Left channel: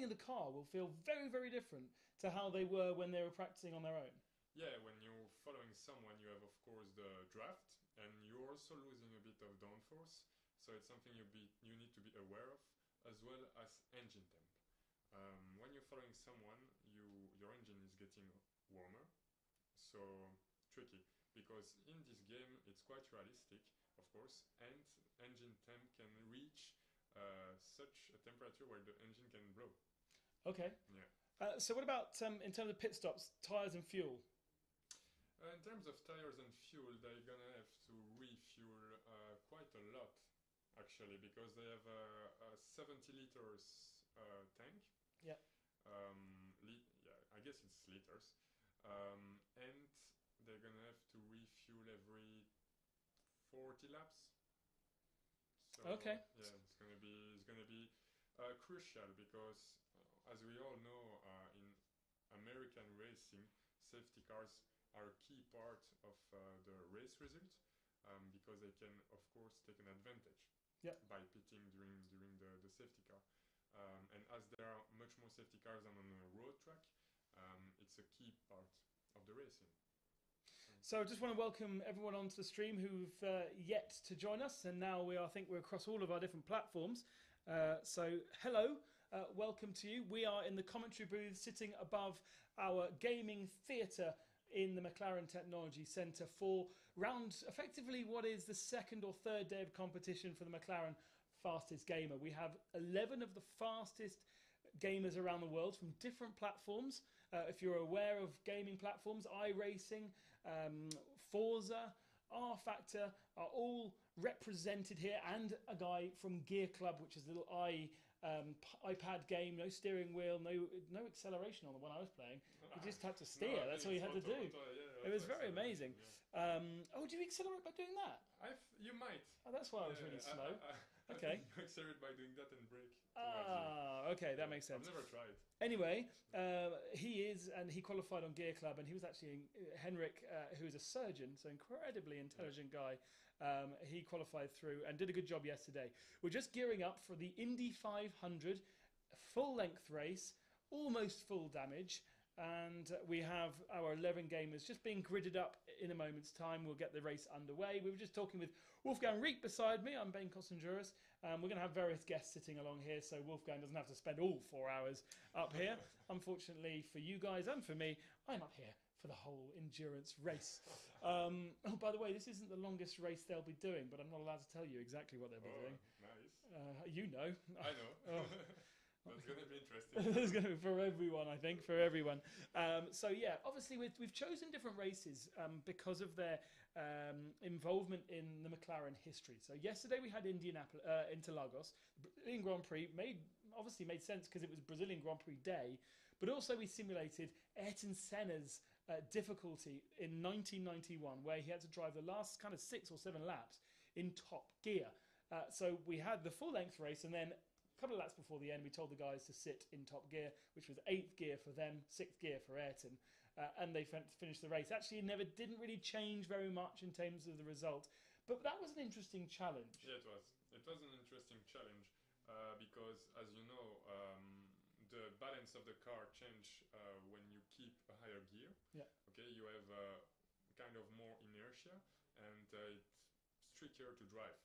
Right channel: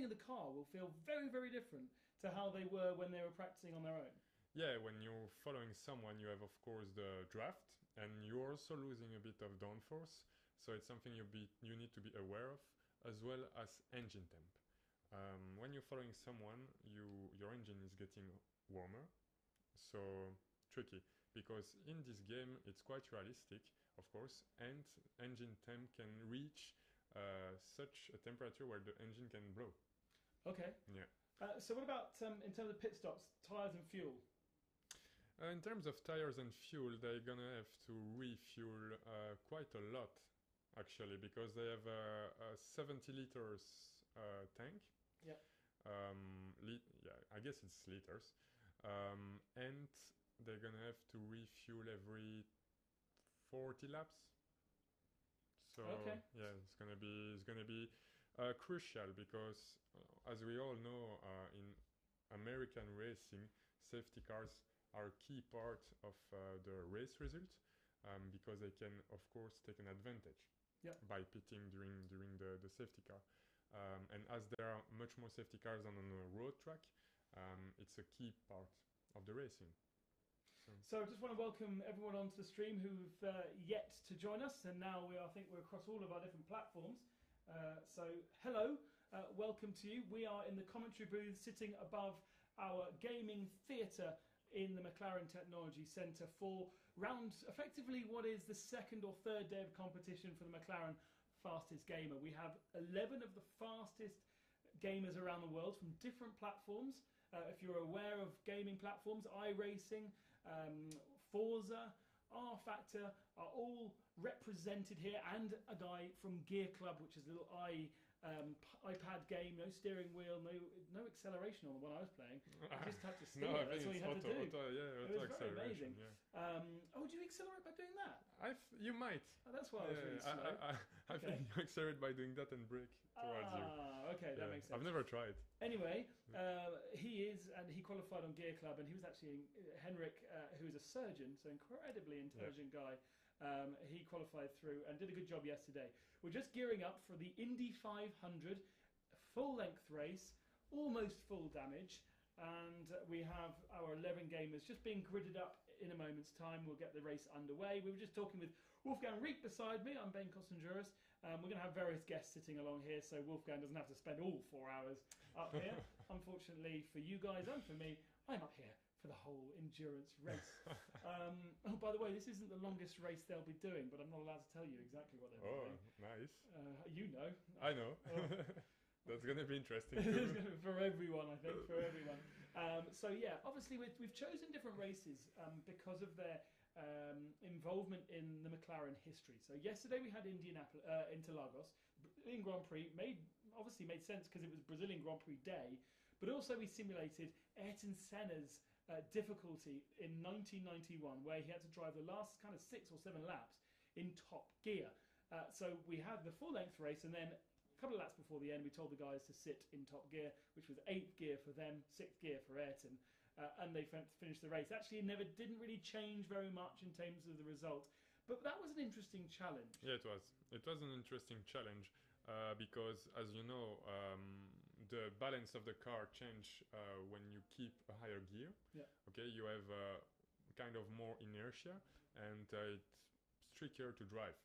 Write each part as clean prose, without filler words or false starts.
happening in the car will feel very, very different to how they were when they were practicing on their own. Yeah, when you're following someone, you have, of course, the draft, and you're also losing a bit of downforce. So it's something you need to be aware of, as well as engine temp. When you're following someone, your engine is getting warmer, so tricky. Because in this game, it's quite realistic, of course, and engine temp can reach such a temperature where the engine can blow. Okay. Yeah. So what about in terms of pit stops, tyres and fuel? In terms of tires and fuel, they're gonna have to refuel quite a lot, actually, because they have a 70 liters tank. Yeah. Yeah, I guess it's liters, and they're gonna have to refuel every 40 laps. So okay. Yeah, it's gonna be crucial because, as we all know, in American racing, safety cars are a key part of the race result, because they can, of course, take an advantage by pitting during the safety car. And as there are much more safety cars than on a road track, it's a key part of the racing. So I just want to welcome everyone onto the stream who've yet to join us, and now I think we're across all of our different platforms. So hello, welcome to you. We are in the commentary booth sitting above our gaming theatre in the McLaren Technology Centre for effectively what is the second or third day of competition for the McLaren Fastest Gamer. We have 11 of the fastest gamers around the world from different platforms. If you're aware of gaming platforms, iRacing, Forza, R-Factor are all represented here, and a guy from Gear Club, which is a little iPad game, no steering wheel, no acceleration on the one I was playing. I just had to steer. That's all you had to do. It was very amazing. Yeah. Oh, do you accelerate by doing that? You might. Oh, that's why I was really slow. I think you accelerate by doing that and brake towards you. Okay, that makes sense. I've never tried. Anyway, he qualified on Gear Club, and he was actually Henrik, who is a surgeon, so incredibly intelligent guy. He qualified through and did a good job yesterday. We're just gearing up for the Indy 500 full-length race, almost full damage, and we have our 11 gamers just being gridded up in a moment's time. We'll get the race underway. We were just talking with Wolfgang Rieck beside me. I'm Ben Kostenjuris. We're going to have various guests sitting along here, so Wolfgang doesn't have to spend all 4 hours up here. Unfortunately for you guys and for me, I'm up here for the whole endurance race. Oh, by the way, this isn't the longest race they'll be doing, but I'm not allowed to tell you exactly what they'll be doing. Nice. You know. I know. That's going to be interesting. It's going to be for everyone, I think, for everyone. So yeah, obviously we've chosen different races because of their involvement in the McLaren history. So yesterday we had Interlagos. Brazilian Grand Prix obviously made sense because it was Brazilian Grand Prix day, but also we simulated Ayrton Senna's difficulty in 1991, where he had to drive the last kind of 6 or 7 laps in top gear. So we had the full-length race, and then a couple of laps before the end, we told the guys to sit in top gear, which was 8th gear for them, 6th gear for Ayrton, and they finished the race. Actually, didn't really change very much in terms of the result, but that was an interesting challenge. Yeah, it was. It was an interesting challenge. Because, as you know, the balance of the car change when you keep a higher gear. Yeah. Okay, you have kind of more inertia, and it's trickier to drive.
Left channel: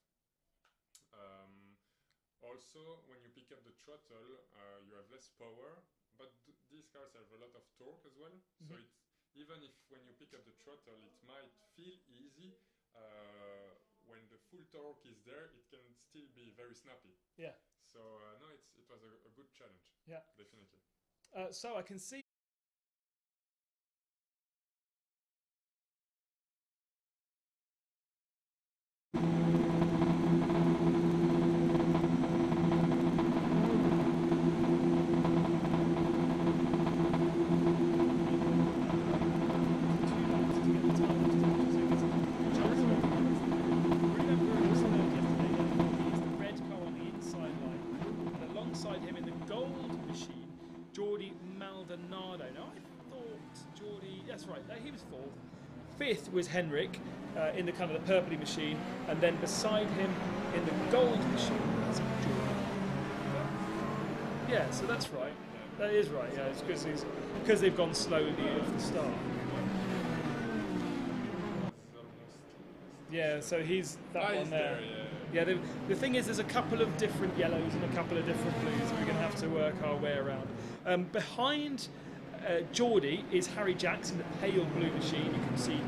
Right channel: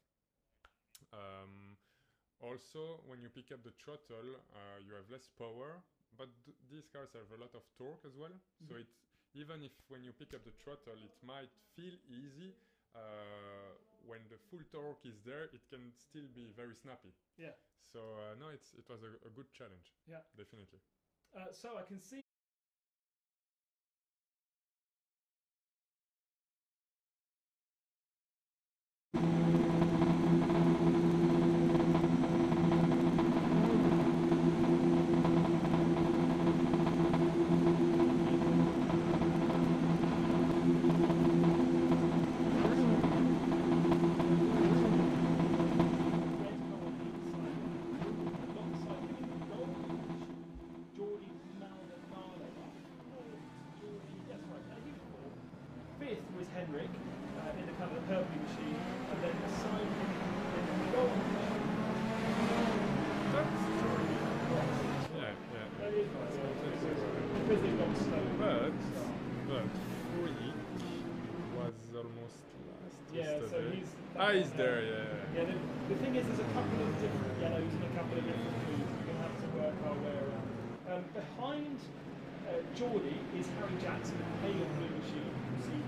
Also, when you pick up the throttle, you have less power, but these cars have a lot of torque as well. Mm-hmm. So even if when you pick up the throttle, it might feel easy. When the full torque is there, it can still be very snappy. Yeah. So no, it was a good challenge. Yeah. Definitely. So I can see. Was Henrik in the kind of the purpley machine, and then beside him in the gold machine. Yeah, so that's right. That is right, yeah, it's because they've gone slow at the start. Yeah, so he's he's there, yeah. Yeah, the thing is, there's a couple of different yellows and a couple of different blues. We're going to have to work our way around. Behind Geordie is Harry Jackson, a pale blue machine. You can see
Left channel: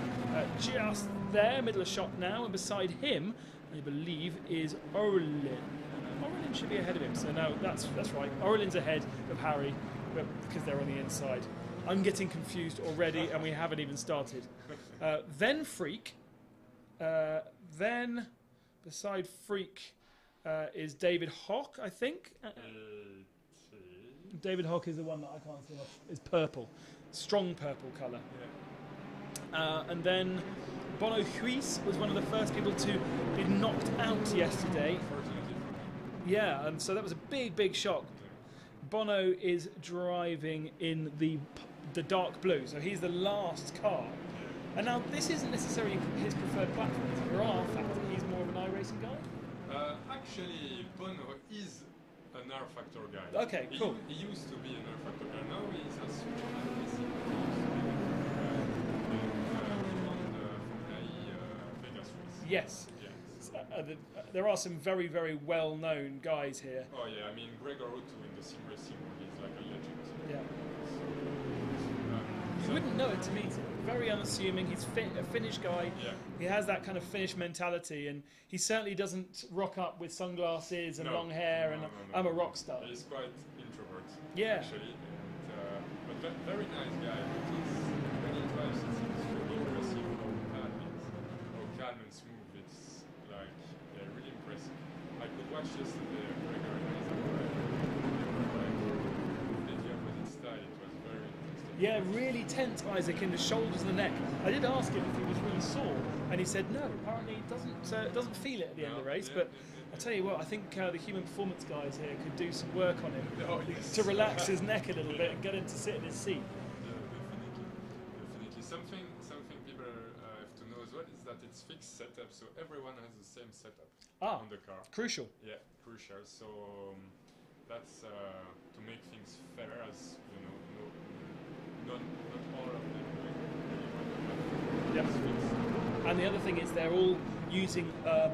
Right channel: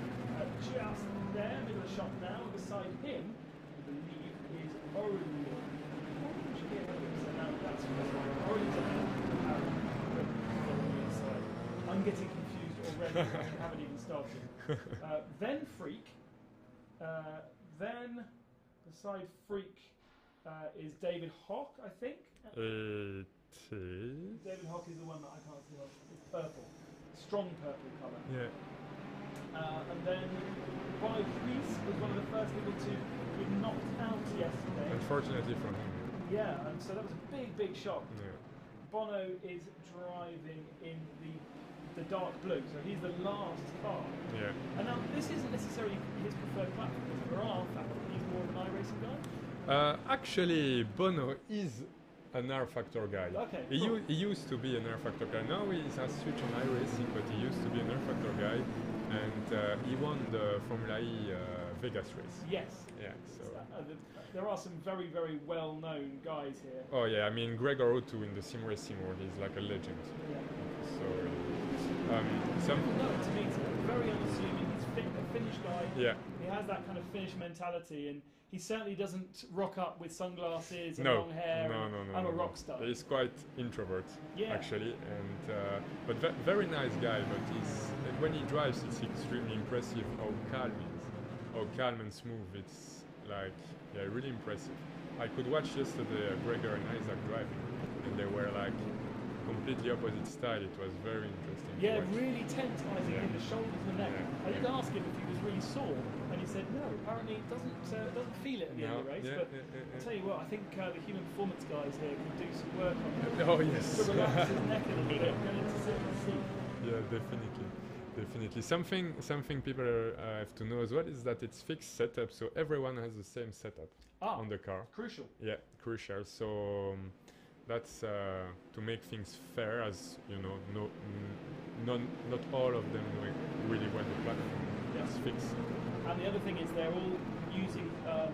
just there, middle of shot now, and beside him, I believe, is Orlin. Orlin should be ahead of him, so no, that's right. Orlin's ahead of Harry because they're on the inside. I'm getting confused already, and we haven't even started. Then Freak. Then beside Freak is David Hock, I think. David Hock is the one that I can't see. It's purple, strong purple colour. Yeah. And then Bono Huis was one of the first people to be knocked out yesterday. Unfortunately for him. Yeah, and so that was a big shock. Yeah. Bono is driving in the dark blue, so he's the last car. Yeah. And now this isn't necessarily his preferred platform. There are factors. He's more an iRacing guy. Actually, Bono is an R Factor guy. Okay, he, cool. He used to be an R Factor guy. Now he has switched on iRacing, but he used to be an R Factor guy. And he won the Formula E Vegas race. Yes. Yeah. So. There are some very well-known guys here. Oh yeah, I mean Gregor Otto in the sim racing world, he's like a legend. So he's very unassuming. He's a Finnish guy. Yeah. He has that kind of Finnish mentality, and he certainly doesn't rock up with sunglasses and long hair. No, I'm a rock star. He's quite introvert, actually, and but very nice guy. But when he drives, it's extremely impressive how calm and smooth. It's like really impressive. I could watch yesterday Gregor and Isaac drive, and they were like completely opposite style. It was very interesting. Yeah, really tense, Isaac, in the shoulders and the neck. I did ask him if it was really sore, and he said no. Apparently, it doesn't feel it in the early race. But I'll tell you what, I think the human performance guys here could do some work on him to relax his neck a little bit and get him to sit in his seat. Yeah, definitely. Something people have to know as well is that it's fixed setup, so everyone has the same setup on the car. Crucial. Yeah, crucial. So that's to make things fair, as you know, not all of them really want the platform. Yes. It's fixed. And the other thing is they're all using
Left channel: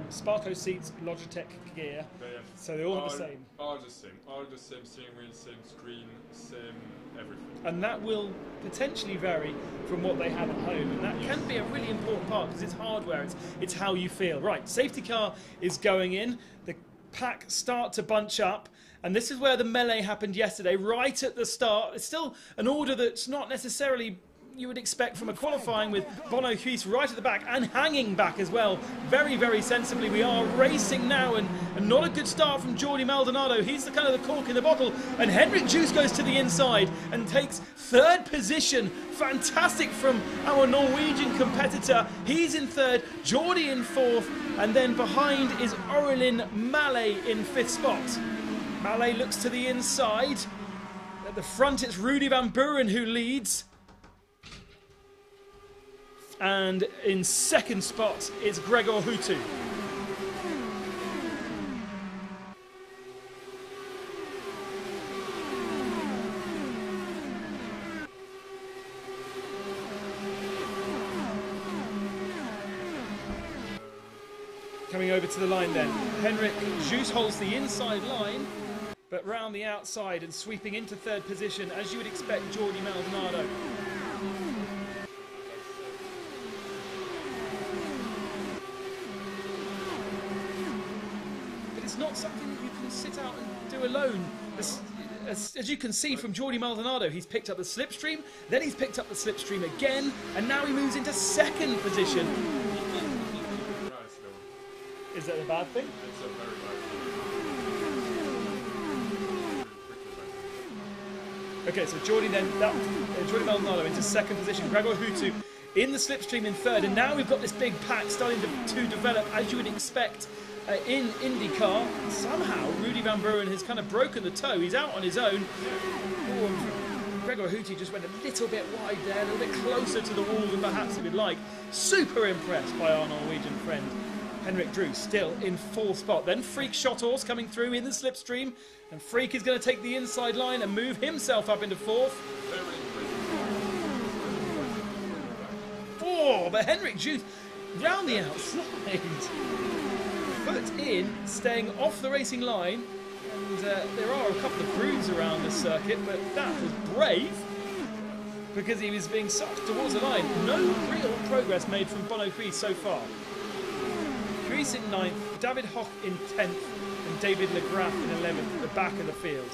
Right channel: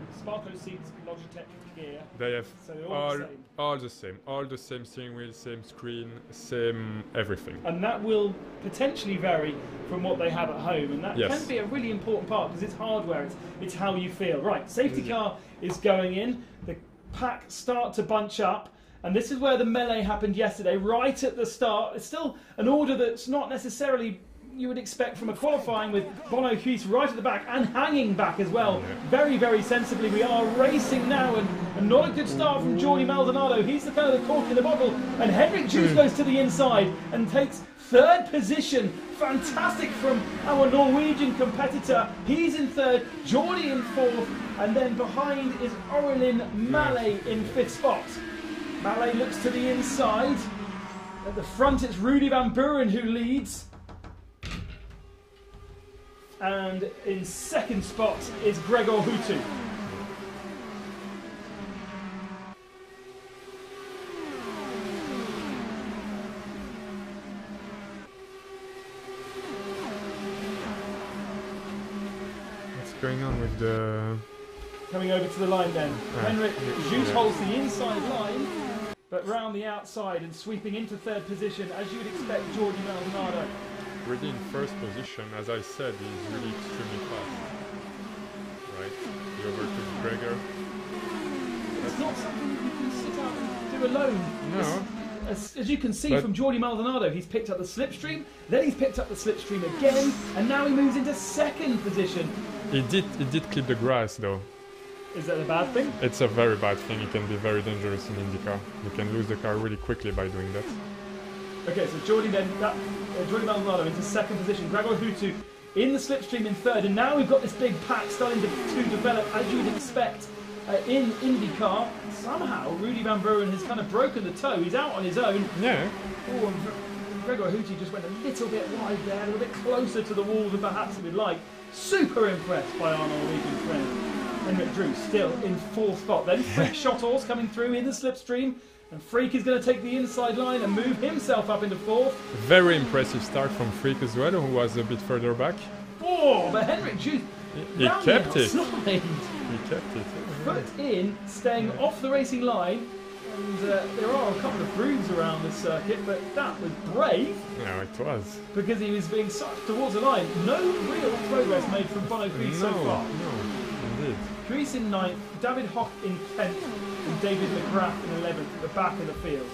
Sparco seats, Logitech gear. They have so they're all the same. All the same steering wheel, same screen, same everything. And that will potentially vary from what they have at home, and that can be a really important part because it's hardware. It's how you feel. Right, safety car is going in. The pack start to bunch up. And this is where the melee happened yesterday, right at the start. It's still an order that's not necessarily you would expect from a qualifying, with Bono Huis right at the back and hanging back as well. Very sensibly. We are racing now, and not a good start from Jordi Maldonado. He's the kind of the cork in the bottle. And Henrik Juice goes to the inside and takes third position. Fantastic from our Norwegian competitor. He's in third, Jordi in fourth, and then behind is Aurelien Mallet in fifth spot. Mallet looks to the inside. At the front, it's Rudy Van Buren who leads. And in second spot is Gregor Hutu. What's going on with the... Coming over to the line then. Henrik Juice holds the inside line, but round the outside and sweeping into third position, as you would expect, Jordi Maldonado. Really in first position, as I said, he's really extremely fast. It's not something you can sit up and do alone. No. As you can see from Jordi Maldonado, he's picked up the slipstream, then he's picked up the slipstream again, and now he moves into second position. He did clip the grass though. Is that a bad thing? It's a very bad thing. It can be very dangerous to lose the car. You can lose the car really quickly by doing that. Okay, so Jordi then, Jordi Maldonado into second position. Gregor Hutu in the slipstream in third, and now we've got this big pack starting to develop, as you would expect in IndyCar. Somehow, Rudy Van Buren has kind of broken the toe. He's out on his own. Yeah. Gregor Hutu just went a little bit wide there, a little bit closer to the wall than perhaps he'd like. Super impressed by our Norwegian friend. And Henrik Drew still in 4th spot. Then Freak Shot Horse coming through in the slipstream. And Freak is going to take the inside line and move himself up into 4th. Very impressive start from Freak as well, who was a bit further back. Oh, but Henrik Drew... He kept it. Put in, staying off the racing line. And there are a couple of grooves around the circuit, but that was brave. Yeah, it was. Because he was being sucked towards the line. No real progress made from Bono Grease so far. Grease in 9th, David Hock in 10th, and David Legraff in 11th at the back of the field.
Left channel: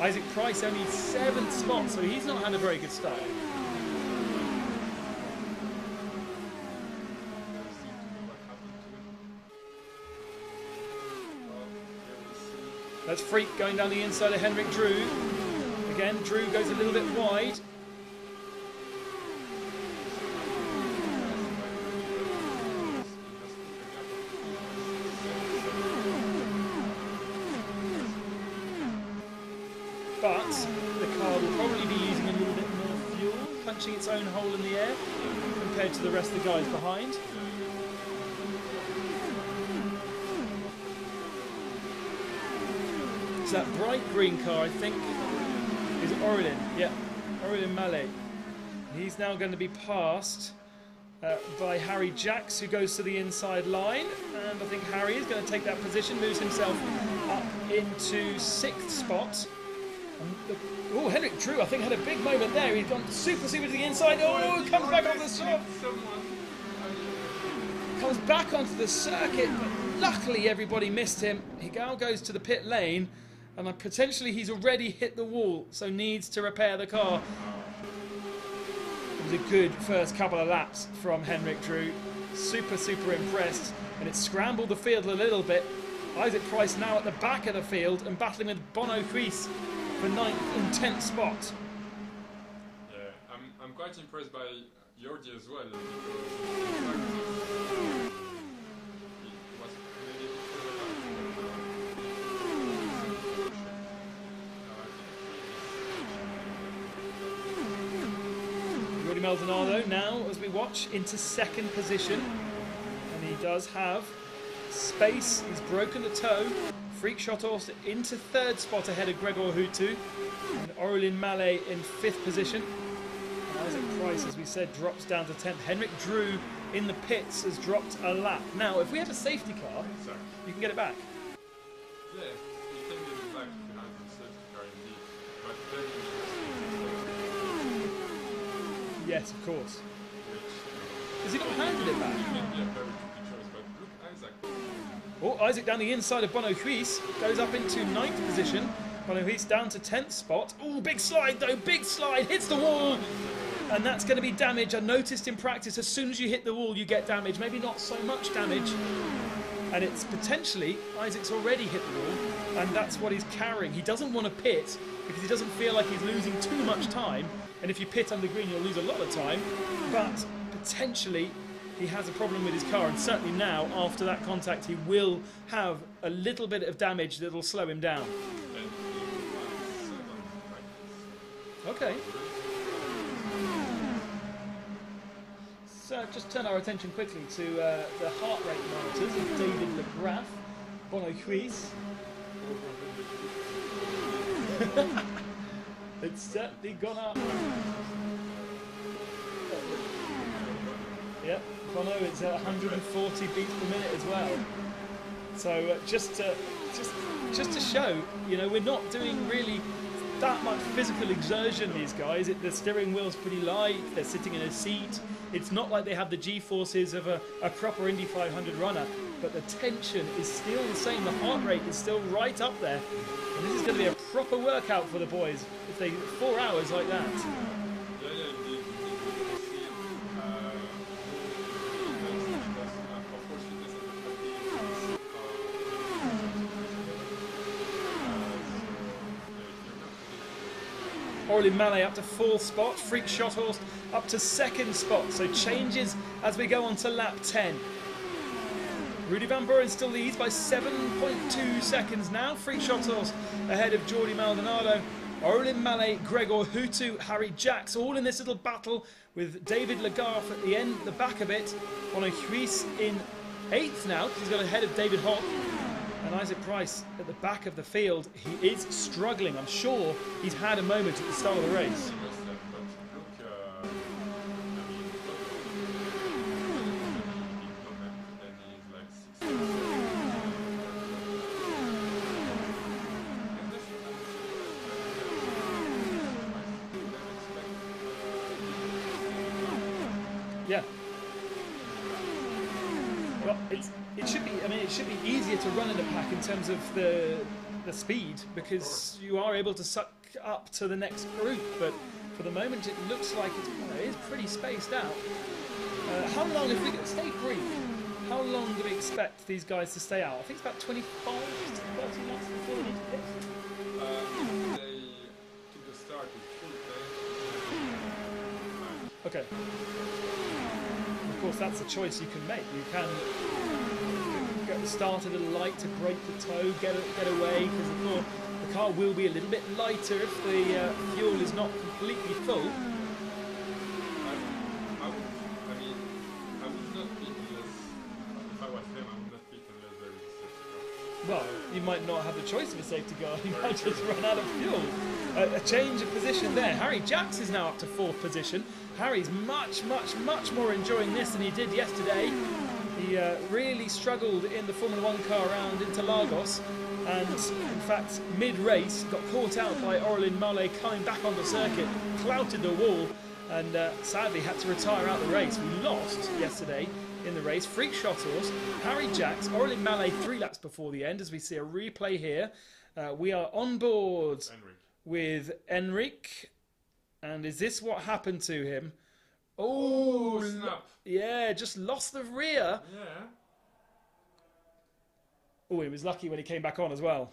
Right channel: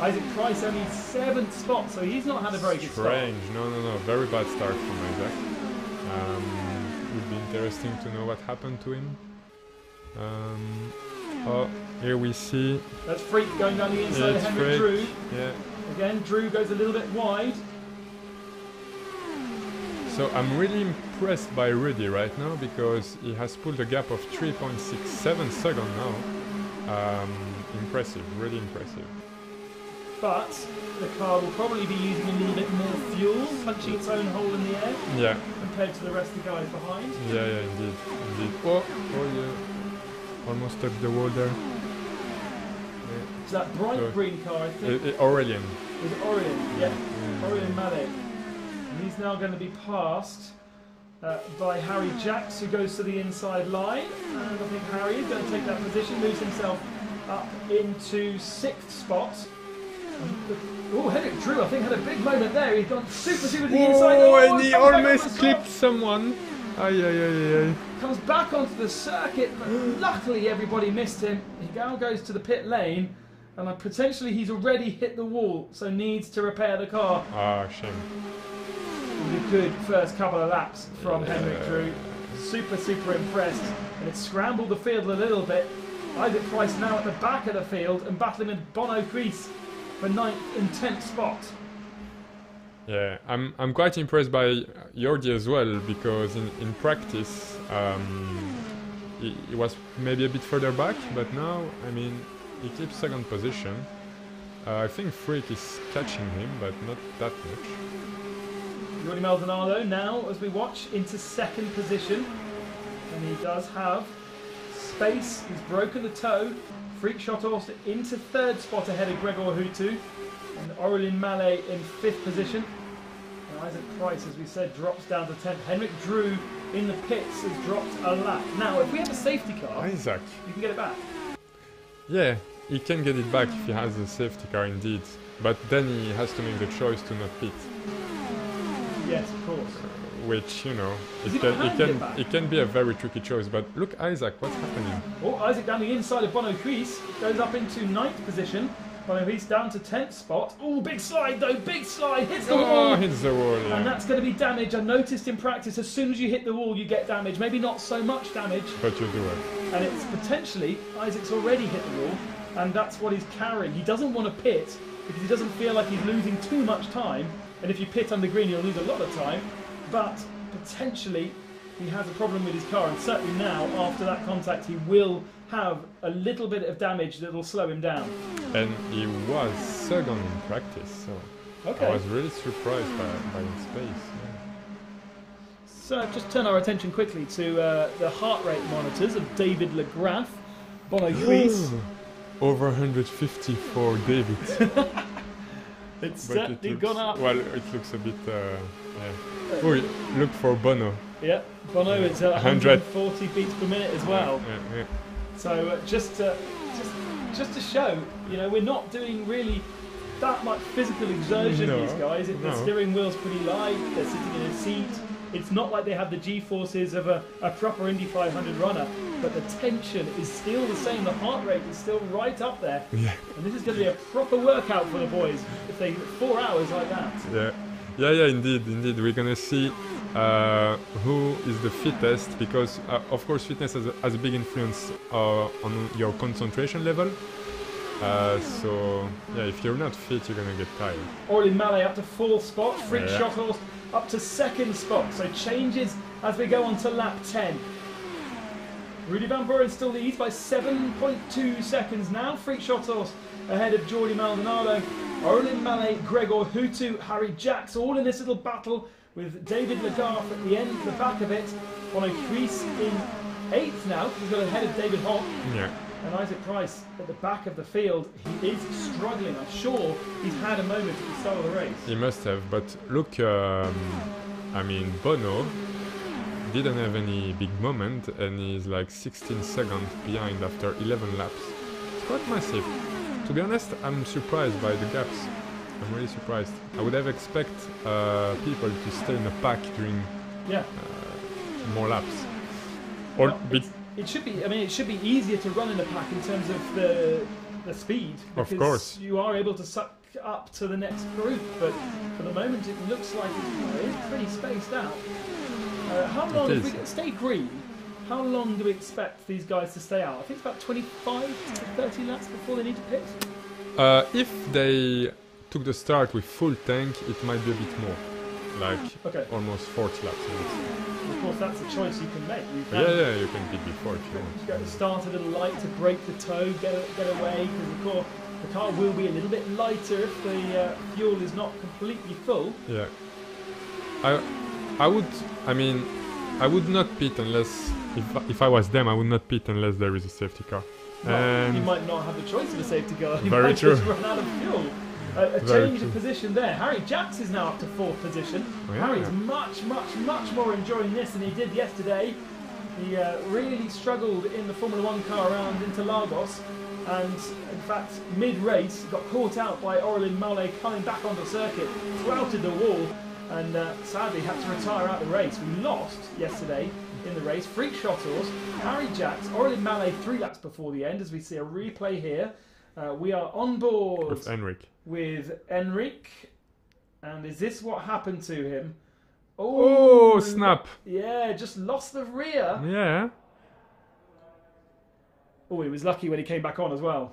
Isaac Price only 7th spot, so he's not had a very good start. No, very bad start from Isaac. Would be interesting to know what happened to him. Oh, here we see. That's Freak going down the inside of Henrik Drew. Yeah. Again, Drew goes a little bit wide. So I'm really impressed by Rudy right now because he has pulled a gap of 3.67 seconds now. Impressive, really impressive. But the car will probably be using a little bit more fuel, punching its own hole in the air. Yeah. Compared to the rest of the guys behind. Yeah, indeed. Oh, yeah. Almost touched the water. It's that bright green car, I think. Aurelien. Is it Aurelien? Yeah. Aurelien Mallet. He's now going to be passed by Harry Jacks, who goes to the inside line. And I think Harry is going to take that position, lose himself up into 6th spot. Oh, Henrik Drew, I think, had a big moment there. He's gone super to the inside. And he almost clipped someone. Comes back onto the circuit. Luckily, everybody missed him. He now goes to the pit lane, and potentially he's already hit the wall, so needs to repair the car. Shame. A good first couple of laps from Henrik Drew. Super impressed. And it scrambled the field a little bit. Isaac Price now at the back of the field and battling with Bono Crease for 9th and 10th spot. Yeah, I'm quite impressed by Jordi as well because in practice he was maybe a bit further back, but now he keeps 2nd position. I think Freak is catching him, but not that much. Willie Maldonado now, as we watch, into 2nd position. And he does have space. He's broken the toe. Freak Shot Horse into 3rd spot ahead of Gregor Hutu. And Aurelien Mallet in 5th position. Isaac Price, as we said, drops down to 10th. Henrik Drew in the pits has dropped a lap. Now, if we have a safety car, Isaac, you can get it back. Yeah, he can get it back if he has a safety car indeed. But then he has to make the choice to not pit. Yes, of course. Which, it can be a very tricky choice. But look, Isaac, what's happening? Oh, Isaac down the inside of Bono Crease, goes up into 9th position. Bono Crease down to 10th spot. Oh, big slide though, big slide, hits the wall. Hits the wall, yeah. And that's going to be damage. I noticed in practice, as soon as you hit the wall, you get damage. Maybe not so much damage. But you do it. And it's potentially, Isaac's already hit the wall, and that's what he's carrying. He doesn't want to pit, because he doesn't feel like he's losing too much time. And if you pit on the green, you'll lose a lot of time. But potentially, he has a problem with his car, and certainly now, after that contact, he will have a little bit of damage that will slow him down. And he was 2nd in practice, so I was really surprised by his pace. So just turn our attention quickly to the heart rate monitors of David Legraff, Bono Crease. Over 150 for David. It's certainly gone up. Well, it looks a bit... Oh, look for Bono. Yeah, Bono is at 140 beats per minute as well. Yeah. So just to show, we're not doing really that much physical exertion. These guys, the steering wheel's pretty light. They're sitting in a seat. It's not like they have the G-forces of a proper Indy 500 runner, but the tension is still the same. The heart rate is still right up there. Yeah. And this is going to be a proper workout for the boys. I think 4 hours like that. Yeah, indeed. We're going to see who is the fittest, because of course fitness has a big influence on your concentration level. So yeah, if you're not fit, you're going to get tired. Aurelien Mallet up to 4th spot. Freak Shot Horse up to 2nd spot. So changes as we go on to lap 10. Rudy Van Buren still leads by 7.2 seconds now. Freak Shot Horse ahead of Jordi Maldonado. Aurelien Mallet, Gregor Hutu, Harry Jacks, all in this little battle with David Legault at the end, the back of it. Bono Crease in 8th now. He's got ahead of David Hock. Yeah. And Isaac Price at the back of the field. He is struggling. I'm sure he's had a moment at the start of the race. He must have, but look, I mean, Bono didn't have any big moment, and he's like 16 seconds behind after 11 laps. Quite massive. To be honest, I'm surprised by the gaps. I'm really surprised. I would have expected people to stay in the pack doing more laps. Or it should be. I mean, it should be easier to run in a pack in terms of the speed, because of course you are able to suck up to the next group. But for the moment, it looks like it's pretty spaced out. How long, if we stay green, how long do we expect these guys to stay out? I think it's about 25 to 30 laps before they need to pit. If they took the start with full tank, it might be a bit more, like almost 4 laps. Of course, that's a choice you can make. You can keep it 4. Get started and light to break the toe, get away. Because the car will be a little bit lighter if the fuel is not completely full. Yeah. I would not pit unless, if I was them, I would not pit unless there is a safety car. You might not have a choice of a safety car. Very true. A change of position there. Harry Jacks is now up to 4th position. Harry's much more enjoying this than he did yesterday. He really struggled in the Formula 1 car around Interlagos, and in fact, mid-race got caught out by Aurélien Mallet coming back on the circuit, clouted the wall, and sadly had to retire out the race. We lost yesterday in the race. Freak shuttles, Harry Jacks, Aurélien Mallet 3 laps before the end, as we see a replay here. We are on board with Enric. And is this what happened to him? Oh, snap. Yeah, just lost the rear. Yeah. Oh, he was lucky when he came back on as well.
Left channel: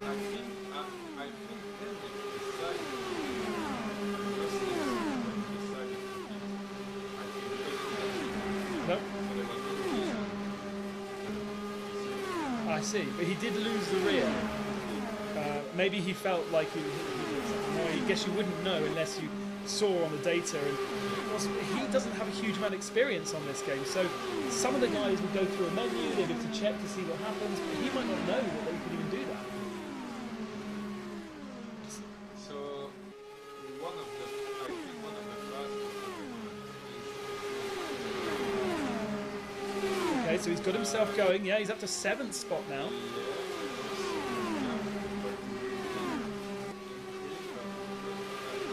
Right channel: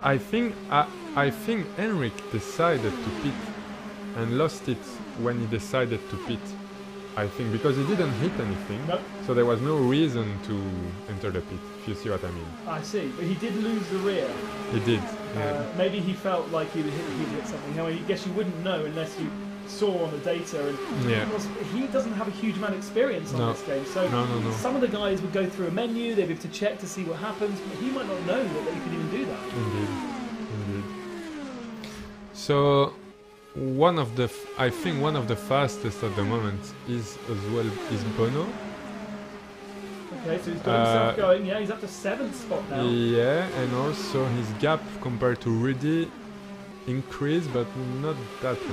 I think Enric decided to pit and lost it when he decided to pit. I think because he didn't hit anything, so there was no reason to enter the pit. You see what I mean? I see. But he did lose the rear. He did. Maybe he felt like he was hitting something. No, I guess you wouldn't know unless you saw on the data. He doesn't have a huge amount of experience on this game, so some of the guys would go through a menu, they would to check to see what happens, but he might not know that they can even do that. So I think one of the fastest at the moment is Bono. Okay, so he's got himself going. Yeah, he's up to 7th spot now. Yeah, and also his gap compared to Rudy increased, but not that much.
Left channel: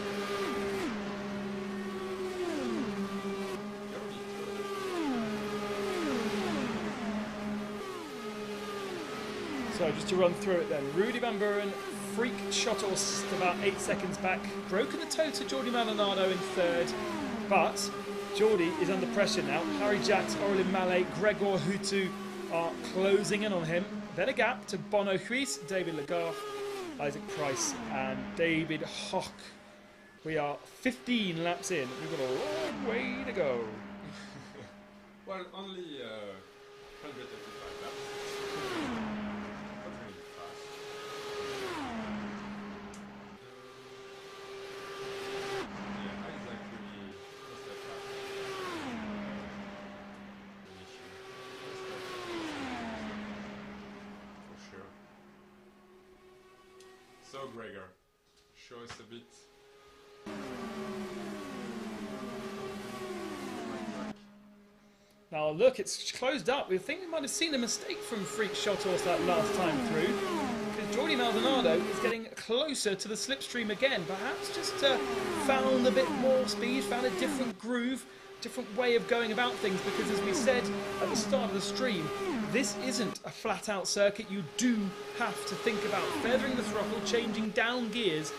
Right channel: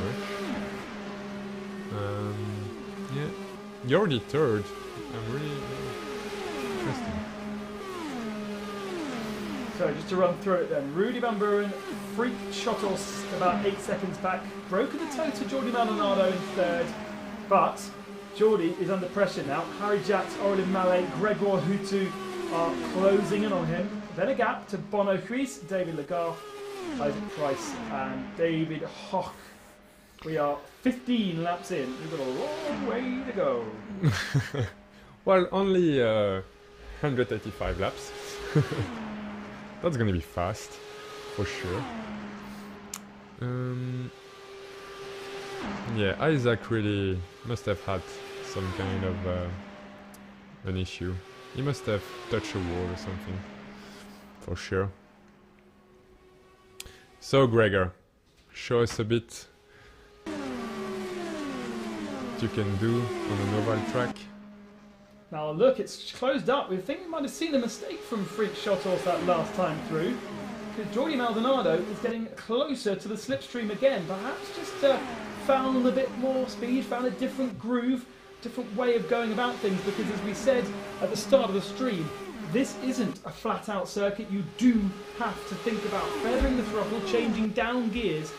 You're already 3rd. So just to run through it then. Rudy Van Buren, Freak Shotos about 8 seconds back. Broken the toe to Jordi Maldonado in 3rd. But Jordi is under pressure now. Harry Jacks, Aurélien Mallet, Grégoire Hutu are closing in on him. Then a gap to Bono Huis, David Legault, Isaac Price and David Hock. We are 15 laps in. We've got a long way to go. Well, only 185 laps. That's gonna be fast, for sure. Yeah, Isaac really must have had some kind of an issue. He must have touched a wall or something, for sure. So Gregor, show us a bit what you can do on a mobile track. Now look, it's closed up. We think we might have seen a mistake from Freak Shotos that last time through. Jordi Maldonado is getting closer to the slipstream again. Perhaps just found a bit more speed, found a different groove, different way of going about things. Because as we said at the start of the stream, this isn't a flat-out circuit. You do have to think about feathering the throttle, changing down gears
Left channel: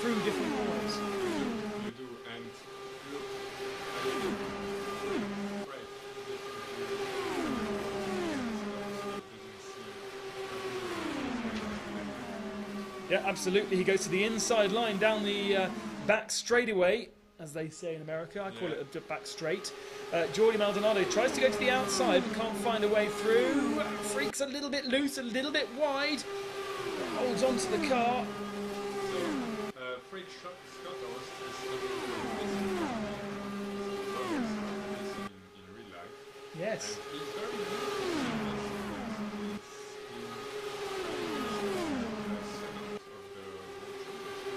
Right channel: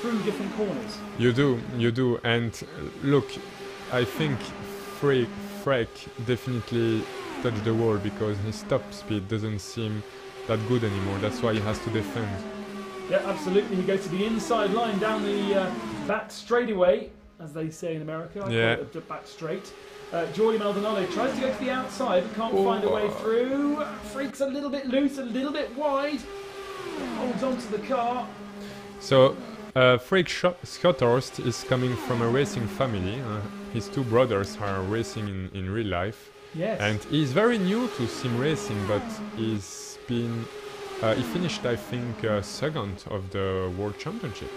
through different corners. You do. And look, I think Freak definitely touched the wall because his top speed doesn't seem that good anymore. That's why he has to defend. Yeah, absolutely. He goes to the inside line down the back straightaway, as they say in America. I call it the back straight. Jordi Maldonado tries to go to the outside, can't find a way through. Freak's a little bit loose, a little bit wide. Holds onto the car. So, Freak Schotthorst is coming from a racing family. His two brothers are racing in real life. Yes. And he's very new to sim racing, but he's been he finished, I think, second of the World Championship.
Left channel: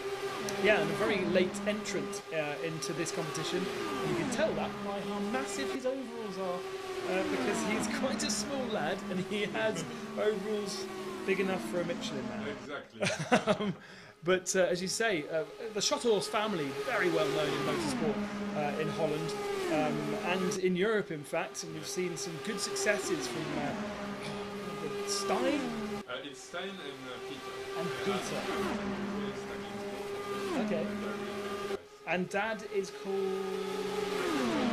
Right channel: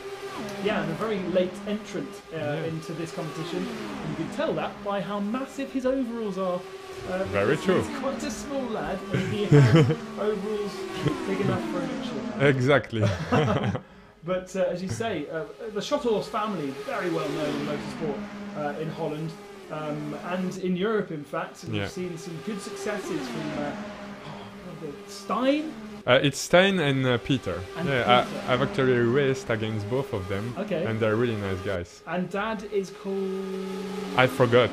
Yeah, and a very late entrant into this competition. You can tell that by how massive his overalls are. Very true. He's quite a small lad, and he has overalls big enough for a Michelin. Exactly. But as you say, the Schottor's family, very well known in motorsport in Holland and in Europe, in fact. We've seen some good successes from Stein. It's Stein and Peter. And I've actually raced against both of them, and they're really nice guys. And Dad is called... I forgot.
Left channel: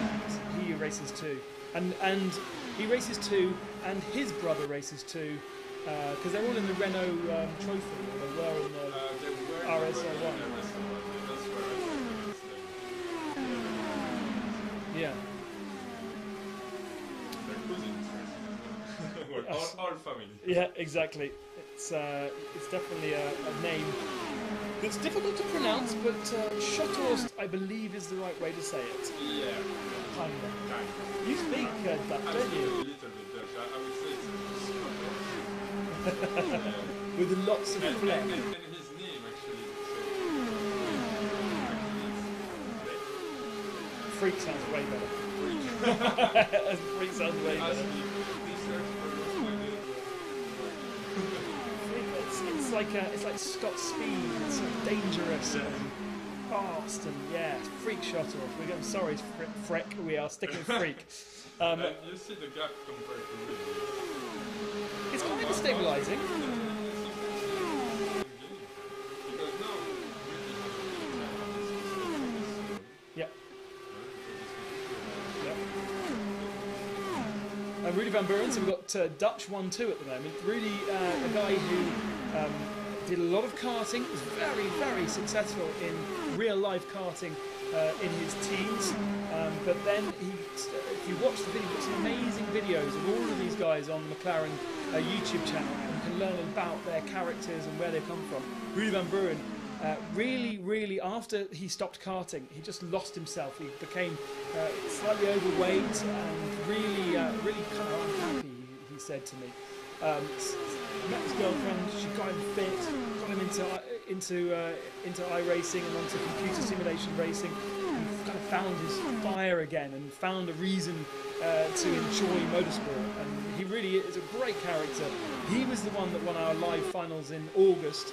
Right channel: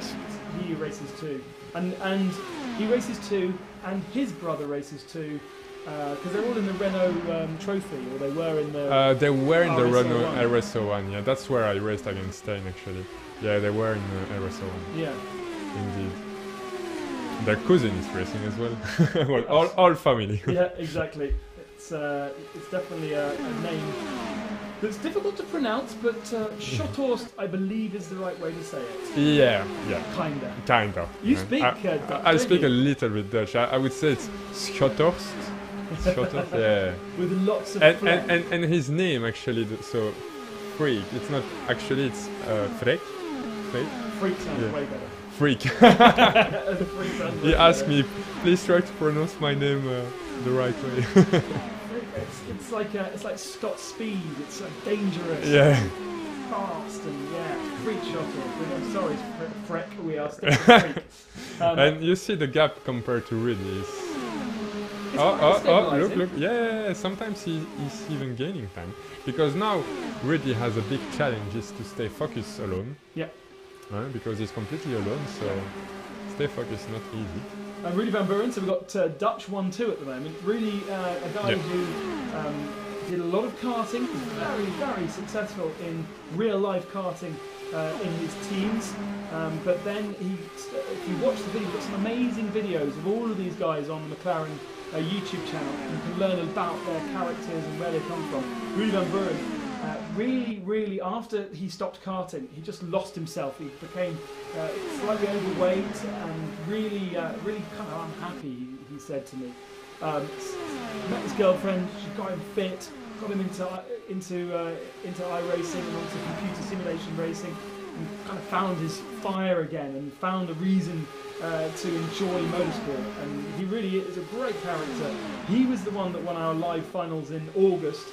He races too. And he races too, and his brother races too. Because they're all in the Renault Trophy, or they were in the... They were in the Renault RSO1, yeah. That's where I raced against Stein, actually. Yeah, they were in the RSO1. Yeah. Indeed. Their cousin is racing as well. Well, all family. Yeah, exactly. It's definitely a name that's difficult to pronounce, but Schottor's, I believe, is the right way to say it. Yeah. Kind of. You speak I speak a little bit Dutch. I would say it's Schottor's. Yeah. With lots of and his name actually, so Freak. It's not actually, it's Freek. Freak sounds way better. Freak. He asked me, please try to pronounce my name the right way. it's like Scott Speed. It's so dangerous. Yeah. Fast and Freak Schottor. I'm sorry, Freck. We are sticking with Freak. And you see the gap compared to Ridley. Look. Yeah, sometimes he's even gaining time. Because now Ridley has a big challenge, is to stay focused alone. Yeah. Because he's completely alone, so stay focused, not easy. Rudy Van Buren's got Dutch 1-2 at the moment. Really a guy who did a lot of karting, was very, very successful in real-life karting in his teens. But then, if you watch the video, it's amazing videos of all of these guys on the McLaren YouTube channel. You can learn about their characters and where they come from. Rudy Van Buren, really, after he stopped karting, he just lost himself. He became slightly overweight and really kind of unhappy, he said to me. His girlfriend, she got him fit, got him into iRacing, into computer simulation racing, and kind of found his fire again and found a reason to enjoy motorsport. And he really is a great character. He was the one that won our live finals in August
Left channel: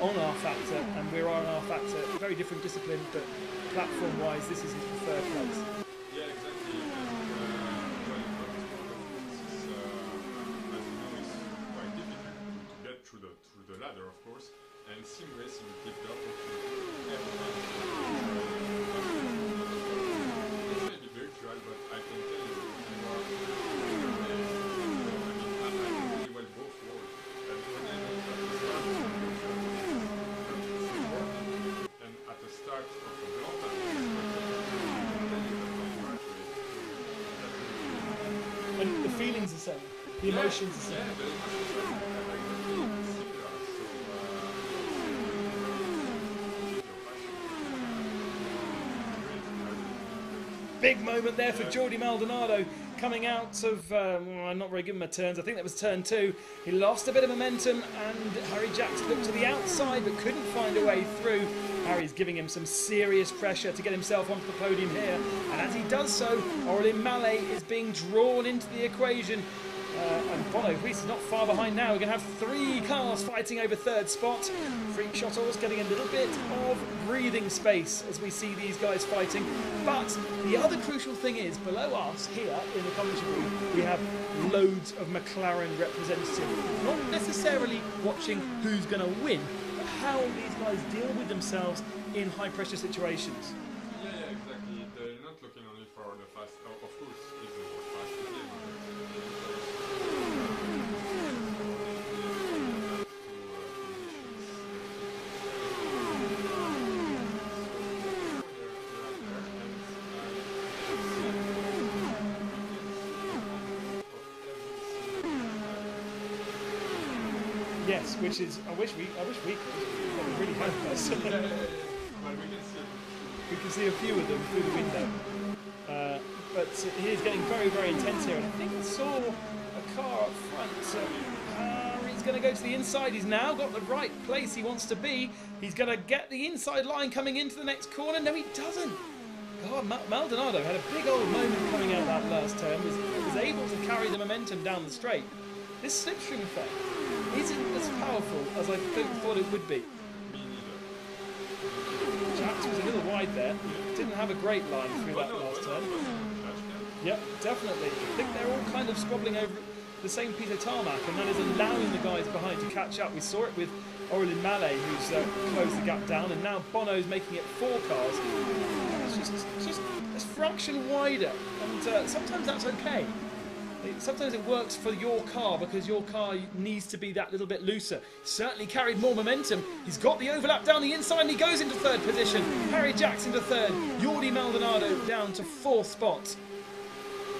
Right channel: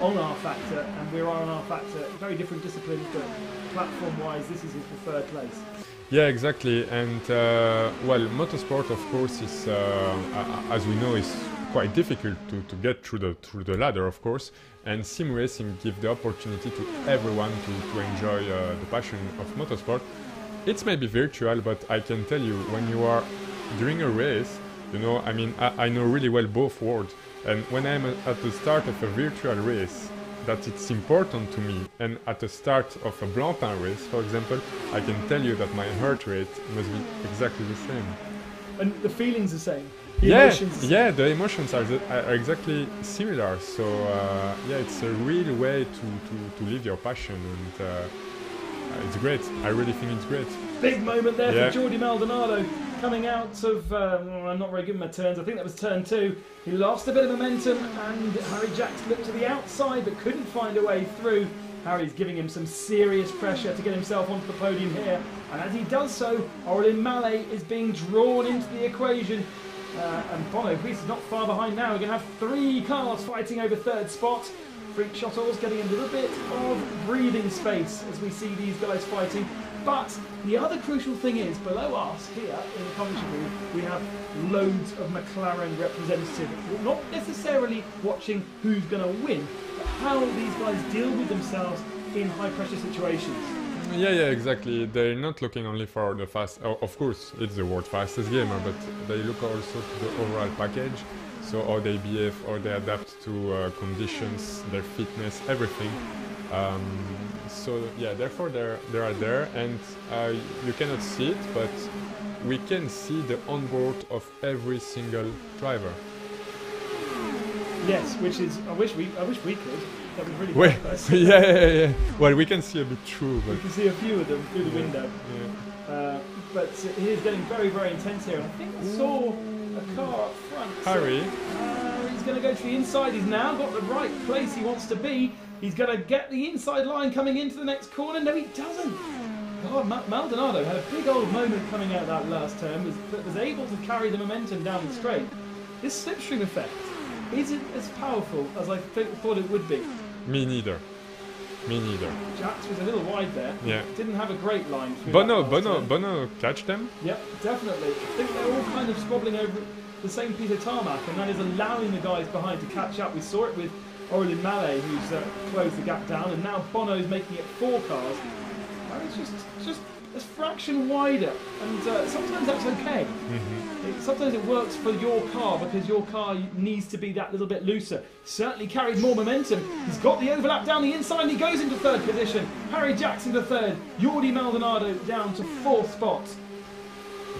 on our Factor, and we're on our Factor, a very different discipline, but platform-wise, this is his preferred place. Yeah, exactly. And well, motorsport, of course, is as we know, is quite difficult to get through the ladder, of course. And sim racing gives the opportunity to everyone to enjoy the passion of motorsport. It's maybe virtual, but I can tell you, when you are during a race, you know, I mean, I know really well both worlds. And when I'm at the start of a virtual race, that it's important to me, and at the start of a Blancpain race, for example, I can tell you that my heart rate must be exactly the same. And the feeling's the same. The emotions are exactly similar. So it's a real way to live your passion, and it's great. I really think it's great. Big moment there for Jordi Maldonado. Coming out of, I'm not very good with my turns, I think that was turn 2. He lost a bit of momentum, and Harry Jackson looked to the outside but couldn't find a way through. Harry's giving him some serious pressure to get himself onto the podium here, and as he does so, Aurélien Mallet is being drawn into the equation. And Bono Greece is not far behind now. We're going to have 3 cars fighting over 3rd spot. Freak Schottor's getting a little bit of breathing space as we see these guys fighting. But the other crucial thing is, below us here in the commentary room, we have loads of McLaren representatives. Not necessarily watching who's going to win, but how these guys deal with themselves in high-pressure situations. Yeah, exactly. They're not looking only for the fast. Of course, it's the world fastest gamer, but they look also to the overall package. So how they behave, how they adapt to conditions, their fitness, everything. So yeah, therefore they are there, and you cannot see it, but we can see the onboard of every single driver. Yes, which is I wish we could. Wait, yeah. Well, we can see a bit through. But we can see a few of them through the window. but he is getting very, very intense here. I think I saw a car up front. Harry. He's going to go to the inside. He's now got the right place he wants to be. He's going to get the inside line coming into the next corner. No, he doesn't. God, Maldonado had a big old moment coming out of that last turn. Was able to carry the momentum down the straight. This slipstream effect isn't as powerful as I thought it would be. Me neither. Jax was a little wide there. Yeah. Didn't have a great line. Bono catch them? Yep, definitely. I think they're all kind of squabbling over the same piece of tarmac, and that is allowing the guys behind to catch up. We saw it with Orlin Mallet, who's closed the gap down, and now Bono's making it 4 cars. It's just a fraction wider, and sometimes that's okay. Sometimes it works for your car because your car needs to be that little bit looser. Certainly carried more momentum. He's got the overlap down the inside and he goes into 3rd position. Harry Jackson to 3rd. Jordi Maldonado down to 4th spot.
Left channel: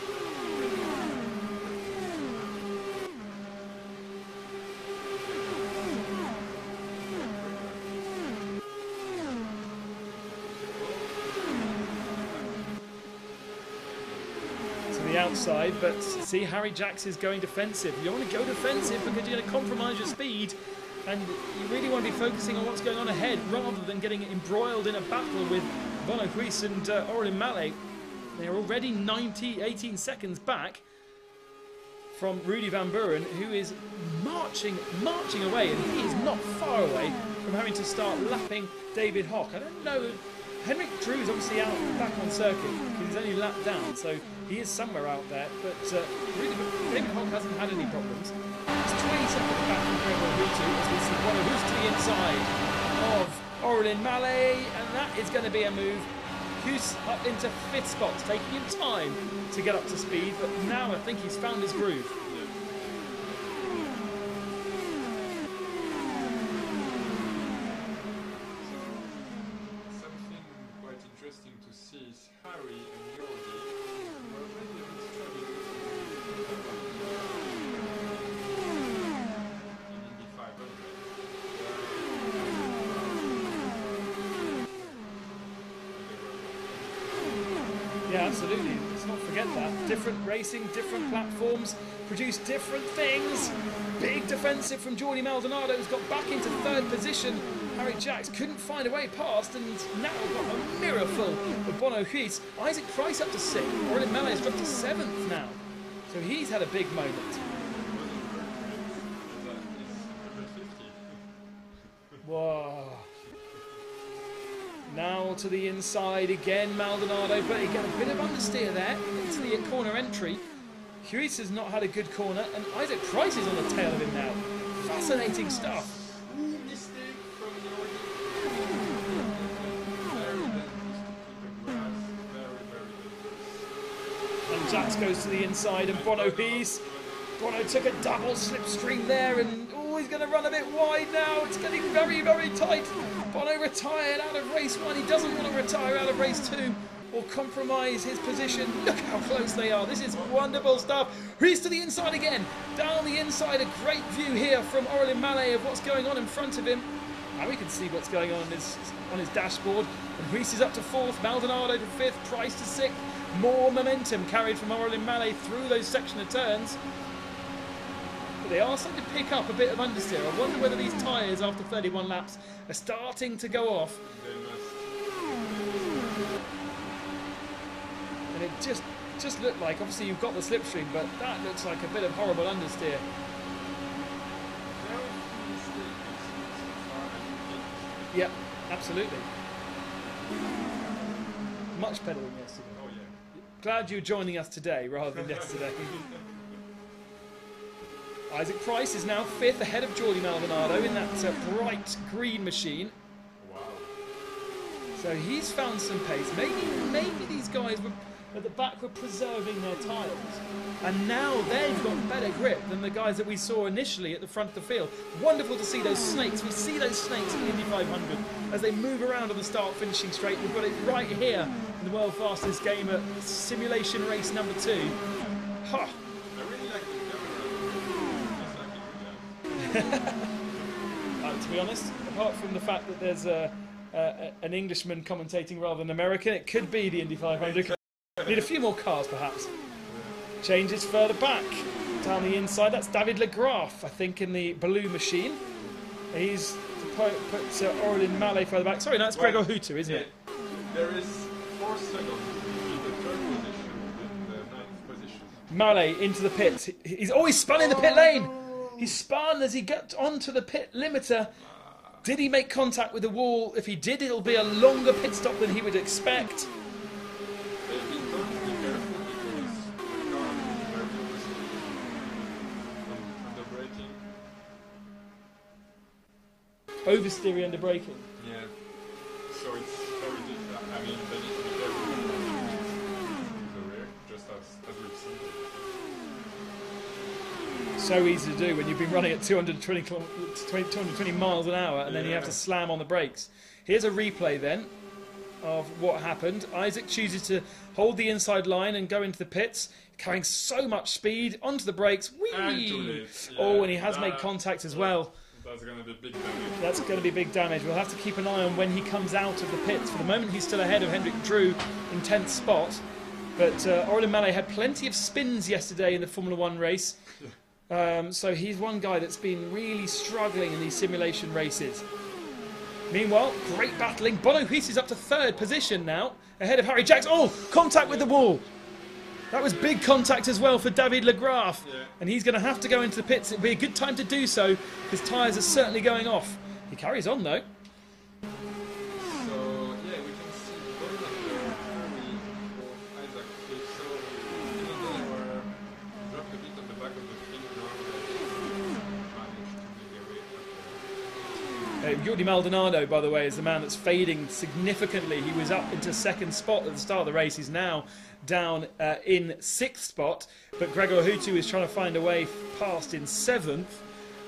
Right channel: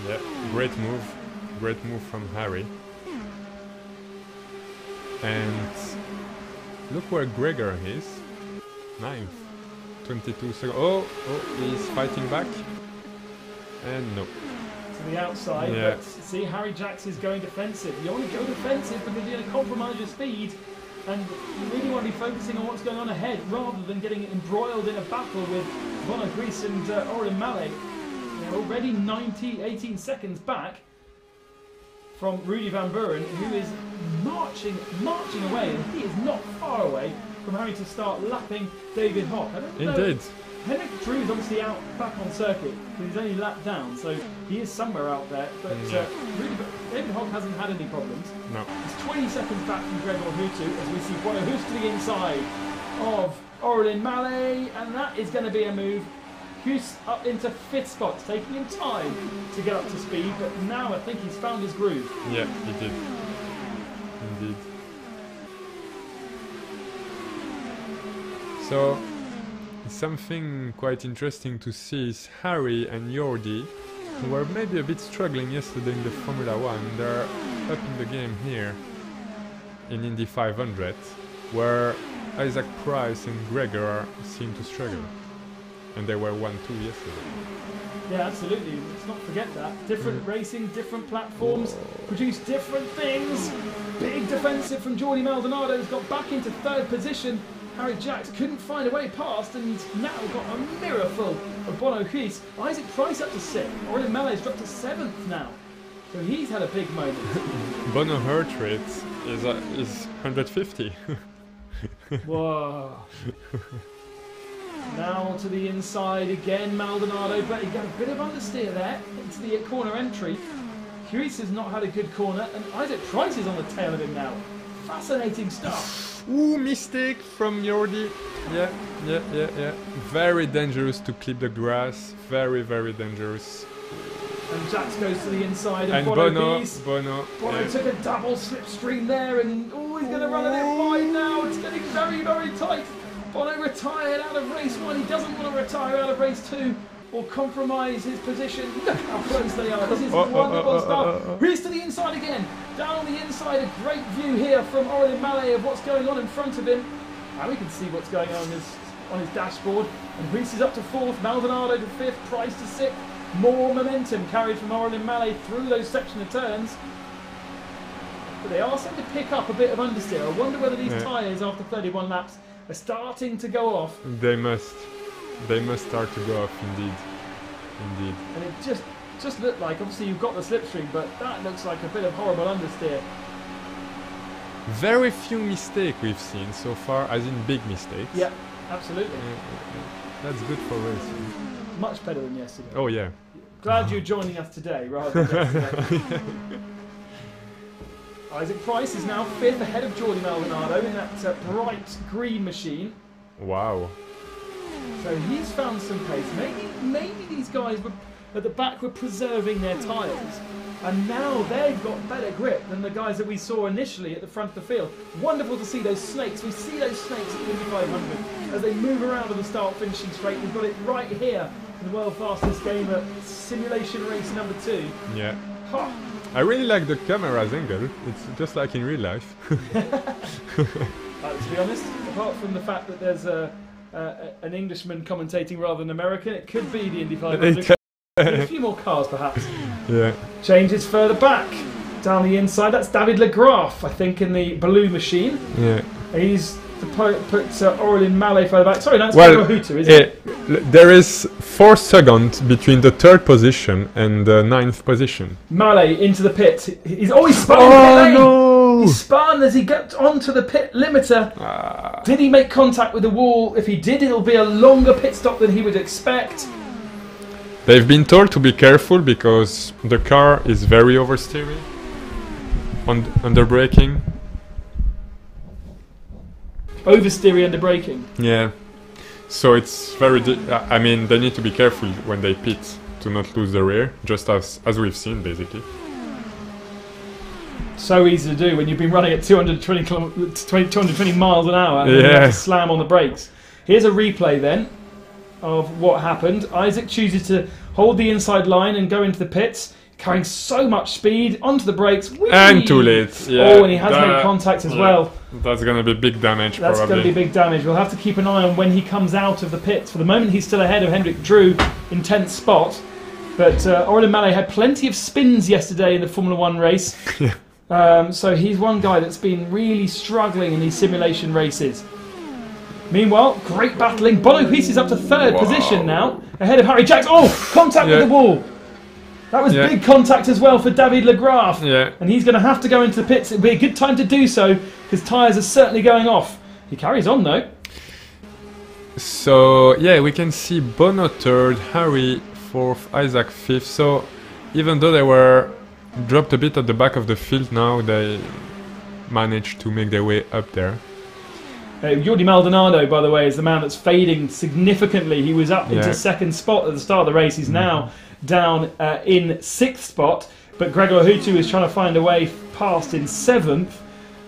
Yeah, great move. Great move from Harry. And look where Gregor is. 22 seconds. Oh, he's fighting back. And no. To the outside, yeah. But see, Harry Jackson is going defensive. You only go defensive because you're going to compromise your speed, and you really want to be focusing on what's going on ahead rather than getting embroiled in a battle with Bono Grease and Orlin Mallet. They're already 18 seconds back from Rudy Van Buren, who is marching away, and he's not far away from having to start lapping David Hock. Indeed. Henrik Drew's obviously out back on the circuit, but he's only lapped down, so he is somewhere out there. But really, David Hock hasn't had any problems. No. He's 20 seconds back from Legault as we see Bono goes to the inside of Orlin Mallet, and that is going to be a move. Hughes up into 5th spot, taking him time to get up to speed, but now I think he's found his groove. Yeah, he did. Indeed. So, something quite interesting to see is Harry and Jordi, who were maybe a bit struggling yesterday in the Formula 1. They're up in the game here in Indy 500, where Isaac Price and Gregor seem to struggle. And they were 1-2 yesterday. Yeah, absolutely. Let's not forget that. Different racing, different platforms, produce different things. Big defensive from Jordi Maldonado, who's got back into 3rd position. Harry Jacks couldn't find a way past, and he's now got a mirror full of Bono Grease. Isaac Price up to 6th. Orlin Mallet's up to 7th now. So he's had a big moment. Bono heart rate is 150. Whoa. Now to the inside again, Maldonado, but he got a bit of understeer there into the corner entry. Huis has not had a good corner, and Isaac Price is on the tail of him now. Fascinating stuff. Ooh, mistake from Jordi. Yeah. Very dangerous to clip the grass. Very, very dangerous. And Jax goes to the inside, and Bono took a double slipstream there, and he's going to run a bit wide now. It's getting very, very tight. Bono retired out of race 1. He doesn't want to retire out of race 2 or compromise his position. Look how close they are. This is wonderful stuff. Reese to the inside again. Down the inside, a great view here from Orlin Mallet of what's going on in front of him. And we can see what's going on his dashboard. And Reese is up to 4th, Maldonado to 5th, Price to 6th. More momentum carried from Orlin Mallet through those section of turns. But they are starting to pick up a bit of understeer. I wonder whether these tyres after 31 laps are starting to go off. They must start to go off, indeed. And it just looked like, obviously you've got the slipstream, but that looks like a bit of horrible understeer. Very few mistakes we've seen so far, as in big mistakes. Yeah, absolutely. That's good for us. Much better than yesterday. Oh yeah. Glad you're joining us today rather than yesterday. Isaac Price is now 5th ahead of Jordi Maldonado in that bright green machine. Wow. So he's found some pace. Maybe these guys at the back were preserving their tyres, and now they've got better grip than the guys that we saw initially at the front of the field. Wonderful to see those snakes. We see those snakes in the 500 as they move around on the start finishing straight. We've got it right here in the world fastest game at simulation race number 2. Yeah. Ha. I really like the camera's angle. It's just like in real life. To be honest, apart from the fact that there's an Englishman commentating rather than American, it could be the Indy 500. Need a few more cars, perhaps. Yeah. Changes further back down the inside. That's David Legraff, I think, in the blue machine. Yeah. He's puts Aurélien Mallet further back. Sorry, that's Well, Hutu, isn't it? There is 4 seconds between the 3rd position and the 9th position. Mallet into the pits. He's always spun. Oh no! He spun as he got onto the pit limiter. Did he make contact with the wall? If he did, it'll be a longer pit stop than he would expect. They've been told to be careful because the car is very oversteering, under braking. Oversteering under braking. Yeah. So it's very. I mean, they need to be careful when they pit to not lose the rear, just as we've seen basically. So easy to do when you've been running at 220 miles an hour and you have to slam on the brakes. Here's a replay then of what happened. Isaac chooses to hold the inside line and go into the pits, carrying so much speed onto the brakes. Whee! And too late. Yeah. Oh, and he has made contact as well. That's going to be big damage. That's going to be big damage. We'll have to keep an eye on when he comes out of the pits. For the moment, he's still ahead of Hendrik Drew in 10th spot. But Aurélien Mallet had plenty of spins yesterday in the Formula 1 race. So he's one guy that's been really struggling in these simulation races. Meanwhile, great battling. Bono Huis is up to 3rd position now, ahead of Harry Jackson. Oh, contact with the wall. That was big contact as well for David Legraff. Yeah. And he's going to have to go into the pits. It'll be a good time to do so. His tyres are certainly going off. He carries on though. So, yeah, we can see Bono 3rd, Harry 4th, Isaac 5th. So, even though they were dropped a bit at the back of the field now, they managed to make their way up there. Jordi Maldonado, by the way, is the man that's fading significantly. He was up into 2nd spot at the start of the race. He's now down in 6th spot. But Gregor Hutu is trying to find a way past in 7th.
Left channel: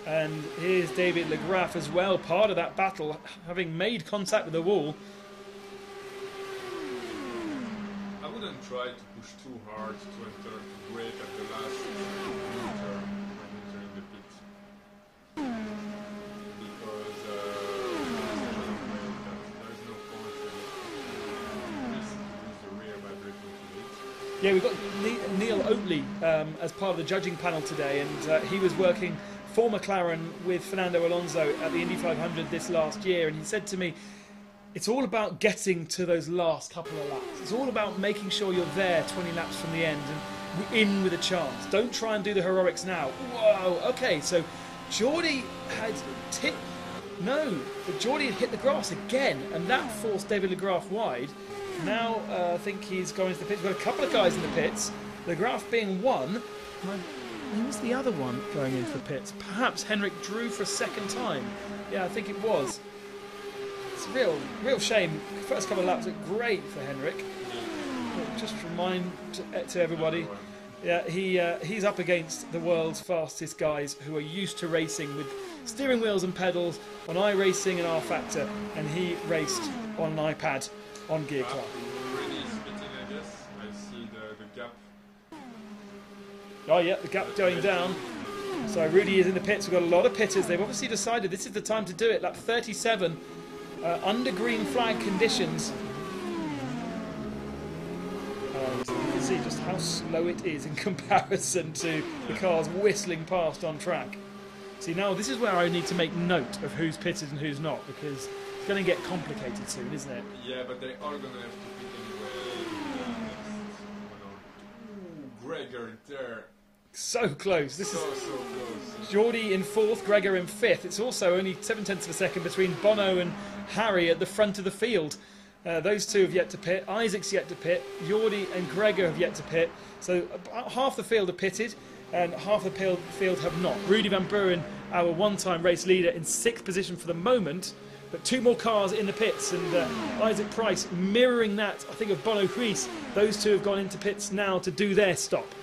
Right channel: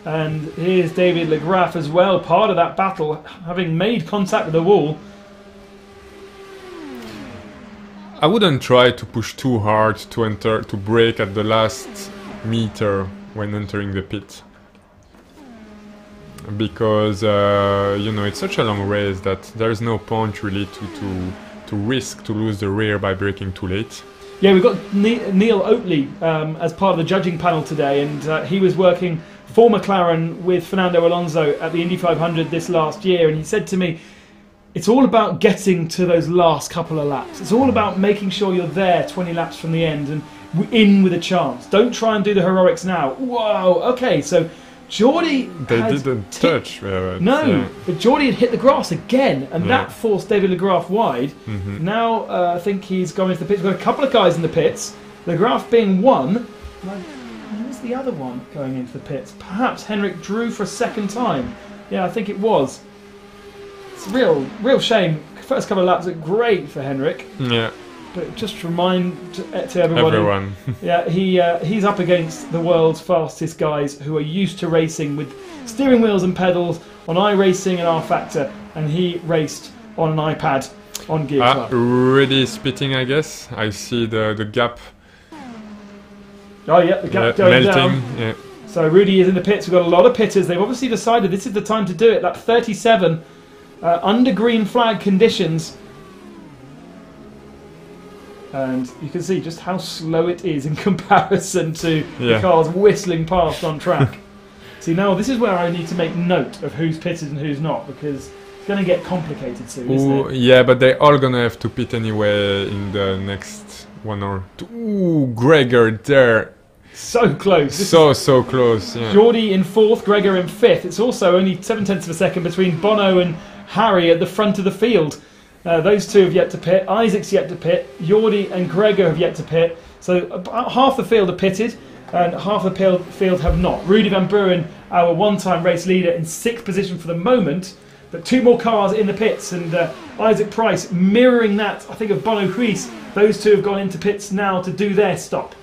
And here's David Legraff as well, part of that battle, having made contact with the wall. I wouldn't try to push too hard to brake at the last meter when entering the pit. Because you know, it's such a long race that there's no point really to risk to lose the rear by braking too late. Yeah, we've got Neil Oatley as part of the judging panel today, and he was working for McLaren with Fernando Alonso at the Indy 500 this last year, and he said to me, it's all about getting to those last couple of laps. It's all about making sure you're there 20 laps from the end and in with a chance. Don't try and do the heroics now. Whoa, okay, so Jordi didn't touch. No, but Jordi had hit the grass again, and that forced David Legraff wide. Now I think he's going into the pits. We've got a couple of guys in the pits. Legraff being one. Who's the other one going into the pits? Perhaps Hendrik Drew for a 2nd time. Yeah, I think it was. It's a real shame. First couple of laps are great for Hendrik. Yeah. But just remind to everyone. Yeah, he's up against the world's fastest guys who are used to racing with steering wheels and pedals on iRacing and R-Factor, and he raced on an iPad on Gear Club. Really spitting, I guess. I see the gap. Oh yeah, the gap going melting. Down. Yeah. So Rudy is in the pits. We've got a lot of pitters. They've obviously decided this is the time to do it. That 37 under green flag conditions. And you can see just how slow it is in comparison to the cars whistling past on track. See, now this is where I need to make note of who's pitted and who's not, because it's going to get complicated soon, isn't it? Yeah, but they're all going to have to pit anyway in the next 1 or 2. Ooh, Gregor there. So close. So close. Yeah. Jordi in 4th, Gregor in 5th. It's also only 7/10 of a second between Bono and Harry at the front of the field. Those two have yet to pit. Isaac's yet to pit. Jordi and Gregor have yet to pit. So about half the field are pitted and half the field have not. Rudy Van Buren, our one-time race leader, in 6th position for the moment. But 2 more cars in the pits, and Isaac Price mirroring that, I think, of Bono Huis. Those two have gone into pits now to do their stop.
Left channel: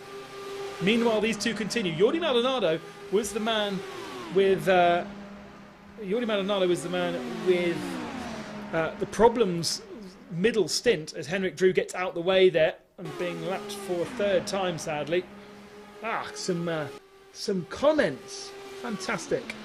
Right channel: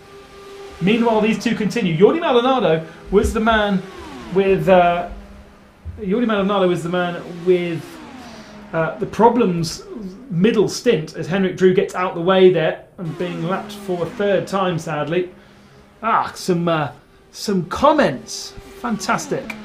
Meanwhile, these two continue. Jordi Maldonado was the man with the problems middle stint as Hendrik Drew gets out the way there and being lapped for a 3rd time, sadly. Some comments. Fantastic.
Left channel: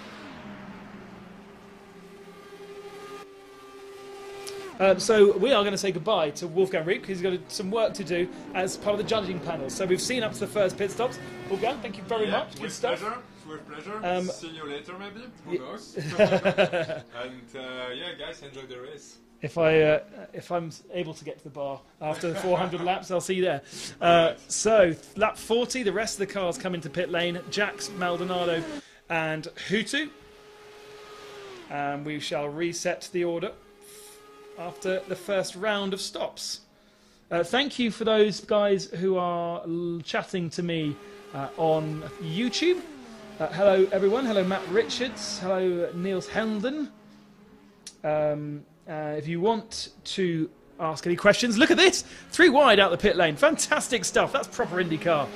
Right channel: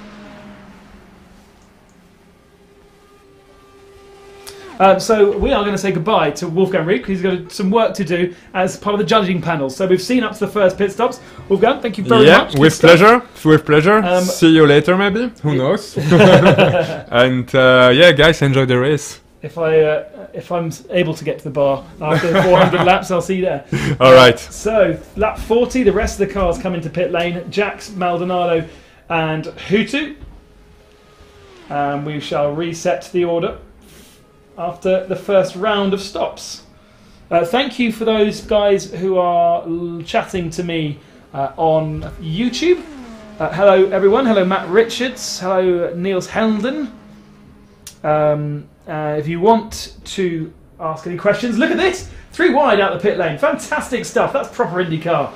So we are going to say goodbye to Wolfgang Reed because he's got some work to do as part of the judging panel. So we've seen up to the first pit stops. Wolfgang, thank you very much. Yeah, with pleasure. With pleasure. See you later, maybe. Who knows? And yeah, guys, enjoy the race. If I'm able to get to the bar after 400 laps, I'll see you there. All right. So lap 40, the rest of the cars come into pit lane. Jax, Maldonado, and Hutu. We shall reset the order after the first round of stops. Thank you for those guys who are chatting to me on YouTube. Hello everyone. Hello Matt Richards. Hello Niels Helden. If you want to ask any questions, look at this! 3 wide out the pit lane. Fantastic stuff. That's proper IndyCar.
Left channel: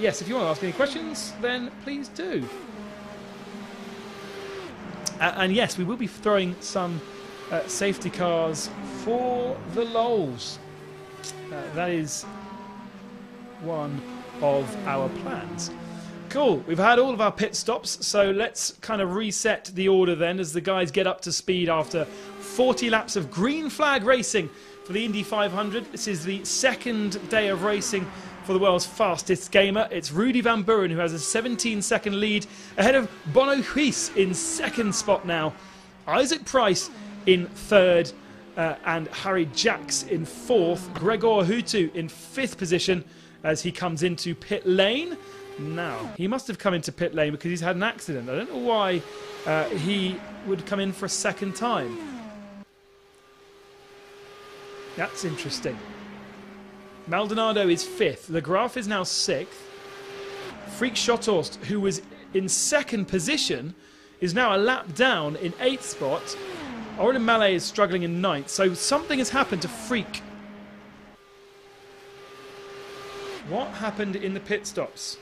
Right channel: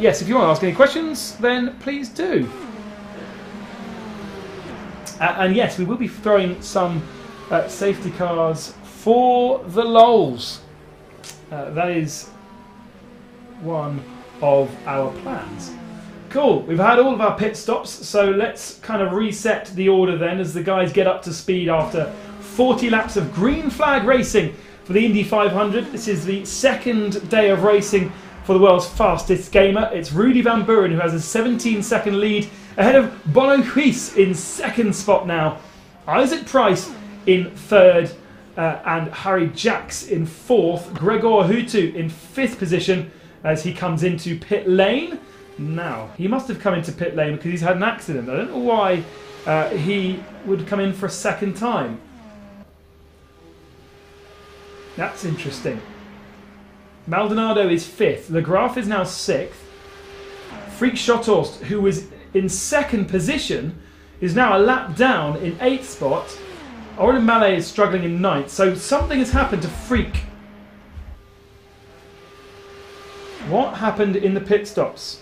Yes, if you want to ask any questions, then please do. And yes, we will be throwing some safety cars for the lols. That is one of our plans. Cool, we've had all of our pit stops, so let's kind of reset the order then as the guys get up to speed after 40 laps of green flag racing for the Indy 500. This is the second day of racing for the world's fastest gamer. It's Rudy Van Buren who has a 17-second lead ahead of Bono Huis in second spot now. Isaac Price in third and Harry Jax in fourth. Gregor Hutu in fifth position as he comes into pit lane. Now, he must have come into pit lane because he's had an accident. I don't know why he would come in for a second time. That's interesting. Maldonado is fifth. The Graf is now sixth. Freak Schothorst, who was in second position, is now a lap down in eighth spot. Oren Mallet is struggling in ninth. So something has happened to Freak. What happened in the pit stops?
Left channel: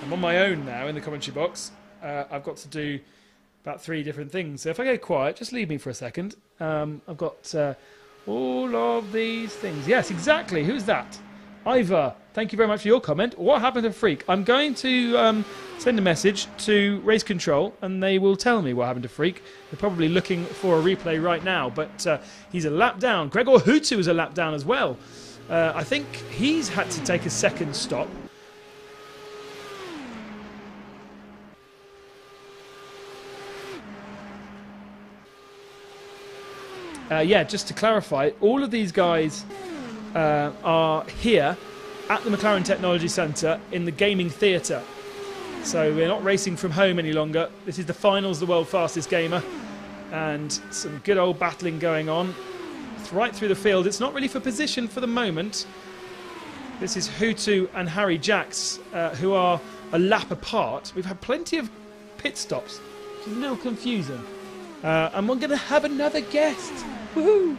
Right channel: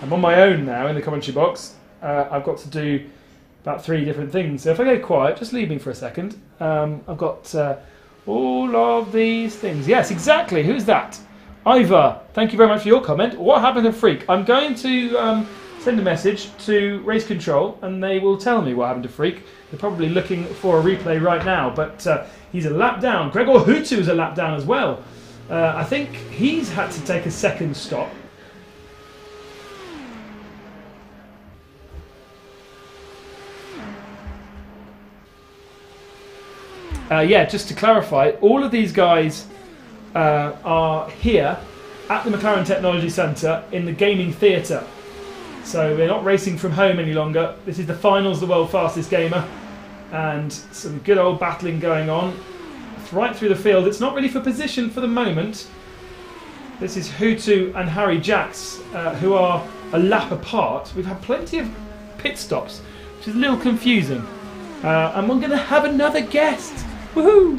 I'm on my own now in the commentary box. I've got to do about 3 different things. So if I go quiet, just leave me for a second. I've got all of these things. Yes, exactly. Who's that? Ivar, thank you very much for your comment. What happened to Freak? I'm going to send a message to Race Control and they will tell me what happened to Freak. They're probably looking for a replay right now, but he's a lap down. Gregor Hutu is a lap down as well. I think he's had to take a second stop. Yeah, just to clarify, all of these guys are here at the McLaren Technology Centre in the gaming theatre. So we're not racing from home any longer. This is the finals of the World Fastest Gamer. And some good old battling going on. It's right through the field. It's not really for position for the moment. This is Hutu and Harry Jax, who are a lap apart. We've had plenty of pit stops, which is a little confusing. And we're going to have another guest. Woohoo!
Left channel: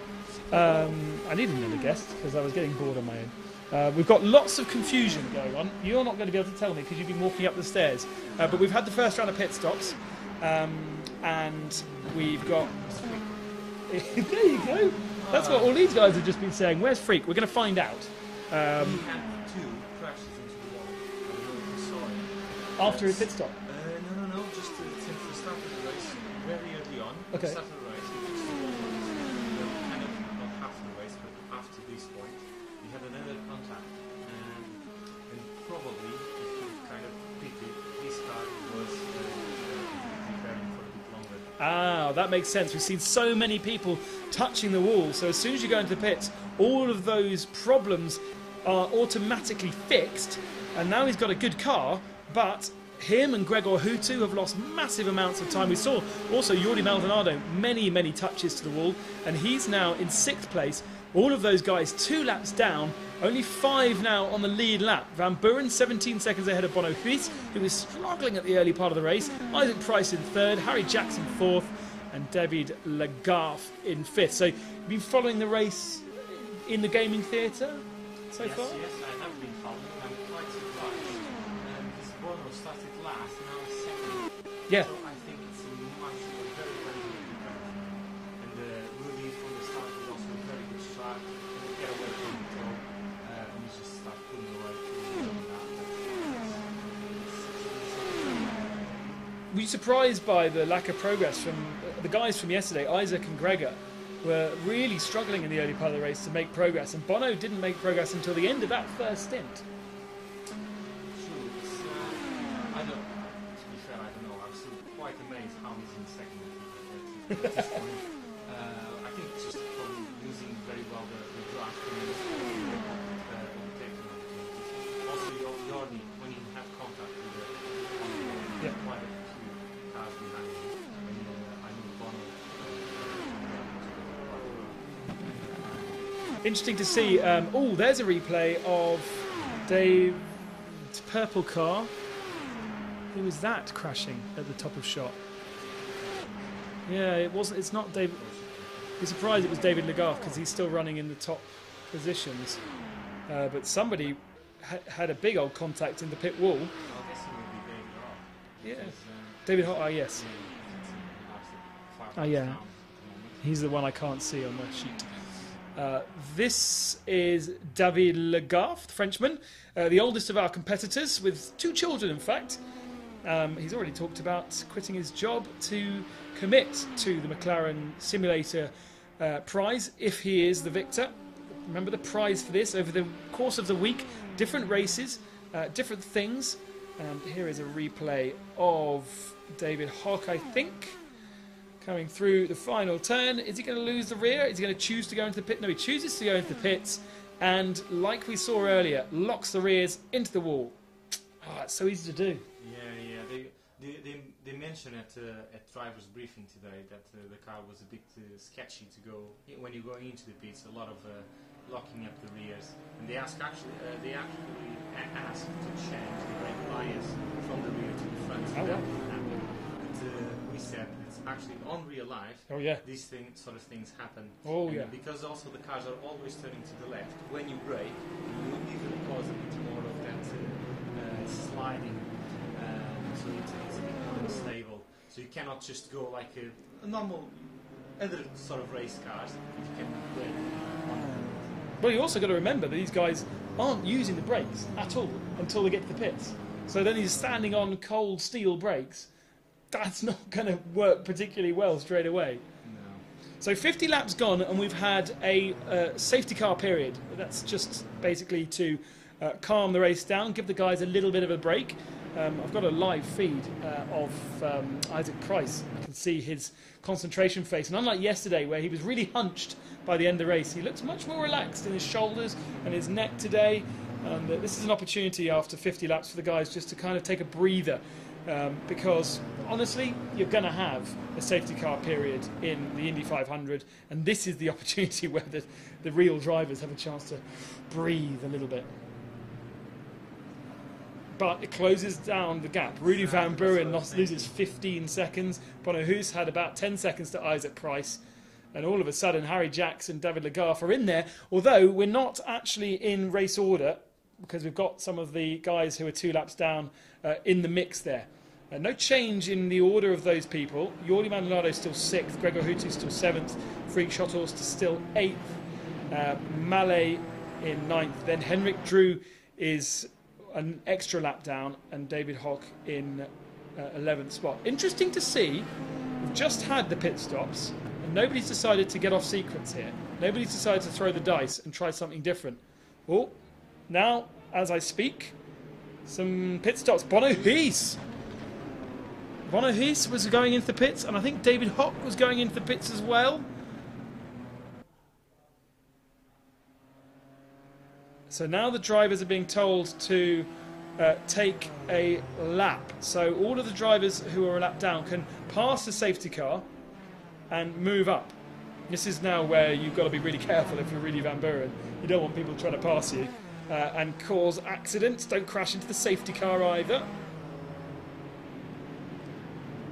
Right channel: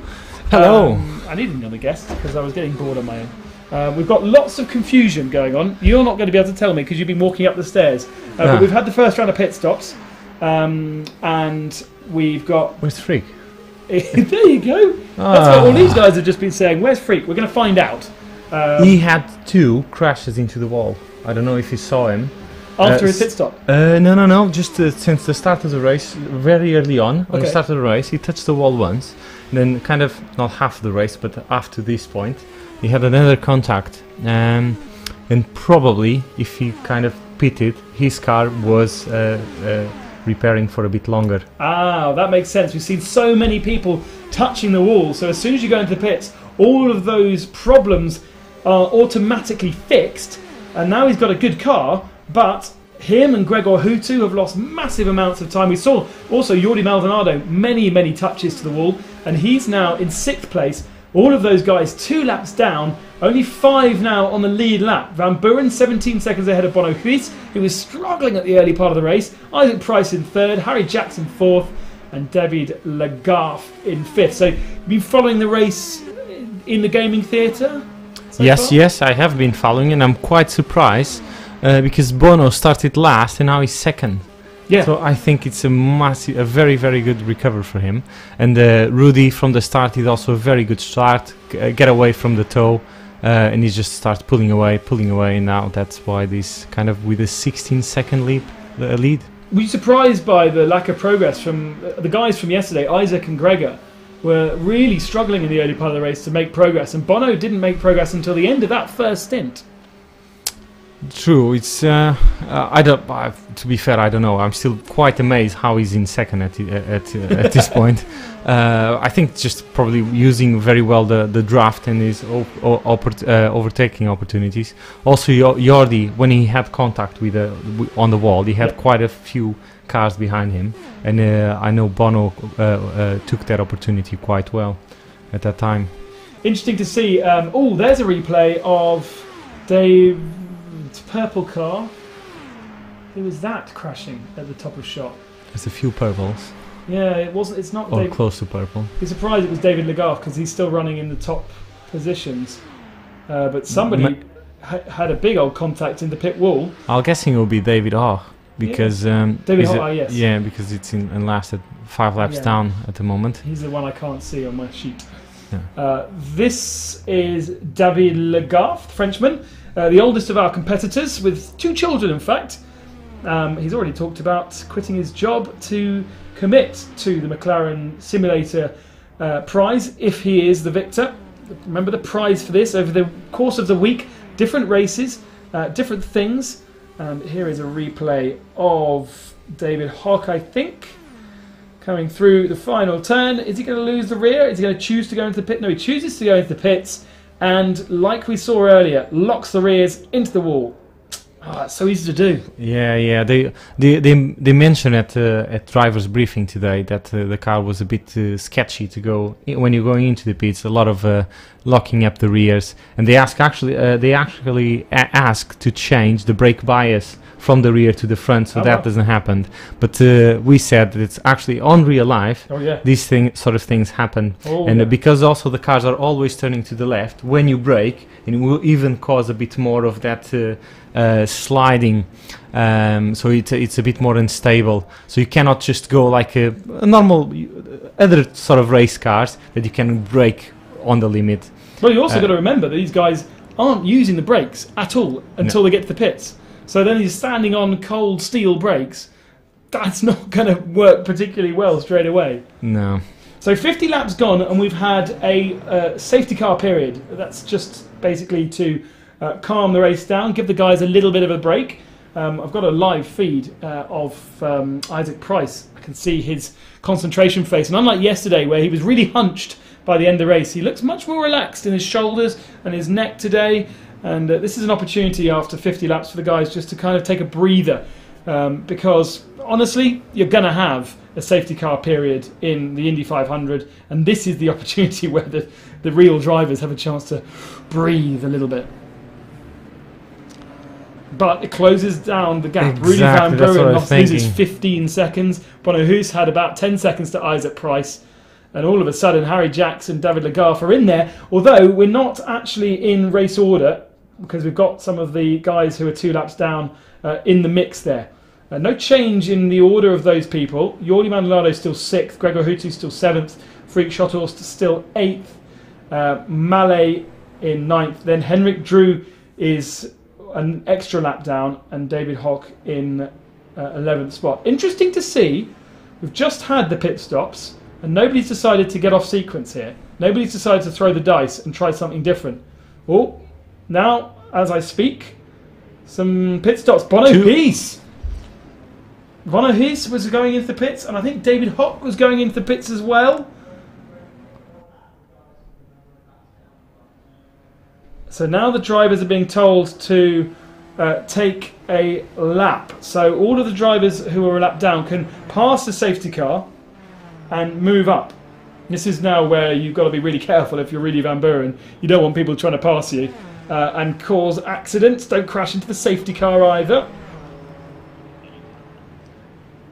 Hello. I needed another guest because I was getting bored on my own. We've got lots of confusion going on. You're not going to be able to tell me because you've been walking up the stairs. But we've had the first round of pit stops. And we've got... Where's Freak? There you go. That's what all these guys have just been saying. Where's Freak? We're going to find out. He had 2 crashes into the wall. I don't know if you saw him. After his pit stop? No. Just since the start of the race, very early on, when Okay. the start of the race, he touched the wall once. Then kind of, not half the race, but after this point, he had another contact. And probably, if he kind of pitted, his car was repairing for a bit longer. Ah, that makes sense. We've seen so many people touching the wall. So as soon as you go into the pits, all of those problems are automatically fixed. And now he's got a good car, but him and Gregor Hutu have lost massive amounts of time. We saw also Jordi Maldonado, many touches to the wall, and he's now in 6th place. All of those guys 2 laps down, only 5 now on the lead lap. Van Buren 17 seconds ahead of Bono Huis, who was struggling at the early part of the race. Isaac Price in 3rd, Harry Jackson 4th, and David Legault in 5th. So you've been following the race in the gaming theatre? Yes, I have been following, and I'm quite surprised because Bono started last and now he's second. Yeah. So I think it's a very good recovery for him. And Rudy from the start is also a very good start, get away from the toe, and he just starts pulling away, and now that's why this kind of with a 16-second lead lead. Were you surprised by the lack of progress from the guys from yesterday? Isaac and Gregor were really struggling in the early part of the race to make progress, and Bono didn't make progress until the end of that first stint. True, it's I don't. To be fair, I don't know. I'm still quite amazed how he's in second at this point. I think just probably using very well the draft and his overtaking opportunities. Also, Jordi, when he had contact with on the wall, he had quite a few cars behind him, and I know Bono took that opportunity quite well at that time. Interesting to see. Oh, there's a replay of Dave's purple car. It was that crashing at the top of shot. There's a few purples. Yeah, it wasn't. It's not. Or close to purple. Be surprised it was David Legault because he's still running in the top positions. But somebody had a big old contact in the pit wall. I'm guessing it will be David Hoch because David Hoch, yes. Yeah, because it's in last at 5 laps down at the moment. He's the one I can't see on my sheet. Yeah. This is David Legault, Frenchman, the oldest of our competitors, with 2 children, in fact. He's already talked about quitting his job to commit to the McLaren Simulator prize if he is the victor. Remember the prize for this over the course of the week, different races, different things. Here is a replay of David Hoch, I think, coming through the final turn. Is he going to lose the rear? Is he going to choose to go into the pit? No, he chooses to go into the pits, and like we saw earlier, locks the rears into the wall. Oh, it's so easy to do. Yeah. They mentioned at drivers' briefing today that the car was a bit sketchy to go when you're going into the pits. A lot of locking up the rears, and they actually ask to change the brake bias from the rear to the front, so that doesn't happen. But we said that it's actually on real life. Oh, yeah. These sort of things happen, because also the cars are always turning to the left when you brake, and it will even cause a bit more of that sliding. So it's a bit more unstable. So you cannot just go like a normal other sort of race cars that you can brake on the limit. Well, you also got to remember that these guys aren't using the brakes at all until they get to the pits. So then he's standing on cold steel brakes. That's not going to work particularly well straight away. No. So 50 laps gone, and we've had a safety car period. That's just basically to calm the race down, give the guys a little bit of a break. I've got a live feed of Isaac Price. I can see his concentration face. And unlike yesterday, where he was really hunched by the end of the race, he looks much more relaxed in his shoulders and his neck today. And this is an opportunity after 50 laps for the guys just to kind of take a breather, because honestly, you're going to have a safety car period in the Indy 500, and this is the opportunity where the real drivers have a chance to breathe a little bit. But it closes down the gap. Exactly, Rudy Van Buren loses 15 seconds. Bono Hoos had about 10 seconds to Isaac Price. And all of a sudden, Harry Jackson, David Legarth are in there. Although we're not actually in race order, because we've got some of the guys who are 2 laps down in the mix there. No change in the order of those people. Jordi Maldonado still 6th. Gregor Hutu still 7th. Freak Schothorst still 8th. Mallet in 9th. Then Henrik Drew is an extra lap down, and David Hoch in 11th spot. Interesting to see. We've just had the pit stops, and nobody's decided to get off sequence here. Nobody's decided to throw the dice and try something different. Oh, now, as I speak, some pit stops. Bono Hoos was going into the pits, and I think David Hoch was going into the pits as well. So now the drivers are being told to take a lap. So all of the drivers who are a lap down can pass the safety car and move up. This is now where you've got to be really careful if you're Rudy Van Buren. You don't want people trying to pass you and cause accidents. Don't crash into the safety car either.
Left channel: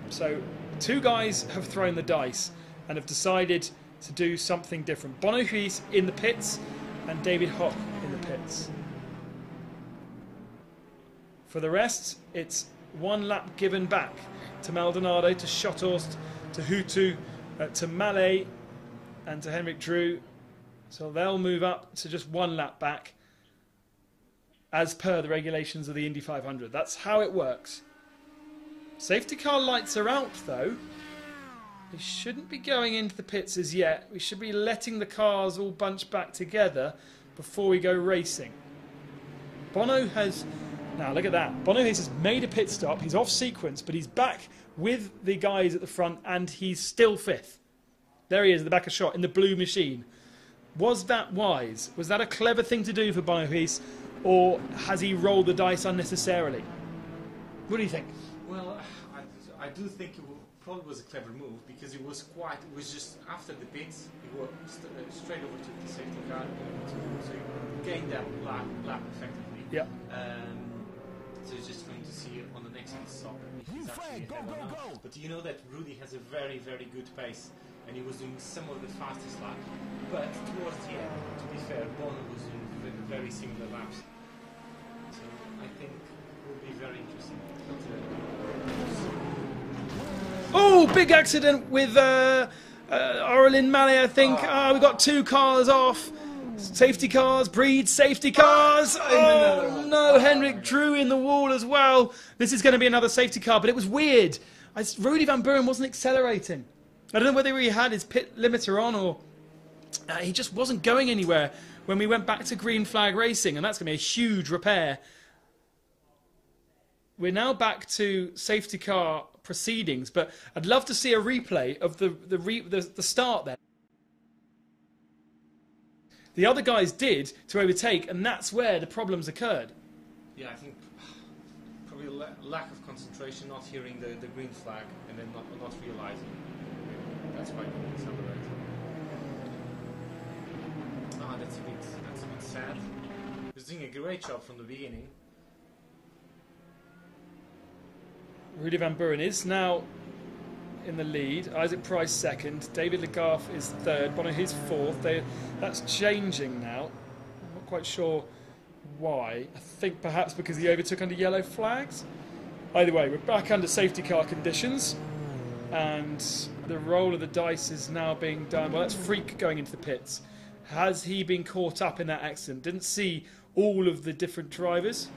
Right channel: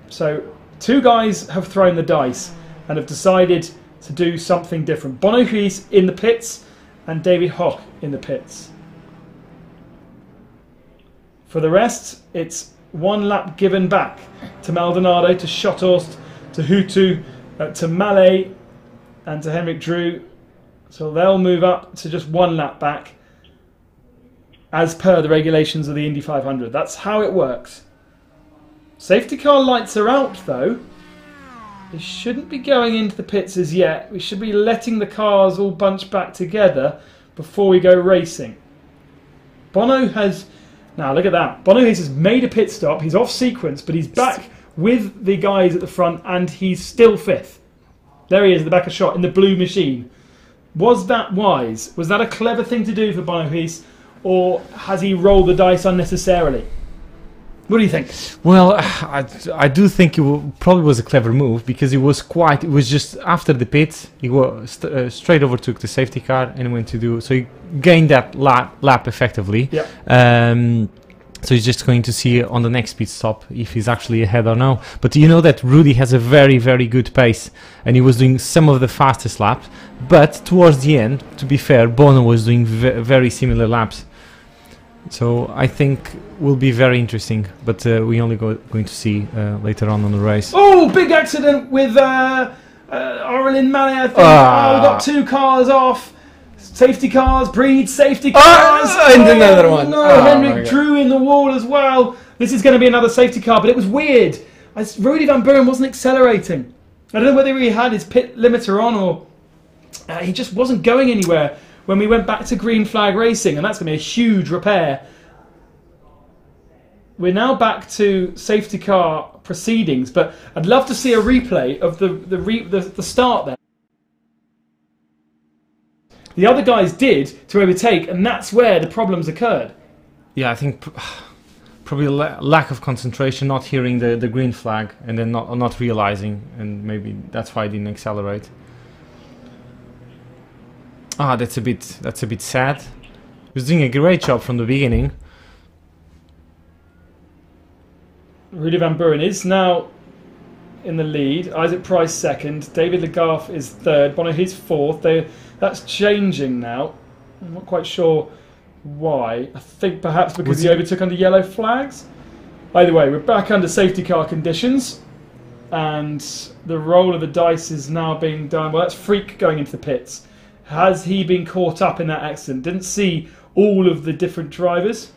So 2 guys have thrown the dice and have decided to do something different. Bono Hoos in the pits and David Hoch in the pits. For the rest, it's 1 lap given back to Maldonado, to Schothorst, to Hutu, to Mallet, and to Henrik Drew. So they'll move up to just 1 lap back as per the regulations of the Indy 500. That's how it works. Safety car lights are out though. We shouldn't be going into the pits as yet. We should be letting the cars all bunch back together before we go racing. Bono has... Now look at that. Bono has made a pit stop. He's off sequence, but he's back with the guys at the front and he's still 5th. There he is, the back of shot in the blue machine. Was that wise? Was that a clever thing to do for Bono Hiss, or has he rolled the dice unnecessarily? What do you think? Well, I do think probably was a clever move, because it was just after the pits, he was straight overtook the safety car and went to do, so he gained that lap effectively. Yeah. So he's just going to see on the next pit stop if he's actually ahead or no. But you know that Rudy has a very, very good pace, and he was doing some of the fastest laps. But towards the end, to be fair, Bono was doing very similar laps. So I think will be very interesting, but we only going to see later on the race. Oh, big accident with Aurelien Mallet, I think. Oh, we got 2 cars off. Safety cars, breed safety cars. And another one. No, Henrik Drew in the wall as well. This is going to be another safety car, but it was weird. Rudy Van Buren wasn't accelerating. I don't know whether he had his pit limiter on or he just wasn't going anywhere when we went back to green flag racing, and that's going to be a huge repair. We're now back to safety car proceedings, but I'd love to see a replay of the start there. The other guys did to overtake, and that's where the problems occurred. Yeah, I think probably lack of concentration, not hearing the green flag, and then not realizing, and maybe that's why I didn't accelerate. That's a bit sad. He was doing a great job from the beginning. Rudy Van Buren is now in the lead. Isaac Price 2nd. David Legault is 3rd. Bono Hiss 4th. That's changing now. I'm not quite sure why. I think perhaps because he overtook under yellow flags. Either way, we're back under safety car conditions, and the roll of the dice is now being done. Well, that's Freak going into the pits. Has he been caught up in that accident? Didn't see all of the different drivers.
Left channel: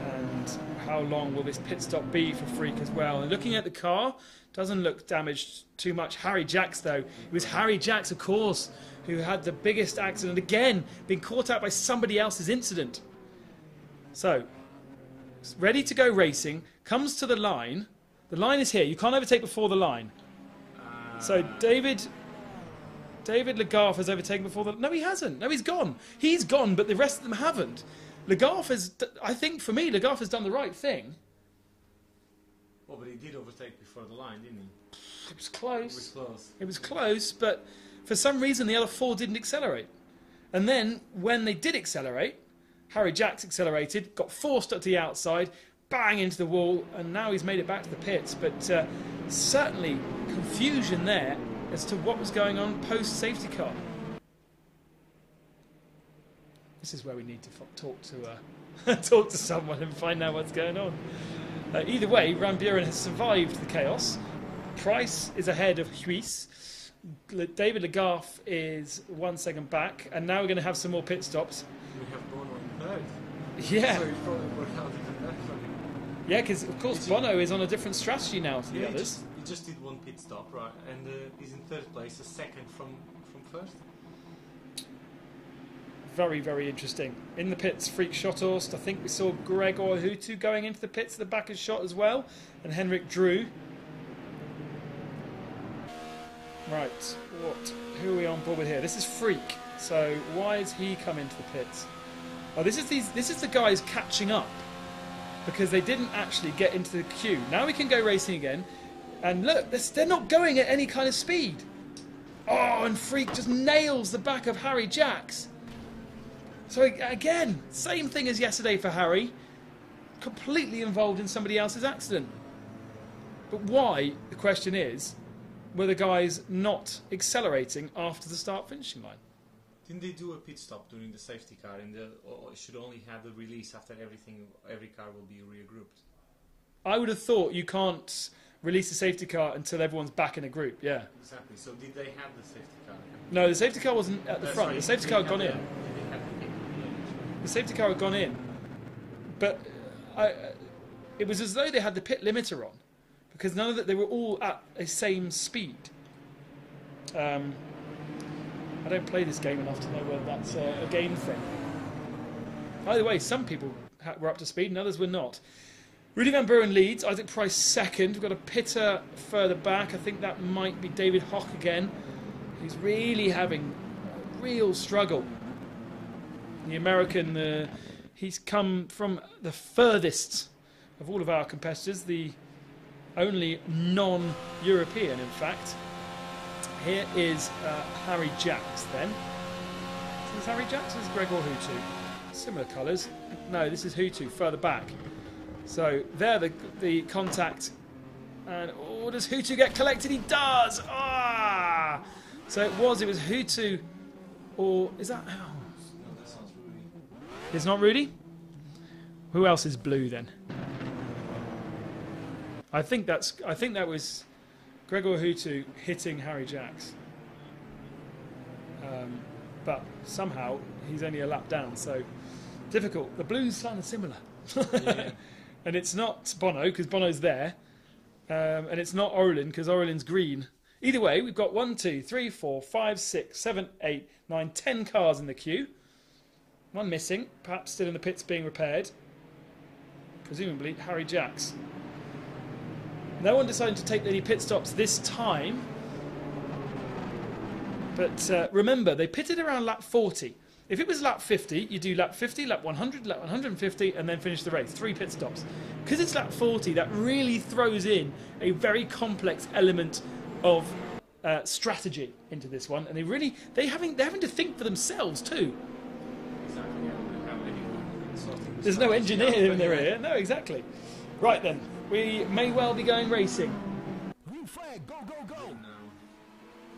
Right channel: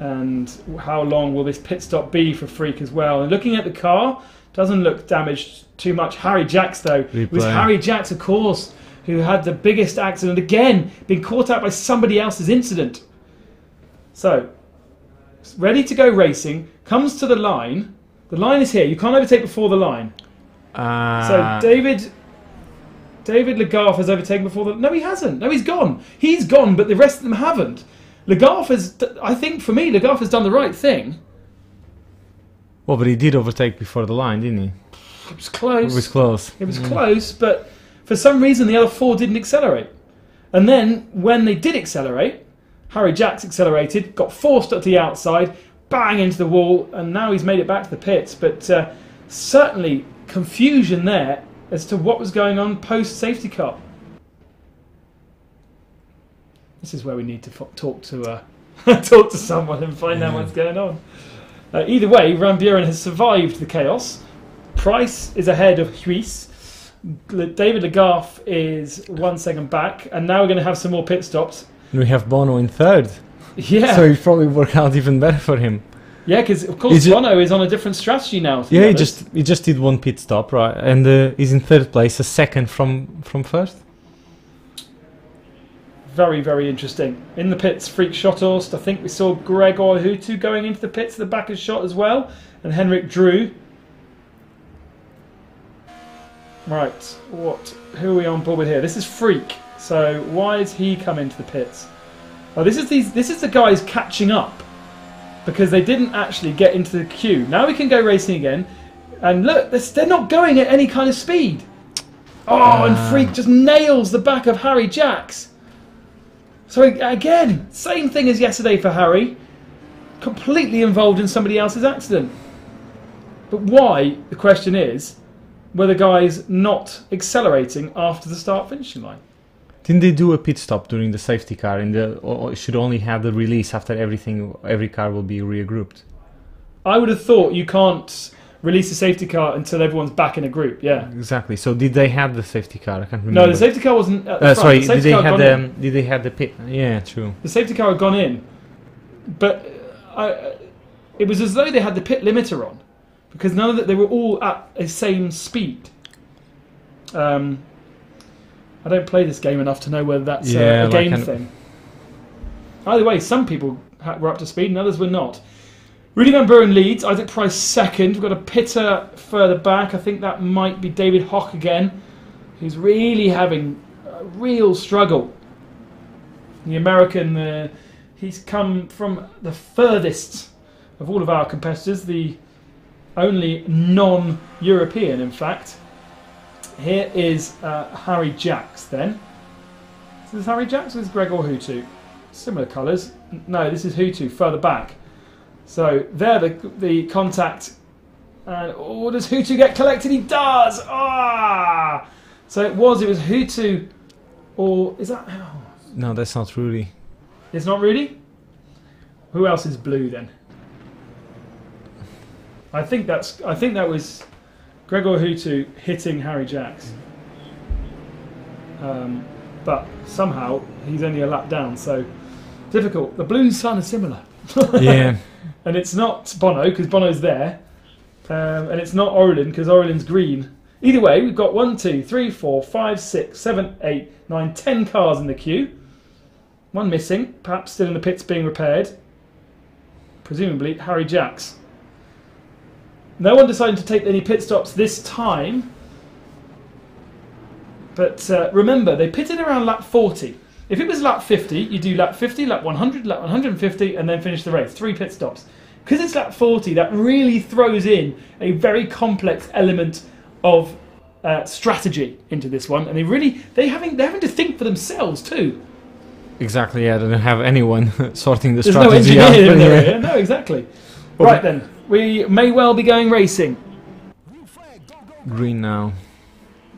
And how long will this pit stop be for Freak as well? And looking at the car, doesn't look damaged too much. Harry Jacks, though. It was Harry Jacks, of course, who had the biggest accident. Again, being caught out by somebody else's incident. So, ready to go racing, comes to the line. The line is here. You can't overtake before the line. So David Legault has overtaken before the... No, he hasn't. No, he's gone. He's gone, but the rest of them haven't. Legault has... I think, for me, Legault has done the right thing. Well, but he did overtake before the line, didn't he? It was close. It was close. It was close, but for some reason the other 4 didn't accelerate. And then, when they did accelerate, Harry Jacks accelerated, got forced at the outside, bang into the wall, and now he's made it back to the pits. But certainly confusion there as to what was going on post-safety car. This is where we need to talk to talk to someone and find out what's going on. Either way, Van Buren has survived the chaos. Price is ahead of Huis. David Legault is 1 second back, and now we're going to have some more pit stops. We have Bono in 3rd. Yeah. So it probably worked out even better for him. Yeah, because of course Bono is on a different strategy now. Yeah, he just did 1 pit stop, right? And he's in 3rd place, a second from 1st. Very, very interesting. In the pits, Freak Schotthorst. I think we saw Gregor Hutu going into the pits at the back of shot as well. And Henrik Drew. Right, who are we on board with here? This is Freak. So why has he come into the pits? Oh, this is the guys catching up, because they didn't actually get into the queue. Now we can go racing again. And look, they're not going at any kind of speed. Oh, and Freak just nails the back of Harry Jacks. So again, same thing as yesterday for Harry. Completely involved in somebody else's accident. But why, the question is, were the guys not accelerating after the start-finishing line? Didn't they do a pit stop during the safety car, or should only have the release after every car will be regrouped? I would have thought you can't release the safety car until everyone's back in a group. Yeah, exactly. So did they have the safety car? I can't remember. No, the safety car wasn't at the front. Sorry, did they have the pit? Yeah, true. The safety car had gone in, but it was as though they had the pit limiter on, because none of they were all at the same speed. I don't play this game enough to know whether that's a game thing. Either way, some people were up to speed and others were not. Rudy Van Buren leads, Isaac Price second. We've got a pitter further back. I think that might be David Hock again, who's really having a real struggle. The American, he's come from the furthest of all of our competitors, the only non-European, in fact. Here is Harry Jacks then. Is this Harry Jacks or is Gregor Hutu? Similar colours. No, this is Hutu further back. So there the contact. And does Hutu get collected? He does! Ah! So it was Hutu, or is that... Oh. No, that's not Rudy. It's not Rudy? Who else is blue then? I think that was Gregor Hutu hitting Harry Jacks. But somehow he's only a lap down, so difficult. The blue and sun are similar. Yeah. And it's not Bono, because Bono's there. And it's not Orlin, because Orlin's green. Either way, we've got 1, 2, 3, 4, 5, 6, 7, 8, 9, 10 cars in the queue. One missing, perhaps still in the pits being repaired. Presumably Harry Jacks. No one decided to take any pit stops this time. But remember, they pitted around lap 40. If it was lap 50, you do lap 50, lap 100, lap 150, and then finish the race. 3 pit stops. Because it's lap 40, that really throws in a very complex element of strategy into this one. And they're having to think for themselves too. Exactly, yeah, they don't have anyone sorting the There's strategy no out. engineer in there, yeah? No, exactly. Right then, we may well be going racing. Green now.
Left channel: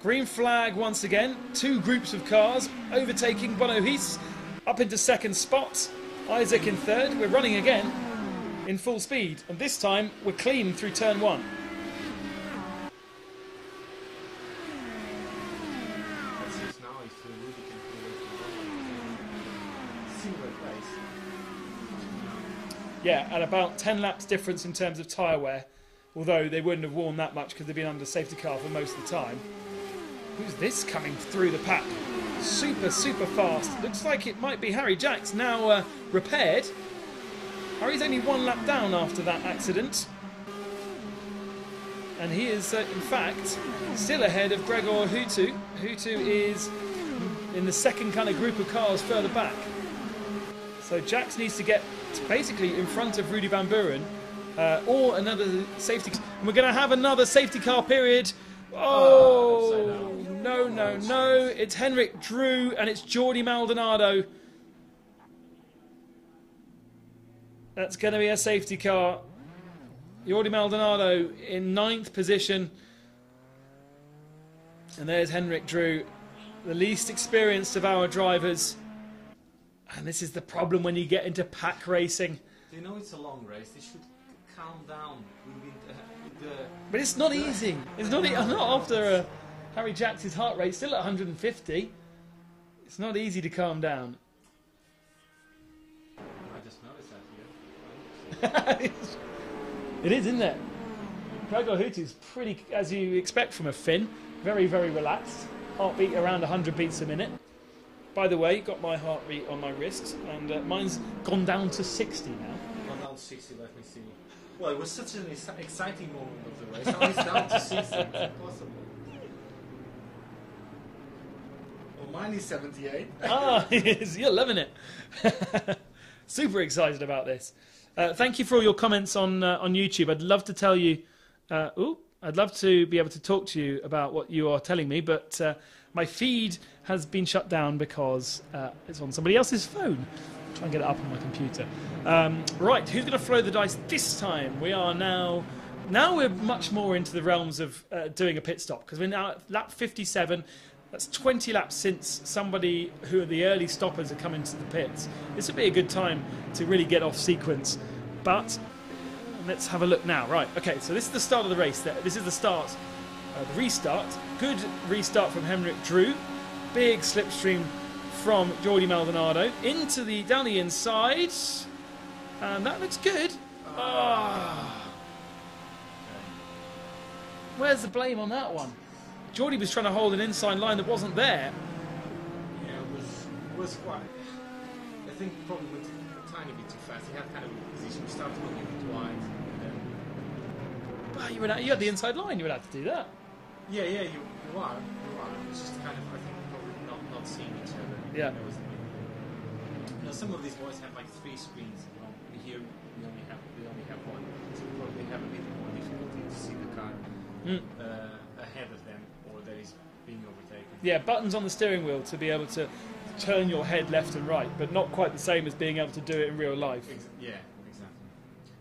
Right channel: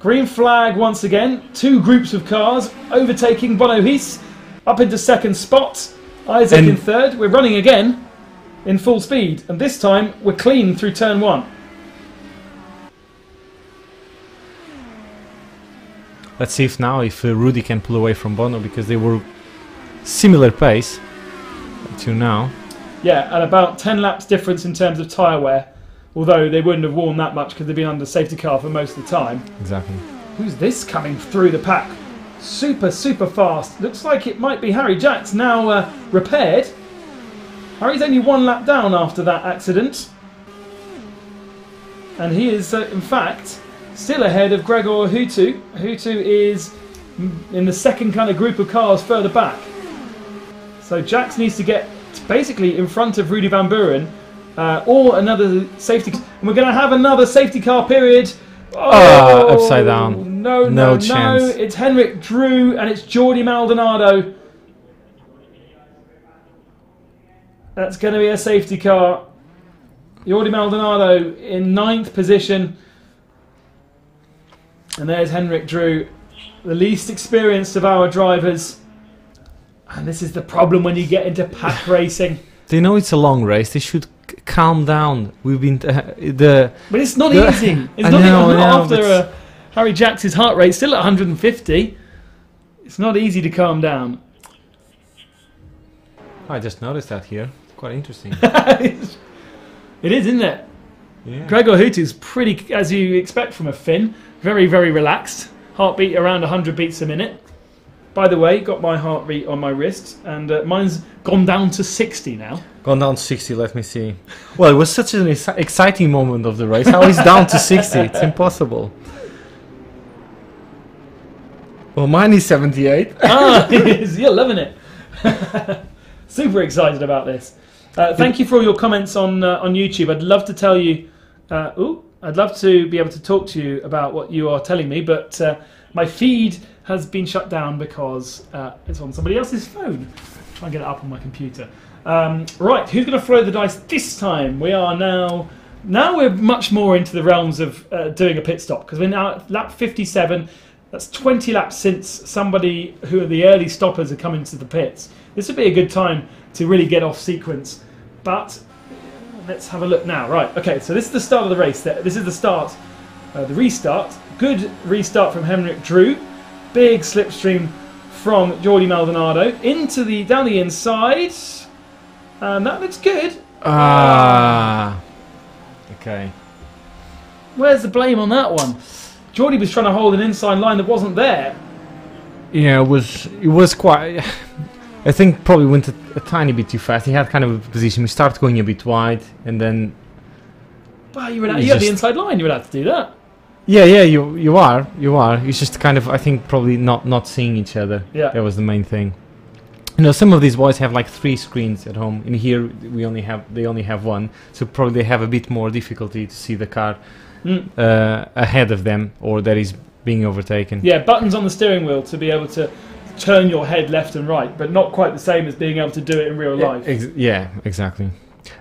Green flag once again. 2 groups of cars overtaking Bono Hiss up into second spot. Isaac in third. We're running again in full speed, and this time we're clean through turn 1. Let's see if Rudy can pull away from Bono, because they were similar pace to now. Yeah, and about 10 laps difference in terms of tyre wear, although they wouldn't have worn that much because they've been under safety car for most of the time. Exactly. Who's this coming through the pack? Super, super fast. Looks like it might be Harry Jacks now repaired. Harry's only 1 lap down after that accident. And he is, in fact, still ahead of Gregor Hutu. Hutu is in the second kind of group of cars further back. So Jacks needs to get basically in front of Rudy Van Buren or another safety car. And we're going to have another safety car period. Oh, upside down. No chance. It's Henrik Drew and it's Jordi Maldonado. That's going to be a safety car. Jordi Maldonado in 9th position. And there's Henrik Drew, the least experienced of our drivers. And this is the problem when you get into pack racing. They know it's a long race. They should calm down. We've been but it's not easy. It's not after Harry Jacks' heart rate still at 150. It's not easy to calm down. I just noticed that here. Quite interesting. It is, isn't it? Yeah. Gregor Hutu's pretty, as you expect from a Finn, very, very relaxed. Heartbeat around 100 beats a minute. By the way, got my heart rate on my wrist, and mine's gone down to 60 now. Gone down to 60, let me see. Well, it was such an exciting moment of the race. How is down to 60? It's impossible. Well, mine is 78. You're loving it. Super excited about this. Thank you for all your comments on YouTube. I'd love to tell you... I'd love to be able to talk to you about what you are telling me, but my feed has been shut down because it's on somebody else's phone. Try and get it up on my computer. Right, who's going to throw the dice this time? We are now we're much more into the realms of doing a pit stop, because we're now at lap 57. That's 20 laps since somebody who are the early stoppers have come into the pits. This would be a good time to really get off sequence. But let's have a look now. Right, okay, so this is the start of the race. This is the start, the restart. Good restart from Henrik Drew. Big slipstream from Jordi Maldonado. Down the inside. And that looks good. Okay. Where's the blame on that one? Geordie was trying to hold an inside line that wasn't there. Yeah, it was quite. I think probably went a tiny bit too fast. He had kind of a position. We started going a bit wide, and then. Well, you had the inside line. You would have to do that. Yeah, you are. It's just kind of, I think, probably not seeing each other. Yeah. That was the main thing. You know, some of these boys have like 3 screens at home. In here, they only have 1, so probably they have a bit more difficulty to see the car ahead of them, or that is being overtaken. Yeah, buttons on the steering wheel to be able to turn your head left and right, but not quite the same as being able to do it in real life. Yeah, exactly.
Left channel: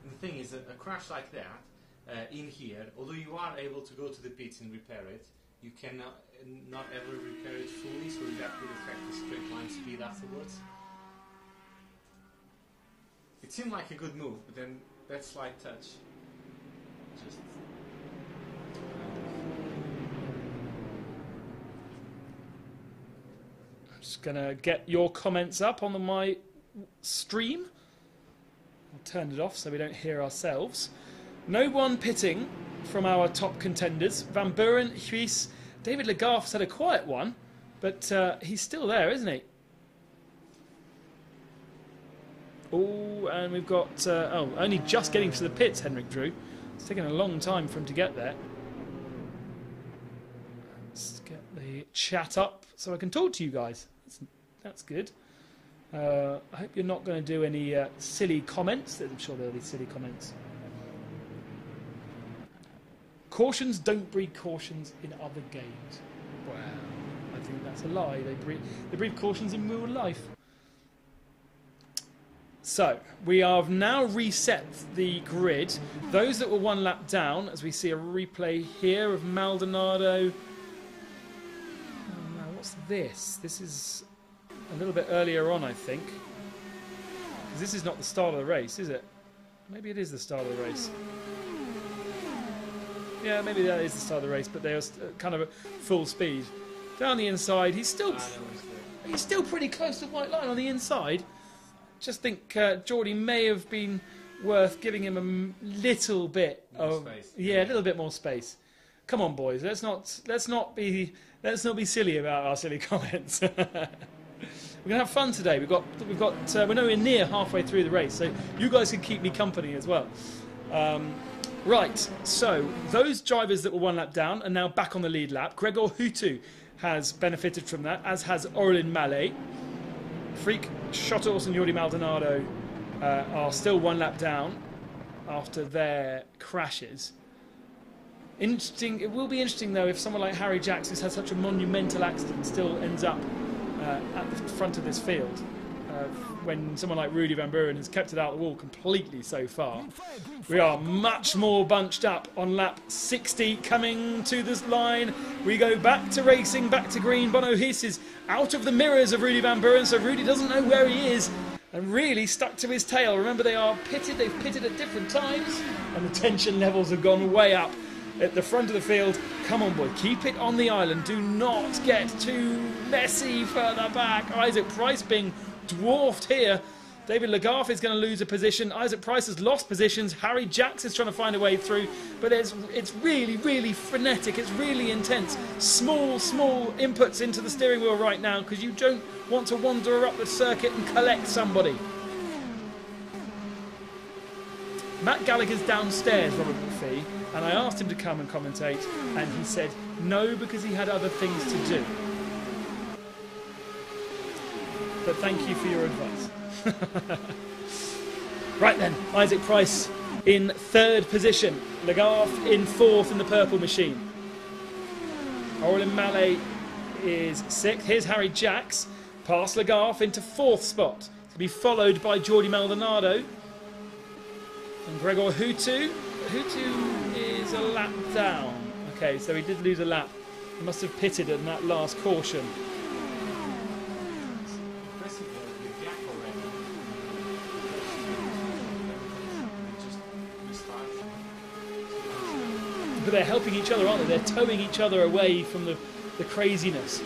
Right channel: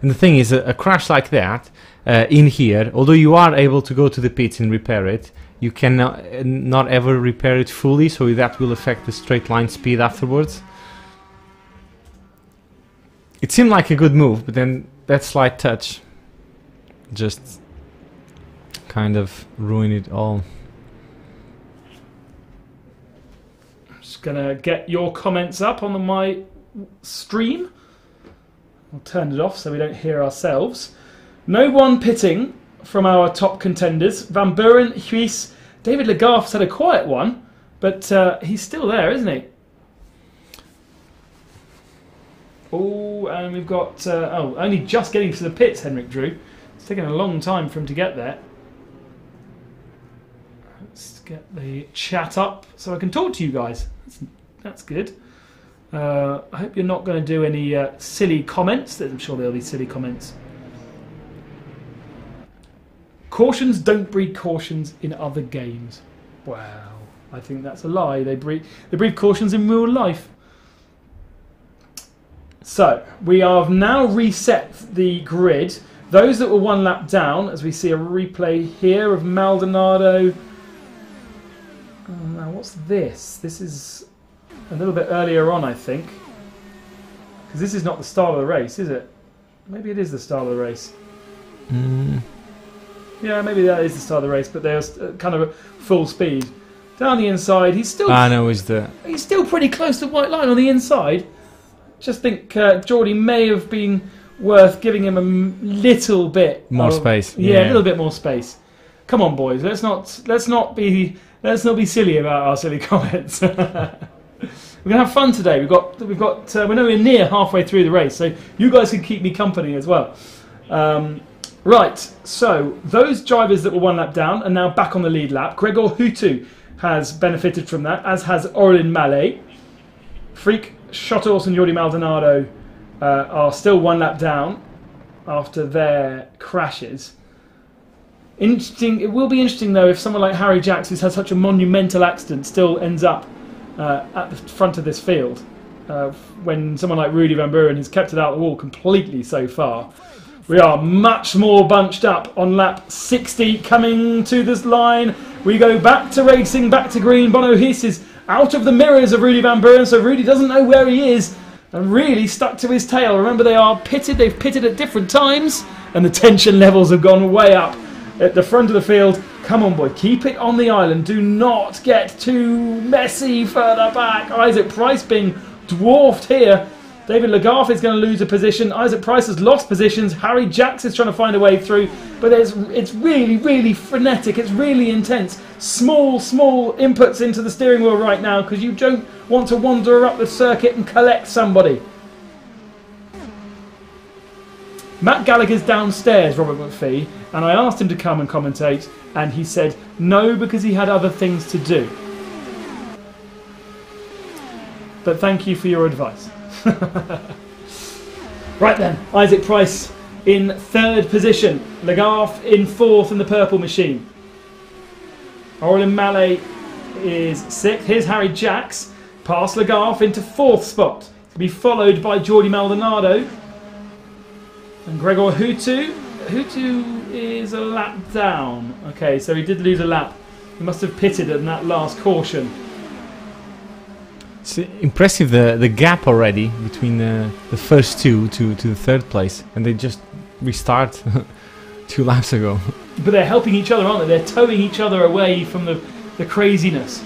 And the thing is, a crash like that in here, although you are able to go to the pits and repair it, you cannot not ever repair it fully, so that will affect the straight line speed afterwards. It seemed like a good move, but then that slight touch just kind of ruined it all. I'm just gonna get your comments up on my stream. We'll turn it off so we don't hear ourselves. No one pitting from our top contenders. Van Buren, Huis, David Legarth's had a quiet one, but he's still there, isn't he? Oh, and we've got... only just getting to the pits, Henrik Drew. It's taken a long time for him to get there. Let's get the chat up so I can talk to you guys. That's good. I hope you're not going to do any silly comments. I'm sure there'll be silly comments. Cautions don't breed cautions in other games. Wow, I think that's a lie. They breed cautions in real life. So, we have now reset the grid. Those that were 1 lap down, as we see a replay here of Maldonado. Oh, now, what's this? This is a little bit earlier on, I think. Because this is not the start of the race, is it? Maybe it is the start of the race. Yeah, maybe that is the start of the race, but there's kind of a full speed. Down the inside, he's still... He's still pretty close to the white line on the inside. Just think Geordie may have been worth giving him a little bit more space. Yeah, a little bit more space. Come on, boys. Let's not be silly about our silly comments. We're gonna have fun today. We're nowhere near halfway through the race, so you guys can keep me company as well. Right. So those drivers that were 1 lap down are now back on the lead lap. Gregor Hutu has benefited from that, as has Orlin Mallet. Freak, Schottos and Jordi Maldonado are still 1 lap down after their crashes. Interesting. It will be interesting though if someone like Harry Jacks, who's had such a monumental accident, still ends up at the front of this field. When someone like Rudy Van Buren has kept it out of the wall completely so far. We are much more bunched up on lap 60 coming to this line. We go back to racing, back to green. Bono Hiss is out of the mirrors of Rudy Van Buren, so Rudy doesn't know where he is and really stuck to his tail. Remember, they've pitted at different times and the tension levels have gone way up at the front of the field. Come on, boy, keep it on the island. Do not get too messy further back. Isaac Price being dwarfed here. David Legarth is going to lose a position. Isaac Price has lost positions. Harry Jacks is trying to find a way through. But it's really, really frenetic. It's really intense. Small inputs into the steering wheel right now because you don't want to wander up the circuit and collect somebody. Matt Gallagher's downstairs, Robert McPhee, and I asked him to come and commentate, and he said no because he had other things to do. But thank you for your advice. Right then, Isaac Price in 3rd position, Legarth in 4th in the purple machine. Orlin Mallet is 6th. Here's Harry Jacks, past Legarth into 4th spot. To be followed by Jordi Maldonado and Gregor Hutu. Hutu is a lap down. Okay, so he did lose a lap. He must have pitted in that last caution. It's impressive the gap already between the first two to the 3rd place, and they just restart 2 laps ago. But they're helping each other, aren't they? They're towing each other away from the craziness.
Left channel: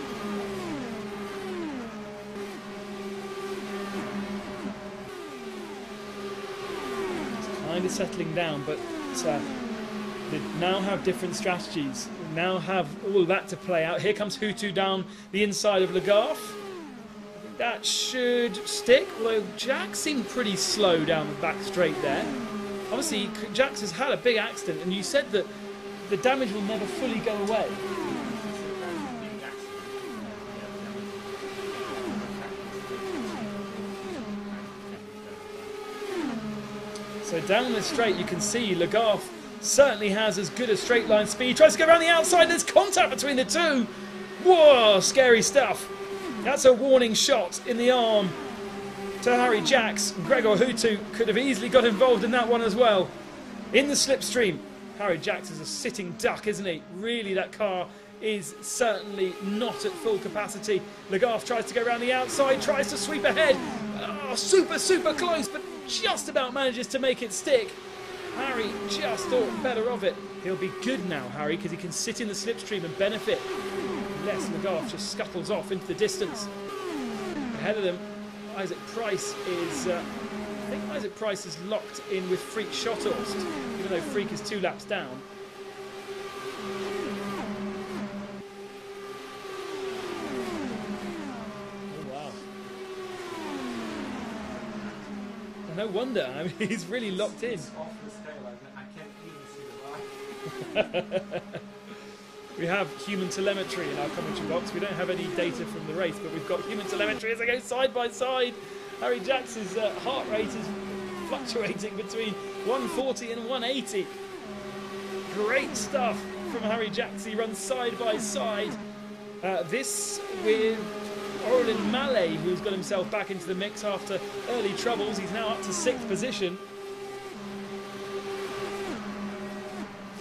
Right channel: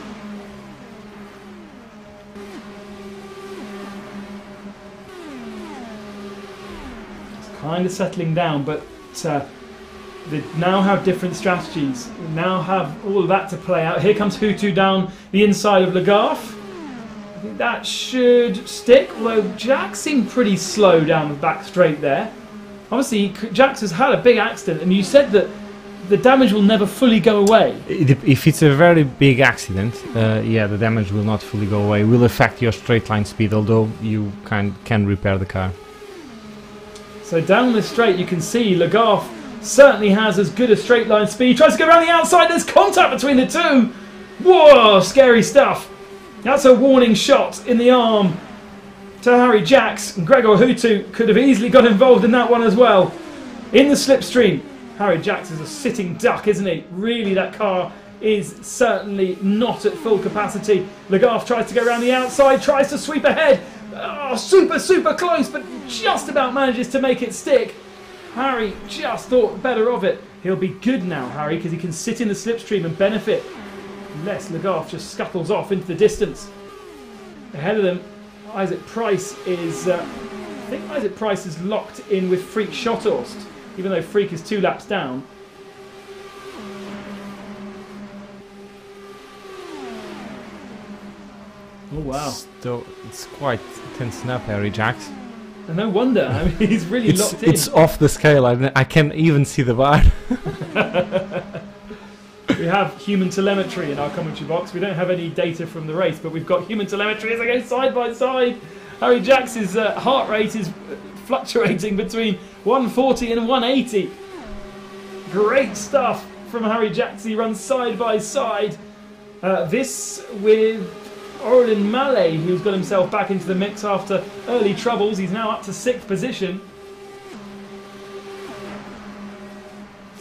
kind of settling down, but they now have different strategies. They now have all of that to play out. Here comes Hutu down the inside of Legault. That should stick, although Jax seemed pretty slow down the back straight there. Honestly, Jax has had a big accident, and you said that the damage will never fully go away. If it's a very big accident, yeah, the damage will not fully go away. It will affect your straight line speed, although you can repair the car. So down the straight, you can see Legault certainly has as good a straight line speed. He tries to go around the outside. There's contact between the two. Whoa, scary stuff. That's a warning shot in the arm to Harry Jax. Gregor Hutu could have easily got involved in that one as well. In the slipstream, Harry Jax is a sitting duck, isn't he? Really, that car is certainly not at full capacity. Legault tries to go around the outside, tries to sweep ahead. Oh, super close, but just about manages to make it stick. Harry just thought better of it. He'll be good now, Harry, because he can sit in the slipstream and benefit. Unless Legault just scuttles off into the distance. Ahead of them, Isaac Price is... I think Isaac Price is locked in with Freak Schotthorst, even though Freak is 2 laps down. Oh wow. It's quite tensing up, Harry Jax. No wonder, I mean, he's really locked in. It's off the scale, I can't even see the bar. We have human telemetry in our commentary box. We don't have any data from the race, but we've got human telemetry as they go side by side. Harry Jax's heart rate is fluctuating between 140 and 180. Great stuff from Harry Jax. He runs side by side. This with Aurelien Mallet, who's got himself back into the mix after early troubles. He's now up to 6th position.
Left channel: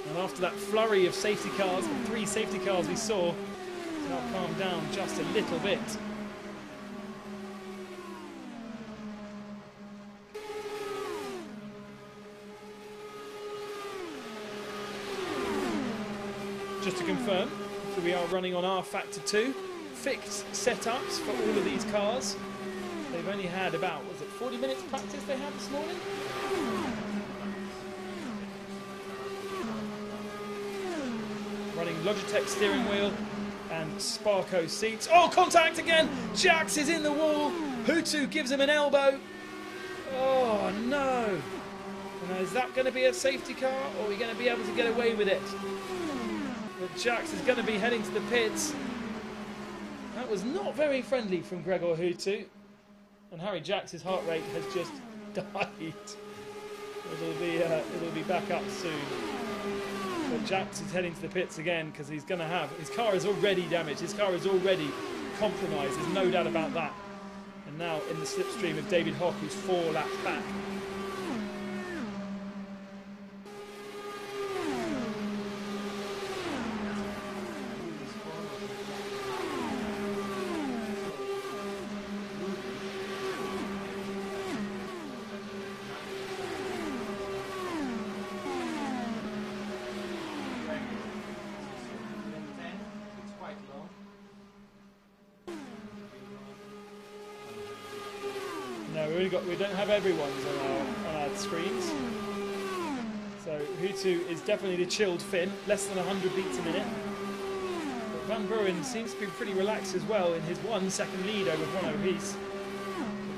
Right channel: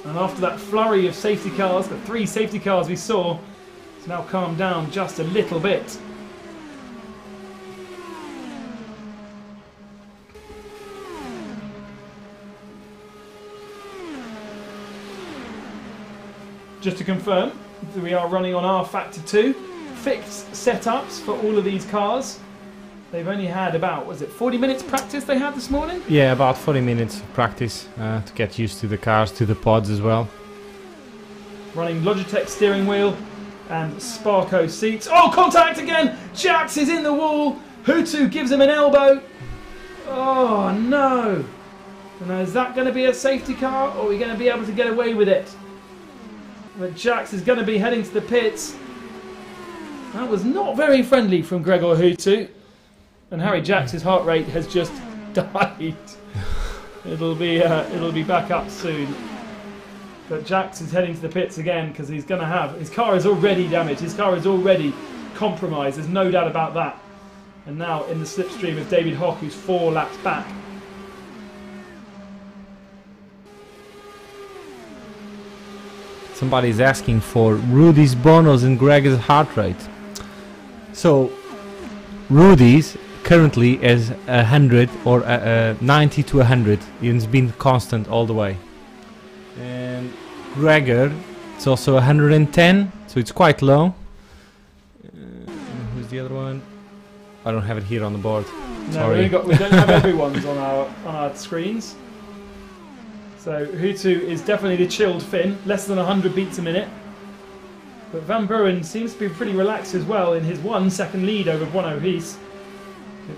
And after that flurry of safety cars, the 3 safety cars we saw, it's now calmed down just a little bit. Just to confirm, we are running on R Factor 2. Fixed setups for all of these cars. They've only had about, was it 40 minutes practice they had this morning? Yeah, about 40 minutes of practice to get used to the cars, to the pods as well. Running Logitech steering wheel and Sparco seats. Oh, contact again! Jax is in the wall. Hutu gives him an elbow. Oh no! Now, is that going to be a safety car, or are we going to be able to get away with it? But Jax is going to be heading to the pits. That was not very friendly from Gregor Hutu. And Harry Jax's heart rate has just died. It'll be back up soon. But Jax is heading to the pits again because he's going to have... His car is already damaged. His car is already compromised. There's no doubt about that. And now in the slipstream of David Hock, who's 4 laps back. Somebody's asking for Rudy's, Bono's and Greg's heart rate. So, Rudy's currently is 100 or 90 to 100. It's been constant all the way. And Gregor, it's also 110, so it's quite low. Who's the other one? I don't have it here on the board. Sorry. No, we don't have everyone's on our screens. So Hutu is definitely the chilled Finn, less than 100 beats a minute. But Van Buren seems to be pretty relaxed as well in his 1 second lead over Bono Rees.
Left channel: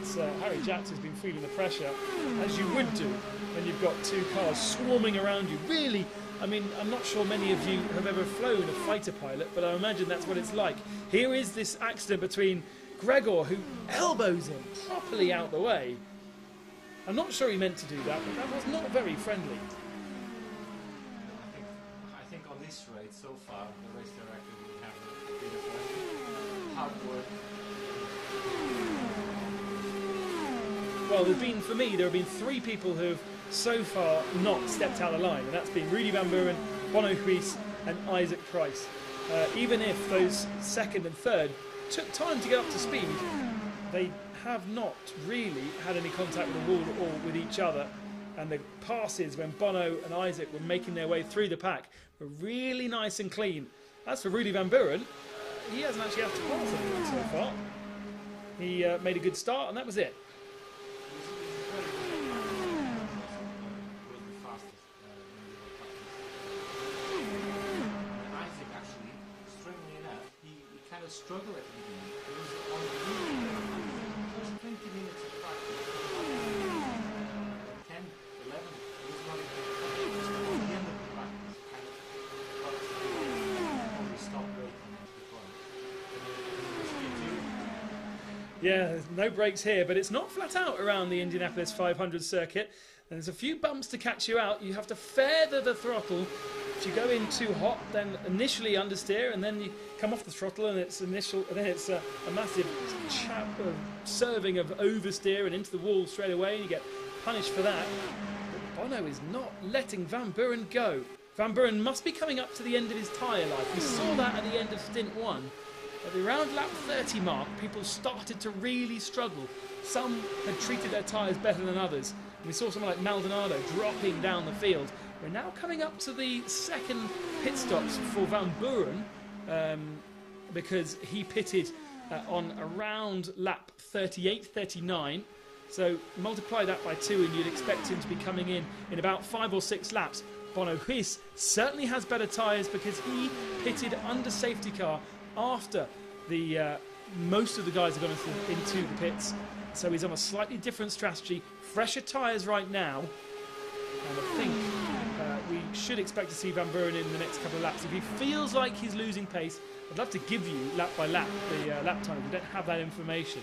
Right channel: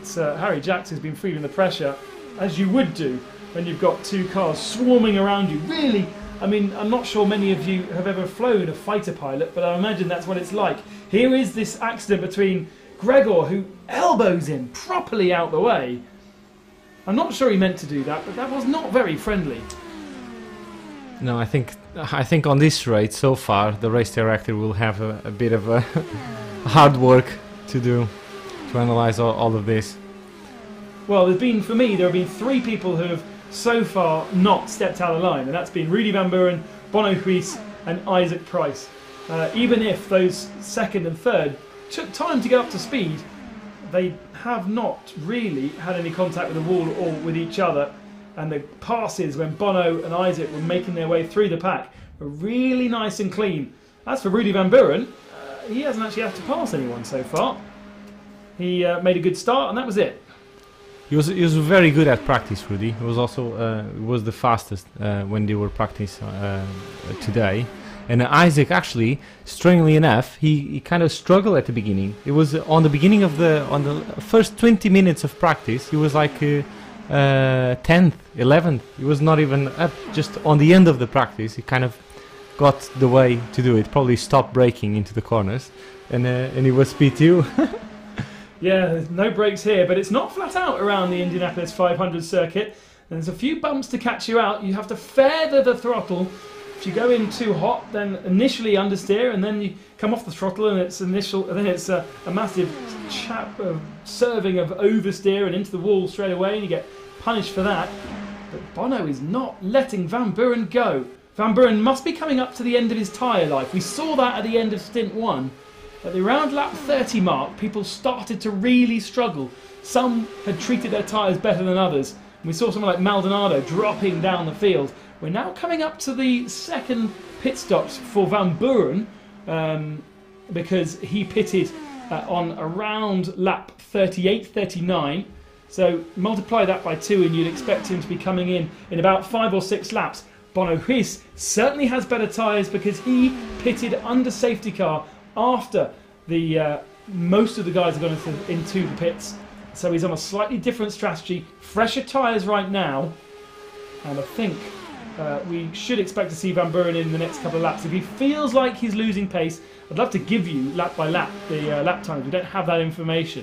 It's Harry Jax has been feeling the pressure, as you would do when you've got 2 cars swarming around you. Really, I mean, I'm not sure many of you have ever flown a fighter pilot, but I imagine that's what it's like. Here is this accident between Gregor, who elbows him properly out the way. I'm not sure he meant to do that, but that was not very friendly. No, I think on this rate so far, the race director will have a bit of a hard work to do to analyze all of this. Well, for me, there have been 3 people who have so far not stepped out of line, and that's been Rudy Van Buren, Bono Rees, and Isaac Price. Even if those 2nd and 3rd took time to get up to speed, they have not really had any contact with the wall or with each other. And the passes when Bono and Isaac were making their way through the pack were really nice and clean. As for Rudy Van Buren, he hasn't actually had to pass anyone so far. He made a good start and that was it. He was very good at practice, Rudy. He was also was the fastest when they were practicing today. And Isaac, actually, strangely enough, he kind of struggled at the beginning. It was on the beginning of on the first 20 minutes of practice, he was like 10th, 11th. He was not even up. Just on the end of the practice, he kind of got the way to do it. Probably stopped braking into the corners, and he was P2. Yeah, there's no brakes here, but it's not flat out around the Indianapolis 500 circuit. And there's a few bumps to catch you out. You have to feather the throttle. If you go in too hot, then initially understeer, and then you come off the throttle, and it's and then it's a massive serving of oversteer and into the wall straight away, and you get punished for that. But Bono is not letting Van Buren go. Van Buren must be coming up to the end of his tyre life. We saw that at the end of stint 1. At the around lap 30 mark, people started to really struggle. Some had treated their tyres better than others. We saw someone like Maldonado dropping down the field. We're now coming up to the second pit stops for Van Buren because he pitted on around lap 38, 39. So multiply that by 2 and you'd expect him to be coming in about 5 or 6 laps. Bono Huis certainly has better tyres because he pitted under safety car after the most of the guys have gone into the pits, so he's on a slightly different strategy, fresher tyres right now, and I think we should expect to see Van Buren in the next couple of laps. If he feels like he's losing pace, I'd love to give you lap by lap the lap time. We don't have that information,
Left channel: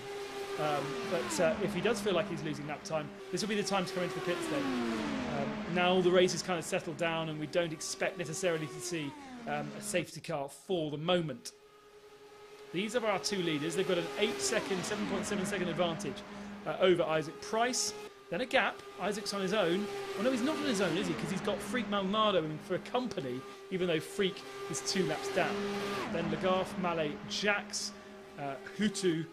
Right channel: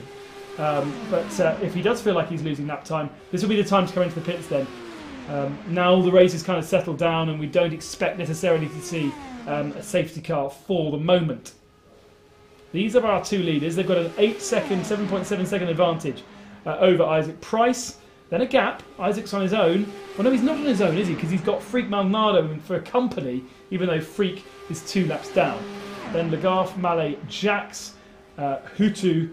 but if he does feel like he's losing lap time, this will be the time to come into the pits then. Now the race is kind of settled down and we don't expect necessarily to see a safety car for the moment. These are our 2 leaders. They've got an 7.7 second advantage over Isaac Price. Then a gap. Isaac's on his own. Well, no, he's not on his own, is he? Because he's got Freak Maldonado for a company, even though Freak is 2 laps down. Then Legault, Mallet, Jax, Hutu,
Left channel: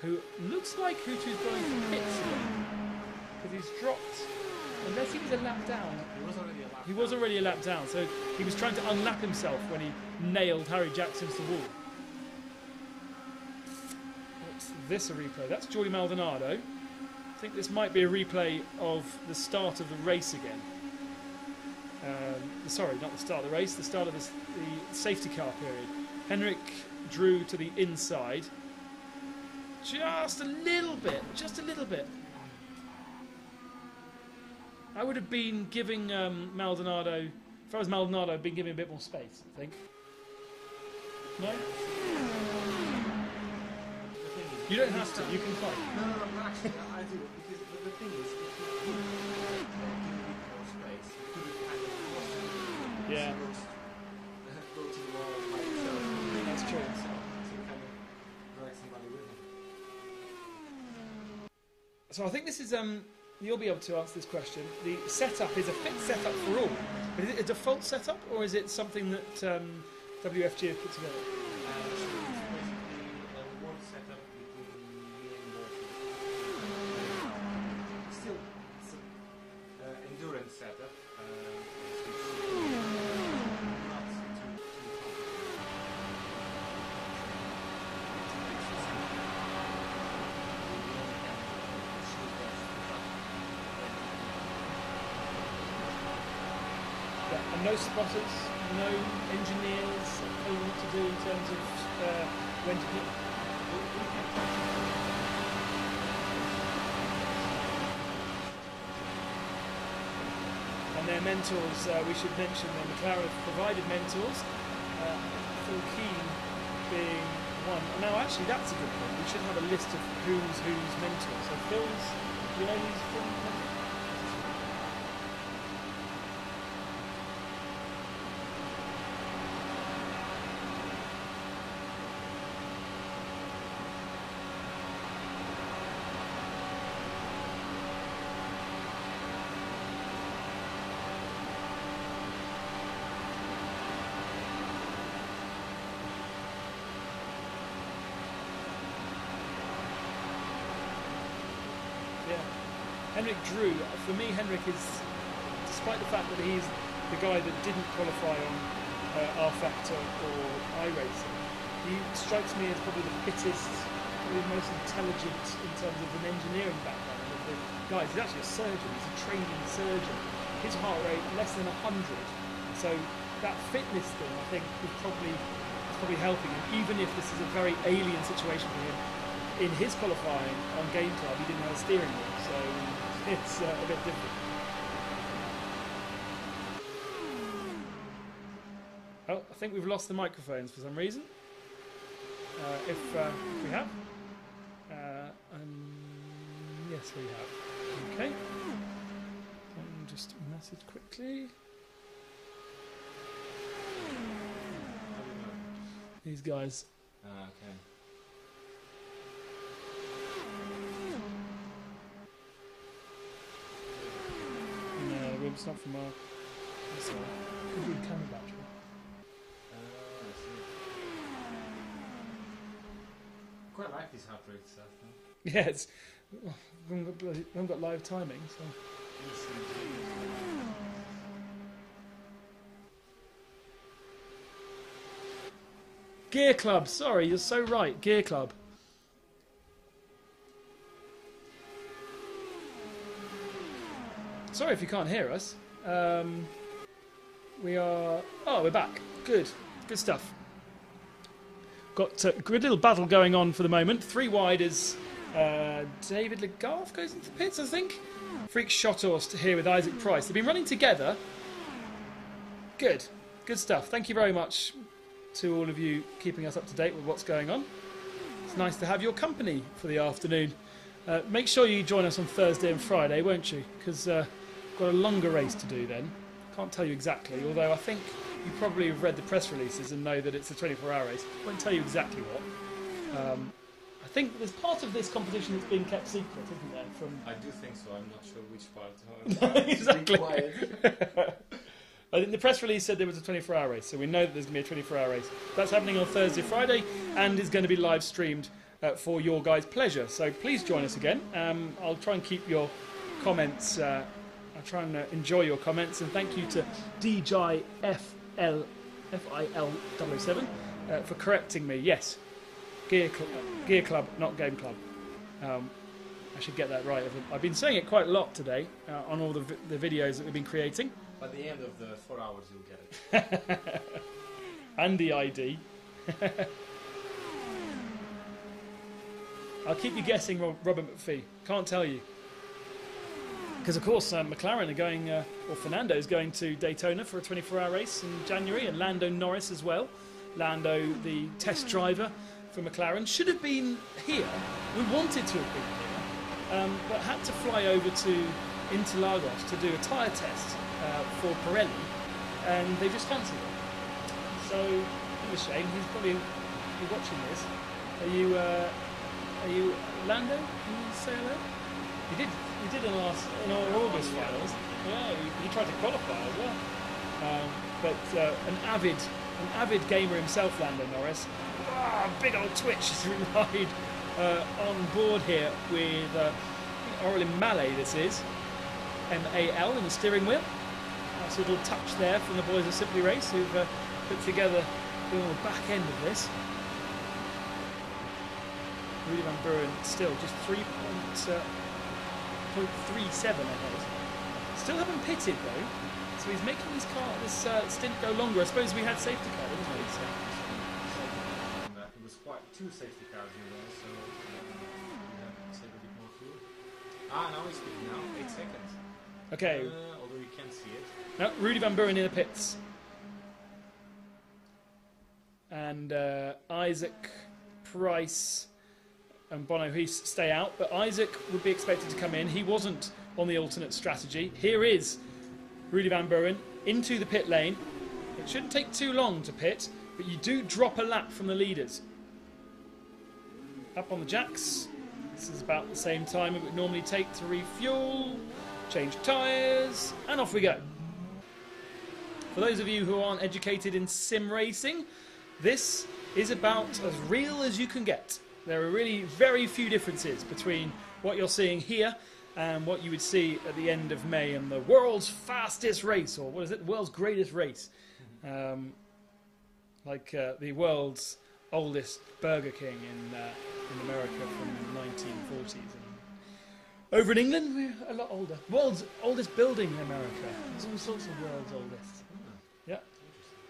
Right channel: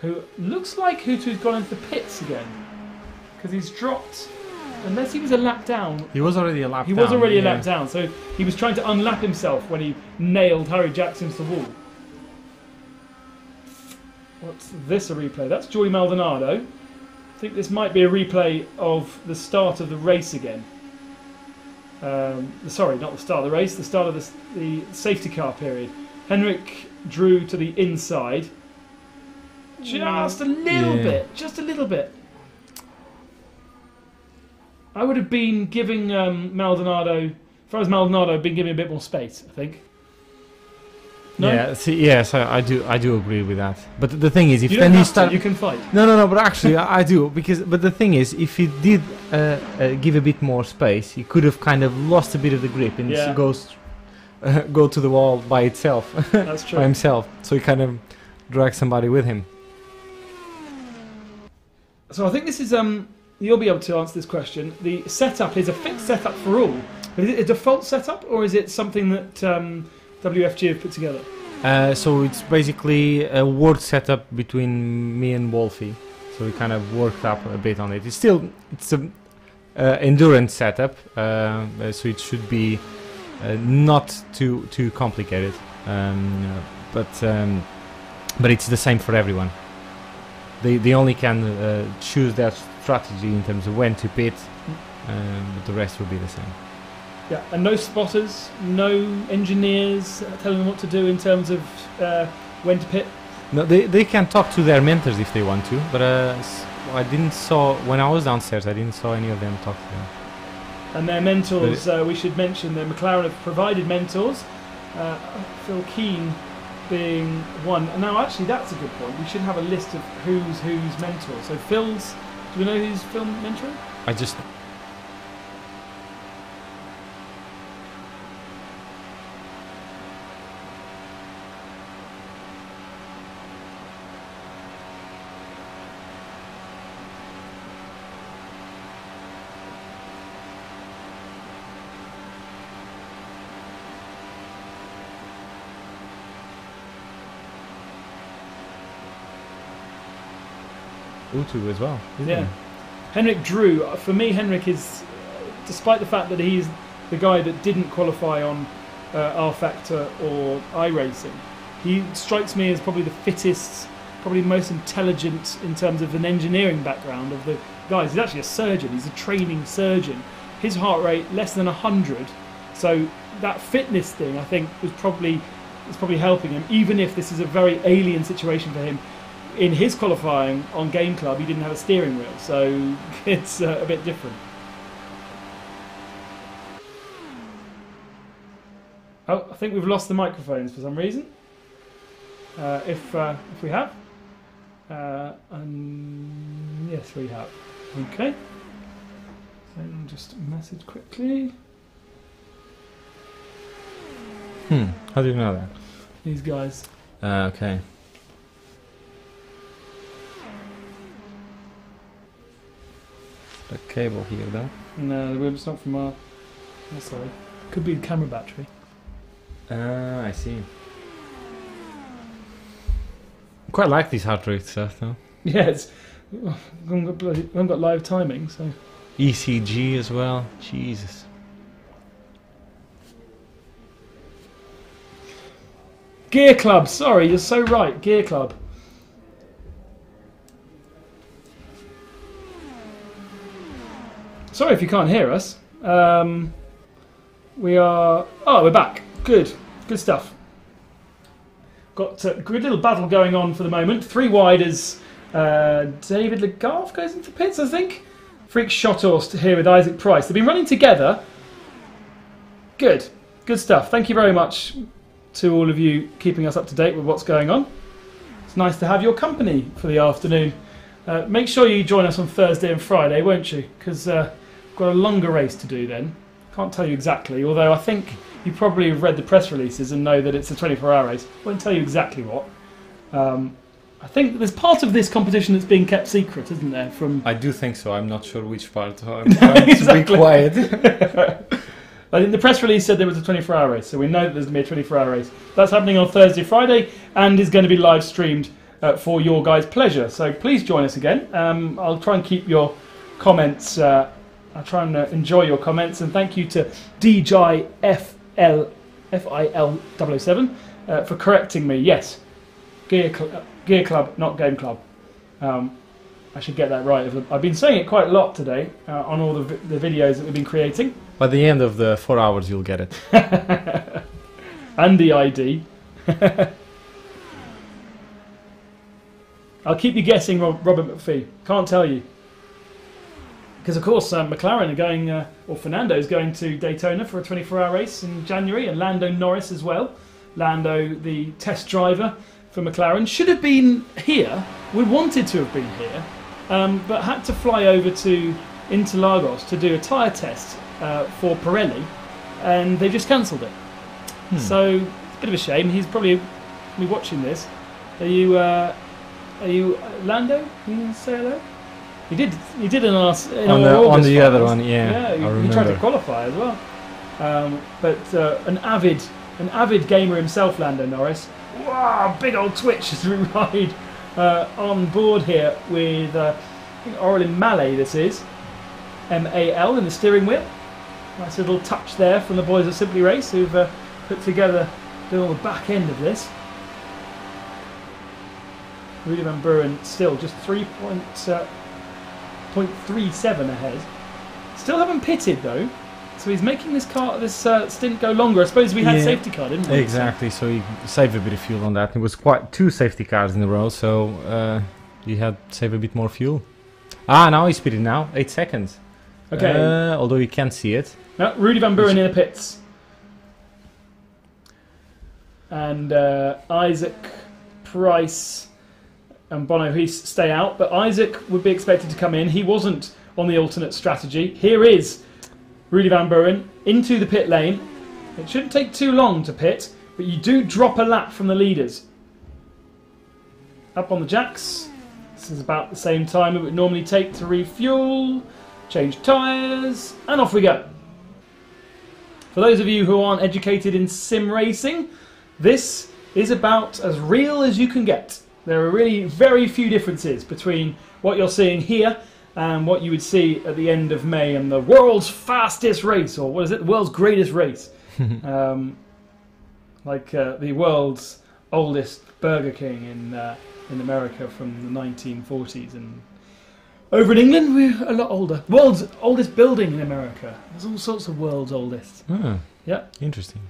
who looks like Hutu's gone into the pits again. Because he's dropped, unless he was a lap down. He was already a lap down. He was already a lap down, so he was trying to unlap himself when he nailed Harry Jackson to the wall. What's this a replay? That's Joey Maldonado. I think this might be a replay of the start of the race again. Sorry, not the start of the race, the start of the safety car period. Henrik drew to the inside. Just a little bit. I would have been giving Maldonado, if I was Maldonado, I'd been giving a bit more space, I think. No? Yeah, yes, I do agree with that. But the thing is, if you then don't you have start, to, you can fight. No, but actually I do but the thing is, if he did give a bit more space, he could have kind of lost a bit of the grip and go to the wall by itself. That's true. By himself. So he kind of drags somebody with him. So I think this is you'll be able to answer this question. The setup is a fixed setup for all. Is it a default setup or is it something that WFG have put together? So it's basically a work setup between me and Wolfie. So we kind of worked up a bit on it. It's an endurance setup, so it should be not too complicated. But it's the same for everyone. They only can choose their strategy in terms of when to pit, the rest will be the same. Yeah, and no spotters, no engineers telling them what to do in terms of when to pit? No, they can talk to their mentors if they want to, but I didn't saw, when I was downstairs, I didn't saw any of them talk to them. And their mentors, we should mention that McLaren have provided mentors, Phil Keen being one. Now actually that's a good point, we should have a list of who's mentor. So Phil's, do you know who's Phil mentoring? I just... Utu as well. Yeah. Henrik Drew, for me Henrik is, despite the fact that he's the guy that didn't qualify on R Factor or iRacing, he strikes me as probably the fittest probably the most intelligent in terms of an engineering background of the guys. He's actually a surgeon. He's a training surgeon. His heart rate less than 100. So that fitness thing, I think, is probably helping him. Even if this is a very alien situation for him, in his qualifying on Game Club, he didn't have a steering wheel, so it's a bit different. Oh, I think we've lost the microphones for some reason. If we have, yes, we have. Okay. So just message quickly. How do you know that? These guys. Okay. The cable here, though. No, it's not from our. Oh, sorry. Could be the camera battery. I see. Quite like these heart rate stuff, though. Yeah, it's. We haven't got live timing, so. ECG as well. Jesus. Gear Club. Sorry, you're so right. Gear Club. Sorry if you can't hear us. We are. Oh, we're back. Good. Good stuff. Got a good little battle going on for the moment. 3 wide as David Legault goes into pits, I think. Freak Shotthorst here with Isaac Price. They've been running together. Good. Good stuff. Thank you very much to all of you keeping us up to date with what's going on. It's nice to have your company for the afternoon. Make sure you join us on Thursday and Friday, won't you? Because we've got a longer race to do then. Can't tell you exactly, although I think you probably have read the press releases and know that it's a 24-hour race. Won't tell you exactly what. I think there's part of this competition that's being kept secret, isn't there? From I do think so. I'm not sure which part. I'm trying to be quiet. I think the press release said there was a 24-hour race, so we know that there's going to be a 24-hour race. That's happening on Thursday, Friday, and is going to be live streamed for your guys' pleasure. So please join us again. I'll try and keep your comments. I'll try and enjoy your comments, and thank you to DJFL007 for correcting me. Yes, Gear Club, not Game Club. I should get that right. I've been saying it quite a lot today on all the videos that we've been creating. By the end of the 4 hours, you'll get it. And the ID. I'll keep you guessing, Robert McPhee. Can't tell you. Because, of course, McLaren are going, or Fernando's going to Daytona for a 24-hour race in January, and Lando Norris as well. Lando, the test driver for McLaren, should have been here. We wanted to have been here, but had to fly over to Interlagos to do a tyre test for Pirelli, and they just cancelled it. So, a bit of a shame. He's probably be watching this. Are you Lando? Can you say hello? He did in our on the other one, yeah. He tried to qualify as well. But an avid gamer himself, Lando Norris. Wow, big old twitch as we ride on board here with Orlin Mallet. This is MAL in the steering wheel. Nice little touch there from the boys at Simply Race who've put together the back end of this. Rudy Van Buren still just 3.37 ahead. Still haven't pitted though, so he's making this stint go longer. I suppose we had safety car, didn't we? Exactly, so he saved a bit of fuel on that. It was quite 2 safety cars in a row, so he had to save a bit more fuel. Now he's pitted now, 8 seconds. Okay. Although you can't see it. No, Rudy Van Buren in the pits. And Isaac Price and Bono Heath stay out, but Isaac would be expected to come in. He wasn't on the alternate strategy. Here is Rudy Van Buren into the pit lane. It shouldn't take too long to pit, but you do drop a lap from the leaders. Up on the jacks. This is about the same time it would normally take to refuel, change tyres, and off we go. For those of you who aren't educated in sim racing, this is about as real as you can get. There are really very few differences between what you're seeing here and what you would see at the end of May in the world's fastest race, or what is it, the world's greatest race. The world's oldest Burger King in America from the 1940s, and over in England we're a lot older. World's oldest building in America. There's all sorts of world's oldest. Ah, Yeah. interesting.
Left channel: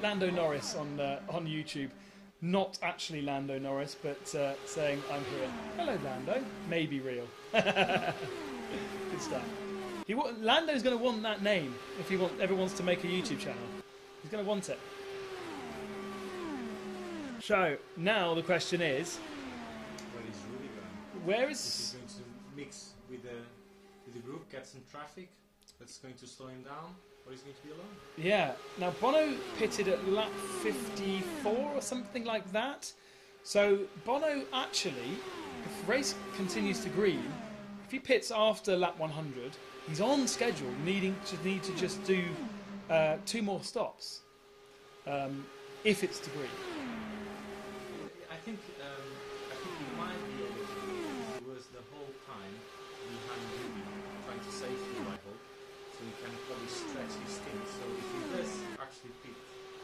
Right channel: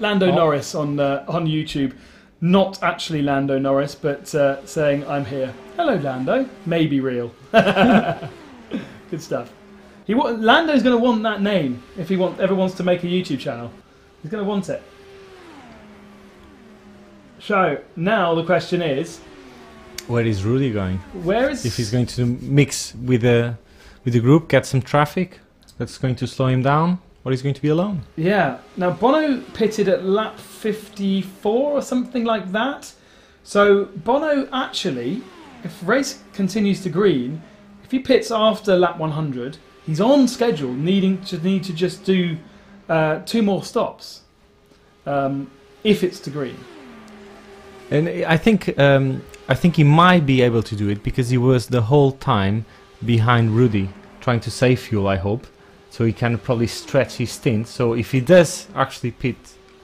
Lando Norris on YouTube. Not actually Lando Norris, but saying, I'm here. Hello, Lando. Maybe real. Good stuff. Lando's going to want that name if he ever wants to make a YouTube channel. He's going to want it. So, now the question is... Where is Rudy going? If he's going to mix with the group, get some traffic, that's going to slow him down, or he's going to be alone? Yeah. Now, Bono pitted at lap 54 or something like that. So, Bono actually, if the race continues to green, if he pits after lap 100, he's on schedule, need to just do 2 more stops, if it's to green. And I think he might be able to do it because he was the whole time behind Rudy, trying to save fuel, I hope. So he can probably stretch his stint. So if he does actually pit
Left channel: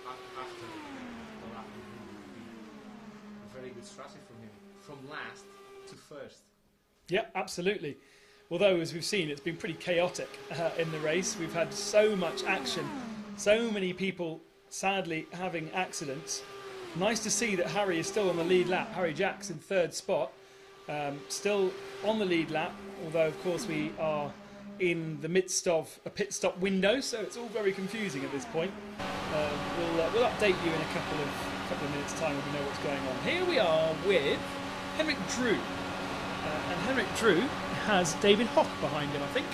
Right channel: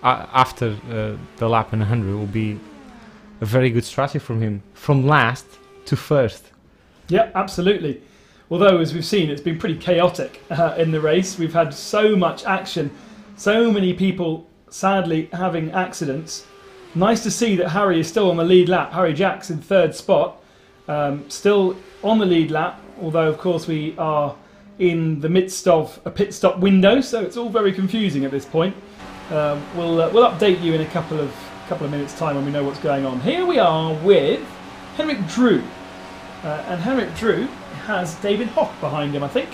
after the lap 100, it will be a very good strategy from him, from last to first. Yeah, absolutely. Although, as we've seen, it's been pretty chaotic in the race. We've had so much action, so many people sadly having accidents. Nice to see that Harry is still on the lead lap. Harry Jack's in 3rd spot, still on the lead lap, although of course we are in the midst of a pit stop window, so it's all very confusing at this point. We'll update you in a couple of minutes' time when we know what's going on. Here we are with Henrik Drew, and Henrik Drew has David Hoff behind him, I think.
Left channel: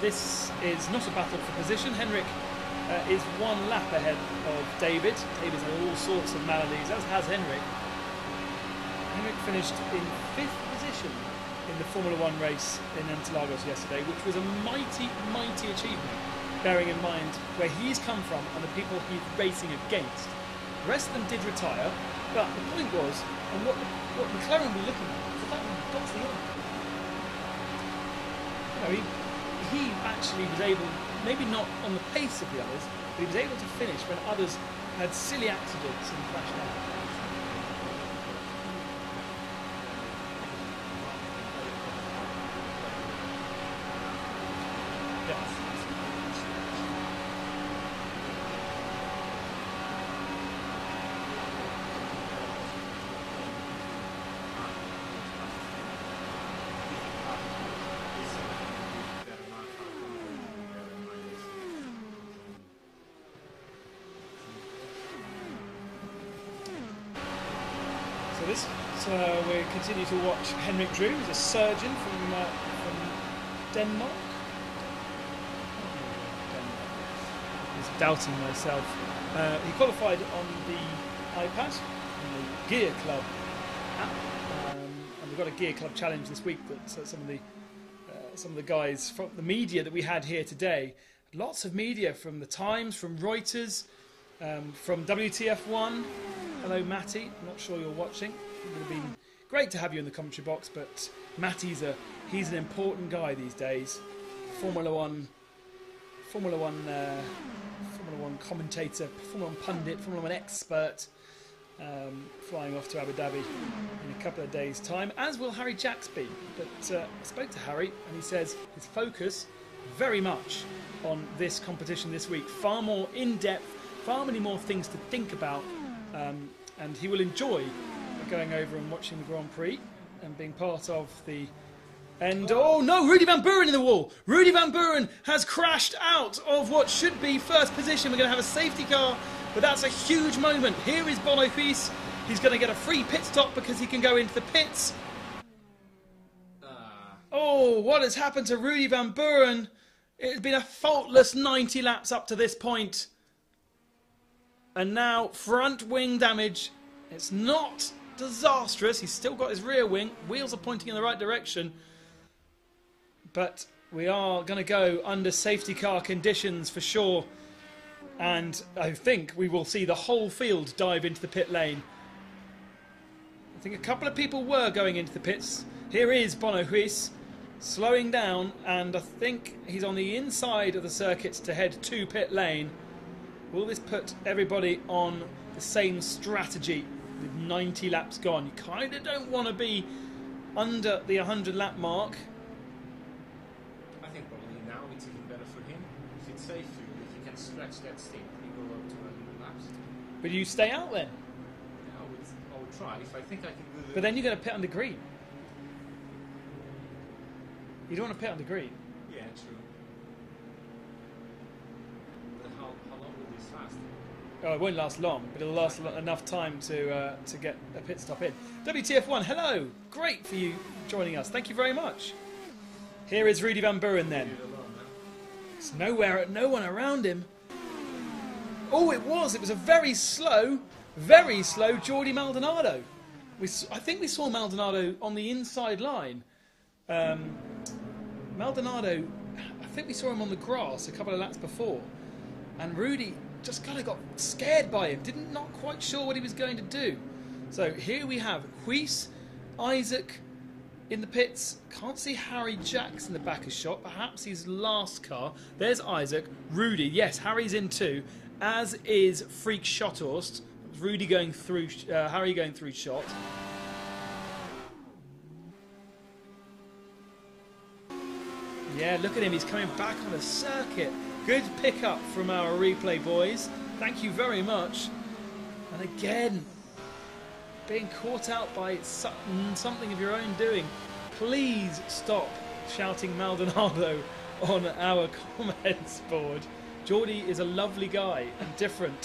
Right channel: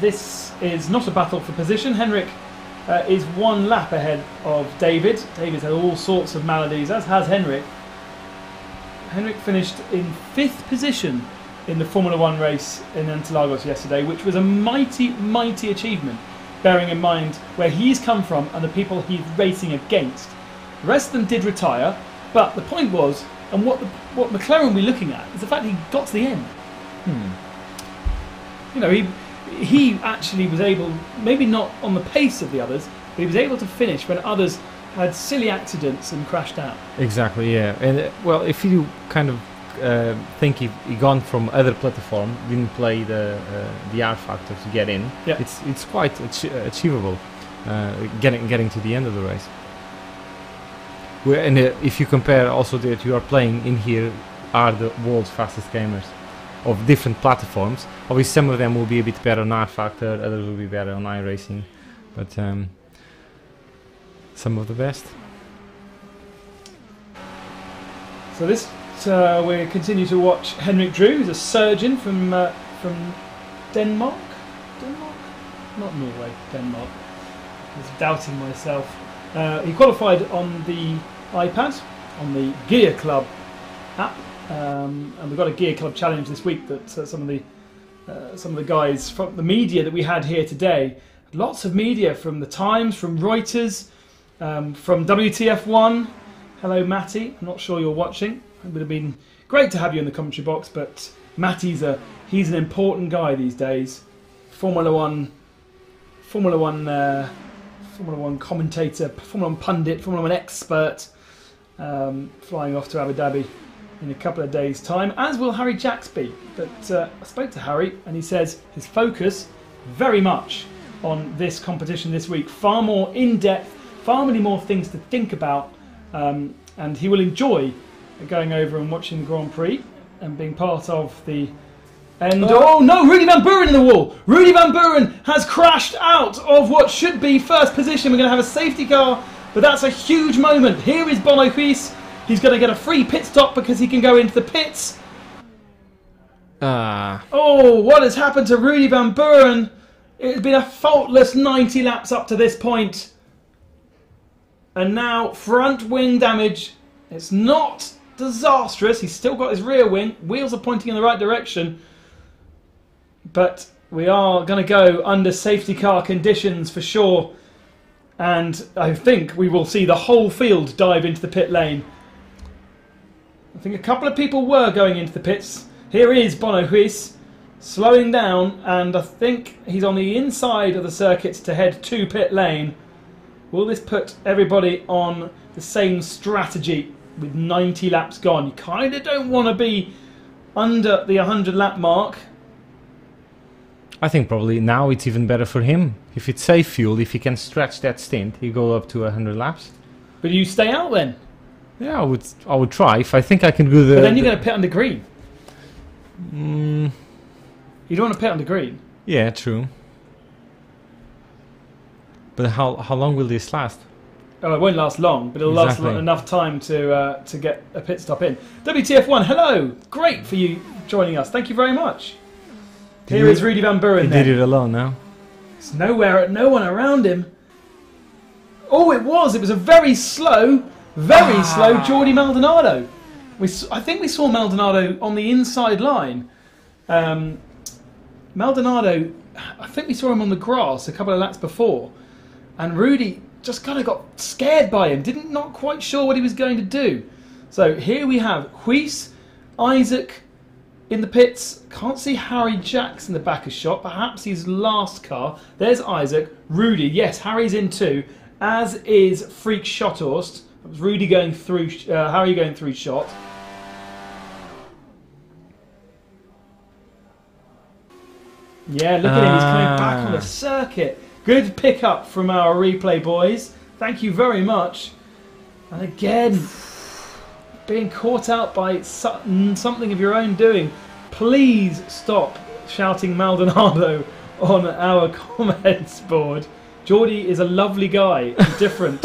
This is not a battle for position. Henrik is 1 lap ahead of David. David's had all sorts of maladies, as has Henrik. Henrik finished in 5th position in the Formula 1 race in Interlagos yesterday, which was a mighty, mighty achievement, bearing in mind where he's come from and the people he's racing against. The rest of them did retire, but the point was, and what McLaren will be looking at, is the fact he got to the end. You know, he actually was able, maybe not on the pace of the others, but he was able to finish when others had silly accidents and crashed out. Exactly, yeah. And well, if you kind of think he gone from other platform, didn't play the R factor to get in, yeah. It's quite achievable, getting to the end of the race. And if you compare also that you are playing in here are the world's fastest gamers of different platforms. Obviously some of them will be a bit better on R factor, others will be better on iRacing, but some of the best. So this we continue to watch Henrik Drew, who's a surgeon from Denmark. Not Norway, Denmark. I was doubting myself. He qualified on the iPad, on the Gear Club app, and we've got a Gear Club challenge this week that some of the guys from the media that we had here today, lots of media from the Times, from Reuters, from WTF1. Hello, Matty. I'm not sure you're watching. It would have been great to have you in the commentary box, but Matty's he's an important guy these days. Formula One commentator, Formula One pundit, Formula One expert, flying off to Abu Dhabi in a couple of days' time, as will Harry Jacks be. But I spoke to Harry and he says his focus very much on this competition this week, far more in-depth, far many more things to think about, and he will enjoy going over and watching the Grand Prix and being part of the end. Oh no, Rudy Van Buren in the wall! Rudy Van Buren has crashed out of what should be first position. We're going to have a safety car, but that's a huge moment. Here is Bono Huis. He's going to get a free pit stop because he can go into the pits. Oh, what has happened to Rudy Van Buren? It has been a faultless 90 laps up to this point. And now front wing damage. It's not disastrous. He's still got his rear wing. Wheels are pointing in the right direction. But we are going to go under safety car conditions for sure. And I think we will see the whole field dive into the pit lane. I think a couple of people were going into the pits. Here is Bono Huis slowing down, and I think he's on the inside of the circuit to head to pit lane. Will this put everybody on the same strategy with 90 laps gone? You kind of don't want to be under the 100 lap mark. I think probably now it's even better for him. If it's safe fuel, if he can stretch that stint, he go up to 100 laps. Will you stay out then? Yeah, I would try if I think I can do the. But then you're going to pit under green. Mm, You don't want to pit under green. yeah, true. But how long will this last? Oh, it won't last long, but it'll last Exactly. enough time to get a pit stop in. WTF1, hello! Great for you joining us. Thank you very much. Here is Rudy Van Buren. He did it alone now. There's no one around him. Oh, it was a very slow Jordi Maldonado. I think we saw Maldonado on the inside line. Maldonado, I think we saw him on the grass a couple of laps before, and Rudy just kind of got scared by him. Not quite sure what he was going to do. So here we have Huis, Isaac in the pits. Can't see Harry Jacks in the back of shot. Perhaps his last car. There's Isaac. Rudy. Yes, Harry's in too. As is Freak Schotthorst. Rudy going through. Harry going through shot. Yeah, look at him. He's coming back on the circuit. Good pickup from our replay boys. Thank you very much. And again, being caught out by something of your own doing. Please stop shouting Maldonado on our comments board. Jordi is a lovely guy, and different,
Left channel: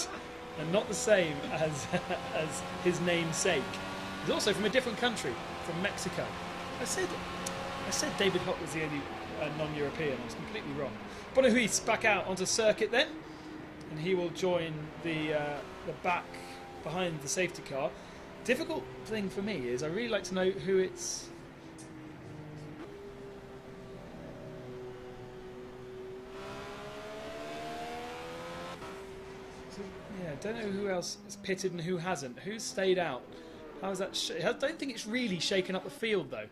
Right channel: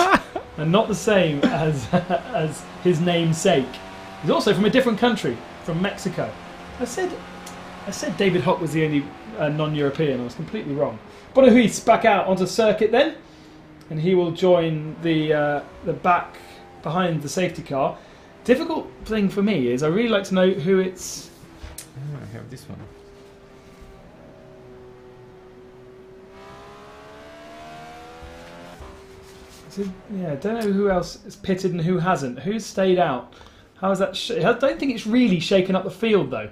and not the same as his namesake. He's also from a different country, from Mexico. I said David Hock was the only non-European. I was completely wrong. Bonahuis back out onto circuit then, and he will join the back behind the safety car. Difficult thing for me is I really like to know who it's. I have this one. So, yeah, I don't know who else is pitted and who hasn't. Who's stayed out? How is that? I don't think it's really shaken up the field though.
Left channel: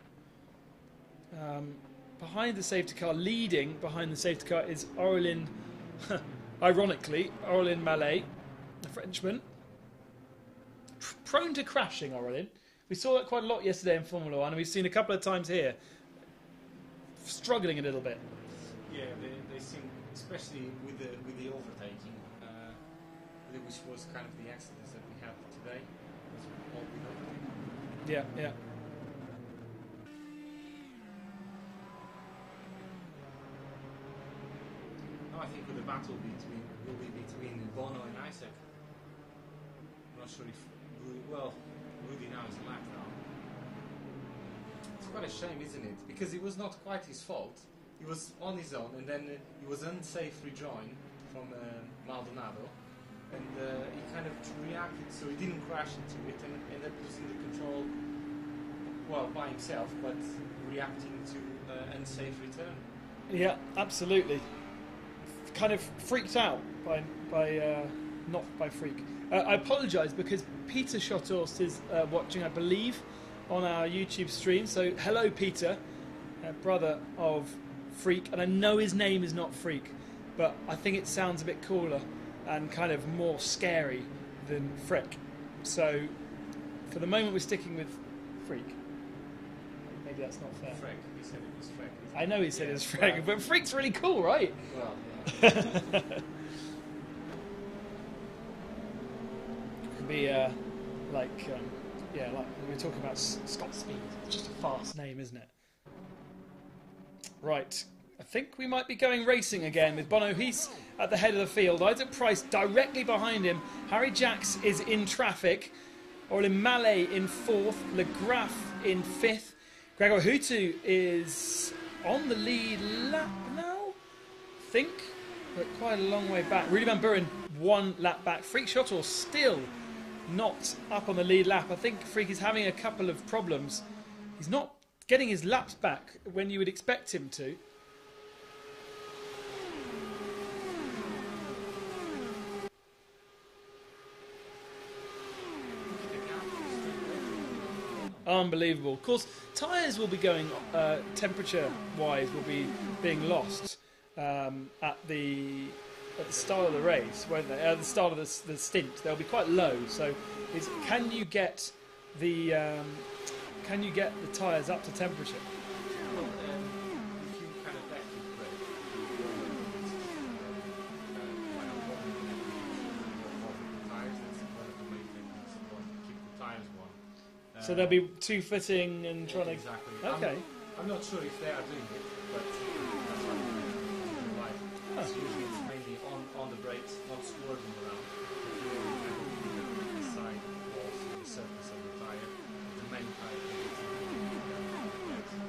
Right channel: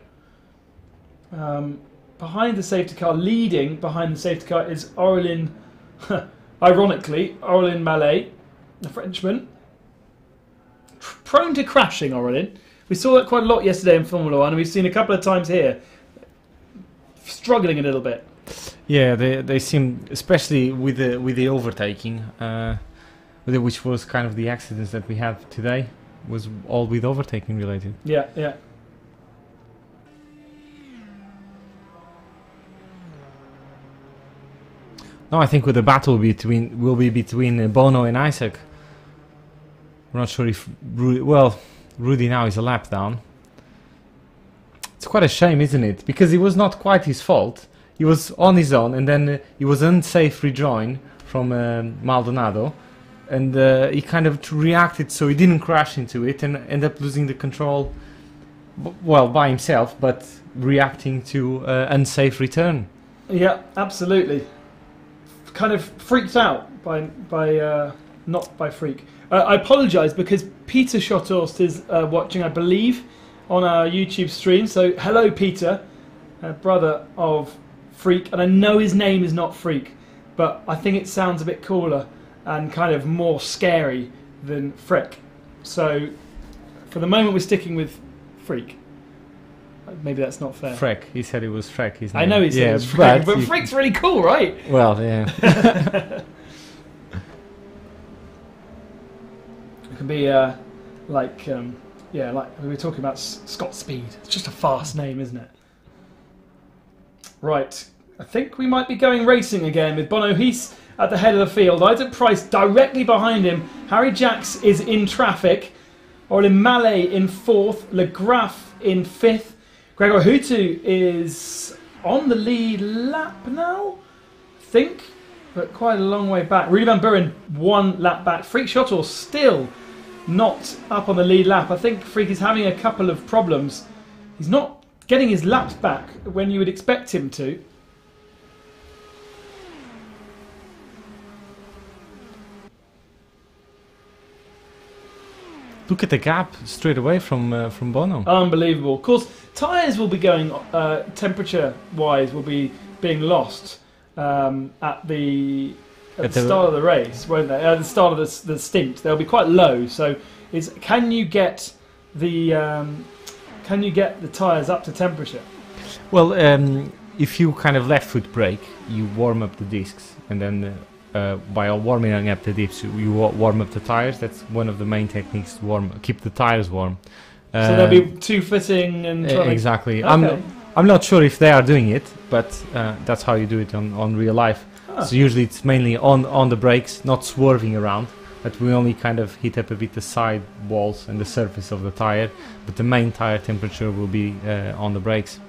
Behind the safety car, leading behind the safety car is Aurélien, ironically, Aurélien Mallet, a Frenchman. Prone to crashing, Aurélien. We saw that quite a lot yesterday in Formula 1, and we've seen a couple of times here. Struggling a little bit. Yeah, they seem, especially with the overtaking, which was kind of the accidents that we had today, was all with overtaking related. Yeah, yeah. No, I think with the battle will be between Bono and Isaac. I'm not sure if Rudy now is a lap down. It's quite a shame, isn't it? Because it was not quite his fault. He was on his own, and then he was unsafe rejoin from Maldonado, and he kind of reacted, so he didn't crash into it and end up losing the control. Well, by himself, but reacting to unsafe return. Yeah, absolutely. Kind of freaked out by not by freak. I apologise because Peter Schotthorst is watching, I believe, on our YouTube stream. So hello, Peter, brother of Freak, and I know his name is not Freak, but I think it sounds a bit cooler and kind of more scary than Freck. So for the moment, we're sticking with Freak. Maybe that's not fair. Freck. He said it was Freck. His name. I know he said it was Freck, but Freak's really cool, right? Well, yeah. It could be like we were talking about Scott Speed. It's just a fast name, isn't it? Right. I think we might be going racing again with Bono Hies at the head of the field. Isaac Price directly behind him. Harry Jacks is in traffic. Aurélien Mallet in fourth. Legraff in fifth. Gregor Hutu is on the lead lap now, I think, but quite a long way back. Rudy Van Buren 1 lap back. Freak Schotthorst still not up on the lead lap. I think Freak is having a couple of problems. He's not getting his laps back when you would expect him to. Look at the gap straight away from Bono. Unbelievable. Of course, tyres will be going, temperature-wise, will be being lost at the at the start of the race, won't they? At the start of the stint, they'll be quite low. So, can you get the tyres up to temperature? Well, if you kind of left foot brake, you warm up the discs, and then by warming up the discs, you warm up the tyres. That's one of the main techniques to keep the tyres warm. So they'll be two fitting and exactly. Okay. I'm not sure if they are doing it, but that's how you do it on real life. Oh. So usually it's mainly on the brakes, not swerving around, but we only kind of hit up a bit the side walls and the surface of the tyre, but the main tyre temperature will be on the brakes.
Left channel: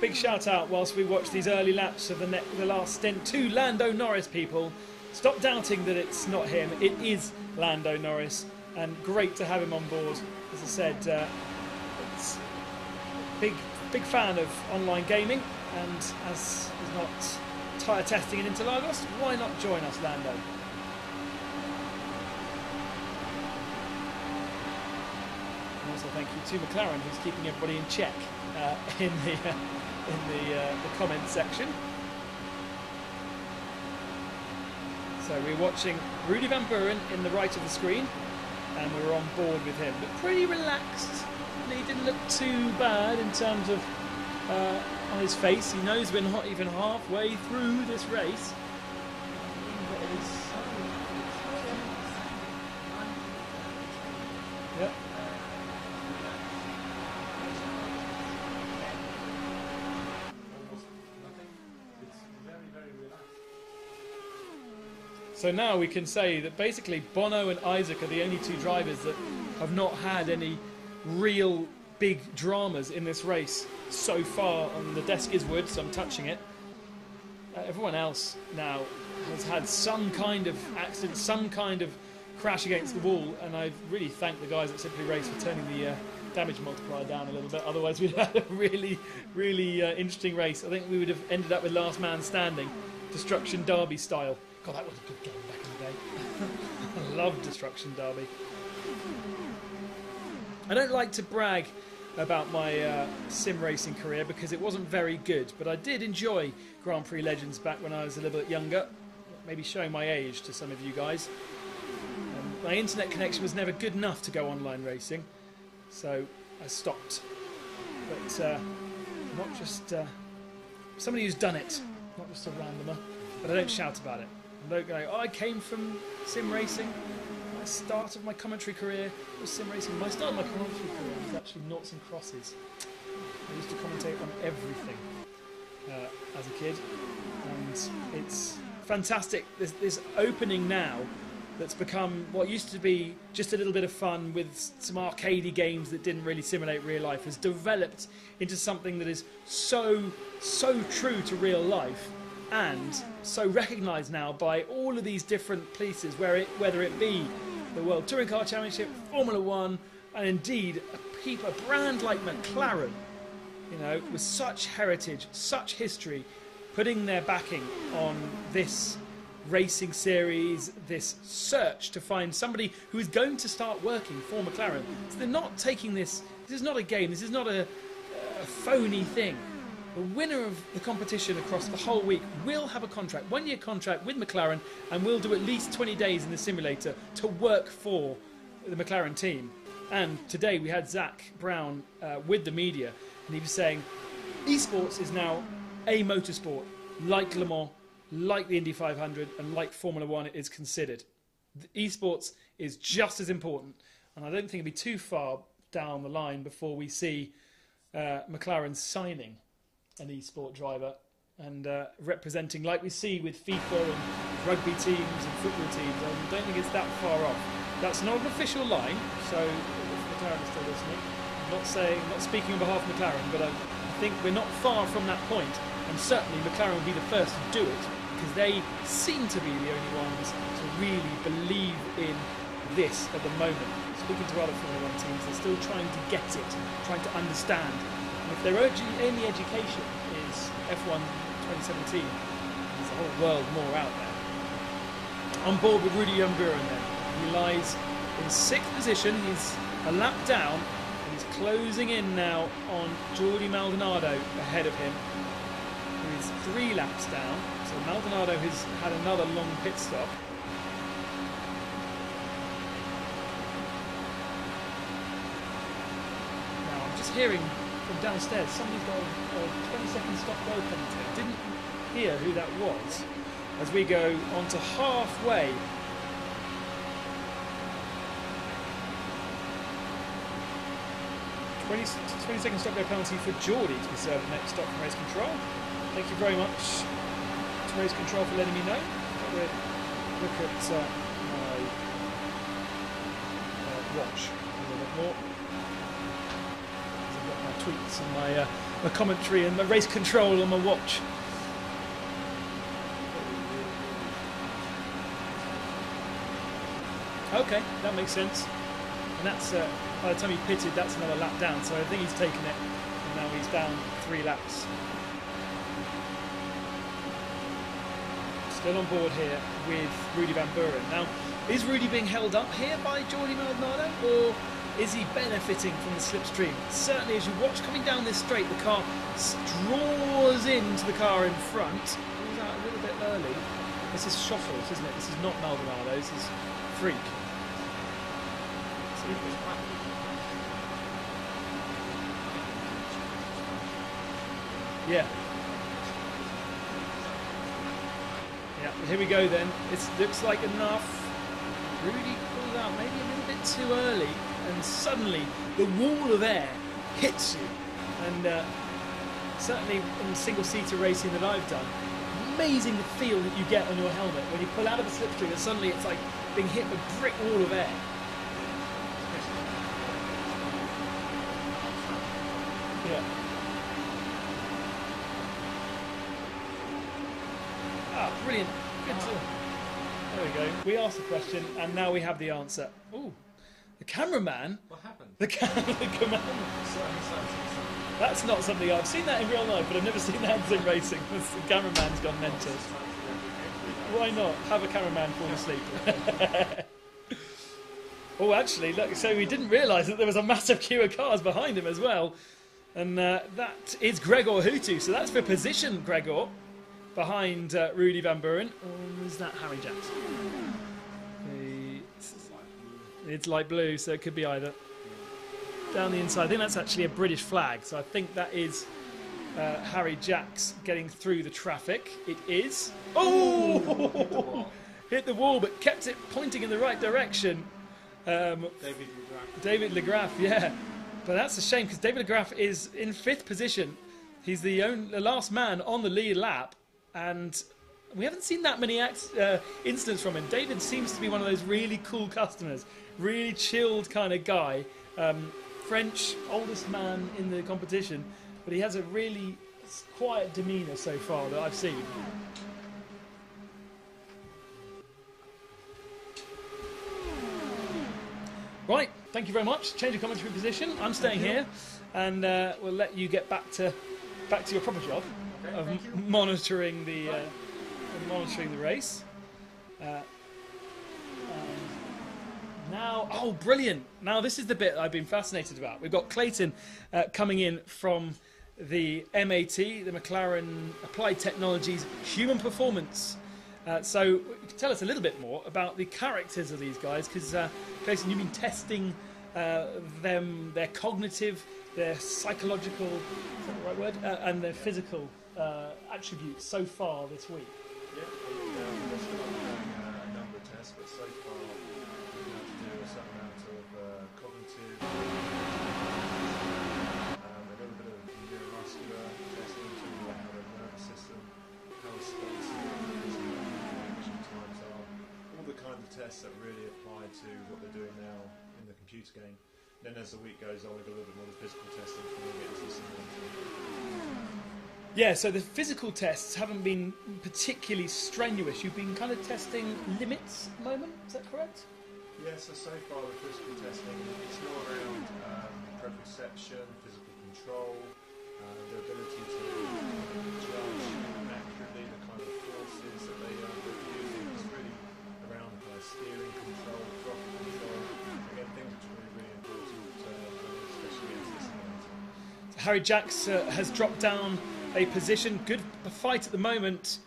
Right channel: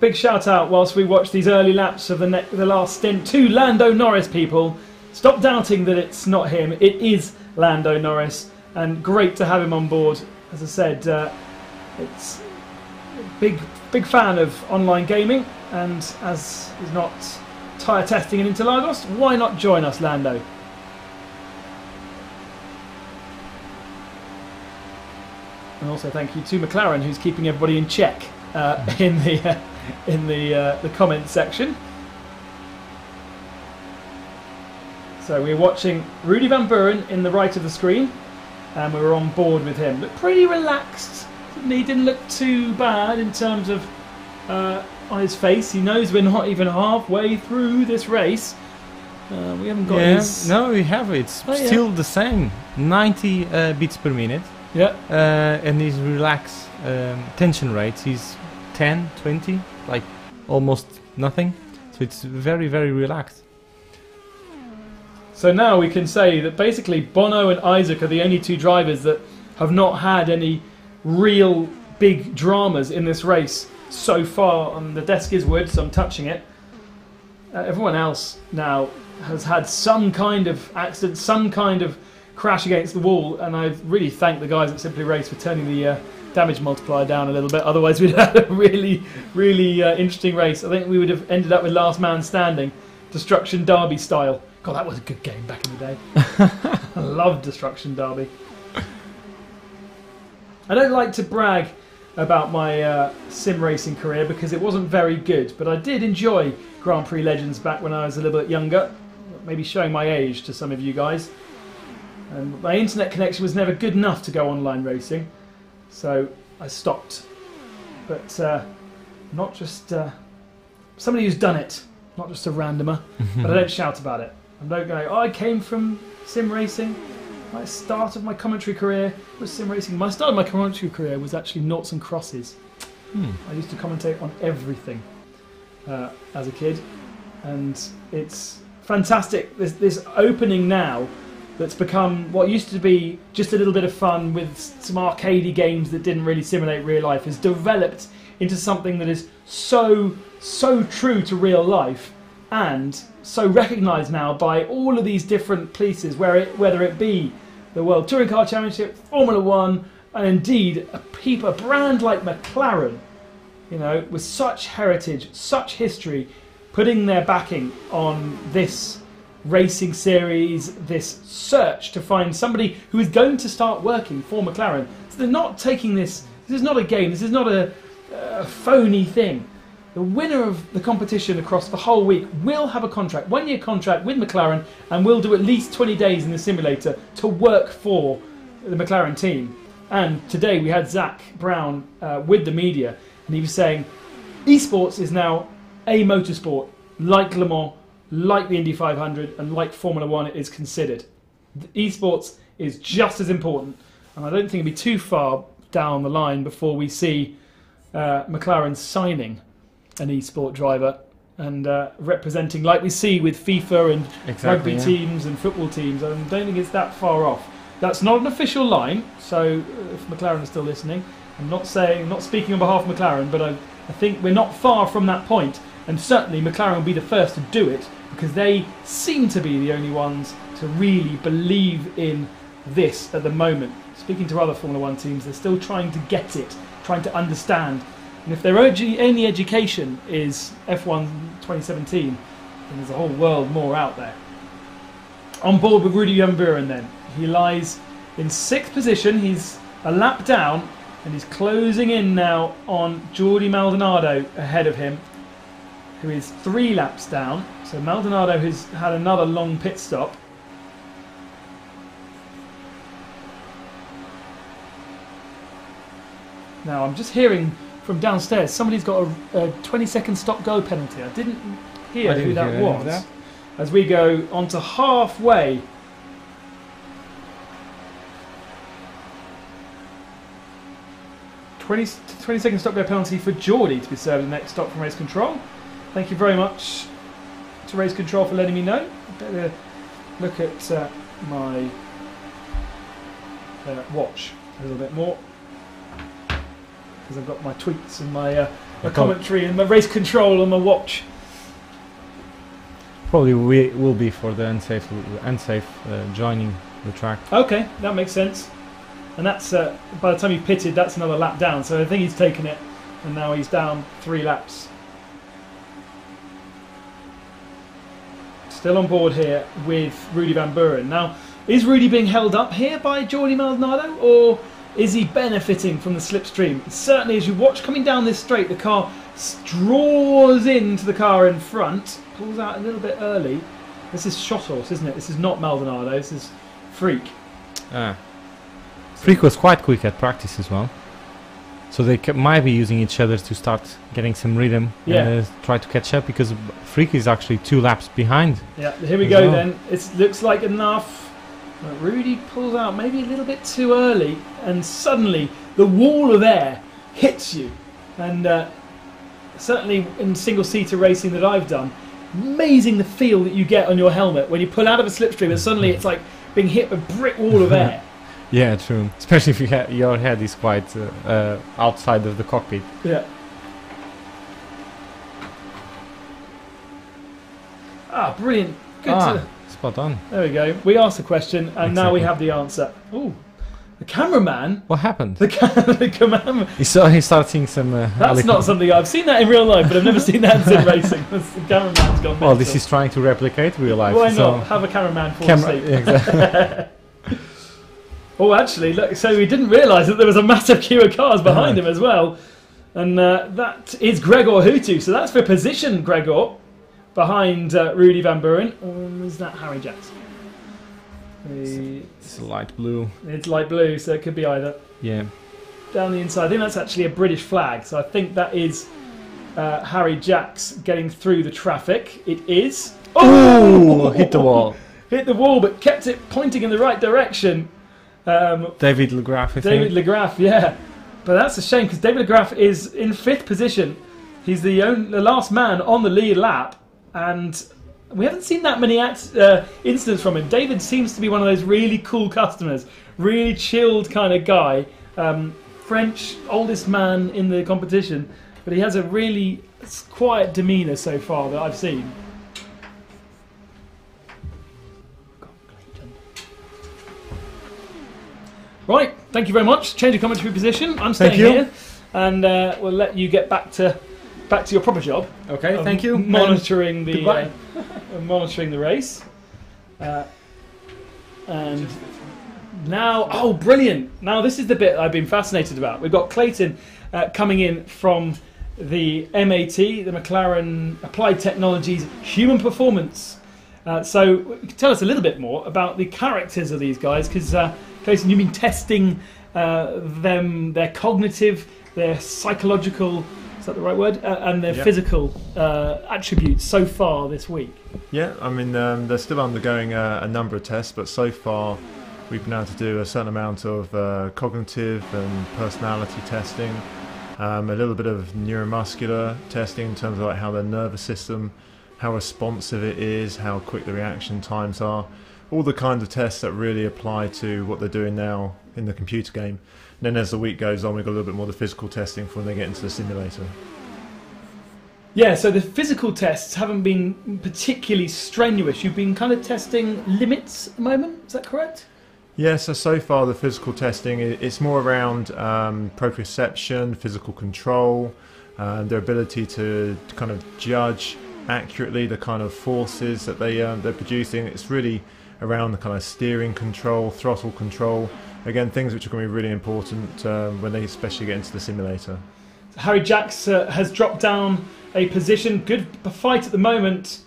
Big shout out whilst we watch these early laps of the last stint to Lando Norris, people. Stop doubting that it's not him. It is Lando Norris, and great to have him on board. As I said, it's big fan of online gaming, and as he's not tyre testing in Interlagos, why not join us, Lando? And also thank you to McLaren, who's keeping everybody in check in the comment section. So we're watching Rudy Van Buren in the right of the screen, and we were on board with him. Looked pretty relaxed. He didn't look too bad in terms of on his face. He knows we're not even halfway through this race. We haven't got his... No, we have. It's still the same. 90 beats per minute. Yeah. And his relaxed tension rates is 10, 20, like almost nothing. So it's very, very relaxed. So now we can say that basically Bono and Isaac are the only two drivers that have not had any real big dramas in this race so far. The desk is wood, so I'm touching it. Everyone else now has had some kind of accident, some kind of crash against the wall, and I really thank the guys at Simply Race for turning the damage multiplier down a little bit. Otherwise we'd had a really, really interesting race. I think we would have ended up with last man standing, Destruction Derby style. God, that was a good game back in the day. I love Destruction Derby. I don't like to brag about my sim racing career because it wasn't very good, but I did enjoy Grand Prix Legends back when I was a little bit younger, maybe showing my age to some of you guys. My internet connection was never good enough to go online racing, so I stopped. But not just somebody who's done it, not just a randomer, but I don't shout about it. I don't go, oh, I came from sim racing. My start of my commentary career was sim racing. My start of my commentary career was actually noughts and crosses. I used to commentate on everything as a kid, and it's fantastic. There's this opening now that's become what used to be just a little bit of fun with some arcadey games that didn't really simulate real life, has developed into something that is so true to real life and so recognised now by all of these different places, whether it be the World Touring Car Championship, Formula One, and indeed a brand like McLaren, you know, with such heritage, such history, putting their backing on this racing series, this search to find somebody who is going to start working for McLaren. So they're not taking this is not a game, this is not a phony thing. The winner of the competition across the whole week will have a contract, 1-year contract with McLaren, and will do at least 20 days in the simulator to work for the McLaren team. And today we had Zach Brown with the media, and he was saying esports is now a motorsport like Le Mans, like the Indy 500, and like Formula One is considered. Esports is just as important, and I don't think it'll be too far down the line before we see McLaren signing an esport driver and representing, like we see with FIFA and rugby teams and football teams. I don't think it's that far off. That's not an official line, so if McLaren is still listening, I'm not speaking on behalf of McLaren, but I think we're not far from that point, and certainly McLaren will be the first to do it because they seem to be the only ones to really believe in this at the moment. Speaking to other Formula One teams, they're still trying to get it, trying to understand. And if their only education is F1 2017, then there's a whole world more out there. On board with Rudy Van Buren then. He lies in 6th position, he's a lap down, and he's closing in now on Jordi Maldonado ahead of him. who is 3 laps down. So Maldonado has had another long pit stop. Now I'm just hearing from downstairs somebody's got a 20-second stop-go penalty. I didn't hear who that was. As we go on to halfway. Twenty-second stop-go penalty for Geordie to be served the next stop from race control. Thank you very much to race control for letting me know. I'm going to look at my watch a little bit more. Because I've got my tweets and my commentary and my race control on my watch. Probably will be for the unsafe joining the track. Okay, that makes sense. And that's by the time he pitted, that's another lap down. So I think he's taken it, and now he's down 3 laps. Still on board here with Rudy Van Buren. Now, is Rudy being held up here by Jordi Maldonado, or is he benefiting from the slipstream? Certainly, as you watch coming down this straight, the car draws into the car in front, pulls out a little bit early. This is Schottles, isn't it? This is not Maldonado, this is Freak. Freak was quite quick at practice as well. So they might be using each other to start getting some rhythm and try to catch up, because Freak is actually 2 laps behind. Yeah, here we go then. It looks like enough. Rudy pulls out maybe a little bit too early, and suddenly the wall of air hits you. And certainly in single-seater racing that I've done, amazing the feel that you get on your helmet when you pull out of a slipstream and suddenly it's like being hit with a brick wall of air. Yeah, true. Especially if your head is quite outside of the cockpit. Yeah. Ah, brilliant. Good. Spot on. There we go. We asked the question, and now we have the answer. Ooh, the cameraman. What happened? The cameraman. He started seeing some. That's not something I've seen that in real life, but I've never seen that in sim racing. The cameraman's gone. Well, this is trying to replicate real life. Why not have a cameraman fall asleep? Exactly. Oh, actually, look. So we didn't realise that there was a massive queue of cars behind him as well, and that is Gregor Hutu. So that's for position, Gregor. Behind Rudy Van Buren. Or is that Harry Jackson? It's light blue. It's light blue, so it could be either. Yeah. Down the inside. I think that's actually a British flag, so I think that is Harry Jacks getting through the traffic. It is. Oh! Hit the wall. Hit the wall, but kept it pointing in the right direction. David Legraff, I think. David Legraff, yeah. But that's a shame, because David Legraff is in 5th position. He's the last man on the lead lap. And we haven't seen that many incidents from him. David seems to be one of those really cool customers, really chilled kind of guy. French, oldest man in the competition, but he has a really quiet demeanour so far that I've seen. Right, thank you very much. Change of commentary position. I'm staying here, and we'll let you get back to your proper job. Okay, thank you. Monitoring the monitoring the race. And now, oh, brilliant! Now this is the bit I've been fascinated about. We've got Clayton coming in from the MAT, the McLaren Applied Technologies Human Performance. So tell us a little bit more about the characters of these guys, because Clayton, you've been testing them, their cognitive, their psychological. Is that the right word? And their physical attributes so far this week. Yeah, I mean, they're still undergoing a number of tests, but so far we've been able to do a certain amount of cognitive and personality testing, a little bit of neuromuscular testing in terms of like how their nervous system, how responsive it is, how quick the reaction times are, all the kinds of tests that really apply to what they're doing now in the computer game. And then as the week goes on, we've got a little bit more of the physical testing for when they get into the simulator. Yeah, so the physical tests haven't been particularly strenuous. You've been kind of testing limits at the moment, is that correct? Yeah, so far the physical testing, it's more around proprioception, physical control, their ability to kind of judge accurately the kind of forces that they're producing. It's really around the kind of steering control, throttle control. Again, things which are going to be really important when they especially get into the simulator. Harry Jacks has dropped down a position. Good fight at the moment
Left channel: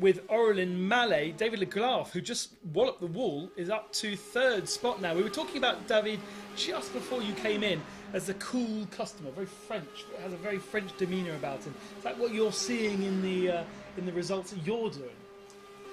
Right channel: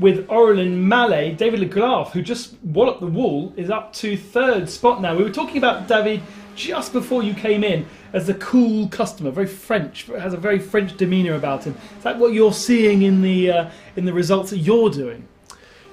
with Aurélien Mallet. David Legault, who just walloped the wall, is up to third spot now. We were talking about David just before you came in as the cool customer, very French, has a very French demeanour about him. Is that what you're seeing in the results that you're doing?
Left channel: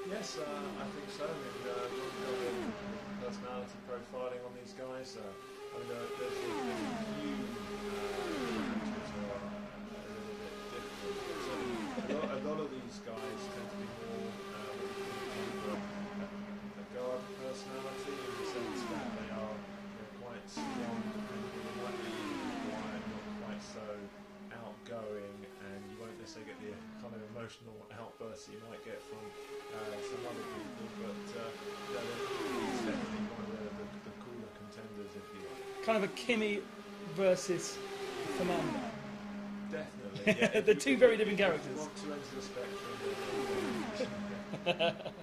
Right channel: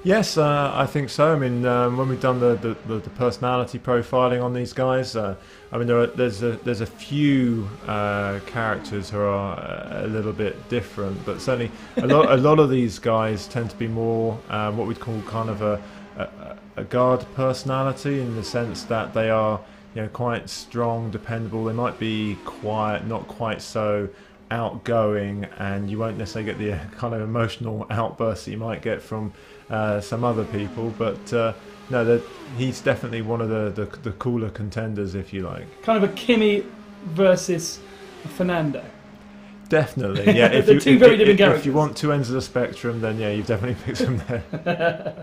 Yes, I think so. I mean, when we've done the personality profiling on these guys, I mean, there's a few characters who are a little bit different, but certainly a lot of these guys tend to be more what we'd call kind of a guard personality, in the sense that they are, you know, quite strong, dependable. They might be quiet, not quite so outgoing, and you won't necessarily get the kind of emotional outbursts that you might get from some other people, but no, he's definitely one of the cooler contenders, if you like. Kind of a Kimi versus Fernando. Definitely, yeah. If two very different characters. If you want two ends of the spectrum, then yeah, you definitely pick them there.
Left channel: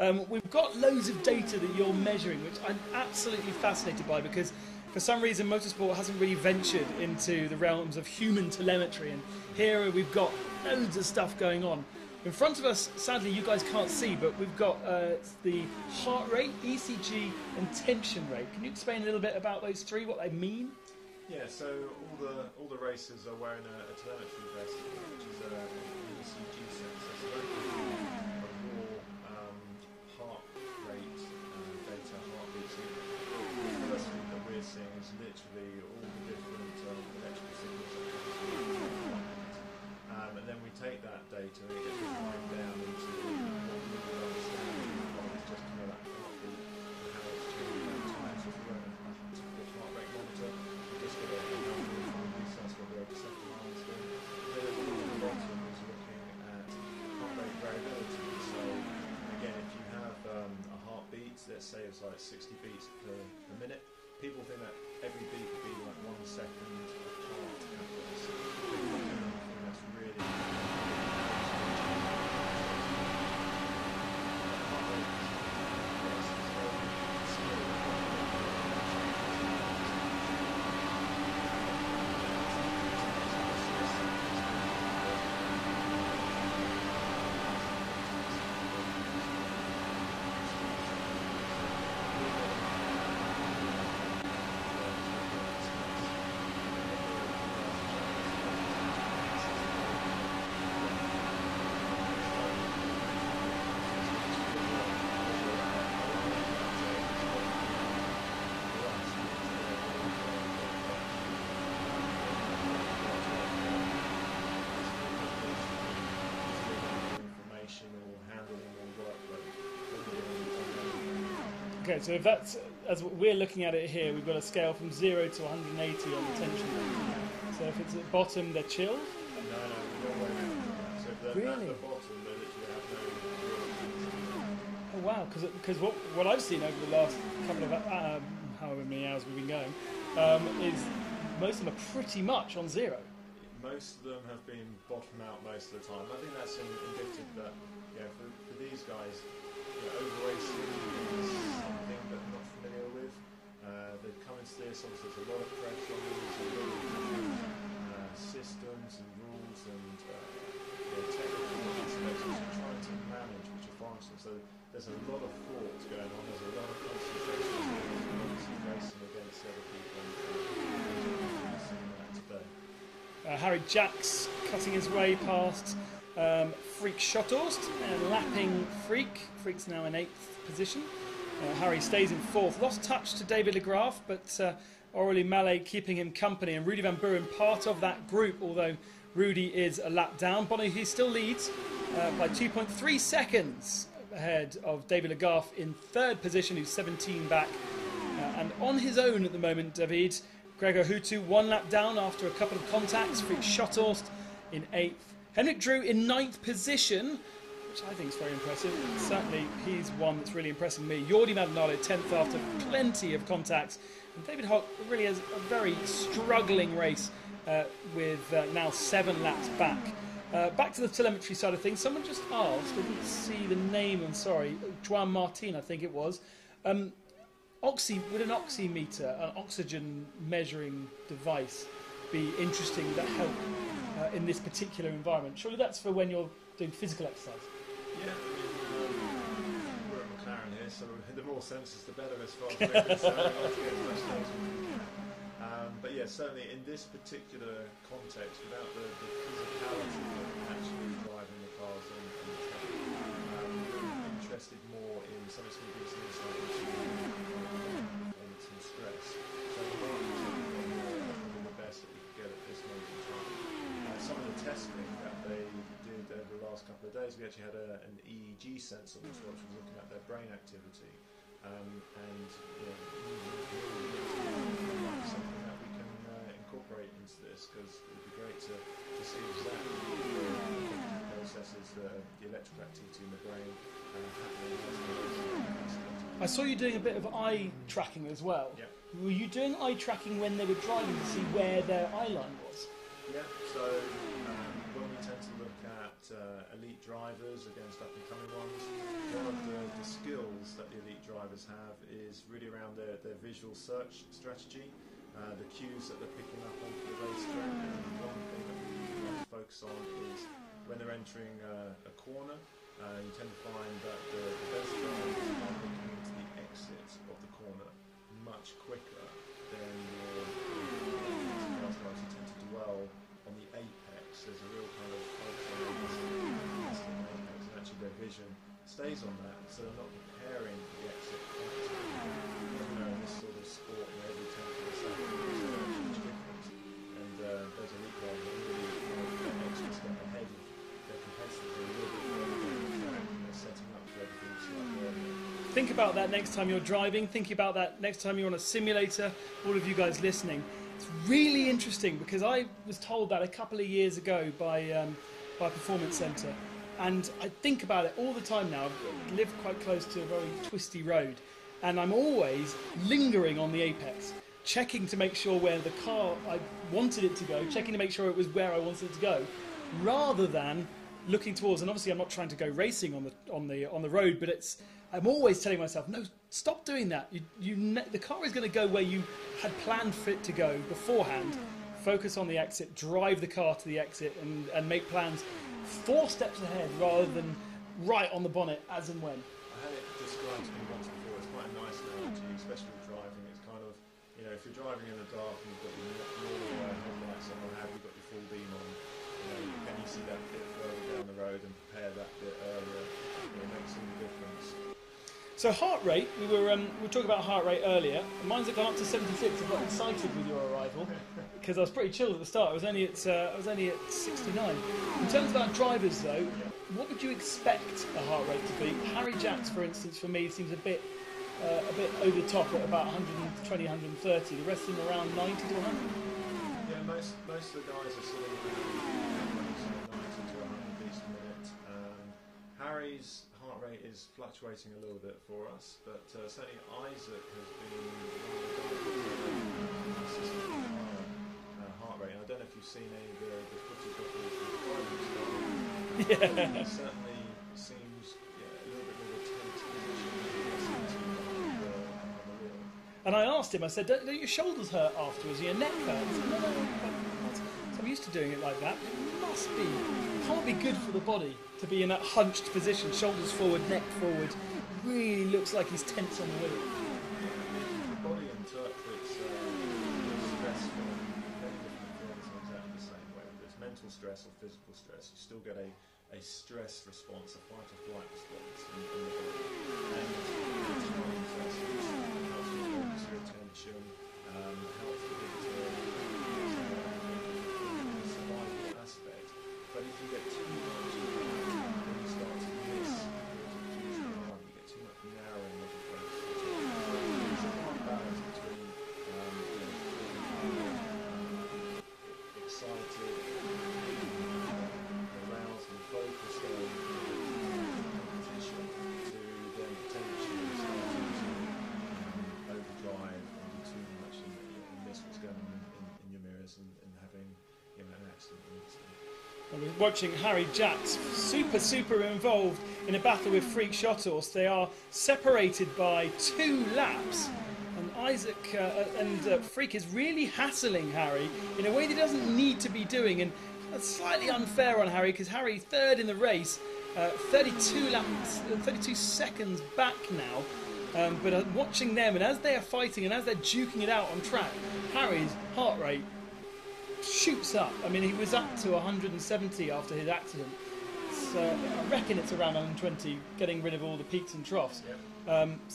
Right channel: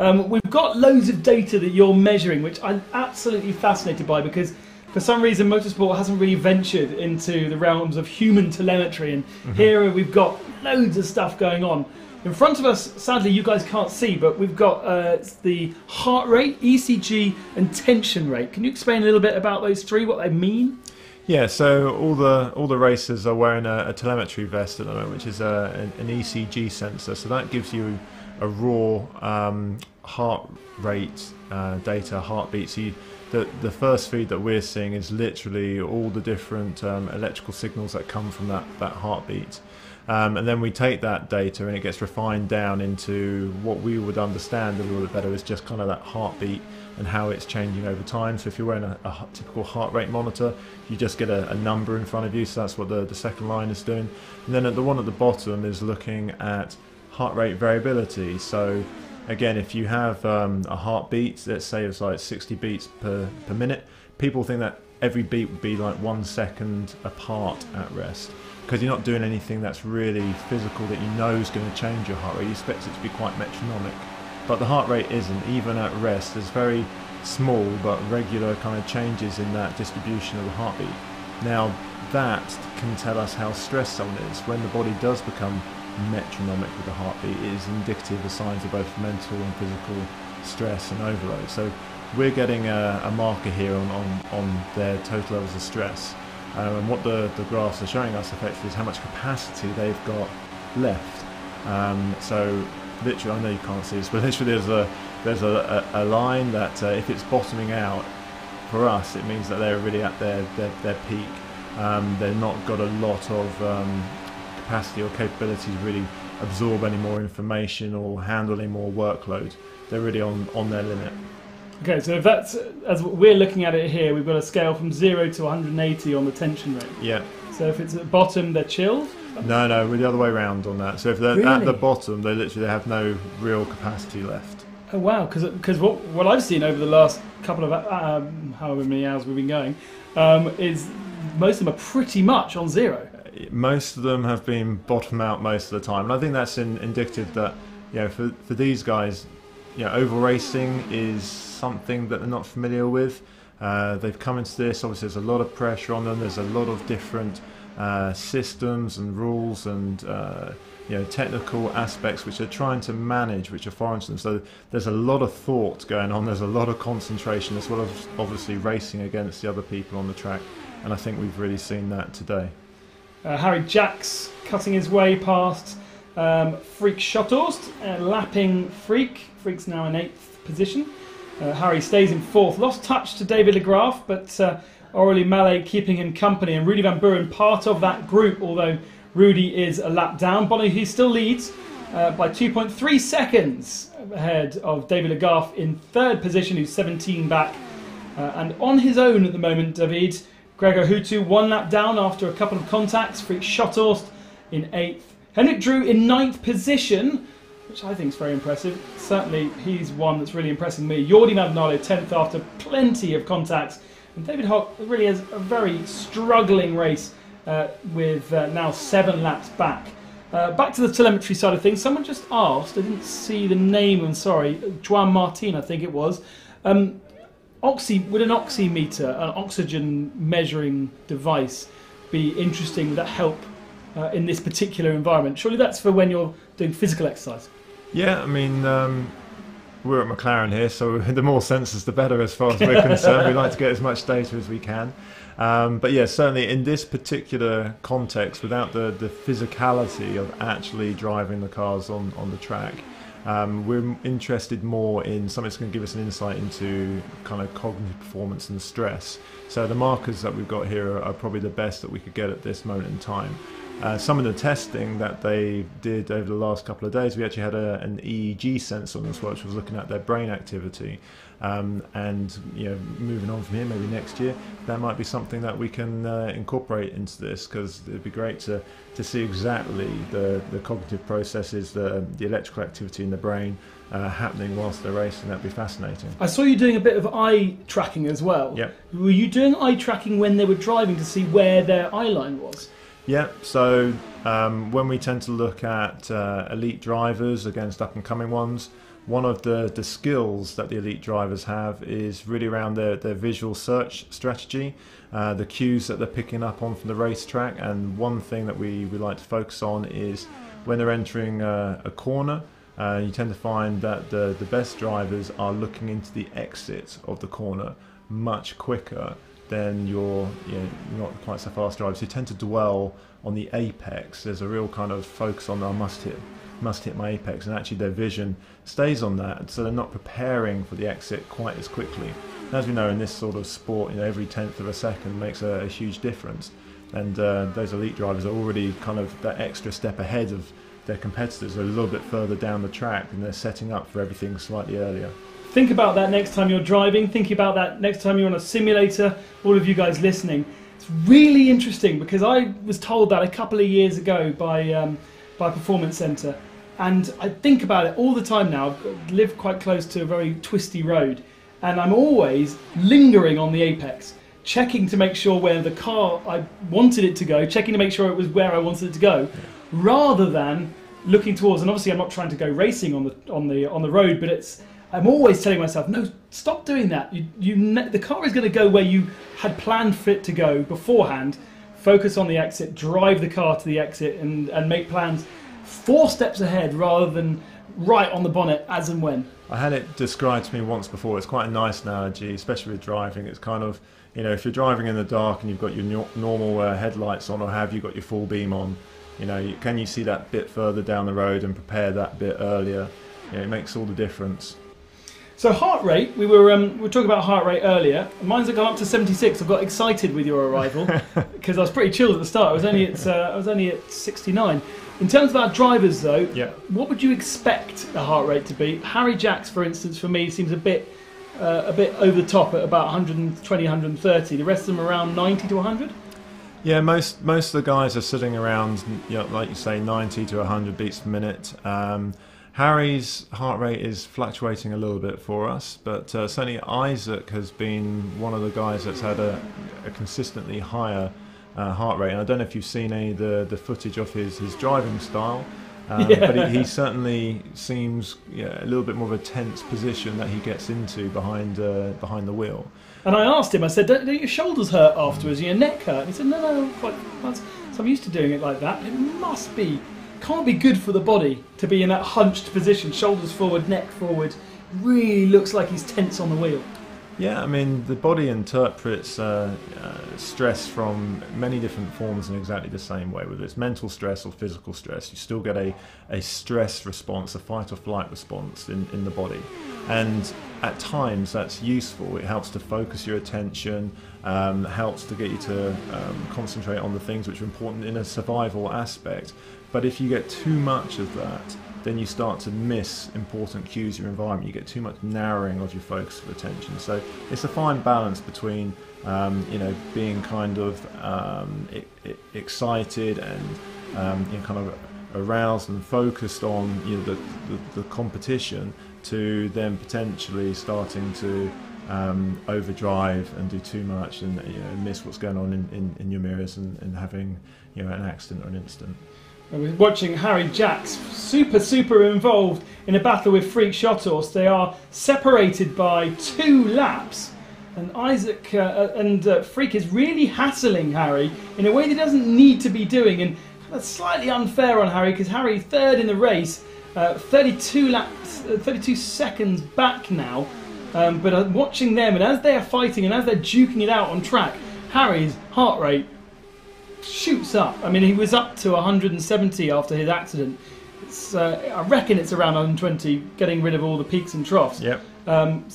We've got loads of data that you're measuring, which I'm absolutely fascinated by, because for some reason motorsport hasn't really ventured into the realms of human telemetry, and here we've got loads of stuff going on. In front of us, sadly you guys can't see, but we've got the heart rate, ECG and tension rate. Can you explain a little bit about those three, what they mean? Yeah, so all the racers are wearing a telemetry vest at the moment, which is an ECG sensor. So that gives you a raw heart rate data, heartbeat. So the first feed that we're seeing is literally all the different electrical signals that come from that heartbeat. And then we take that data and it gets refined down into what we would understand a little bit better is just kind of that heartbeat and how it's changing over time. So if you're wearing a typical heart rate monitor, you just get a number in front of you, so that's what the second line is doing. And then the one at the bottom is looking at heart rate variability. So again, if you have a heartbeat, let's say it's like 60 beats per minute, people think that every beat would be like 1 second apart at rest, because you're not doing anything that's really physical that you know is going to change your heart rate. You expect it to be quite metronomic, but the heart rate isn't. Even at rest, there's very small but regular kind of changes in that distribution of the heartbeat. Now that can tell us how stressed someone is. When the body does become metronomic with the heartbeat, it is indicative of signs of both mental and physical stress and overload. So we're getting a marker here on their total levels of stress. And what the graphs are showing us effectively is how much capacity they've got left. So literally, I know you can't see this, but literally there's a line that if it's bottoming out, for us it means that they're really at their peak. They've not got a lot of capacity or capability to really absorb any more information or handle any more workload. They're really on their limit. Okay, so if that's, as we're looking at it here, we've got a scale from 0 to 180 on the tension rate. Yeah. So if it's at the bottom, they're chill? No, we're the other way around on that. So if they're at the bottom, they literally have no real capacity left. Oh wow, because what I've seen over the last couple of however many hours we've been going, is most of them are pretty much on 0. Most of them have been bottom out most of the time, and I think that's indicative that, you know, for these guys, you know, oval racing is something that they're not familiar with. They've come into this, obviously there's a lot of pressure on them, there's a lot of different systems and rules and you know, technical aspects which they're trying to manage, which are foreign to them. So there's a lot of thought going on, there's a lot of concentration, as well as obviously racing against the other people on the track, and I think we've really seen that today. Harry Jacks cutting his way past Freak Schotthorst, lapping Freak. Freak's now in 8th position. Harry stays in 4th. Lost touch to David Legraff, but Aurélien Mallet keeping him company, and Rudy Van Buren part of that group, although Rudy is a lap down. Bonnie, he still leads by 2.3 seconds ahead of David Legraff in 3rd position, who's 17 back. And on his own at the moment, David, Gregor Hutu 1 lap down after a couple of contacts. Freak Schotthorst in 8th. Henrik Drew in 9th position, which I think is very impressive. Certainly he's one that's really impressing me. Jordi Maldonado 10th after plenty of contacts. And David Hock really has a very struggling race with now 7 laps back. Back to the telemetry side of things. Someone just asked, I didn't see the name, I'm sorry, Juan Martin I think it was. Would an oximeter, an oxygen measuring device, be interesting? Would that help in this particular environment? Surely that's for when you're doing physical exercise. Yeah, I mean, we're at McLaren here, so the more sensors the better as far as we're concerned. We like to get as much data as we can. But yeah, certainly in this particular context, without the physicality of actually driving the cars on the track, we're interested more in something that's going to give us an insight into kind of cognitive performance and stress. So the markers that we've got here are probably the best that we could get at this moment in time. Some of the testing that they did over the last couple of days, we actually had an EEG sensor on this, which was looking at their brain activity. And moving on from here, maybe next year, that might be something that we can incorporate into this, because it'd be great to see exactly the cognitive processes, the electrical activity in the brain happening whilst they're racing. That'd be fascinating. I saw you doing a bit of eye tracking as well. Yep. Were you doing eye tracking when they were driving to see where their eye line was? Yeah, so when we tend to look at elite drivers against up-and-coming ones, one of the skills that the elite drivers have is really around their visual search strategy, the cues that they're picking up on from the racetrack. And one thing that we like to focus on is when they're entering a corner, you tend to find that the best drivers are looking into the exit of the corner much quicker than your not quite so fast drivers who tend to dwell on the apex. There's a real kind of focus on, I must hit my apex, and actually their vision stays on that, so they're not preparing for the exit quite as quickly. As we know, in this sort of sport, every 10th of a second makes a huge difference, and those elite drivers are already kind of that extra step ahead of their competitors. They're a little bit further down the track, and they're setting up for everything slightly earlier. Think about that next time you're driving. Think about that next time you're on a simulator. All of you guys listening, it's really interesting, because I was told that a couple of years ago by Performance Centre, and I think about it all the time now. I live quite close to a very twisty road, and I'm always lingering on the apex, checking to make sure where the car I wanted it to go, checking to make sure it was where I wanted it to go, rather than looking towards. And obviously, I'm not trying to go racing on the road, but I'm always telling myself, no, stop doing that. The car is going to go where you had planned for it to go beforehand. Focus on the exit, drive the car to the exit, and make plans 4 steps ahead rather than right on the bonnet as and when. I had it described to me once before. It's quite a nice analogy, especially with driving. It's kind of, if you're driving in the dark and you've got your normal headlights on, or have you got your full beam on, can you see that bit further down the road and prepare that bit earlier? It makes all the difference. So heart rate, we were talking about heart rate earlier. Mine's gone up to 76. I got excited with your arrival because I was pretty chilled at the start. I was only at 69. In terms of our drivers, though, what would you expect the heart rate to be? Harry Jacks, for instance, for me seems a bit over the top at about 120, 130. The rest of them around 90 to 100. Yeah, most of the guys are sitting around, like you say, 90 to 100 beats per minute. Harry's heart rate is fluctuating a little bit for us, but certainly Isaac has been one of the guys that's had a consistently higher heart rate. And I don't know if you've seen any of the footage of his driving style, but he certainly seems a little bit more of a tense position that he gets into behind the wheel. And I asked him, I said, don't your shoulders hurt afterwards? Your neck hurt? He said, no, so I'm used to doing it like that. It can't be good for the body to be in that hunched position, shoulders forward, neck forward. Really looks like he's tense on the wheel. Yeah, I mean, the body interprets stress from many different forms in exactly the same way. Whether it's mental stress or physical stress, you still get a stress response, a fight or flight response in the body. And at times that's useful. It helps to focus your attention, helps to get you to concentrate on the things which are important in a survival aspect. But if you get too much of that, then you start to miss important cues in your environment. You get too much narrowing of your focus of attention. So it's a fine balance between, being kind of excited and kind of aroused and focused on the competition, to then potentially starting to overdrive and do too much and miss what's going on in your mirrors and having an accident or an incident. And we're watching Harry Jacks super involved in a battle with Freak Shotos. They are separated by 2 laps, and Isaac and Freak is really hassling Harry in a way that he doesn't need to be doing. And that's slightly unfair on Harry, because Harry third in the race, 32 laps, 32 seconds back now. But I'm watching them, and as they are fighting and as they're duking it out on track, Harry's heart rate shoots up. I mean, he was up to 170 after his accident. I reckon it's around 120, getting rid of all the peaks and troughs. Yep.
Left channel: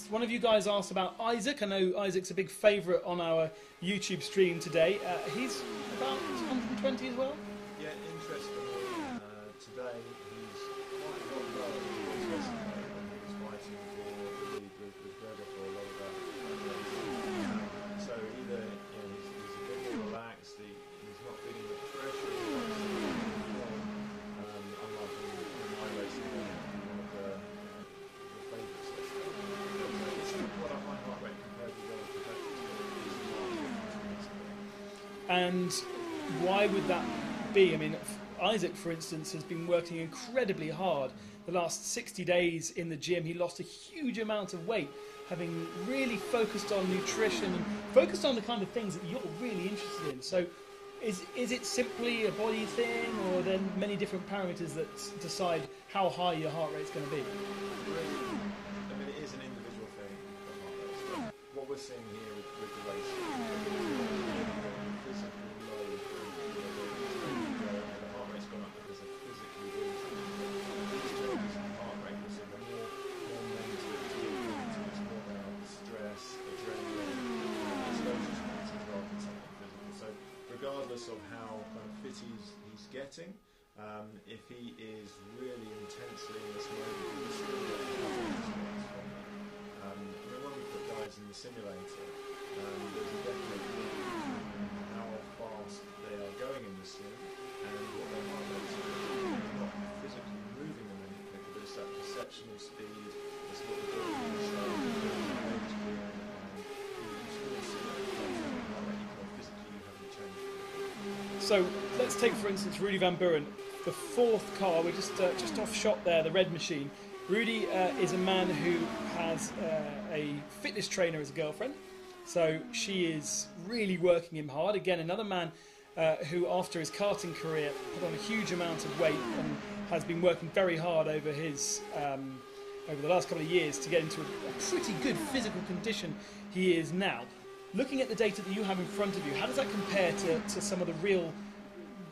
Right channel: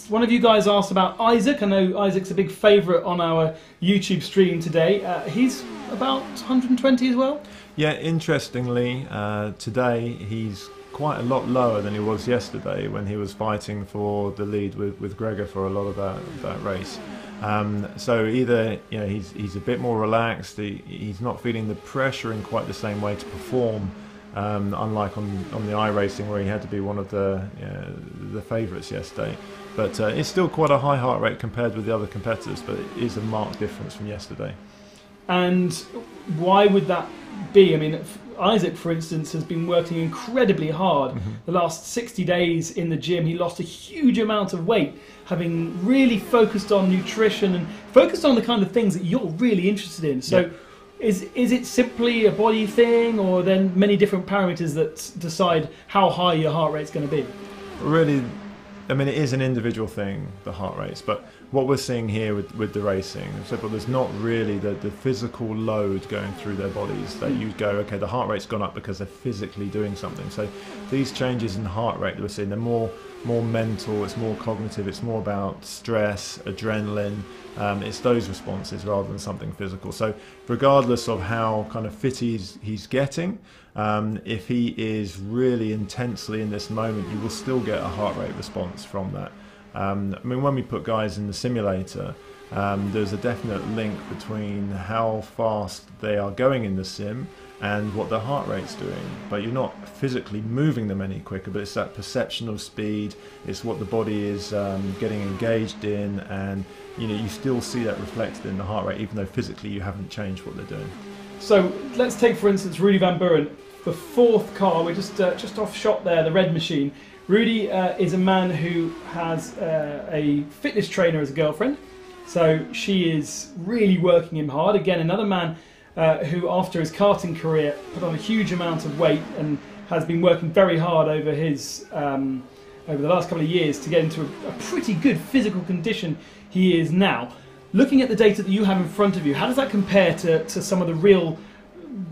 One of you guys asked about Isaac. I know Isaac's a big favourite on our YouTube stream today. He's about 120 as well. Yeah, interestingly, today he's quite a lot lower than he was yesterday when he was fighting for the lead with Gregor for a lot of that race. So either he's a bit more relaxed, he's not feeling the pressure in quite the same way to perform, unlike on the iRacing where he had to be one of the favourites yesterday. But it's still quite a high heart rate compared with the other competitors, but it is a marked difference from yesterday. And why would that be? I mean, Isaac, for instance, has been working incredibly hard. The last 60 days in the gym, he lost a huge amount of weight, having really focused on nutrition and focused on the kind of things that you're really interested in. So is it simply a body thing, or then many different parameters that decide how high your heart rate's going to be? Really, I mean, it is an individual thing, the heart rates, but what we're seeing here with the racing, so there's not really the physical load going through their bodies that you go, okay, the heart rate's gone up because they're physically doing something. So these changes in heart rate that we're seeing, they're more mental, it's more cognitive, it's more about stress, adrenaline, it's those responses rather than something physical. So regardless of how kind of fit he's getting, if he is really intensely in this moment, he will still get a heart rate response from that. I mean, when we put guys in the simulator, there's a definite link between how fast they are going in the sim and what their heart rate's doing. But you're not physically moving them any quicker, but it's that perception of speed, it's what the body is getting engaged in, and you still see that reflected in the heart rate, even though physically you haven't changed what they're doing. So let's take, for instance, Rudy Van Buren, the fourth car. We're just off shot there, the red machine. Rudy is a man who has a fitness trainer as a girlfriend, so she is really working him hard. Again, another man who, after his karting career, put on a huge amount of weight and has been working very hard over his over the last couple of years to get into a pretty good physical condition he is now. Looking at the data that you have in front of you, how does that compare to some of the real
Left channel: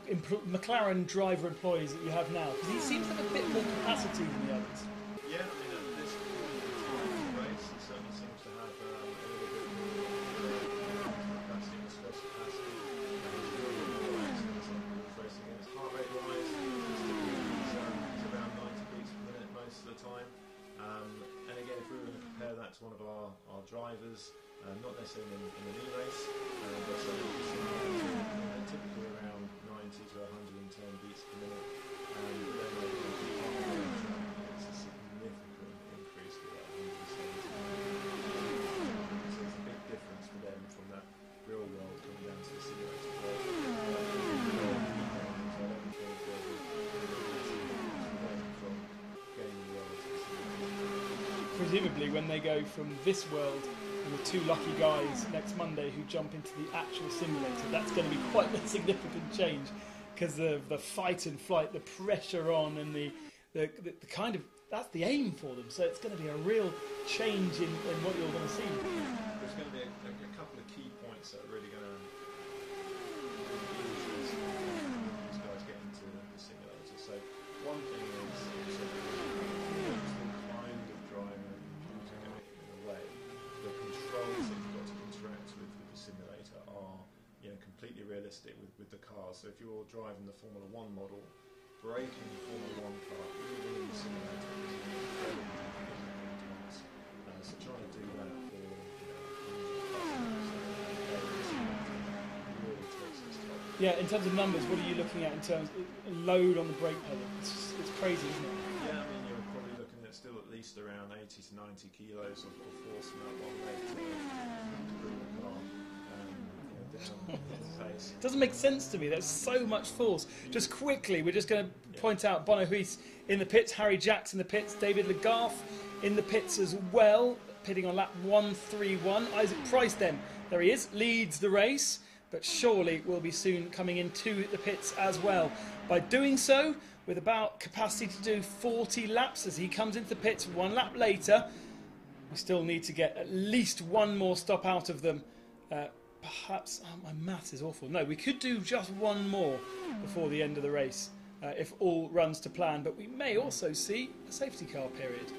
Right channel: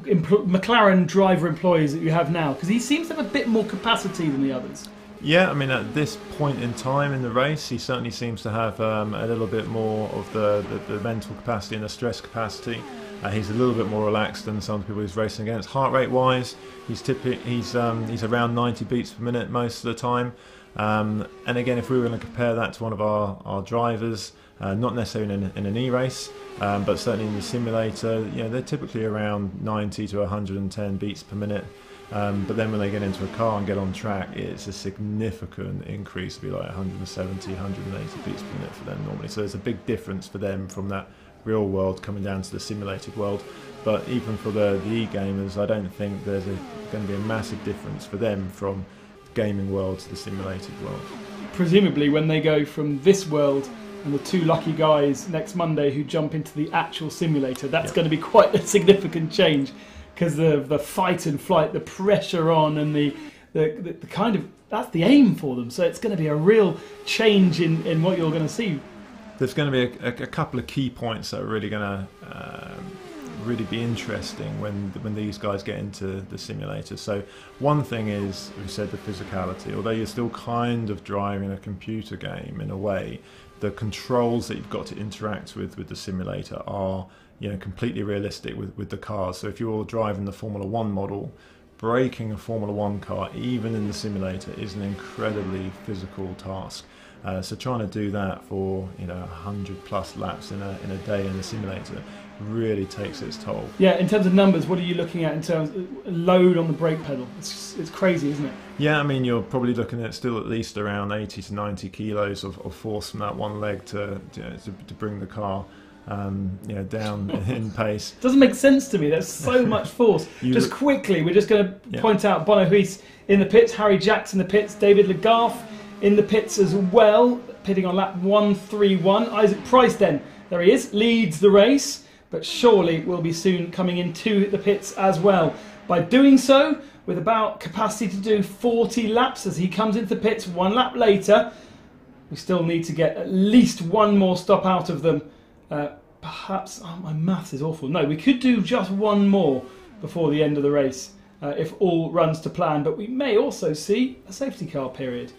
McLaren driver employees that you have now? Because he seems to have a bit more capacity than the others. Yeah, I mean, at this point in time in the race, he certainly seems to have a little bit more of the mental capacity and the stress capacity. He's a little bit more relaxed than some people he's racing against. Heart rate wise, he's around 90 beats per minute most of the time. And again, if we were going to compare that to one of our drivers, not necessarily in an e-race, but certainly in the simulator, they're typically around 90 to 110 beats per minute. But then when they get into a car and get on track, it's a significant increase, to be like 170, 180 beats per minute for them normally. So there's a big difference for them from that real world coming down to the simulated world. But even for the e-gamers, I don't think there's going to be a massive difference for them from gaming world to the simulated world. Presumably when they go from this world and the two lucky guys next Monday who jump into the actual simulator, that's going to be quite a significant change, because the fight and flight, the pressure on, and the kind of, that's the aim for them. So it's going to be a real change in what you're going to see. There's going to be a couple of key points that are really going to really be interesting when these guys get into the simulator. So one thing is, you said, the physicality. Although you're still kind of driving a computer game in a way, the controls that you've got to interact with the simulator are completely realistic with the cars. So if you're driving the Formula 1 model, braking a Formula 1 car, even in the simulator, is an incredibly physical task. So trying to do that for 100 plus laps in a day in the simulator really takes its toll. Yeah, in terms of numbers, what are you looking at in terms of load on the brake pedal? It's crazy, isn't it? Yeah, I mean, you're probably looking at still at least around 80 to 90 kilos of force from that one leg to bring the car down in pace. Doesn't make sense to me. There's so much force. Just quickly, we're just going to point out Bono Huis in the pits, Harry Jackson in the pits, David Legault in the pits as well, pitting on lap 131. Isaac Price then, there he is, leads the race, but surely will be soon coming into the pits as well. By doing so, with about capacity to do 40 laps as he comes into the pits 1 lap later, we still need to get at least one more stop out of them. Perhaps, oh, my maths is awful. No, we could do just one more before the end of the race if all runs to plan, but we may also see a safety car period.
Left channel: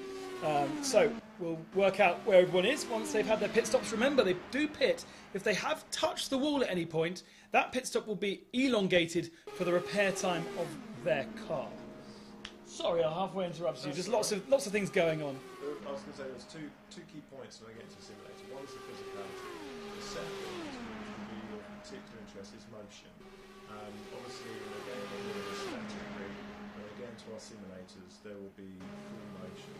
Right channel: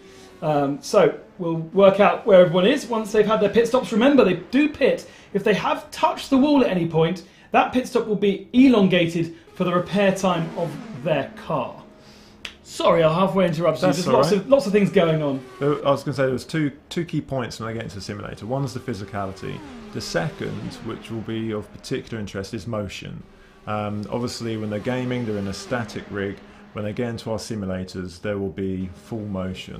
So we'll work out where everyone is once they've had their pit stops. Remember, they do pit. If they have touched the wall at any point, that pit stop will be elongated for the repair time of their car. Sorry, I halfway interrupted you. There's lots of things going on. I was going to say there was two key points when I get into the simulator. One is the physicality. The second, which will be of particular interest, is motion. Obviously, when they're gaming, they're in a static rig. When they get into our simulators, there will be full motion.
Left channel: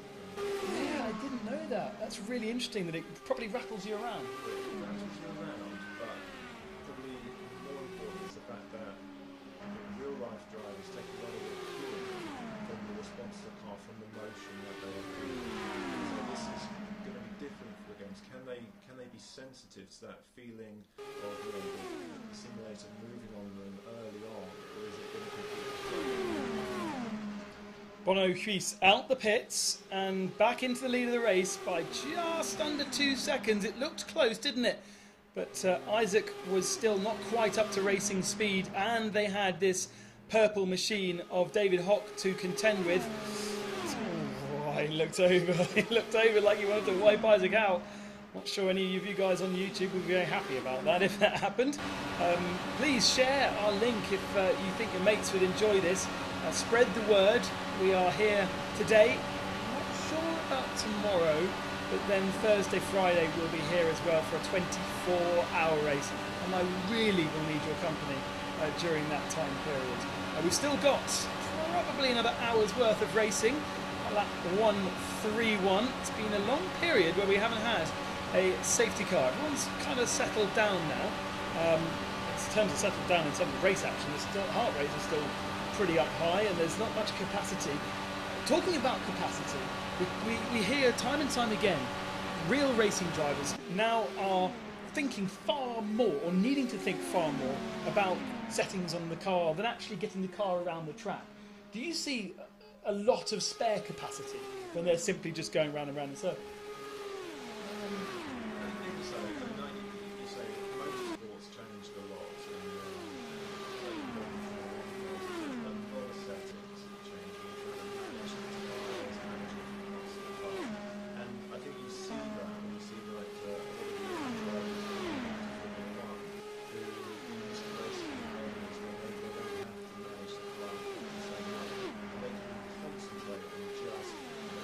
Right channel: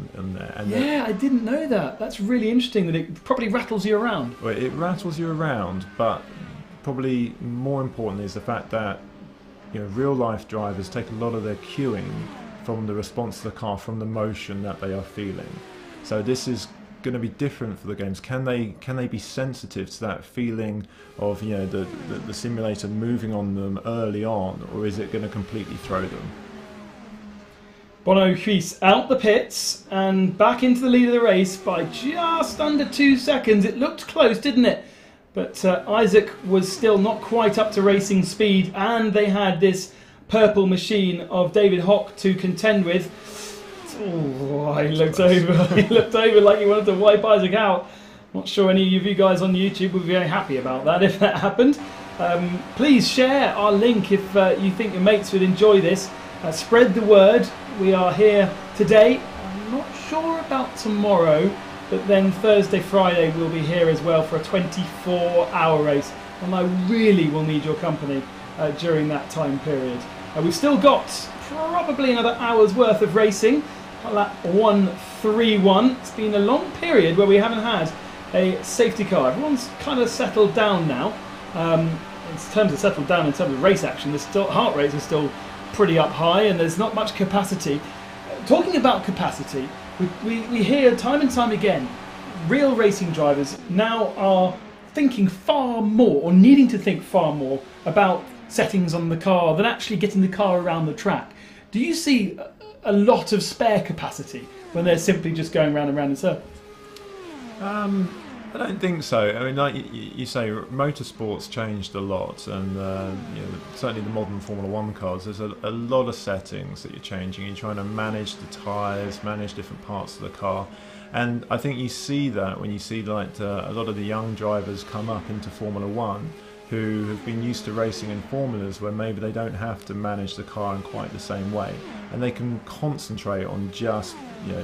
Yeah, I didn't know that. That's really interesting that it probably rattles you around. Well, it rattles you around, but probably more importantly is the fact that real-life drivers take a lot of their cueing from the response to the car, from the motion that they are feeling. So this is going to be different for the games. Can they be sensitive to that feeling of the simulator moving on them early on, or is it going to completely throw them? Bono Huis out the pits and back into the lead of the race by just under 2 seconds. It looked close, didn't it? But Isaac was still not quite up to racing speed, and they had this purple machine of David Hock to contend with. Oh, he looked over. He looked over like he wanted to wipe Isaac out. Not sure any of you guys on YouTube would be very happy about that if that happened. Please share our link if you think your mates would enjoy this. Spread the word. We are here today. I'm not sure about tomorrow, but then Thursday, Friday we'll be here as well for a 24-hour race, and I really will need your company during that time period. We've still got probably another hour's worth of racing. Lap 131. It's been a long period where we haven't had a safety car. Everyone's kind of settled down now. In terms of settled down in terms of race action, there's still heart rates are still pretty up high, and there's not much capacity. Talking about capacity, we hear time and time again, real racing drivers now are thinking far more, or needing to think far more, about settings on the car than actually getting the car around the track. Do you see a lot of spare capacity when they're simply just going round and round in circles? I don't think so. I mean, like you say, motorsport's changed a lot, and certainly the modern Formula 1 cars, there's a lot of settings that you're changing. You're trying to manage the tyres, manage different parts of the car, and I think you see that when you see a lot of the young drivers come up into Formula 1 who have been used to racing in formulas where maybe they don't have to manage the car in quite the same way, and they can concentrate on just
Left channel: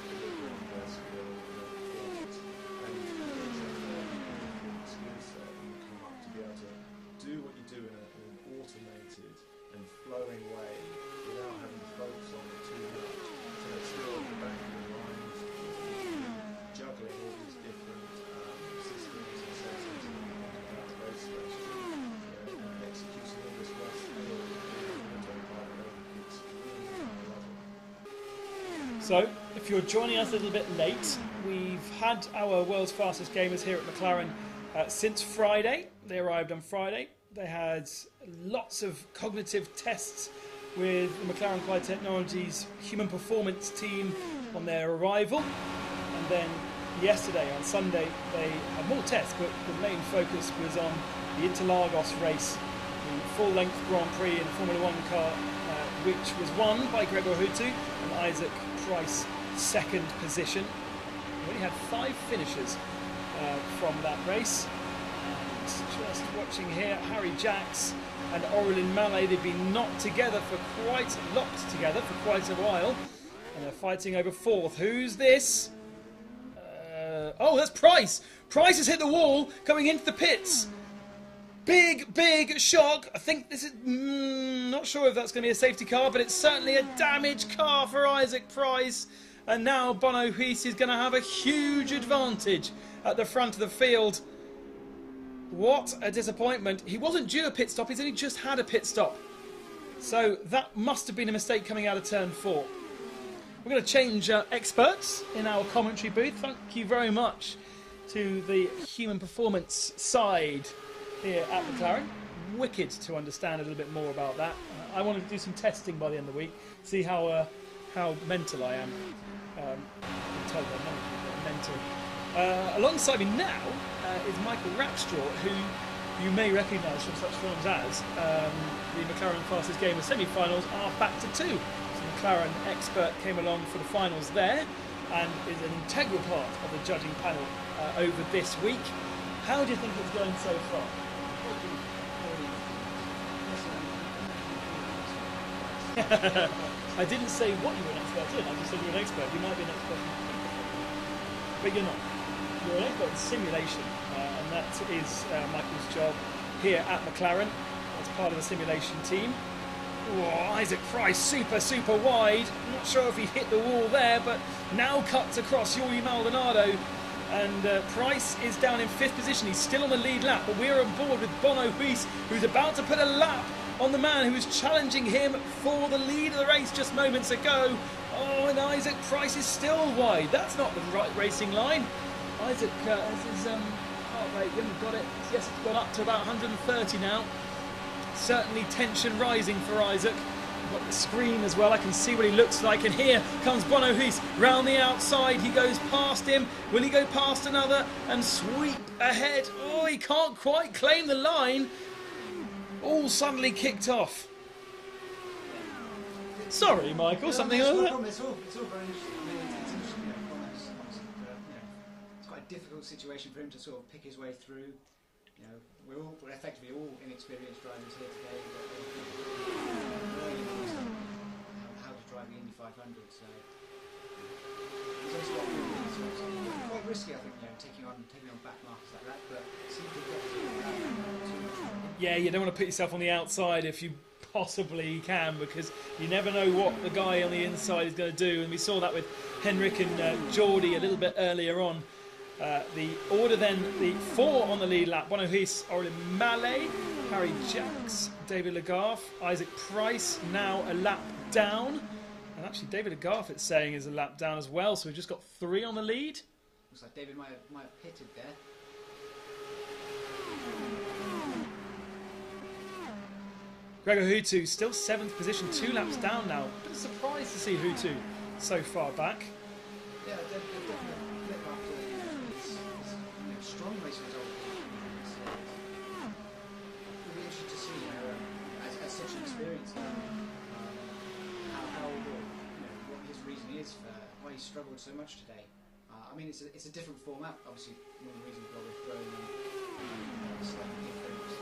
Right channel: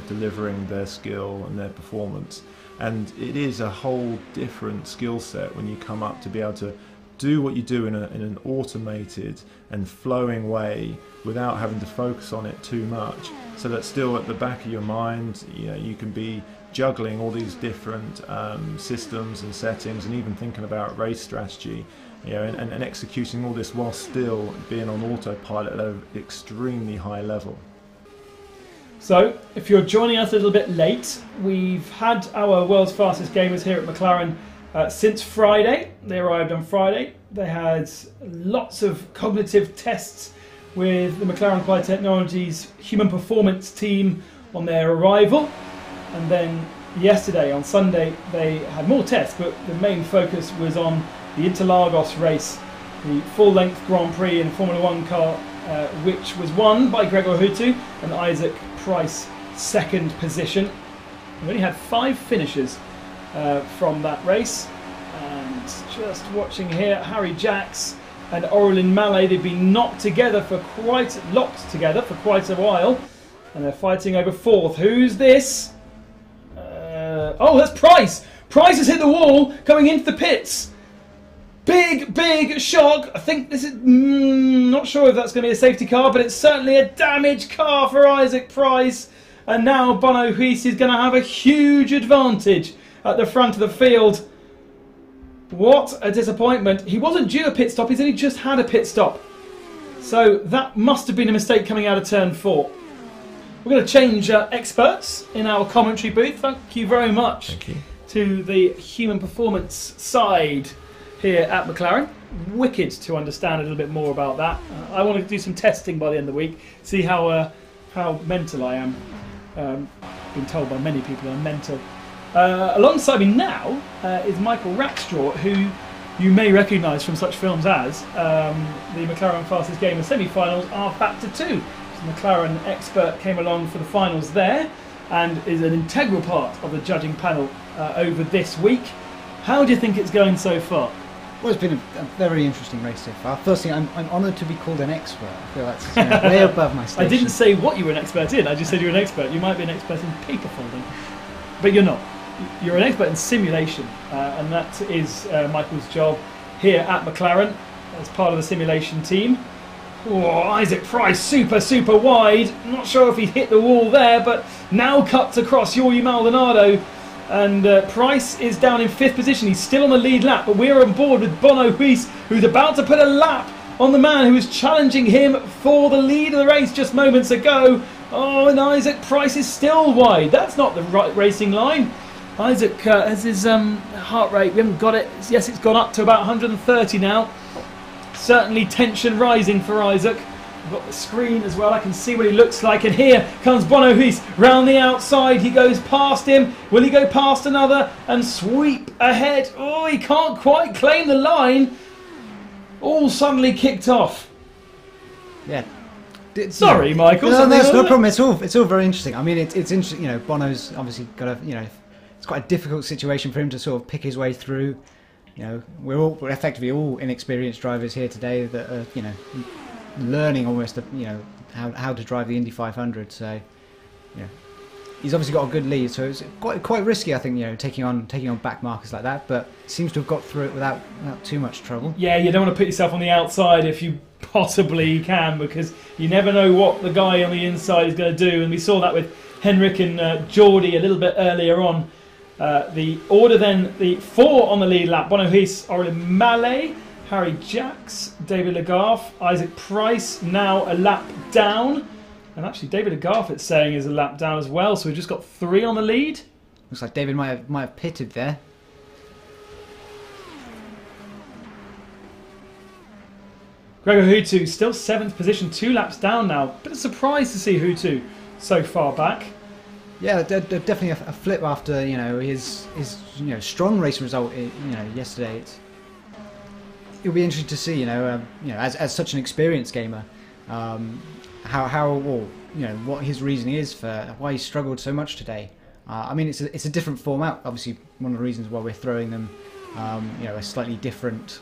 delivering their skill and their performance. And it is a whole different skill set when you come up to be able to do what you do in an automated and flowing way without having to focus on it too much, so that still at the back of your mind you can be juggling all these different systems and settings, and even thinking about race strategy, and executing all this while still being on autopilot at an extremely high level. So, if you're joining us a little bit late, we've had our world's fastest gamers here at McLaren since Friday. They arrived on Friday. They had lots of cognitive tests with the McLaren Applied Technologies human performance team on their arrival. And then yesterday, on Sunday, they had more tests, but the main focus was on the Interlagos race, the full-length Grand Prix in Formula 1 car, which was won by Gregor Hutu and Isaac Price, second position. We only had 5 finishes from that race, and just watching here, Harry Jacks and Aurelin Mallet, they've been locked together for quite a while, and they're fighting over 4th. Who's this? Oh, that's Price! Price has hit the wall going into the pits. Big shock. I think this is... not sure if that's going to be a safety car, but it's certainly a damaged car for Isaac Price. And now Bono Huis is going to have a huge advantage at the front of the field. What a disappointment. He wasn't due a pit stop, he's only just had a pit stop. So that must have been a mistake coming out of turn 4. We're going to change experts in our commentary booth. Thank you very much to the human performance side here at McLaren. wicked to understand a little bit more about that. I want to do some testing by the end of the week, see how mental I am. Been told by many people I'm mental. Alongside me now is Michael Rackstraw, who you may recognise from such films as the McLaren Fastest Game. The semi-finals are back to 2. So the McLaren expert came along for the finals there and is an integral part of the judging panel over this week. How do you think it's going so far? Well, it's been a very interesting race so far. Firstly, I'm honoured to be called an expert. I feel that's way above my station. I didn't say what you were an expert in, I just said you're an expert. You might be an expert in paper folding, but you're not. You're an expert in simulation, and that is Michael's job here at McLaren as part of the simulation team. Oh, Isaac Price, super wide. I'm not sure if he hit the wall there, but now cuts across Jordi Maldonado. And Price is down in 5th position. He's still on the lead lap, but we're on board with Bono Huis, who's about to put a lap on the man who was challenging him for the lead of the race just moments ago. Oh, and Isaac Price is still wide. That's not the right racing line. Isaac has his heart rate, we haven't got it. Yes, it's gone up to about 130 now. Certainly tension rising for Isaac. I've got the screen as well, I can see what he looks like, and here comes Bono Huis round the outside. He goes past him. Will he go past another and sweep ahead? Oh, he can't quite claim the line. All suddenly kicked off. Yeah. Sorry, Michael. No, that's no problem. It's all very interesting. I mean, it's interesting. You know, Bono's obviously got it's quite a difficult situation for him to sort of pick his way through. You know, we're effectively all inexperienced drivers here today that are, you know, learning almost, how to drive the Indy 500. So, yeah, he's obviously got a good lead. So it's quite risky, I think, you know, taking on back markers like that. But seems to have got through it without too much trouble. Yeah, you don't want to put yourself on the outside if you possibly can, because you never know what the guy on the inside is going to do. And we saw that with Henrik and Jordi a little bit earlier on. The order then, the 4 on the lead lap: Bono Huis, Orlin Mallet, Harry Jacks, David Legarth, Isaac Price now a lap down, and actually David Legarth, it's saying, is a lap down as well. So we've just got 3 on the lead. Looks like David might have pitted there. Gregor Hutu still 7th position, 2 laps down now. Bit of surprise to see Hutu so far back. Yeah, definitely a flip after, you know, his strong race result, yesterday. It'll be interesting to see, you know, as such an experienced gamer, what his reasoning is for why he struggled so much today. I mean, it's a different format. Obviously, one of the reasons why we're throwing them, a slightly different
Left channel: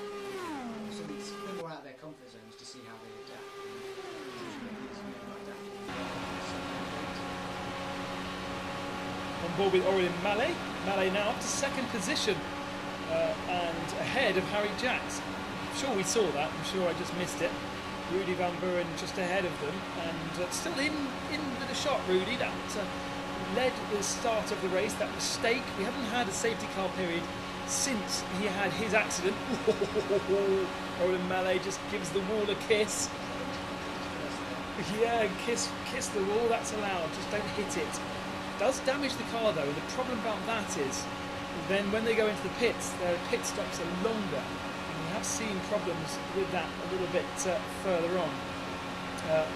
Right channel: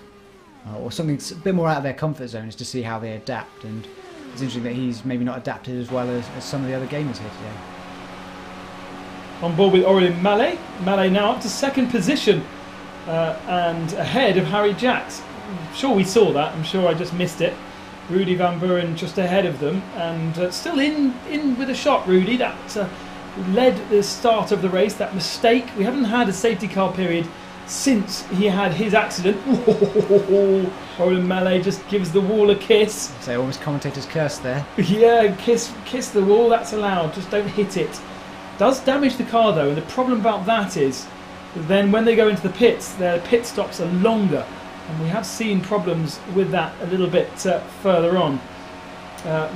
or something that's a bit more out of their comfort zone is to see how they adapt. And it's interesting that he's maybe not adapted as well as some of the other gamers here today. On board with Orlin Mallet. Mallet now up to 2nd position and ahead of Harry Jacks. I'm sure we saw that. I'm sure I just missed it. Rudy Van Buren just ahead of them, and still in with a shot. Rudy, that led the start of the race. That mistake. We haven't had a safety car period since he had his accident. Orlin Mallet just gives the wall a kiss. So almost commentator's curse there. Yeah, kiss the wall. That's allowed. Just don't hit it. Does damage the car though, and the problem about that is then when they go into the pits, their pit stops are longer, and we have seen problems with that a little bit further on.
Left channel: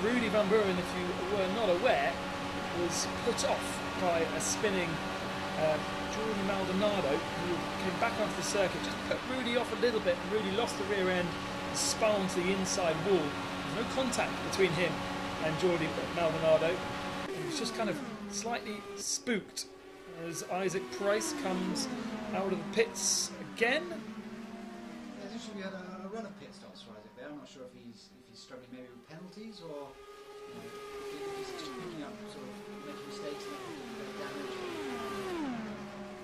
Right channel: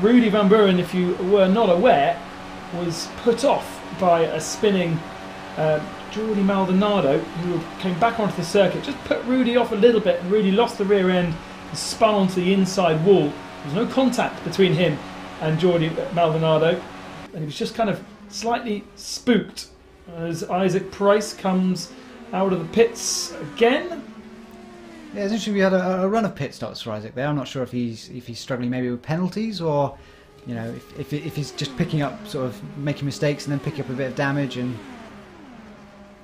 Rudy Van Buren, if you were not aware, was put off by a spinning Jordi Maldonado, who came back onto the circuit. Just put Rudy off a little bit, and Rudy lost the rear end, spun onto the inside wall. There's no contact between him and Jordi Maldonado, and he was just kind of slightly spooked as Isaac Price comes out of the pits again. Yeah, it's interesting. We had a run of pit stops for Isaac there. I'm not sure if he's struggling maybe with penalties, or you know, if he's just picking up, sort of making mistakes and then picking up a bit of damage. And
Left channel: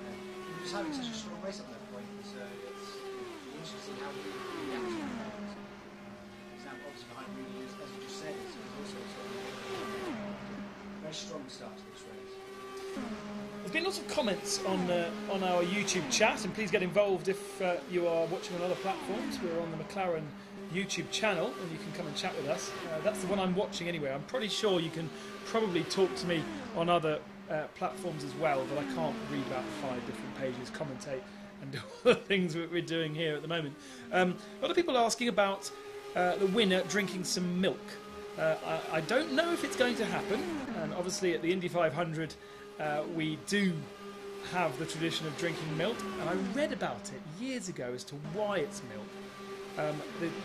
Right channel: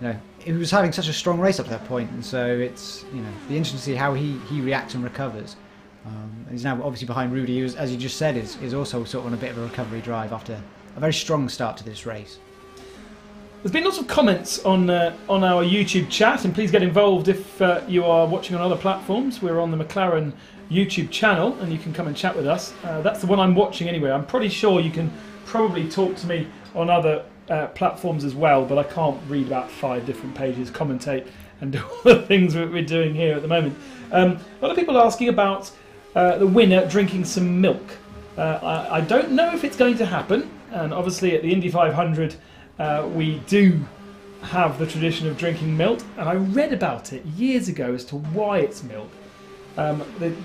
you know, he was having such a strong race up to that point, and so it's, you know, be interesting to see how he reacts and recovers. He's now obviously behind Rudy, who, as you just said, is also sort of on a bit of a recovery drive after a very strong start to this race. There's been lots of comments on our YouTube chat, and please get involved if you are watching on other platforms. We're on the McLaren YouTube channel, and you can come and chat with us. That's the one I'm watching anyway. I'm pretty sure you can probably talk to me on other platforms as well, but I can't read about 5 different pages, commentate and do all the things that we're doing here at the moment. A lot of people are asking about the winner drinking some milk. I don't know if it's going to happen, and obviously at the Indy 500 we do have the tradition of drinking milk, and I read about it years ago as to why it's milk.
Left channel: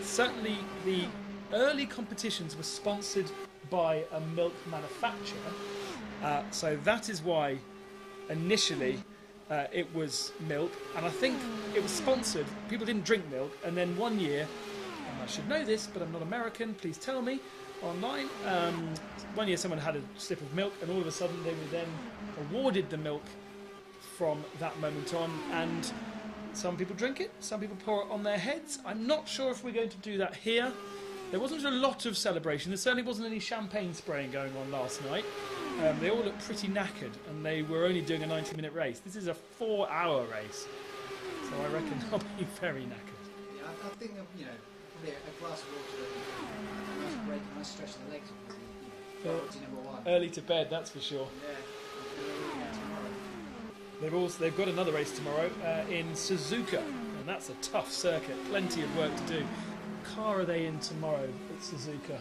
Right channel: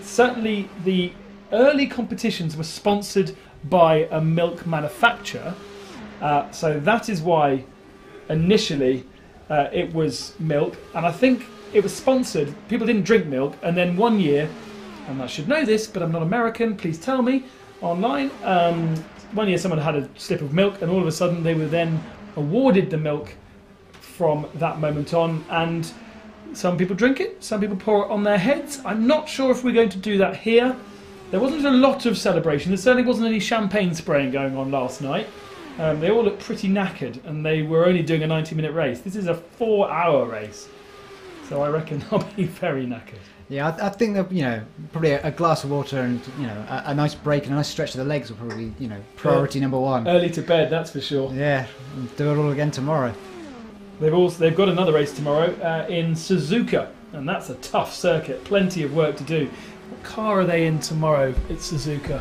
Certainly the early competitions were sponsored by a milk manufacturer, so that is why initially it was milk, and I think it was sponsored. People didn't drink milk, and then one year, and I should know this, but I'm not American, please tell me online, one year someone had a sip of milk, and all of a sudden they were then awarded the milk from that moment on, and some people drink it, some people pour it on their heads. I'm not sure if we're going to do that here. There wasn't a lot of celebration. There certainly wasn't any champagne spraying going on last night. They all looked pretty knackered, and they were only doing a 90-minute race. This is a 4-hour race, so I reckon they'll be very knackered. Yeah, I think that, you know, probably a glass of water and, you know, a nice break and a nice stretch of the legs will probably, you know, priority number one. Early to bed, that's for sure. Yeah, and do it all again tomorrow. They've got another race tomorrow in Suzuka, and that's a tough circuit. Plenty of work to do. What car are they in tomorrow at Suzuka?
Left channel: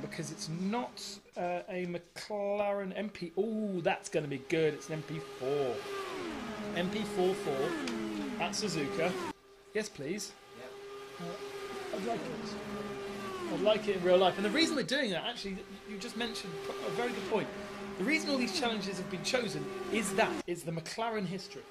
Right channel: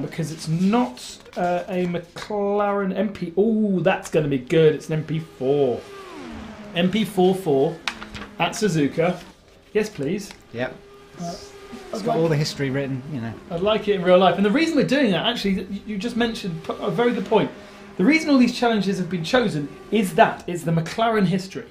Because it's not a McLaren MP. Oh, that's going to be good. It's an MP4. MP44 at Suzuka. Yes, please. Yep. It's got all the history written, you know. I'd like it in real life. And the reason we're doing that, actually, you just mentioned a very good point. The reason all these challenges have been chosen is that it's the McLaren history.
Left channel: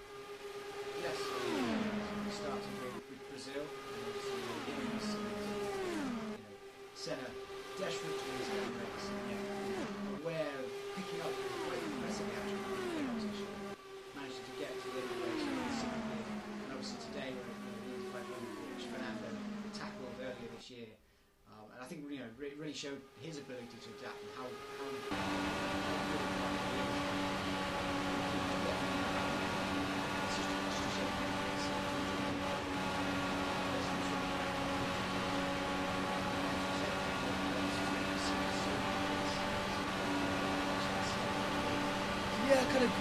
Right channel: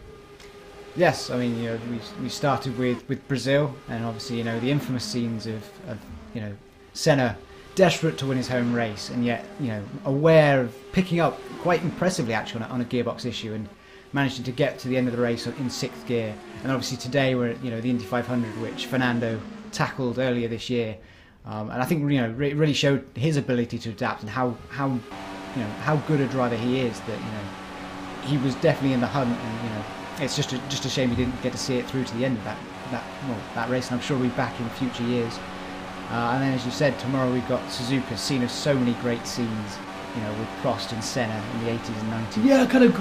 Yes, I mean, you know, we started with Brazil, and obviously, you know, the infamous scenes of you know, Senna desperate to win his home race, and yet, you know, aware of picking up quite impressively actually on a gearbox issue, and managing to get to the end of the race in 6th gear. And obviously today we're at, you know, the Indy 500, which Fernando tackled earlier this year, and I think, you know, really showed his ability to adapt and how you know how good a driver he is. That, you know, he was definitely in the hunt, and, you know, it's just a shame he didn't get to see it through to the end of that race. And I'm sure we'll be back in future years. And then, as you said, tomorrow we've got Suzuka, scene of so many great scenes, you know, with Prost and Senna in the 80s and 90s. Yeah, kind of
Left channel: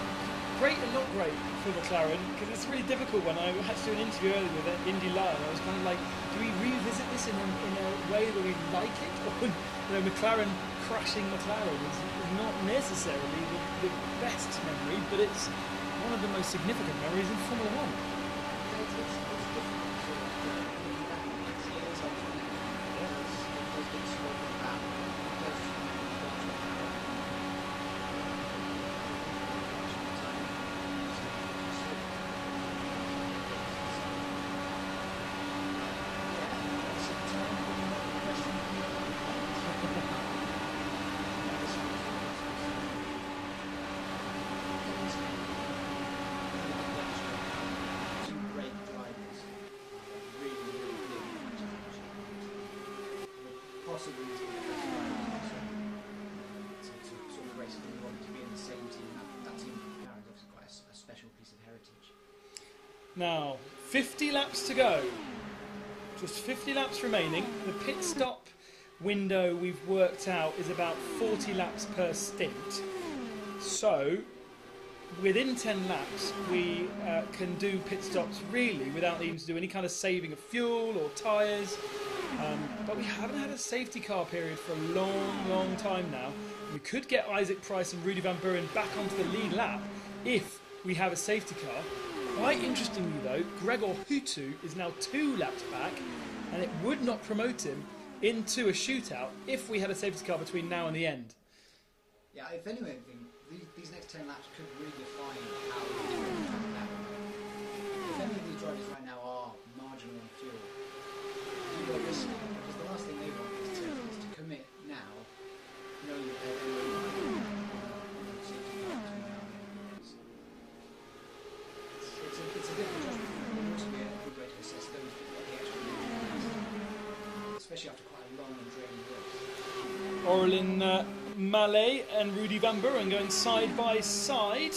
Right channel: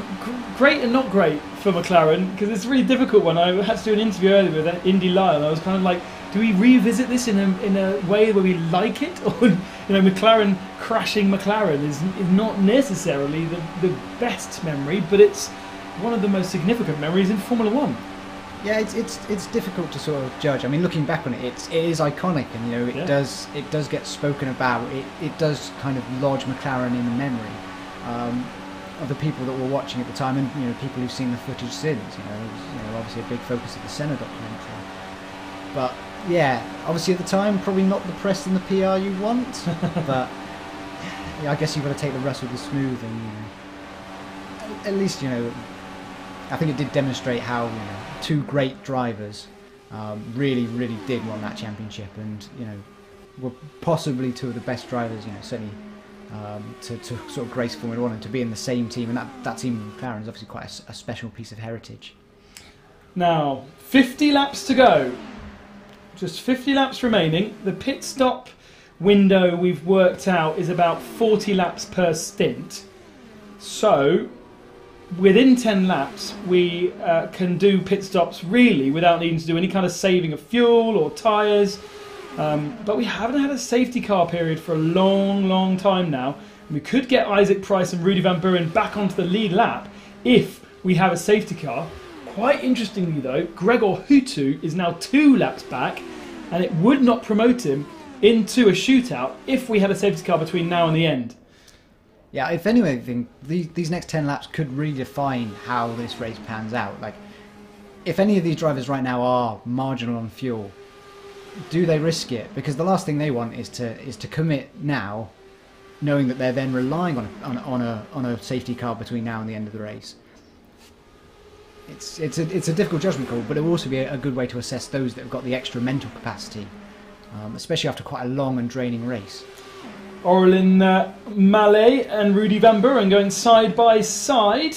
great and not great for McLaren, because it's a really difficult one. I had to do an interview earlier with Indy Live, and I was kind of like, do we revisit this in a way where we like it? Or, you know, McLaren crashing McLaren is not necessarily the best memory, but it's one of the most significant memories in Formula One. Yeah, it's difficult to sort of judge. I mean, looking back on it, it is iconic, and, you know, it does get spoken about. It does kind of lodge McLaren in memory of the people that were watching at the time, and, you know, people who've seen the footage since. You know, obviously a big focus of the Senna documentary. But yeah, obviously at the time, probably not the press and the PR you want. But yeah, I guess you've got to take the rest with the smooth, and, you know, at least, you know, I think it did demonstrate how, you know, two great drivers really did win that championship, and, you know, were possibly two of the best drivers, you know, certainly to sort of grace Formula One, and to be in the same team, and that team in McLaren is obviously quite a special piece of heritage. Now, 50 laps to go. Just 50 laps remaining. The pit stop window we've worked out is about 40 laps per stint. So, within 10 laps, we can do pit stops really without needing to do any kind of saving of fuel or tyres. But we haven't had a safety car period for a long time now. We could get Isaac Price and Rudy Van Buren back onto the lead lap if we have a safety car. Quite interestingly though, Gregor Hutu is now 2 laps back, and it would not promote him into a shootout if we had a safety car between now and the end. Yeah, if anything, these next 10 laps could really define how this race pans out. Like, if any of these drivers right now are marginal on fuel, do they risk it? Because the last thing they want is to commit now, knowing that they're then relying on a safety car between now and the end of the race. It's a difficult judgment call, but it will also be a good way to assess those that have got the extra mental capacity, especially after quite a long and draining race. Aurélien Mallet and Rudy Van Buren going side by side.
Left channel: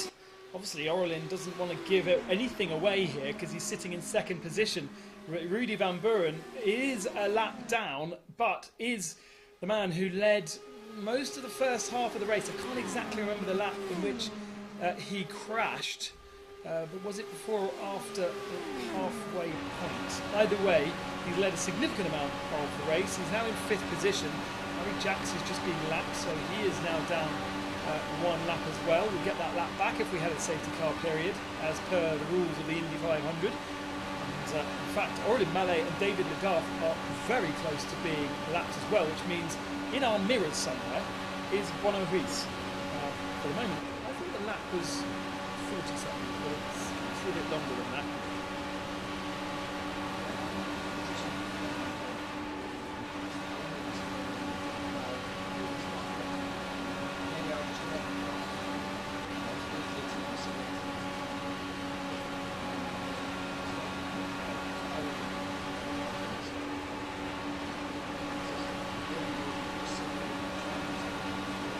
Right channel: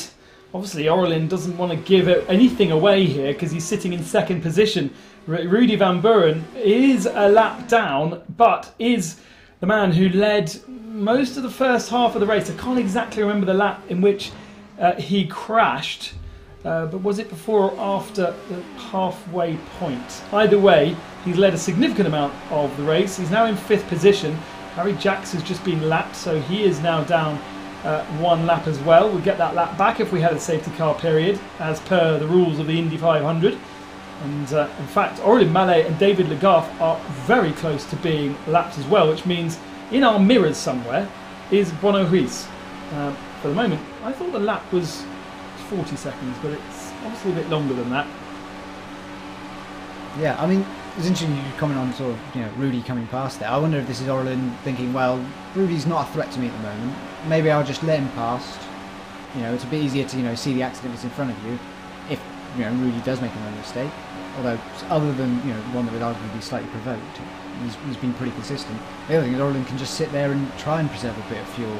Obviously, Aurélien doesn't want to give anything away here because he's sitting in second position. Rudy Van Buren is a lap down, but is the man who led most of the first half of the race. I can't exactly remember the lap in which he crashed. but was it before or after the halfway point? Either way, he's led a significant amount of the race. He's now in 5th position. Harry Jacks has just been lapped, so he is now down 1 lap as well. We'll get that lap back if we had a safety car period, as per the rules of the Indy 500. And in fact, Aurélien Mallet and David Legault are very close to being lapped as well, which means in our mirrors somewhere is Bono Ruiz. For the moment, I thought the lap was 40 seconds, but it's obviously a bit longer than that. Yeah, I mean, it's interesting you comment on sort of, Rudy coming past there. I wonder if this is Aurélien thinking, well, Rudy's not a threat to me at the moment. Maybe I'll just let him past. It's a bit easier to, see the accident that's in front of you if, Rudy does make another mistake. Although, other than, one that would arguably be slightly provoked, he's been pretty consistent. The other thing is Aurélien can just sit there and try and preserve a bit of fuel.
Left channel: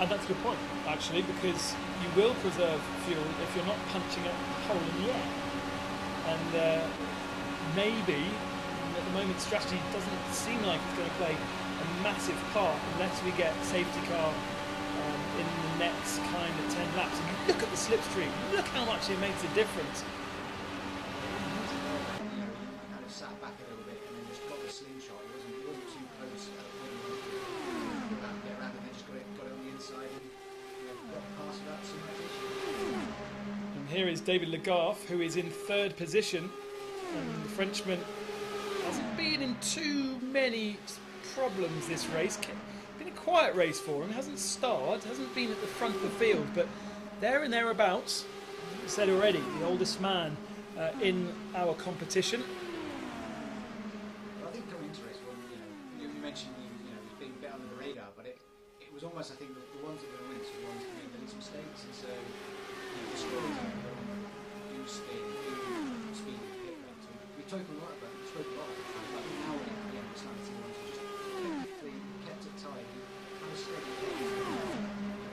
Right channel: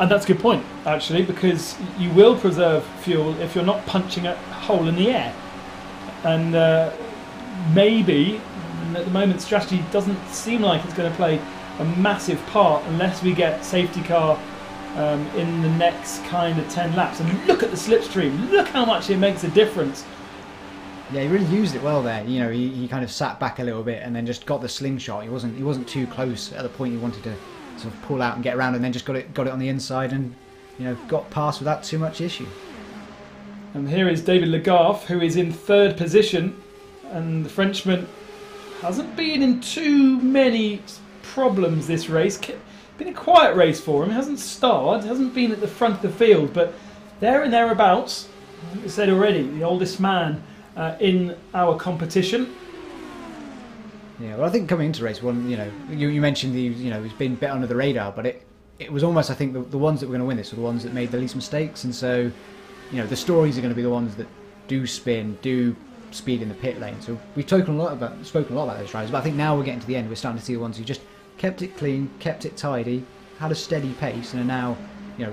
And that's a good point, actually, because you will preserve fuel if you're not punching a hole in the air. And maybe, at the moment, strategy doesn't seem like it's going to play a massive part unless we get safety car in the next kind of 10 laps. I mean, look at the slipstream. Look how much it makes a difference. Yeah, he really used it well there. He kind of sat back a little bit and then just got the slingshot. He wasn't too close at the point he wanted to pull out and get around, and then just got it on the inside and got past without too much issue. And here is David Legault, who is in 3rd position, and the Frenchman hasn't been in too many problems this race. Been a quiet race for him. Hasn't starred, hasn't been at the front of the field, but there and thereabouts. As I said already, the oldest man in our competition. Yeah, well, I think coming into race one, you mentioned he's been a bit under the radar, but it was almost, I think, the ones that were going to win this were the ones that made the least mistakes, and so, the stories are going to be the ones that do spin, do speed in the pit lane. So we've spoken a lot about those drivers, but I think now we're getting to the end, we're starting to see the ones who just kept it clean, kept it tidy, had a steady pace, and are now,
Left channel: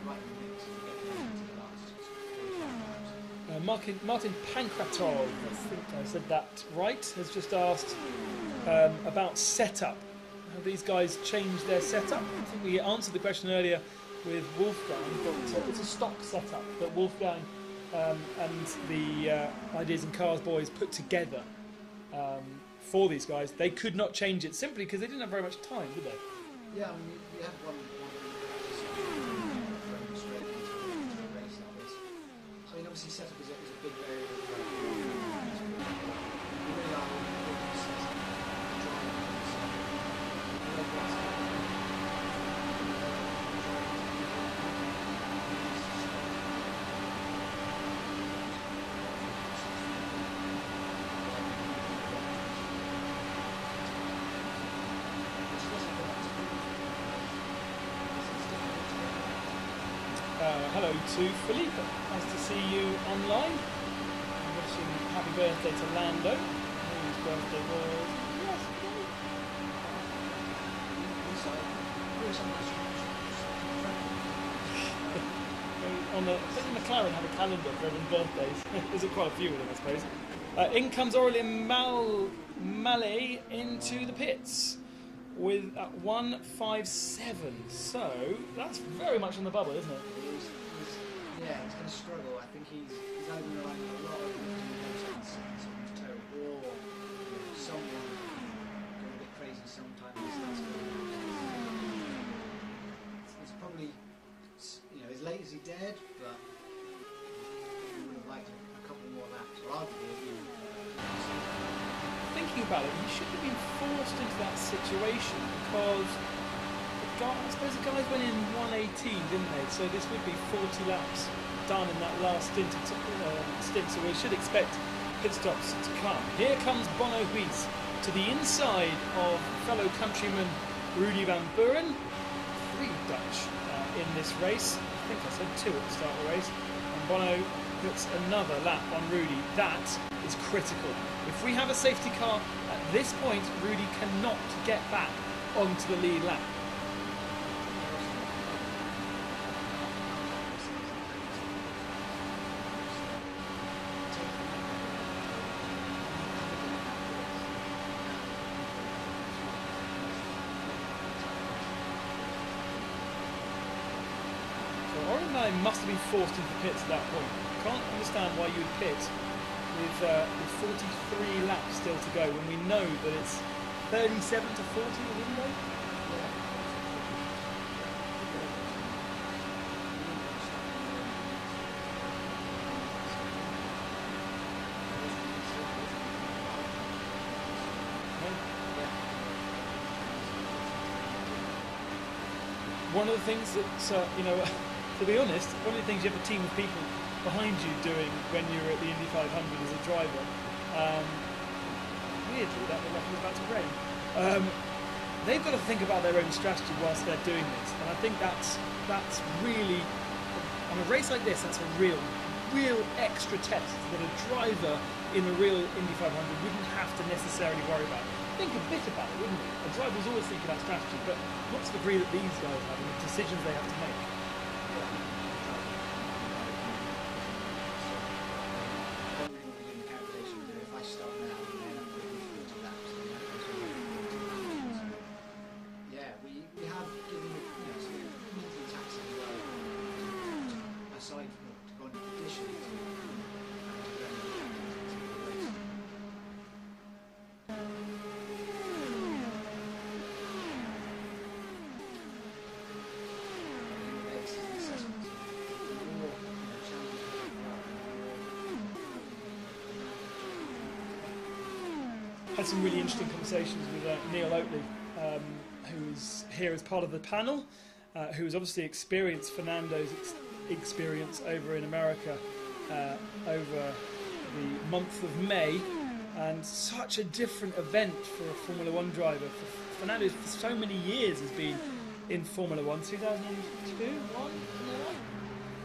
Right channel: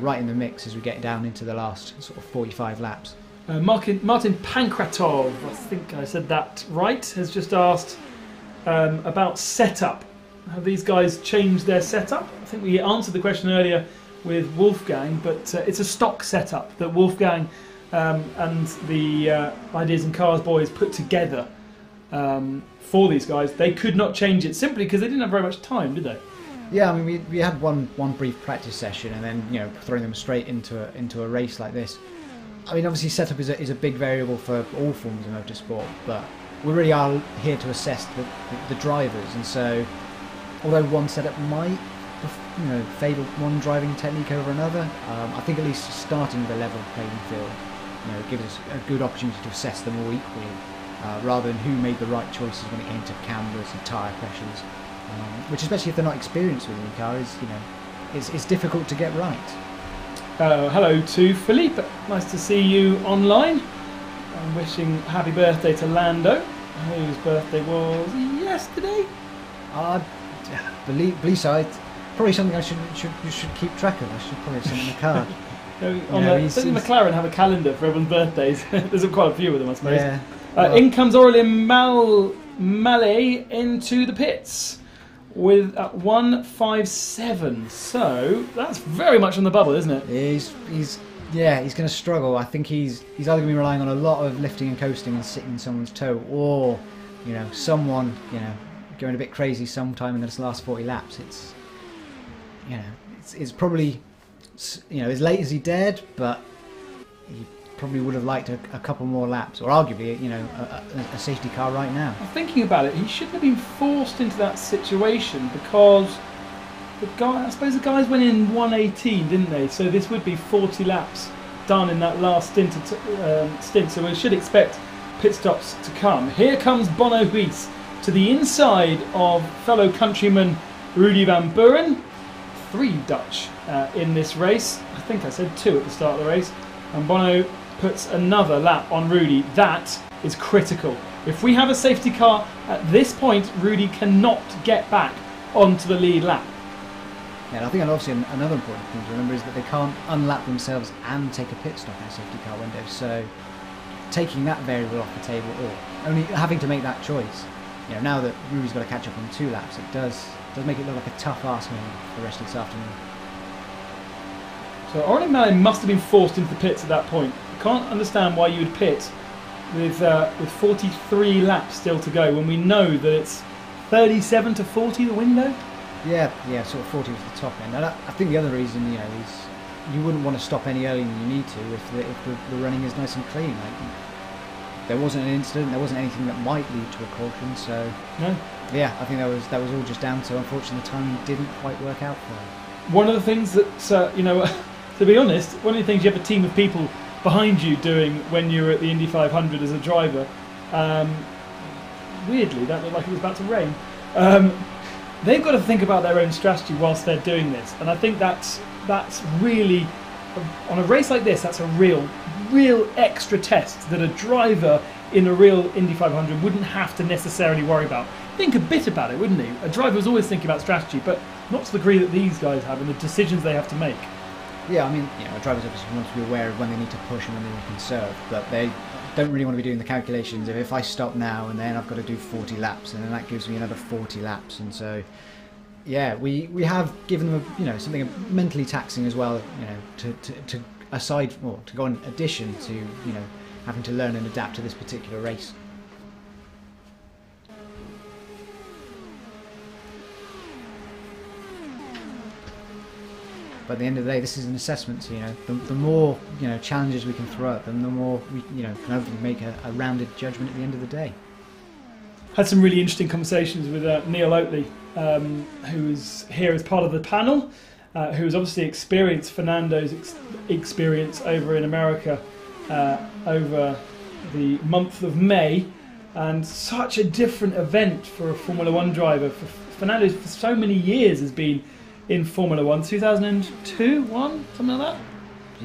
right in the mix as we get down into the last sort of 45 laps. Martin Pankratov, I think I said that right, has just asked about setup. Have these guys changed their setup? I think we answered the question earlier with Wolfgang, but it's a stock setup that Wolfgang and the Ideas and Cars boys put together for these guys. They could not change it simply because they didn't have very much time, did they? Yeah, I mean, we had one brief practice session, and then throwing them straight into a race like this. I mean, obviously setup is a big variable for all forms of motorsport, but we really are here to assess the drivers, and so although one setup might favour one driving technique over another, I think at least starting with a level playing field gives us a good opportunity to assess them all equally, rather than who made the right choices when it came to cameras and tyre pressures, which, especially if they're not experienced with IndyCar, is difficult to get right. Hello to Philippe, nice to see you online. I'm wishing happy birthday to Lando, whose birthday was yesterday. Blue side, probably something you should keep track of. I should probably send you a card. Doesn't McLaren have a calendar for everyone's birthdays? There's quite a few of them, I suppose. Yeah. In comes Aurélien Mallet into the pits with 1:57. So that's very much on the bubble, isn't it? He's going to struggle. I think he's either going to be relying on a lot of lifting and coasting and sitting in someone's toe, or someone going a bit crazy sometime in this last 40 laps. It's probably as late as he dared, but he probably would have liked a couple more laps, or arguably a safety car right now. Thinking about it, he shouldn't have been forced into that situation because I suppose the guys went in 1:18, didn't they? So this would be 40 laps done in that last stint. So we should expect pit stops to come. Here comes Bono Ruiz to the inside of fellow countryman Rudy van Buren. 3 Dutch in this race. I think I said 2 at the start of the race. And Bono puts another lap on Rudy. That is critical. If we have a safety car at this point, Rudy cannot get back onto the lead lap. Yeah, I think obviously another important thing to remember is that they can't unlap themselves and take a pit stop in the safety car window. So taking that variable off the table, or only having to make that choice. Now that Rudy's got to catch up on 2 laps, it does make it look like a tough ask for the rest of this afternoon. So Aurélien Mallet must have been forced into the pits at that point, can't understand why you would pit with 43 laps still to go when we know that it's 37 to 40 the window. Yeah, sort of 40 to the top end. And I think the other reason, is you wouldn't want to stop any earlier than you need to if the running is nice and clean. There wasn't an incident, there wasn't anything that might lead to a caution, so No. yeah, I think that was all just down to, unfortunately, the timing didn't quite work out for them. One of the things that to be honest, one of the things you have a team of people behind you doing when you were at the Indy 500 as a driver, weirdly that looked like it was about to rain. They've got to think about their own strategy whilst they're doing this, and I think that's really, on a race like this, that's a real extra test that a driver in a real Indy 500 wouldn't have to necessarily worry about. Think a bit about it, wouldn't he? A driver's always thinking about strategy, but not to the degree that these guys have and the decisions they have to make. Yeah, I mean, drivers obviously want to be aware of when they need to push and when they need to conserve, but they don't really want to be doing the calculations of if I stop now and then I've got to do 40 laps and then that gives me another 40 laps, and so yeah, we have given them something mentally taxing as well, to aside, or to go in addition to having to learn and adapt to this particular race. But at the end of the day, this is an assessment. The more challenges we can throw at them, the more we can hopefully make a rounded judgment at the end of the day. Had some really interesting conversations with Neil Oatley, who's here as part of the panel, who's obviously experienced Fernando's experience over in America over the month of May, and such a different event for a Formula One driver. Fernando for so many years has been in Formula One, 2002, something like that.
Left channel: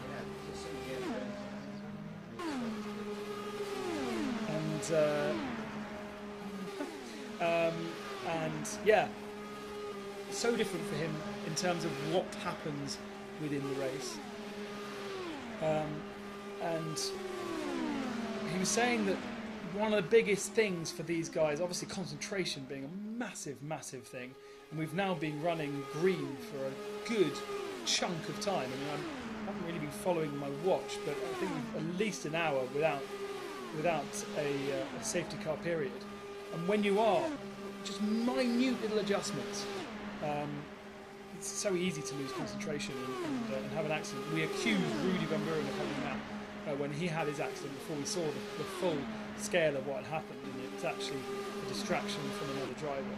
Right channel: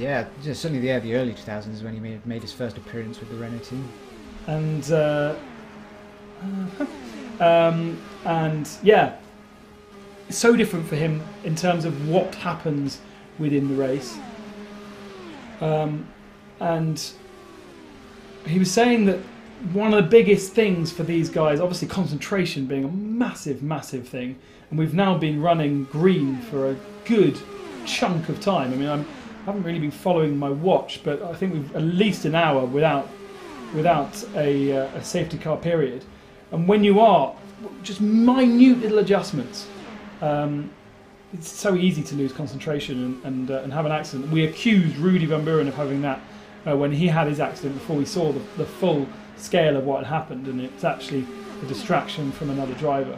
Yeah, certainly the early 2000s when he made his first appearance with the Renault team. And yeah, it's so different for him in terms of what happens within the race. And he was saying that one of the biggest things for these guys, obviously concentration being a massive thing, and we've now been running green for a good chunk of time. I mean, I haven't really been following my watch, but I think we've at least an hour without a safety car period. And when you are just minute little adjustments, it's so easy to lose concentration and have an accident. We accused Rudy Van Buren of having that when he had his accident before we saw the full scale of what had happened, and it's actually a distraction from another driver.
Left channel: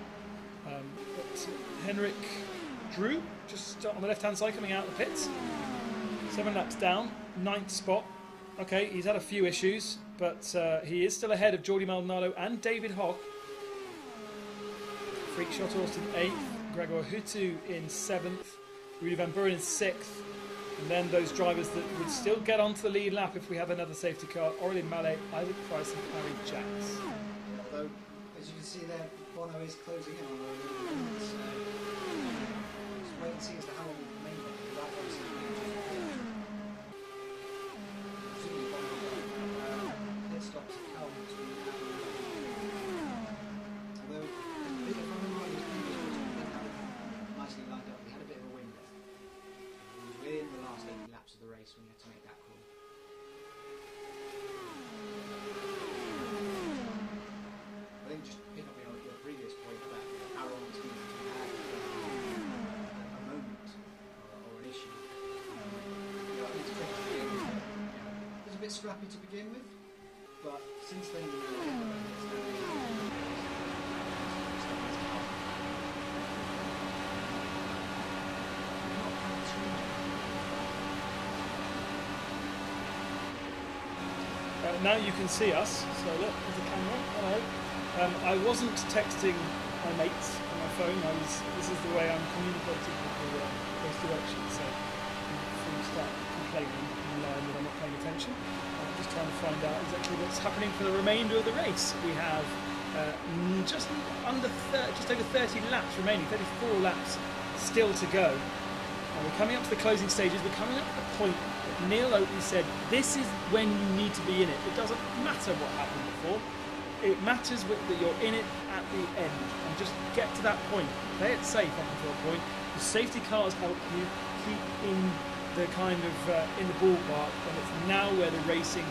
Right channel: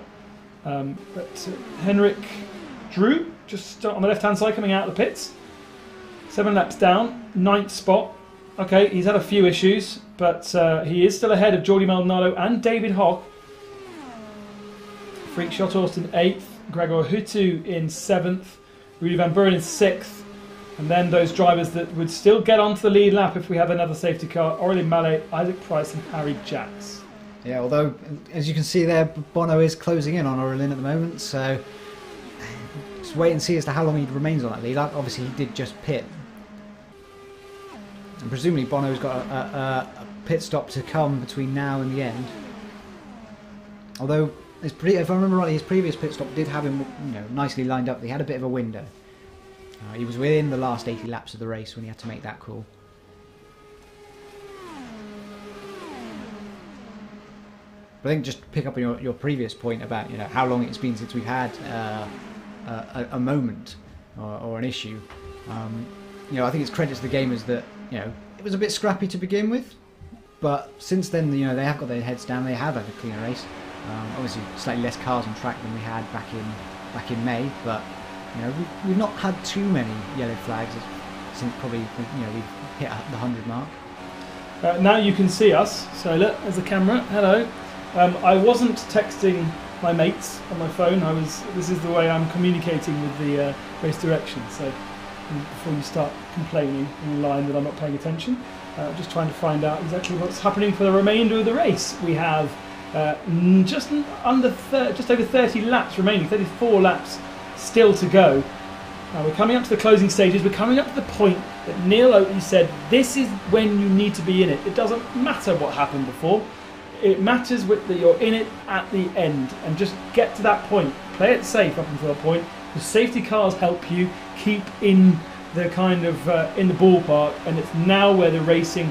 But Henrik Drew, just on the left-hand side, coming out of the pits. 7 laps down, 9th spot. Okay, he's had a few issues, but he is still ahead of Jordi Maldonado and David Hock. Freak Shot Austin 8th, Gregor Hutu in 7th, Rudy Van Buren in 6th, and then those drivers that would still get onto the lead lap if we have another safety car: Aurélien Mallet, Isaac Price and Harry Jacks. Yeah, although, as you can see there, Bono is closing in on Aurélien at the moment, so just wait and see as to how long he remains on that lead. Obviously, he did just pit. And presumably, Bono's got a pit stop to come between now and the end. Although, if I remember rightly, his previous pit stop did have him nicely lined up. He had a bit of a window. He was within the last 80 laps of the race when he had to make that call. I think just to pick up on your previous point about how long it's been since we've had a moment or an issue. I think it's credit to the gamers that it was a bit scrappy to begin with, but since then they have got their heads down. They have had a clean race. Obviously, slightly less cars on track than we had back in May, but we've not had too many yellow flags since probably we've hit the 100 mark. Now you can see us. So look, there's a camera. Hello. I wasn't texting my mates on my phone. This is the way I'm communicating with the race direction. So before you start complaining online that I'm not paying attention, just trying to find out exactly what's happening for the remainder of the race. We have just over 30 laps remaining, 34 laps still to go. We're coming up to the closing stages. We're coming up to the point that Neil Oatley said this is when you need to be in it. It doesn't matter what happened before. It matters that you're in it at the end, and just get to that point. Play it safe up until that point. The safety cars help you keep in they're kind of in the ballpark, and it's now where the racing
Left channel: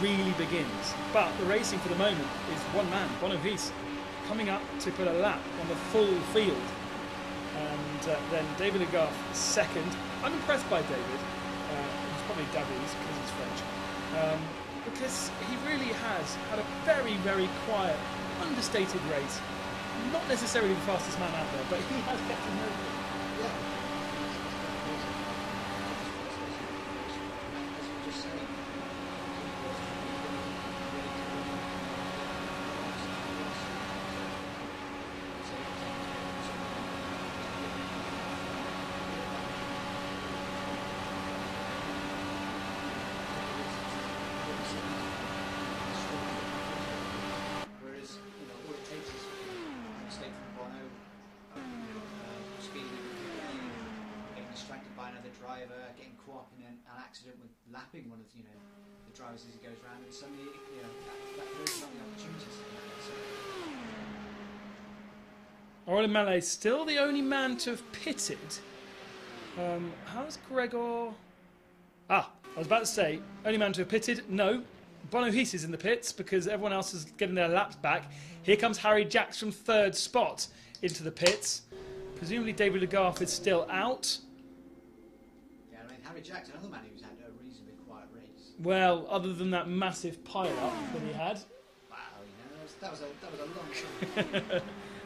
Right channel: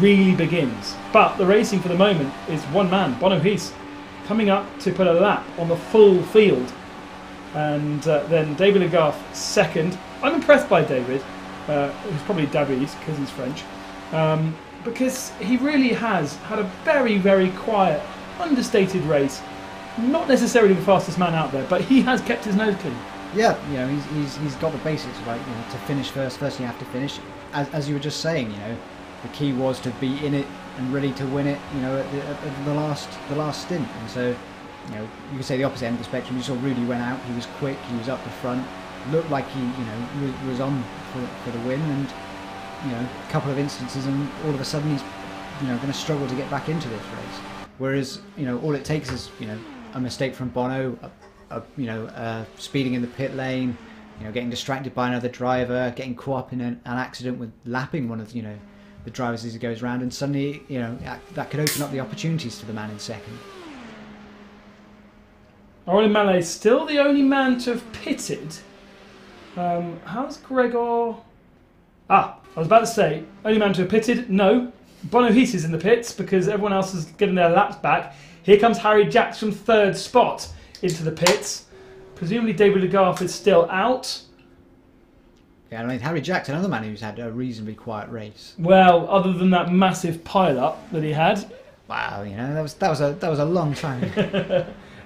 really begins. But the racing for the moment is one man, Bono Hiss, coming up to put a lap on the full field. And then David Legarth second. I'm impressed by David. He's probably Davies because he's French. Because he really has had a very, very quiet, understated race. Not necessarily the fastest man out there, but he has kept his nose clean. Yeah, you know, he's got the basics right. You know, to finish first you have to finish. As you were just saying, you know, the key was to be in it and ready to win it. You know, at the last stint. And so, you know, you could say the opposite end of the spectrum. You saw Rudy went out. He was quick. He was up the front. Looked like he, you know, was on for the win. And you know, a couple of instances, and all of a sudden he's, you know, going to struggle to get back into this race. Whereas, you know, all it takes is, you know, a mistake from Bono, you know, speeding in the pit lane, you know, getting distracted by another driver, getting caught up in an accident with lapping one of, you know, the drivers as he goes round, and suddenly, you know, that could open up the opportunities to the man in second. Aurélien Mallet still the only man to have pitted. How's Gregor? I was about to say, only man to have pitted. No, Bono Hiss is in the pits because everyone else is getting their laps back. Here comes Harry Jacks from third spot into the pits. Presumably David Legarth is still out. Yeah, I mean, Harry Jacks, another man who's had a reasonably quiet race. Well, other than that massive pile-up that he had. Wow, you know, that was a long time.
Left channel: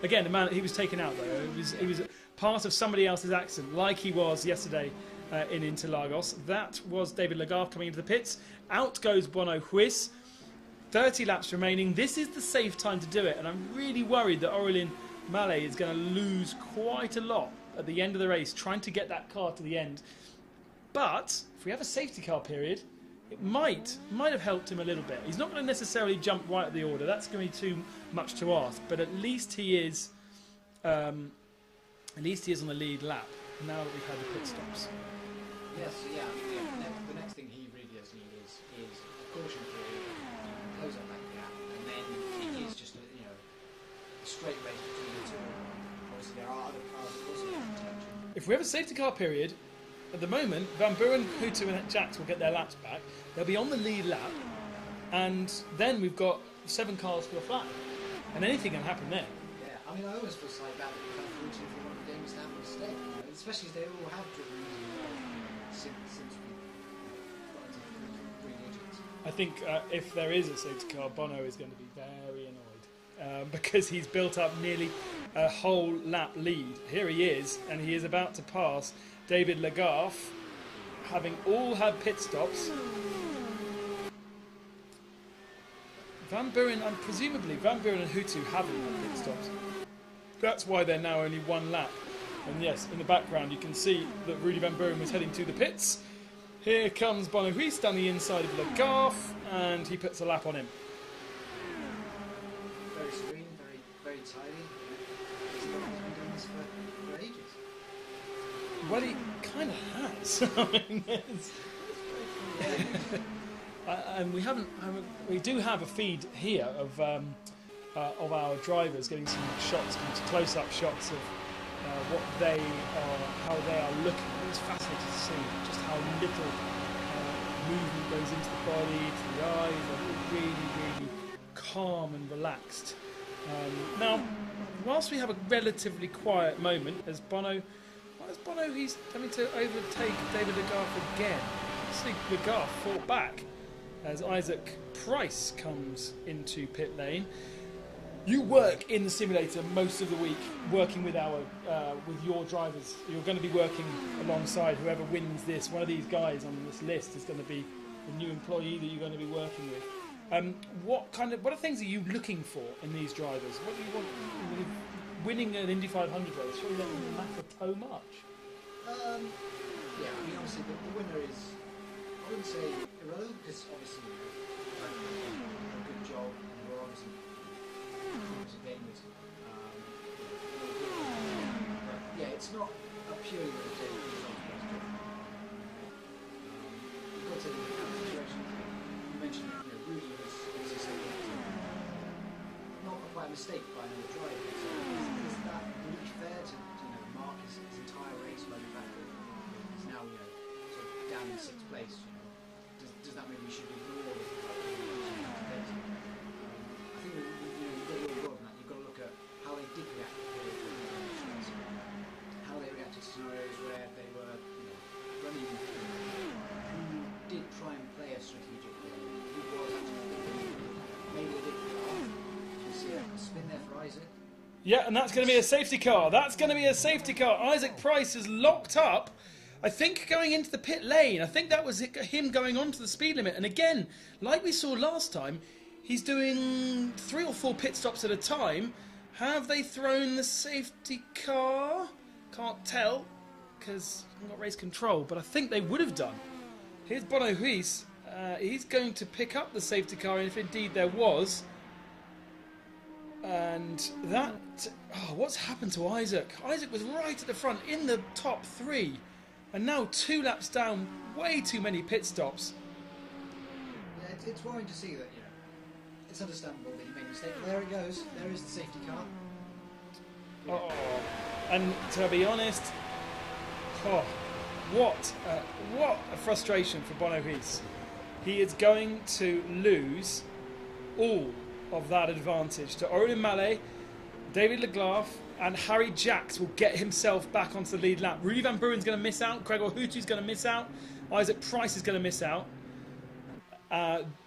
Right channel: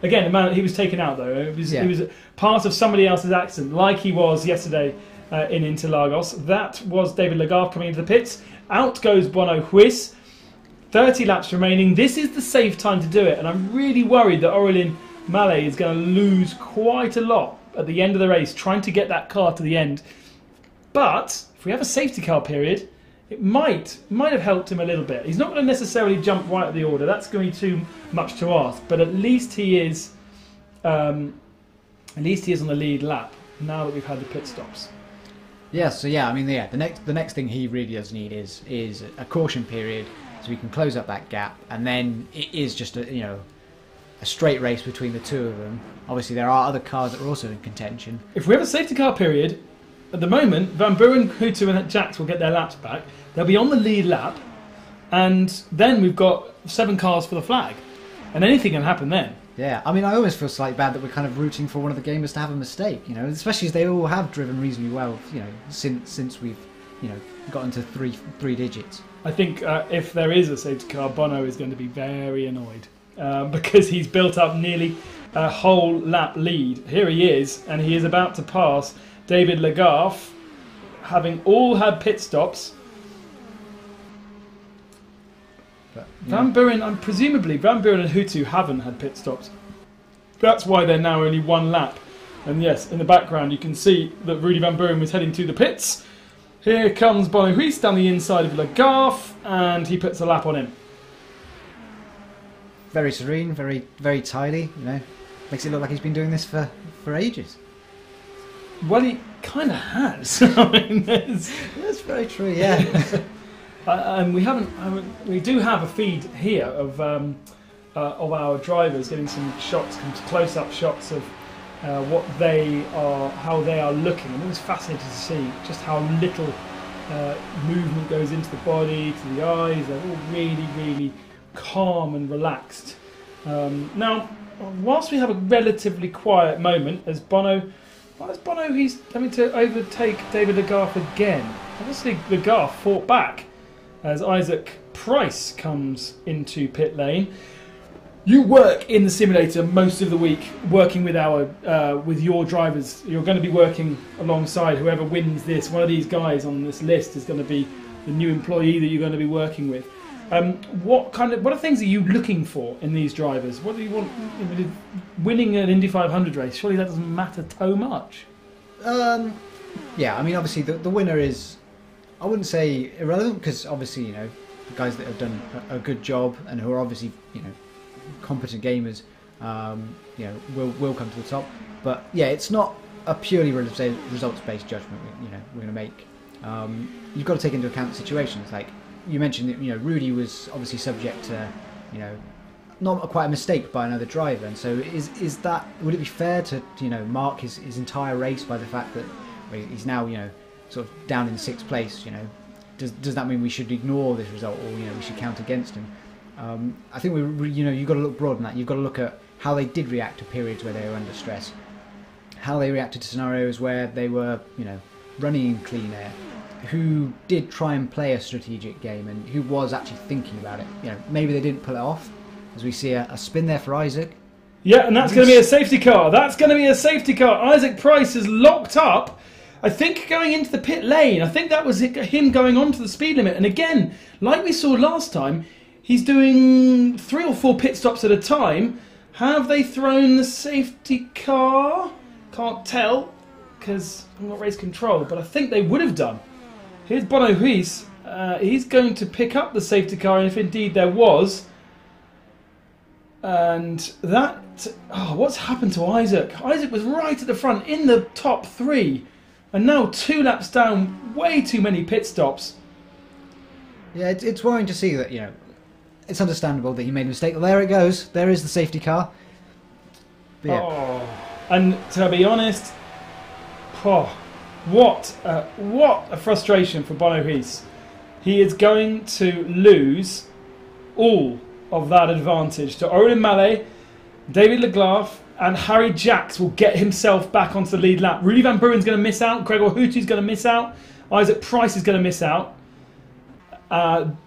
Again, the man, he was taken out though. He was part of somebody else's accident, like he was yesterday in Interlagos. That was David Legarth coming into the pits. Out goes Bono Hiss. 30 laps remaining. This is the safe time to do it, and I'm really worried that Aurélien Mallet is going to lose quite a lot at the end of the race trying to get that car to the end. But if we have a safety car period, it might have helped him a little bit. He's not going to necessarily jump right at the order. That's going to be too much to ask. But at least he is on the lead lap now that we've had the pit stops. Yeah, so yeah, I mean, yeah, the next thing he really does need is a caution period so we can close up that gap, and then it is just a straight race between the two of them. Obviously, there are other cars that are also in contention. If we have a safety car period, at the moment, Van Buren, Hutu and Jacks will get their laps back. They'll be on the lead lap, and then we've got 7 cars for the flag, and anything can happen then. Yeah, I mean, I always feel slightly bad that we're kind of rooting for one of the gamers to have a mistake, you know, especially as they all have driven reasonably well, you know, since we've, you know, got into three digits. I think if there is a safety car, Bono is going to be very annoyed because he's built up nearly a whole lap lead. Here he is, and he is about to pass David Legarth, having all had pit stops. Van Buren, presumably Van Buren and Hutu haven't had pit stops. That's why they're now only 1 lap. And yes, in the background you can see that Rudy Van Buren was heading to the pits. Here comes Bono Hiss down the inside of Legarth, and he puts a lap on him. Very serene, very, very tidy, you know. Makes it look like he's been doing this for ages. Well, he kind of has. I mean, that's very true, yeah. And we do have a feed here of our drivers getting some shots, close-up shots of what they are, how they are looking. It was fascinating to see just how little movement goes into the body, to the eyes. They're all really, really calm and relaxed. Now, whilst we have a relatively quiet moment, as Bono, he's having to overtake David Legarth again. Obviously, Legarth fought back as Isaac Price comes into pit lane. You work in the simulator most of the week, working with with your drivers. You're going to be working alongside whoever wins this. One of these guys on this list is going to be the new employee that you're going to be working with. What things are you looking for in these drivers? What do you want? Winning an Indy 500 race, surely that doesn't matter so much. Yeah, I mean, obviously the winner is, I wouldn't say irrelevant, because obviously, you know, the guys that have done a good job and who are obviously, you know, competent gamers, you know, will come to the top. But yeah, it's not a purely results-based judgment that, you know, we're going to make. You've got to take into account situations. Like you mentioned, that, you know, Rudy was obviously subject to, you know, not quite a mistake by another driver. And so is that, would it be fair to, you know, mark his entire race by the fact that he's now, you know, sort of down in 6th place, you know, does that mean we should ignore this result, or you know, we should count against him? I think you know, you've got to look broad than that. You've got to look at how they did react to periods where they were under stress, how they reacted to scenarios where they were, you know, running in clean air, who did try and play a strategic game and who was actually thinking about it. You know, maybe they didn't pull it off, as we see a spin there for Isaac. Yeah, and that's going to be a safety car. That's going to be a safety car. Isaac Price is locked up, I think, going into the pit lane. I think that was him going on to the speed limit. And again, like we saw last time, he's doing 3 or 4 pit stops at a time. Have they thrown the safety car? Can't tell, because I'm not race control, but I think they would have done. Here's Bono Huis. He's going to pick up the safety car, if indeed there was. And that... Oh, what's happened to Isaac? Isaac was right at the front, in the top 3. And now 2 laps down, way too many pit stops. Yeah, it's worrying to see that, you know, it's understandable that he made a mistake. Well, there it goes. There is the safety car. But yeah. Oh, and to be honest, what a frustration for Bono Huis. He is going to lose all of that advantage to Aurélien Mallet, David Legault, and Harry Jacks will get himself back onto the lead lap. Rudy Van Buren's going to miss out. Gregor Houty's going to miss out. Isaac Price is going to miss out.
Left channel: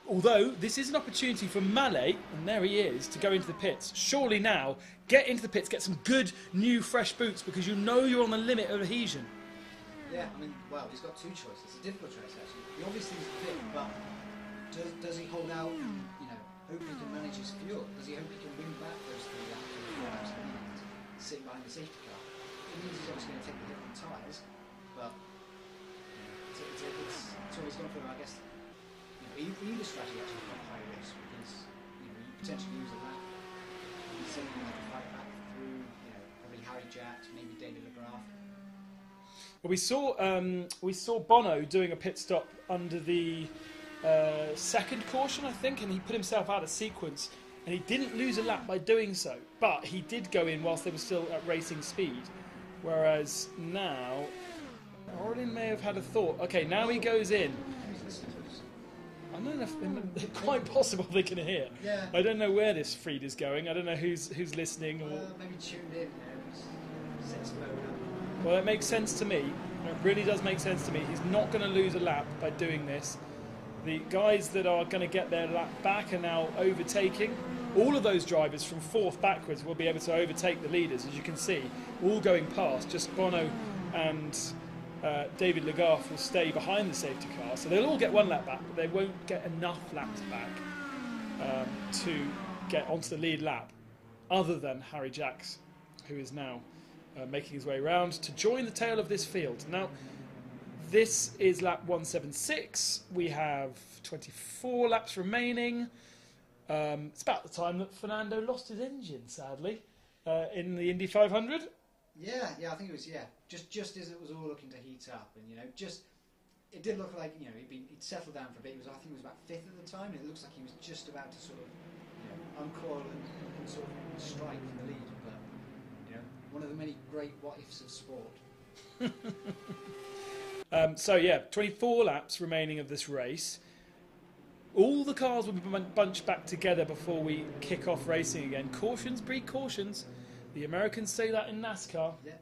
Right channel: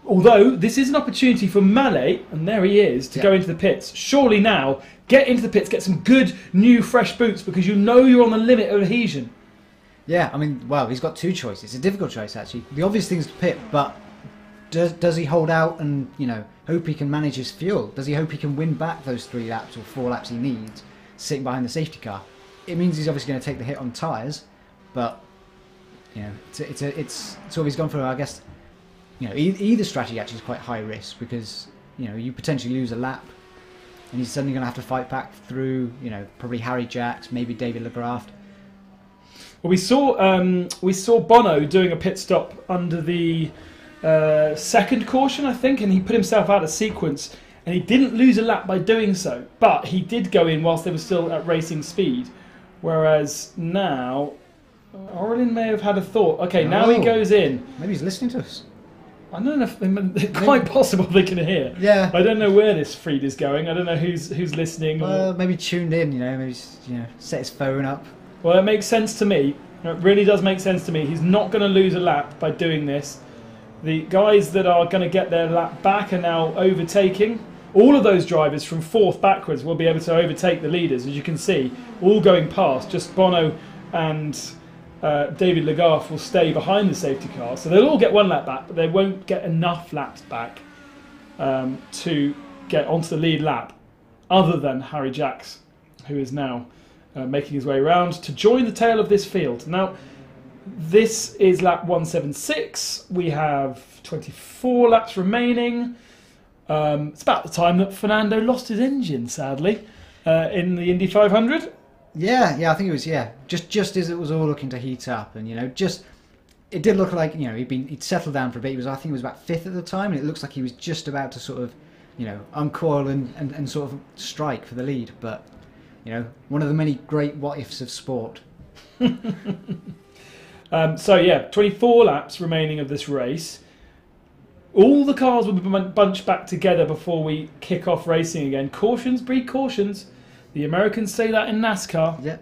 Although this is an opportunity for Mallet, and there he is, to go into the pits. Surely now, get into the pits, get some good, new, fresh boots, because you know you're on the limit of adhesion. Yeah, I mean, well, he's got 2 choices. It's a difficult choice, actually. The obvious thing is to pit, but does he hold out and, you know, hope he can manage his fuel? Does he hope he can win back those 3 laps or 4 laps he needs, sitting behind the safety car? It means he's obviously going to take the hit on tyres, but, you know, it's always gone for, I guess, you know, either strategy actually is quite high risk, because, you know, you potentially lose a lap and he's suddenly going to have to fight back through, you know, probably Harry Jacks, maybe David Legault. Well, we saw Bono doing a pit stop under the 2nd caution, I think, and he put himself out of sequence, and he didn't lose a lap by doing so, but he did go in whilst they were still at racing speed, whereas now Aurélien may have had a thought. Okay, now he goes in. Maybe he's listening to us. I don't know if it's quite possible they can hear. Yeah. I don't know where this feed is going. I don't know who's listening. Maybe tuned in, you know, maybe set his phone up. Well, it makes sense to me. It really does make sense to me. He's not going to lose a lap by doing this. The guys that are going to get their lap back are now overtaking. All of those drivers from 4th backwards will be able to overtake the leaders, as you can see, all going past. Just Bono and David Legault will stay behind the safety car, so they'll all get 1 lap back, but they won't get enough laps back to get onto the lead lap, other than Harry Jacks, who is now making his way around to join the tail of this field. Now, this is lap 176. We have 24 laps remaining. It's about the time that Fernando lost his engine, sadly, in the Indy 500. Yeah, I think it was, just as it was all looking to heat up, and, you know, it did look like, you know, he'd settled down for a bit. I think he was about 5th at the time, and it looks like he was just about to sort of, you know, uncoil and sort of strike for the lead, but, you know, one of the many great what-ifs of sport. So, yeah, 24 laps remaining of this race. All the cars will be bunched back together before we kick off racing again. Cautions breed cautions. The Americans say that in NASCAR. Yeah.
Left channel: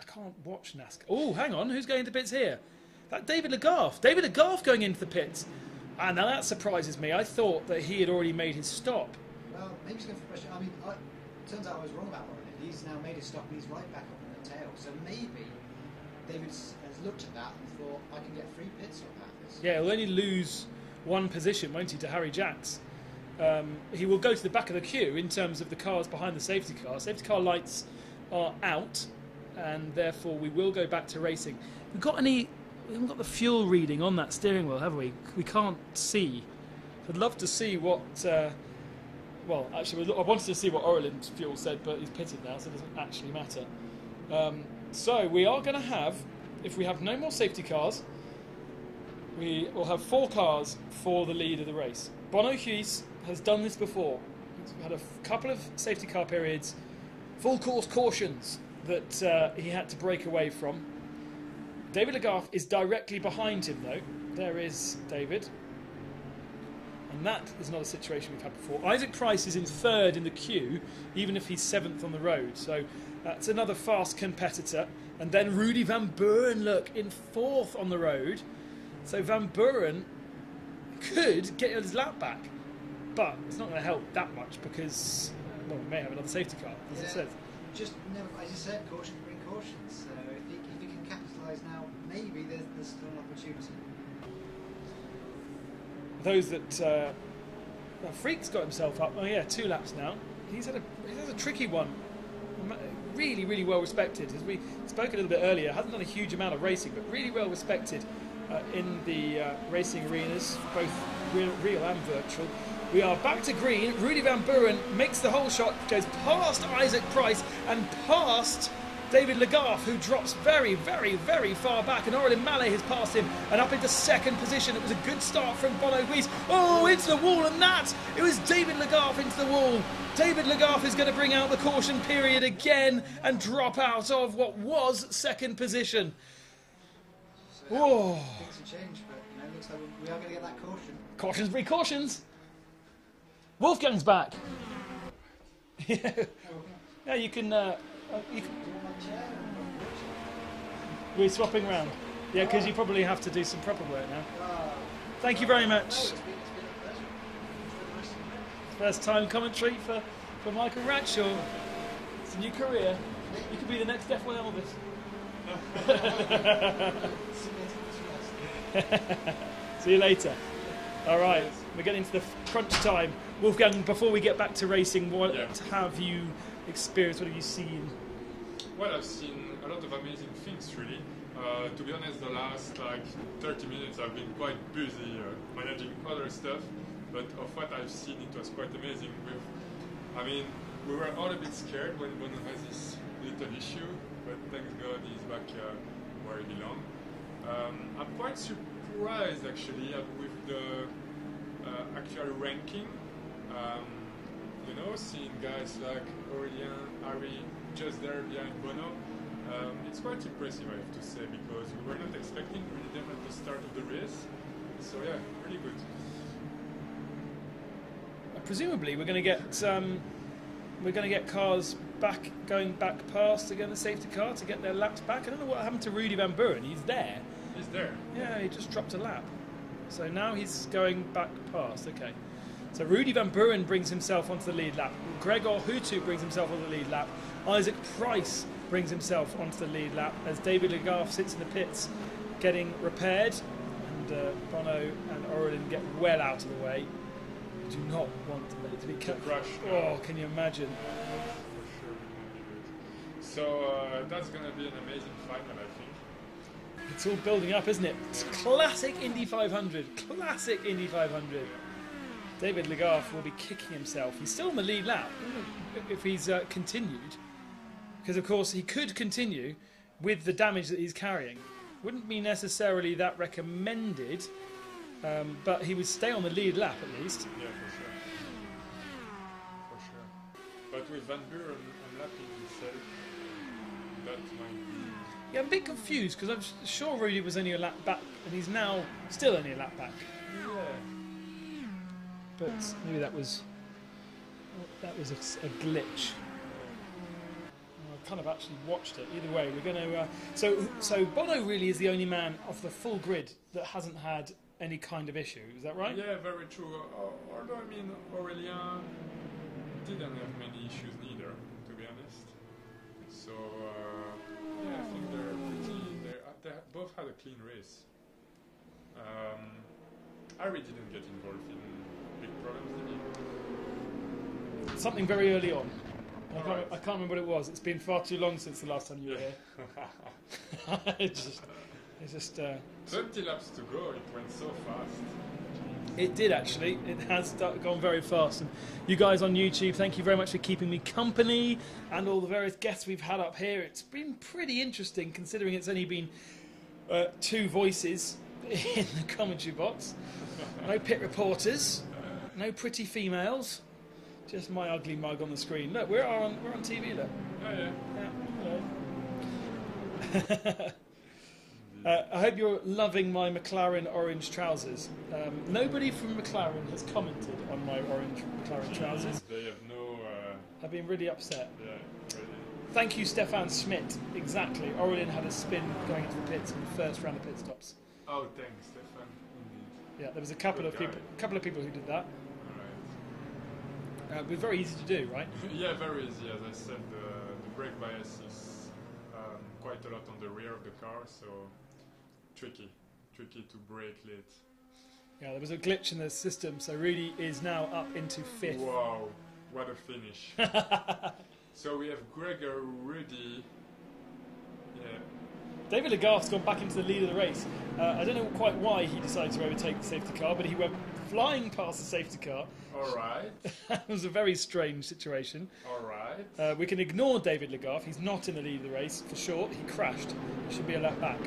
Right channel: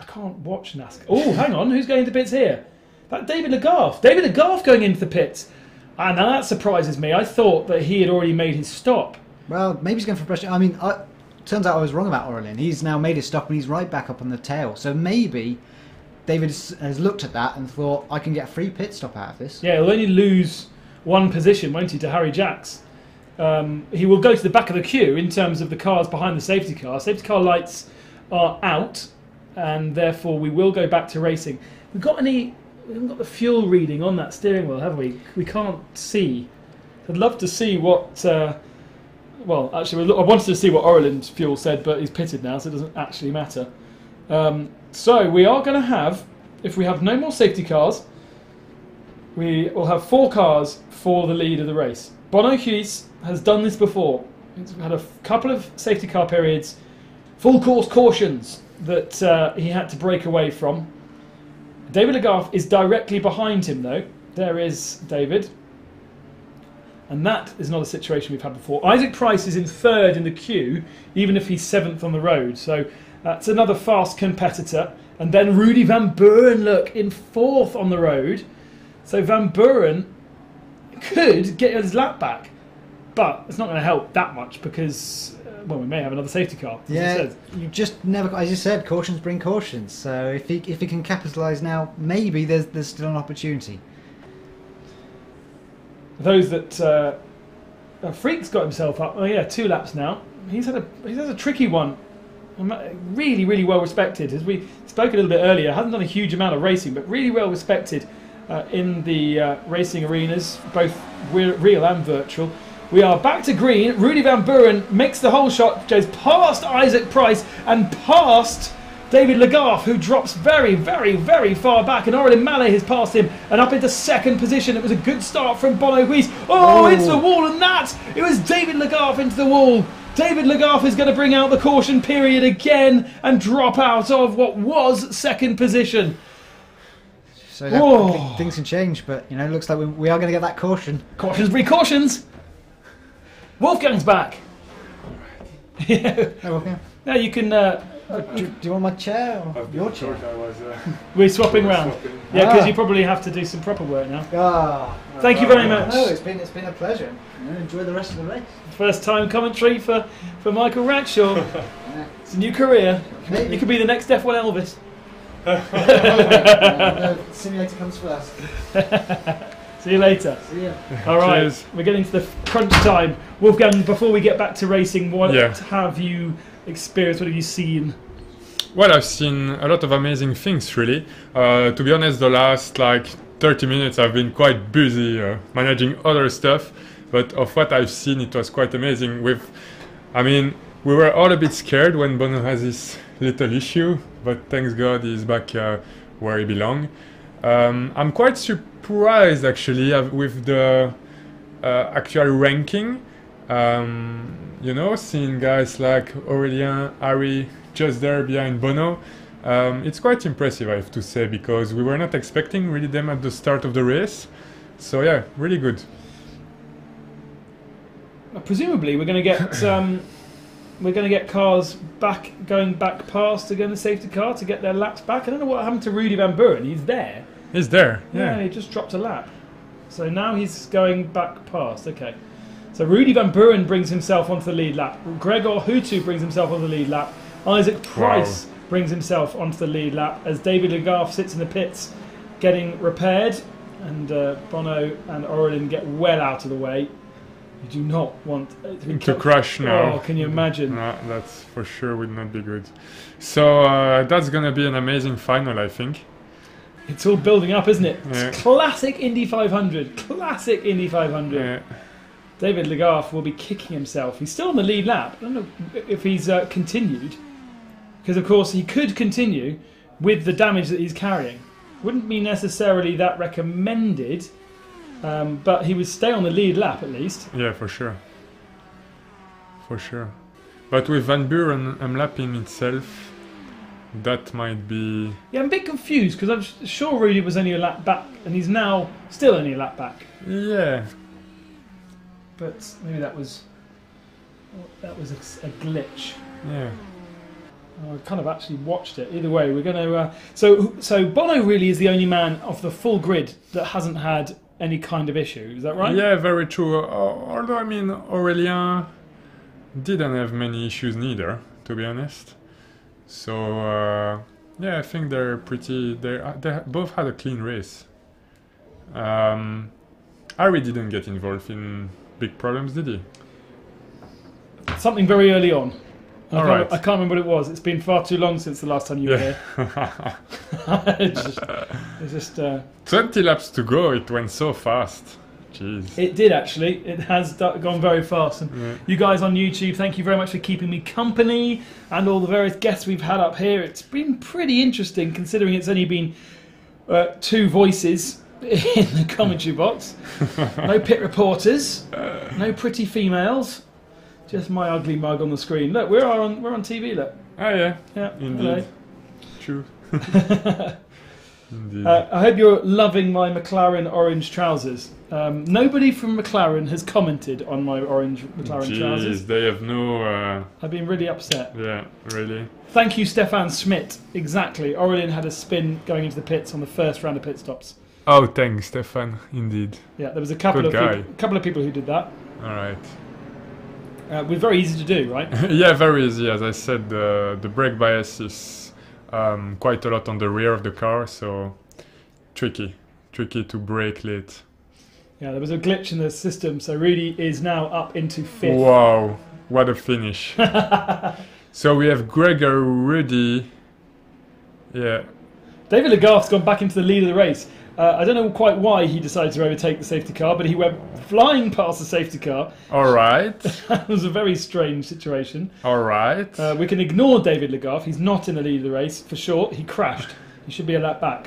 I can't watch NASCAR. Oh, hang on. Who's going to pits here? That David Legault. David Legault going into the pits. And now that surprises me. I thought that he had already made his stop. Well, maybe he's going for pressure. I mean, turns out I was wrong about Aurélien. He's now made his stop and he's right back up on the tail. So maybe David has looked at that and thought, I can get a free pit stop out of this. Yeah, he'll only lose 1 position, won't he, to Harry Jacks. He will go to the back of the queue in terms of the cars behind the safety car. Safety car lights are out, and therefore we will go back to racing. We haven't got the fuel reading on that steering wheel, have we? We can't see. I'd love to see what... well, actually, I wanted to see what Aurélien's fuel said, but he's pitted now, so it doesn't actually matter. So we are going to have, if we have no more safety cars, we will have 4 cars for the lead of the race. Bono Huis has done this before. He's had a couple of safety car periods, full course cautions that he had to break away from. David Legarth is directly behind him, though. There is David. And that is not a situation we've had before. Isaac Price is in third in the queue, even if he's 7th on the road. So that's another fast competitor. And then Rudy Van Buren, look, in 4th on the road. So Van Buren could get his lap back. But it's not going to help that much because, well, we may have another safety car. Yeah, you just never, as you said, cautions bring cautions. So if he can capitalise now, maybe there's still an opportunity. Those that Freak's got himself up. Oh yeah, 2 laps now. He's had a tricky one. Really, really well respected. As we spoke a little bit earlier, hasn't done a huge amount of racing, but really well respected in the racing arenas, both real and virtual. We are back to green. Rudy Van Buren makes the whole shot, goes past Isaac Price and past David Legarth, who drops very, very, very far back, and Aurelien Mallet has passed him and up into 2nd position. It was a good start from Bono Guise. Oh, into the wall, and that it was David Legarth into the wall. David Legarth is going to bring out the caution period again and drop out of what was 2nd position. So that, things can change, but you know, it looks like we are going to get that caution. Cautions breed cautions. Wolfgang's back. Yeah. Hey, Wolfgang. Yeah, you can. Do you want my chair or your chair? We're swapping round. Yeah, because you probably have to do some proper work now. Thank you very much. No, it's been a pleasure. Enjoy the rest of the race. First time commentary for Michael Ragshaw. It's a new career. Maybe. You could be the next F1 Elvis. No, simulator comes first. See you later. See ya. All right, Cheers. we're getting to the crunch time. Wolfgang, before we get back to racing, what Yeah. have you experienced? What have you seen? Well, I've seen a lot of amazing things, really. To be honest, the last 30 minutes I've been quite busy managing other stuff, but of what I've seen, it was quite amazing. We were all a bit scared when Bono has this little issue, but thanks God he's back where he belongs. I'm quite surprised, actually, with the actual ranking. Seeing guys like Aurelien, Harry, just there behind Bono. It's quite impressive, I have to say, because we were not expecting really them at the start of the race. So yeah, really good. Presumably, we're going to get cars going back past again, the safety car, to get their laps back. I don't know what happened to Rudy Van Buren. He's there. He's there. Yeah. He just dropped a lap. So now he's going back past. Okay. So Rudy Van Buren brings himself onto the lead lap. Gregor Hutu brings himself on the lead lap. Isaac Price brings himself onto the lead lap as David Legarth sits in the pits getting repaired, and Bono and Aurelien get well out of the way. You do not want to crash now. Oh, can you imagine? No, that's for sure would not be good. So that's gonna be an amazing final, I think. It's all building up, isn't it? Yeah. It's classic Indy 500. Classic Indy 500. Yeah. David Legarth will be kicking himself. He's still on the lead lap. I don't know if he's continued, because of course he could continue with the damage that he's carrying. Wouldn't be necessarily that recommended, but he would stay on the lead lap at least. Yeah, for sure. For sure. But with Van Buren lapping itself, that might be... Yeah, I'm a bit confused because I'm sure Rudy was only a lap back, and he's now still only a lap back. Yeah. But maybe that was a glitch. Yeah. I kind of actually watched it. Either way, we're going to... So Bono really is the only man of the full grid that hasn't had any kind of issue. Is that right? Yeah, very true. Although, Aurelien didn't have many issues neither, to be honest. So, yeah, I think they're pretty... They both had a clean race. Harry didn't get involved in big problems, did he? Something very early on. I can't remember what it was. It's been far too long since the last time you were here. it's just 20 laps to go. It went so fast. Jeez. It did actually. It has gone very fast. And you guys on YouTube, thank you very much for keeping me company, and all the various guests we've had up here. It's been pretty interesting considering it's only been 2 voices in the commentary box. No pit reporters, no pretty females. Just my ugly mug on the screen. Look, we're on TV. Look. Oh yeah. Yeah. Indeed. Hello. True. Indeed. I hope you're loving my McLaren orange trousers. Nobody from McLaren has commented on my orange McLaren trousers. Jeez, they have no... I've been really upset. yeah, really. Thank you, Stefan Schmidt. Exactly. Aurelien had a spin going into the pits on the first round of pit stops. Oh, thanks, Stefan. Indeed. Yeah, there was a couple of people who did that. All right. It was very easy to do, right? Yeah, very easy. As I said, the brake bias is quite a lot on the rear of the car, so tricky to brake late. Yeah, there was a glitch in the system, so Rudy is now up into 5th. Wow, what a finish. So we have Gregor, Rudy. Yeah. David Legault's gone back into the lead of the race. I don't know quite why he decided to overtake the safety car, but he went flying past the safety car. All right. That was a very strange situation. All right. We can ignore David Legault. He's not in the lead of the race, for sure. He crashed. He should be a lap back.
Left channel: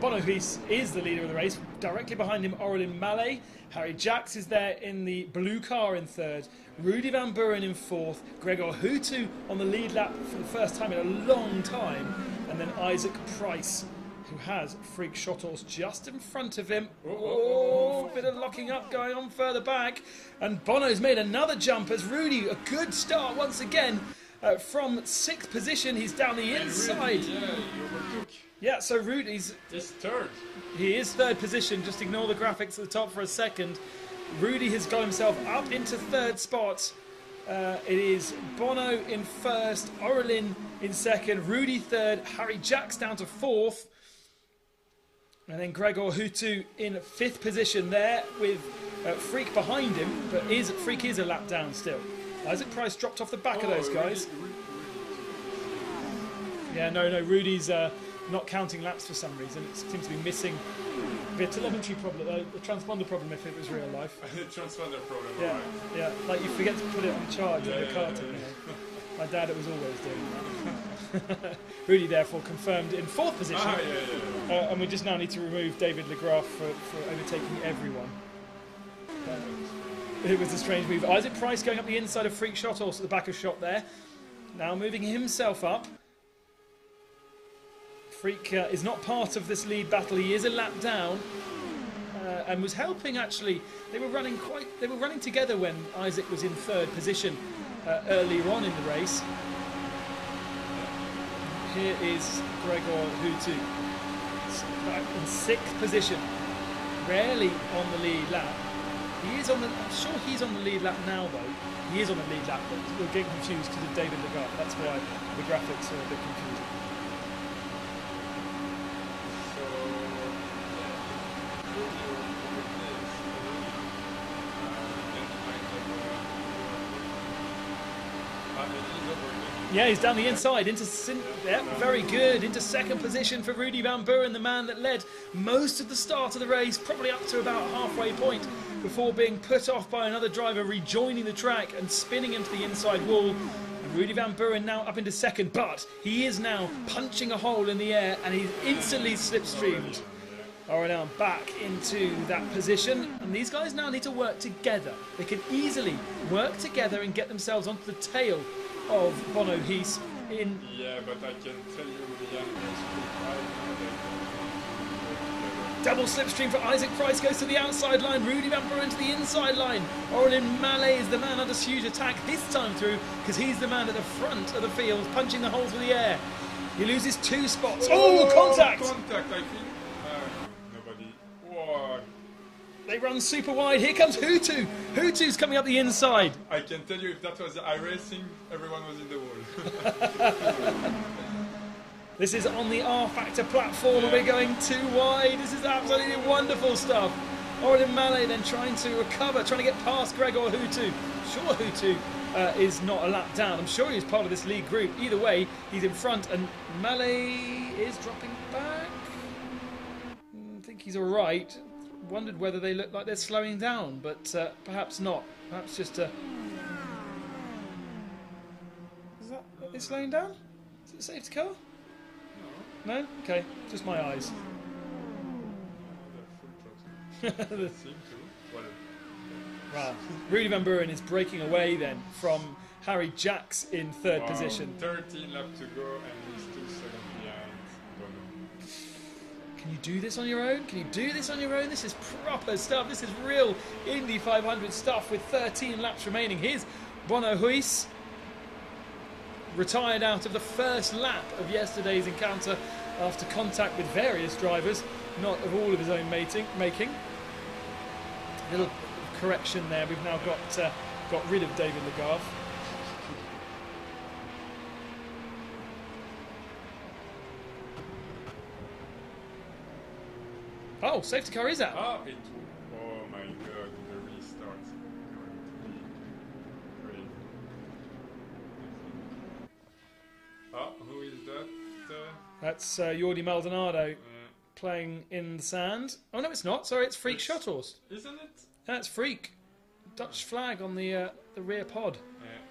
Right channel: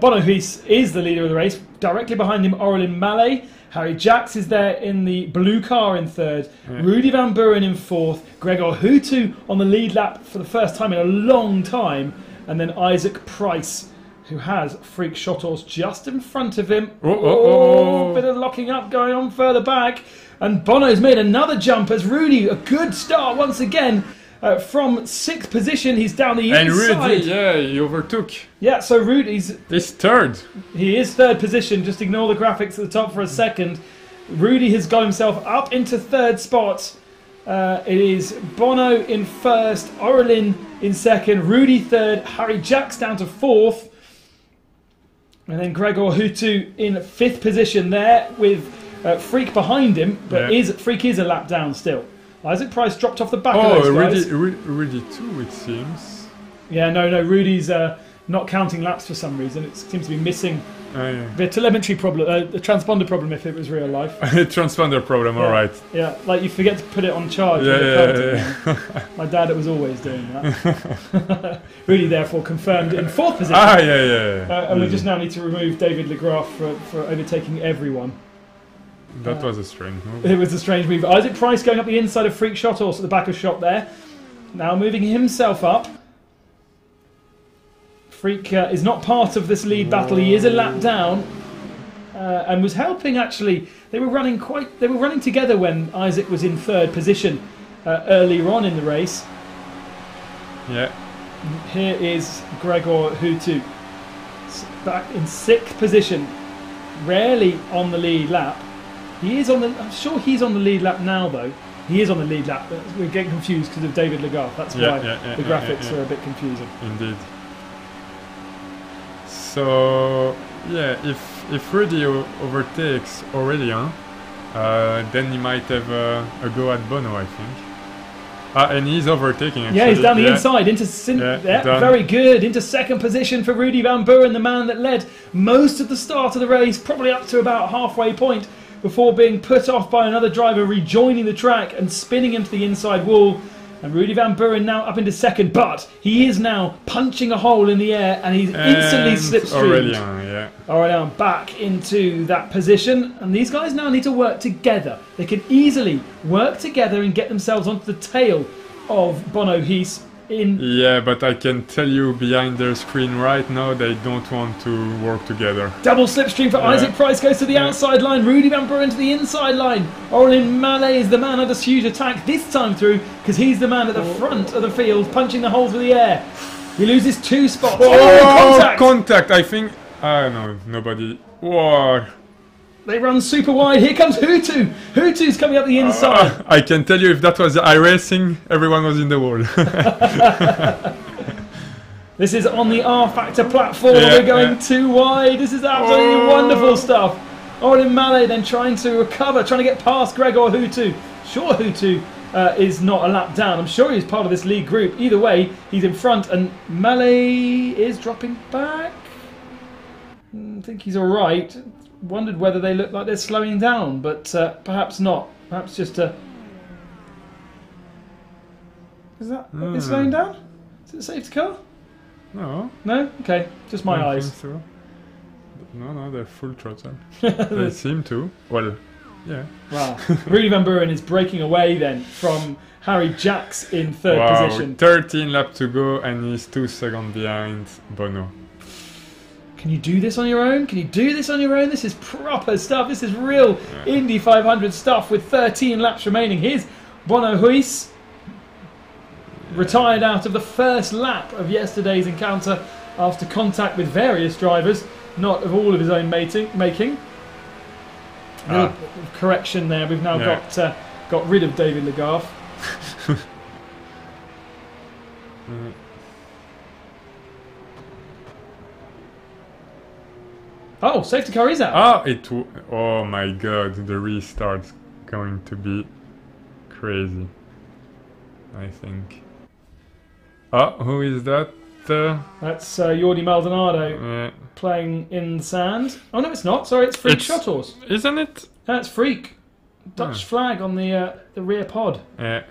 Bono Huys is the leader of the race. Directly behind him, Aurelien Mallet. Harry Jacks is there in the blue car in 3rd. Yeah. Rudy Van Buren in 4th. Gregor Hutu on the lead lap for the first time in a long time. And then Isaac Price, who has Freak Shottles just in front of him. Bit of locking up going on further back. And Bono's made another jump as Rudy, a good start once again. From 6th position, he's down the inside. And Rudy, yeah, he overtook. Yeah, so Rudy's... He's 3rd. He is 3rd position. Just ignore the graphics at the top for a second. Rudy has got himself up into 3rd spot. It is Bono in 1st, Aurelien in 2nd, Rudy 3rd, Harry Jacks down to 4th. And then Gregor Hutu in 5th position there with Freak behind him. But Freak is a lap down still. Isaac Price dropped off the back of those guys. Rudy too, it seems. Yeah, no, Rudy's not counting laps for some reason. It seems to be missing the telemetry problem, the transponder problem if it was real life. Transponder problem, alright. Yeah, like you forget to put it on charge. Yeah. My dad was always doing that. Rudy therefore confirmed in 4th position. And we just now need to remove David Legraff for overtaking everyone. That was a strange move. It was a strange move. Isaac Price going up the inside of Freak Shottles at the back of shop there. Now moving himself up. Freak is not part of this lead battle. He is a lap down and was helping actually. They were running together when Isaac was in 3rd position earlier on in the race. Yeah. Here is Gregor Hutu back in 6th position. Rarely on the lead lap. He is on the. I'm sure he's on the lead lap now, though. He is on the lead lap. We're getting confused because of David Legault. That's why the graphics are a bit confusing. Indeed. So yeah, if Rudy overtakes Aurelien, then he might have a go at Bono, I think. And he's overtaking. Actually. Yeah, he's down the inside into very good into 2nd position for Rudy Van Buren, the man that led most of the start of the race, probably up to about halfway point, before being put off by another driver rejoining the track and spinning into the inside wall. And Rudy Van Buren now up into 2nd, but he is now punching a hole in the air and he's instantly slipstreamed. Aurelien back into that position, and these guys now need to work together. They can easily work together and get themselves onto the tail of Bono Huys. Yeah, but I can tell you behind their screen right now they don't want to work together. Double slipstream for Isaac Price, goes to the outside line. Rudy Van Buren to the inside line. Aurelien Mallet is the man under huge attack this time through because he's the man at the front of the field punching the holes with the air. He loses 2 spots. Contact, I think. No, nobody. Whoa. They run super wide. Here comes Hutu. Hutu's coming up the inside. I can tell you if that was iRacing, everyone was in the wall. This is on the R-Factor platform. We're going too wide. This is absolutely wonderful stuff. Aurelien Mallet then trying to recover, trying to get past Gregor Hutu. Sure, Hutu is not a lap down. I'm sure he's part of this lead group. Either way, he's in front, and Mallet is dropping back. I think he's all right. Wondered whether they look like they're slowing down, but perhaps not. Perhaps just a... Is that is slowing down? Is it a safety car? No. No? Okay, just my eyes. So. No, they're full throttle. They seem to. Well, yeah. Wow. Rudy Van Buren is breaking away then from Harry Jacks in 3rd position. 13 laps to go and he's 2 seconds behind Bono. Can you do this on your own? Can you do this on your own? This is proper stuff. This is real Indy 500 stuff with 13 laps remaining. Here's Bono Huis, retired out of the first lap of yesterday's encounter after contact with various drivers, not of all of his own making. A little correction there. We've now got rid of David Legarth. Oh, safety car is out. Oh my god, the restart's going to be crazy, I think. Oh, who is that? That's Jordi Maldonado playing in the sand. Oh no, it's not. Sorry, it's Freak Shottles. Isn't it? That's Freak. Dutch flag on the rear pod. Yeah.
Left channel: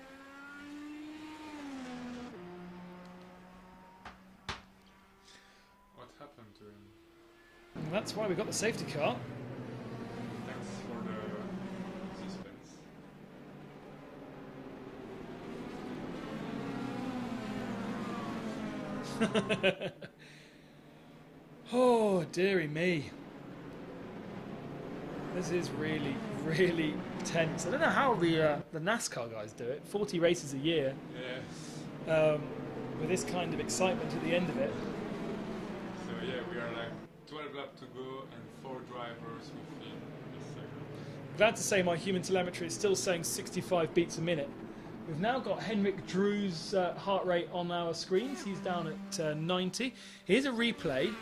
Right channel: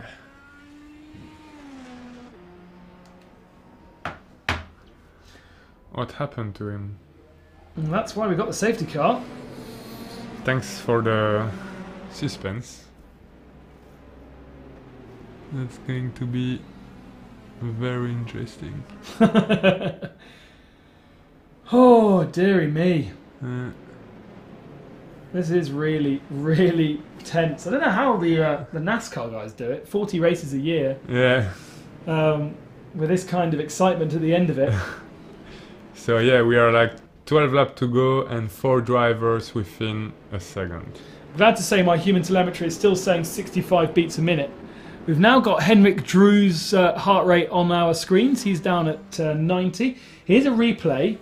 What happened to him? And that's why we got the safety car. Thanks for the suspense. That's going to be very interesting. Oh, dearie me. This is really, really tense. I don't know how the NASCAR guys do it. 40 races a year. Yeah. With this kind of excitement at the end of it. So yeah, we are like 12 laps to go and 4 drivers within a second. Glad to say my human telemetry is still saying 65 beats a minute. We've now got Henrik Drew's heart rate on our screens. He's down at 90. Here's a replay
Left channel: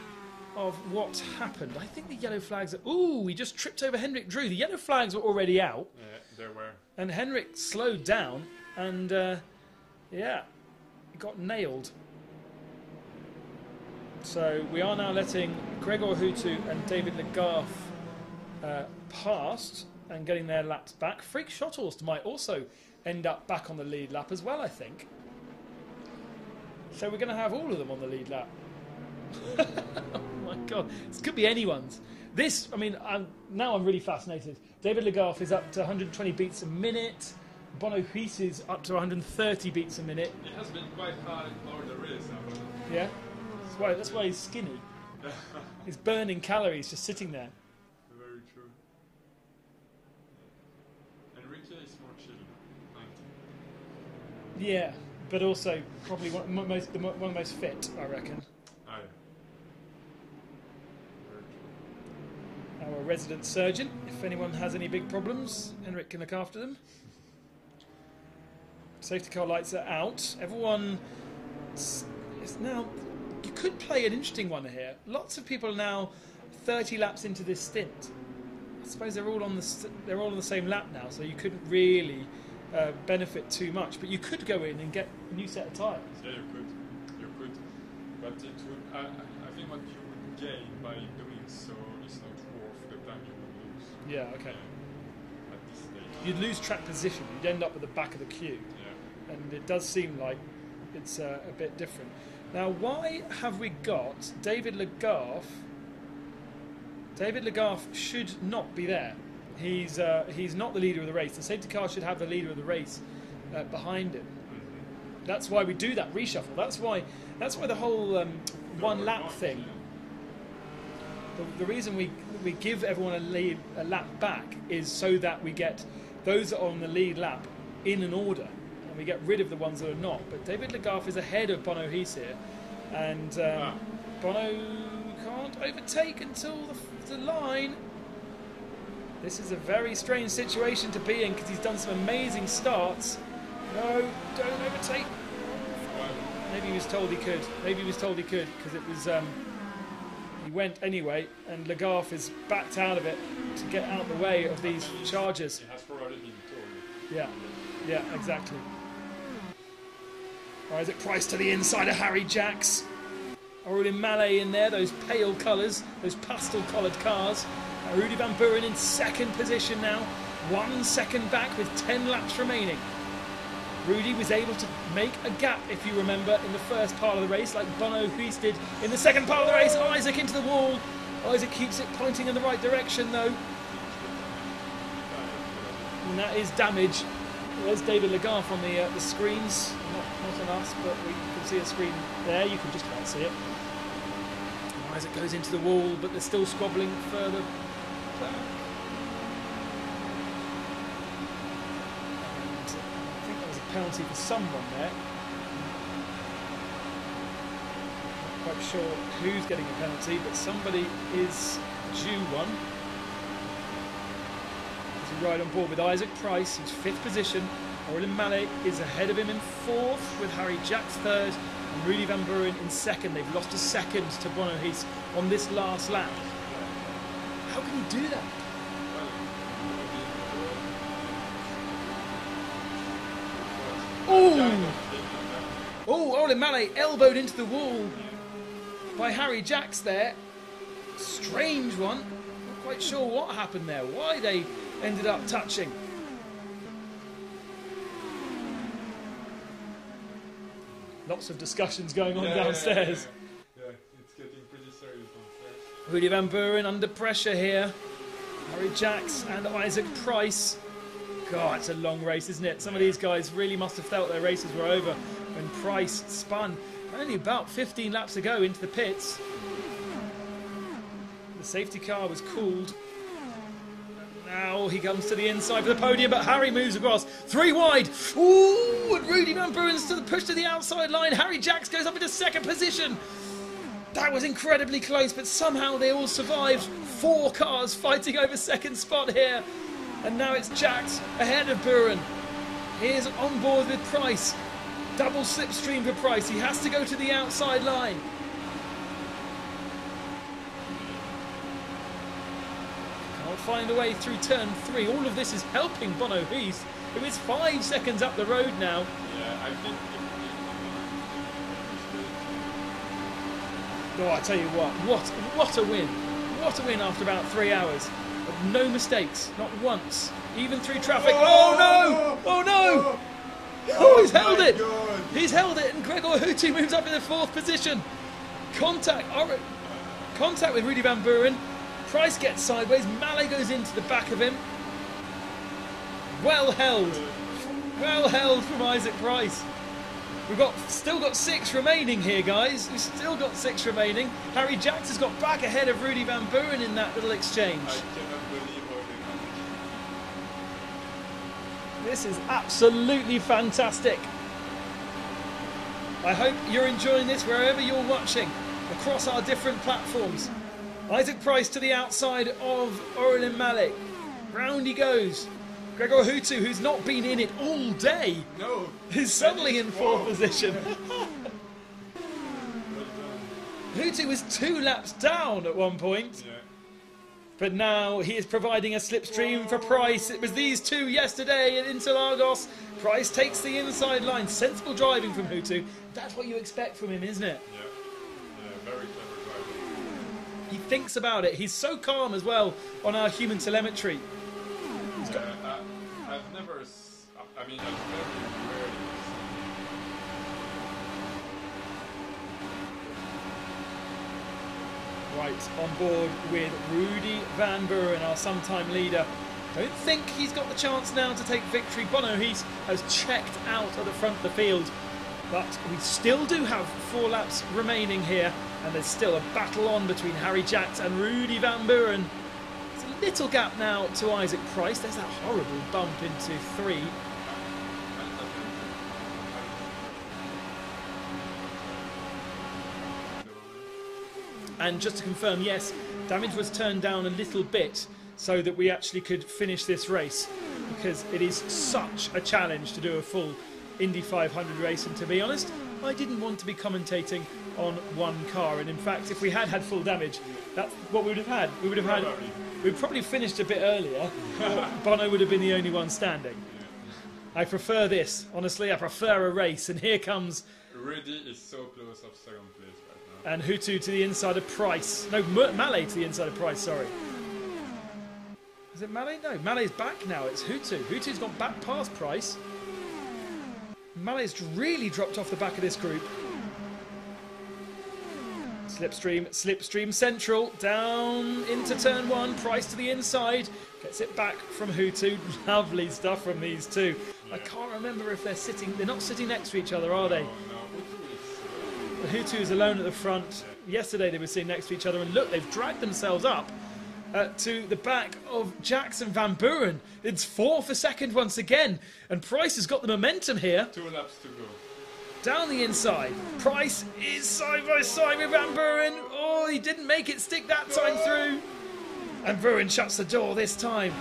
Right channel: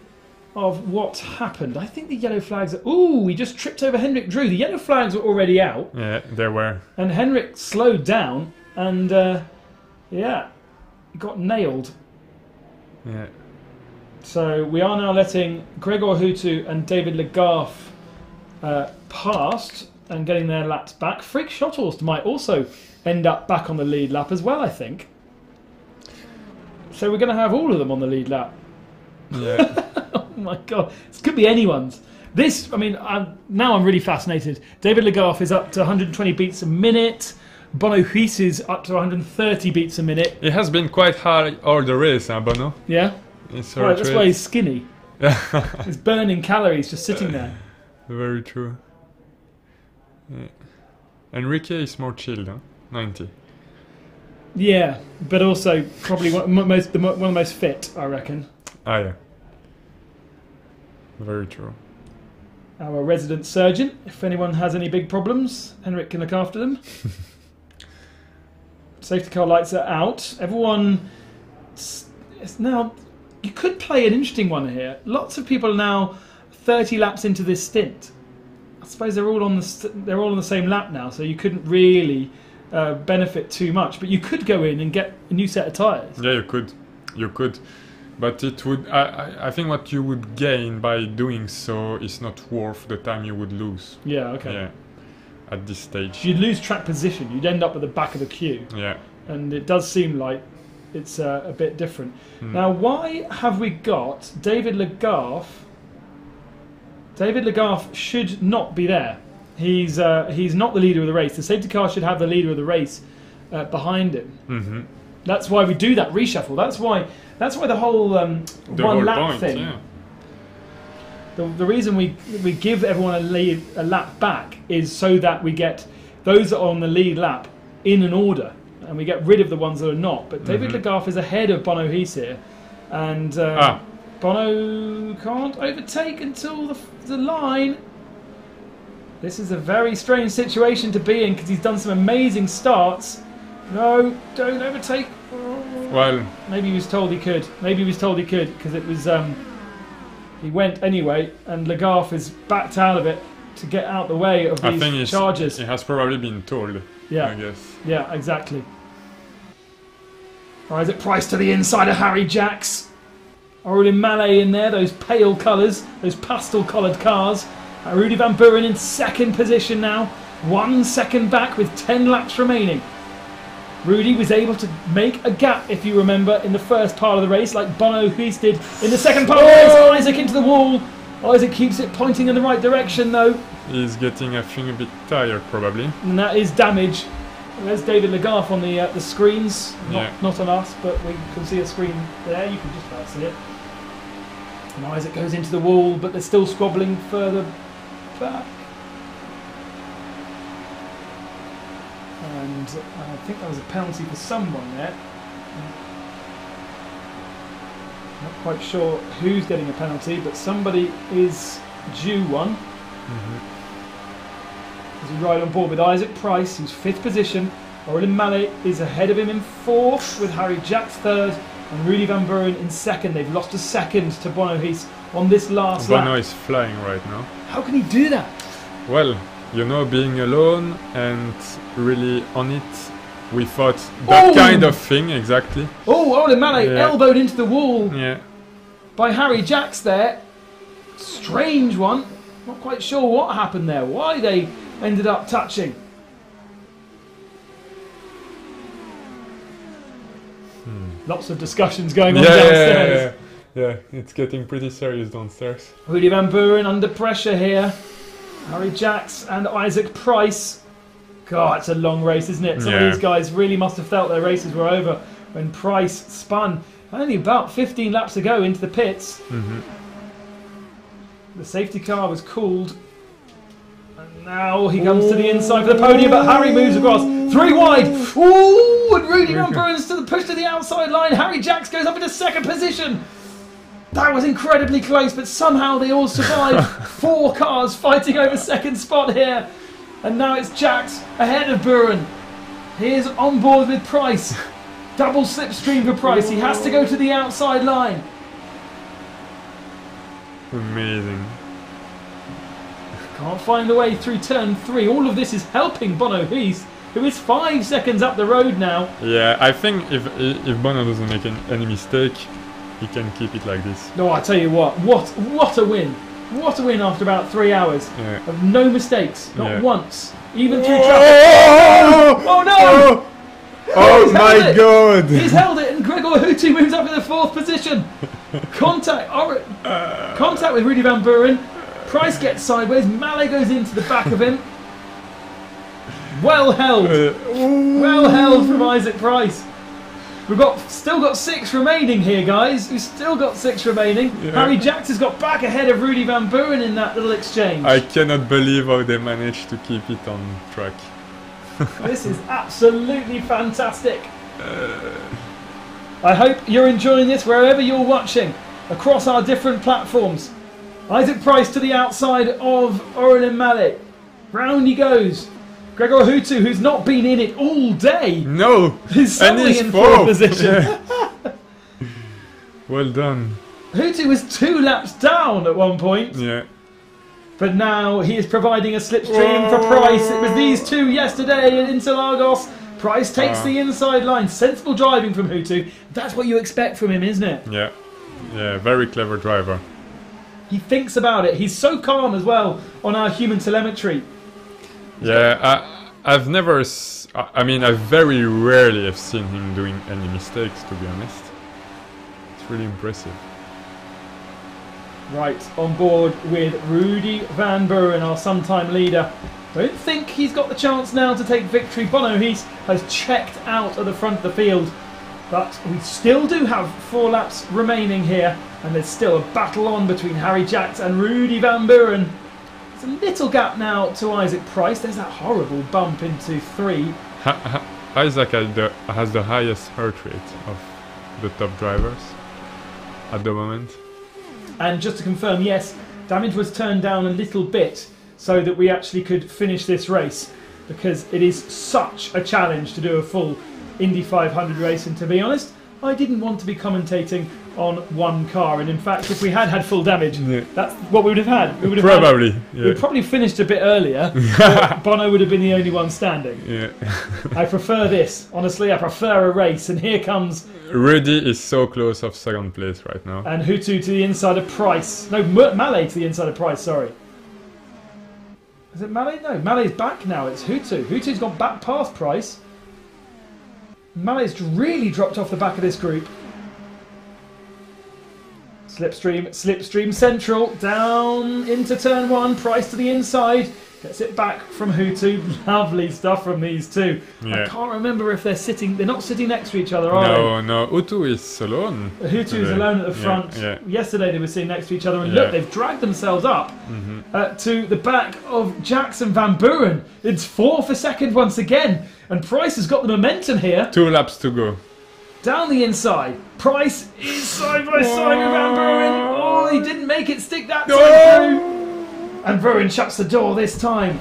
of what happened. I think the yellow flags are... Ooh, we just tripped over Henrik Drew. The yellow flags were already out. Yeah, they were. And Henrik slowed down and, got nailed. Yeah. So we are now letting Gregor Hutu and David Legarth past and getting their laps back. Freak Shottles might also end up back on the lead lap as well, I think. So we're going to have all of them on the lead lap. Yeah. Oh my god, this could be anyone's. This, I mean, now I'm really fascinated. David Legarth is up to 120 beats a minute. Bono Huis is up to 130 beats a minute. It has been quite hard all the race, huh, Bono? Yeah. Right, that's why he's skinny. He's burning calories just sitting there. Very true. Yeah. Enrique is more chilled, huh? 90. Yeah, but also probably one of the most fit, I reckon. Ah, yeah. Very true. Our resident surgeon, if anyone has any big problems, Henrik can look after them. Safety car lights are out. Everyone is now... You could play an interesting one here. Lots of people are now 30 laps into this stint. I suppose they're all on the same lap now, so you couldn't really benefit too much. But you could go in and get a new set of tyres. Yeah, you could. You could. But it would. I think what you would gain by doing so is not worth the time you would lose. Yeah. Okay. Yeah. At this stage. You'd lose track position. You'd end up at the back of the queue. Yeah. And it does seem like it's a bit different. Now, why have we got David Legarth? David Legarth should not be there. He's not the leader of the race. The safety car should have the leader of the race behind him. Mm-hmm. That's why we do that reshuffle. That's why the whole one lap thing. Yeah. The reason we give everyone a lap back is so that we get those that are on the lead lap in an order, and we get rid of the ones that are not. But David Legarth is ahead of Bono Huis here, and Bono can't overtake until the line. This is a very strange situation to be in because he's done some amazing starts. No, don't overtake. Well, maybe he was told he could. Maybe he was told he could because it was. He went anyway, and Legarth is backed out of it to get out the way of these charges. He has probably been told. Yeah. I guess. Yeah, exactly. Isaac Price to the inside of Harry Jacks. Aurelien Mallet in there, those pale colours, those pastel-coloured cars. Rudy Van Buren in second position now. 1 second back with 10 laps remaining. Rudy was able to make a gap, if you remember, in the first part of the race, like Bono Huis did in the second part of the race. Isaac into the wall. Isaac keeps it pointing in the right direction, though. He's getting, I think, a bit tired, probably. And that is damage. There's David Legarth on the screens. Not on us, but we can see a screen there. You can just about see it. And Isaac goes into the wall, but they're still squabbling further back. And I think there was a penalty for someone there. Not quite sure who's getting a penalty, but somebody is due one. He's right on board with Isaac Price, who's 5th position. Orlin Mallet is ahead of him in 4th, with Harry Jacks 3rd and Rudy Van Buren in 2nd. They've lost a second to Bono Heath on this last lap. Bono is flying right now. How can he do that? Well, you know, being alone and really on it, we thought that kind of thing, exactly. Oh, Orlin Mallet elbowed into the wall by Harry Jacks there. Strange one. Not quite sure what happened there, why they ended up touching. Lots of discussions going on downstairs. Yeah, it's getting pretty serious downstairs. Rudy Van Buren under pressure here. Harry Jacks and Isaac Price. God, it's a long race, isn't it? Some of these guys really must have felt their races were over when Price spun only about 15 laps to go into the pits. The safety car was called. Now he comes to the inside for the podium, but Harry moves across. 3 wide. Ooh, and Rudy Van Buren's to the push to the outside line. Harry Jacks goes up into 2nd position. That was incredibly close, but somehow they all survived. 4 cars fighting over 2nd spot here. And now it's Jacks ahead of Buren. He is on board with Price. Double slipstream for Price. He has to go to the outside line. Amazing. Can't find the way through turn 3. All of this is helping Bono Heath, who is 5 seconds up the road now. Yeah, I think if Bono doesn't make any mistake, he can keep it like this. No, I tell you what a win. What a win after about 3 hours of no mistakes, not once, even through traffic. Oh no! Oh my God! He's held it, and Gregor Hutu moves up in the 4th position. Contact with Rudy Van Buren. Price gets sideways. Mallet goes into the back of him. Well held. Well held from Isaac Price. We've still got 6 remaining here, guys. We've still got 6 remaining. Harry Jacks has got back ahead of Rudy Van Buren in that little exchange. I cannot believe how they managed to keep it on track. This is absolutely fantastic. I hope you're enjoying this wherever you're watching across our different platforms. Isaac Price to the outside of Orlin Mallet. Round he goes. Gregor Hutu, who's not been in it all day, is suddenly in 4th position. Well done. Hutu was 2 laps down at one point. Yeah. But now he is providing a slipstream for Price. It was these 2 yesterday in Interlagos. Price takes the inside line. Sensible driving from Hutu. That's what you expect from him, isn't it? Yeah. Yeah, very clever driver. He thinks about it. He's so calm as well on our human telemetry. Yeah, I've never... I mean, I very rarely have seen him doing any mistakes, to be honest. It's really impressive. Right, on board with Rudy Van Buren, our sometime leader. Don't think he's got the chance now to take victory. Bono Heath has checked out of the front of the field. But we still do have 4 laps remaining here. And there's still a battle on between Harry Jacks and Rudy Van Buren. There's a little gap now to Isaac Price. There's that horrible bump into 3. Isaac has the highest heart rate of the top drivers at the moment. And just to confirm, yes, damage was turned down a little bit so that we actually could finish this race, because it is such a challenge to do a full Indy 500 race. And to be honest, I didn't want to be commentating on one car, and in fact if we had full damage, that's what we would have had. We would have probably we'd probably finished a bit earlier, but Bono would have been the only one standing. I prefer this, honestly. I prefer a race, and here comes Rudy is so close of 2nd place right now, and Hutu to the inside of Price. No, Mallet to the inside of Price, sorry. Is it Mallet? No, Mallet's back now. It's Hutu. Hutu's gone back past Price. Mallet's really dropped off the back of this group. Slipstream central, down into turn 1, Price to the inside, gets it back from Hutu. Lovely stuff from these two. Yeah. I can't remember if they're not sitting next to each other, are they? No, Hutu is alone. Hutu is alone at the front. Yeah. Yesterday they were sitting next to each other, and look, they've dragged themselves up to the back of Jackson Van Buren. It's 4 for second once again, and Price has got the momentum here. 2 laps to go. Down the inside, Price is side by side with Van Buren. Oh, he didn't make it stick that time through. And Buren shuts the door this time.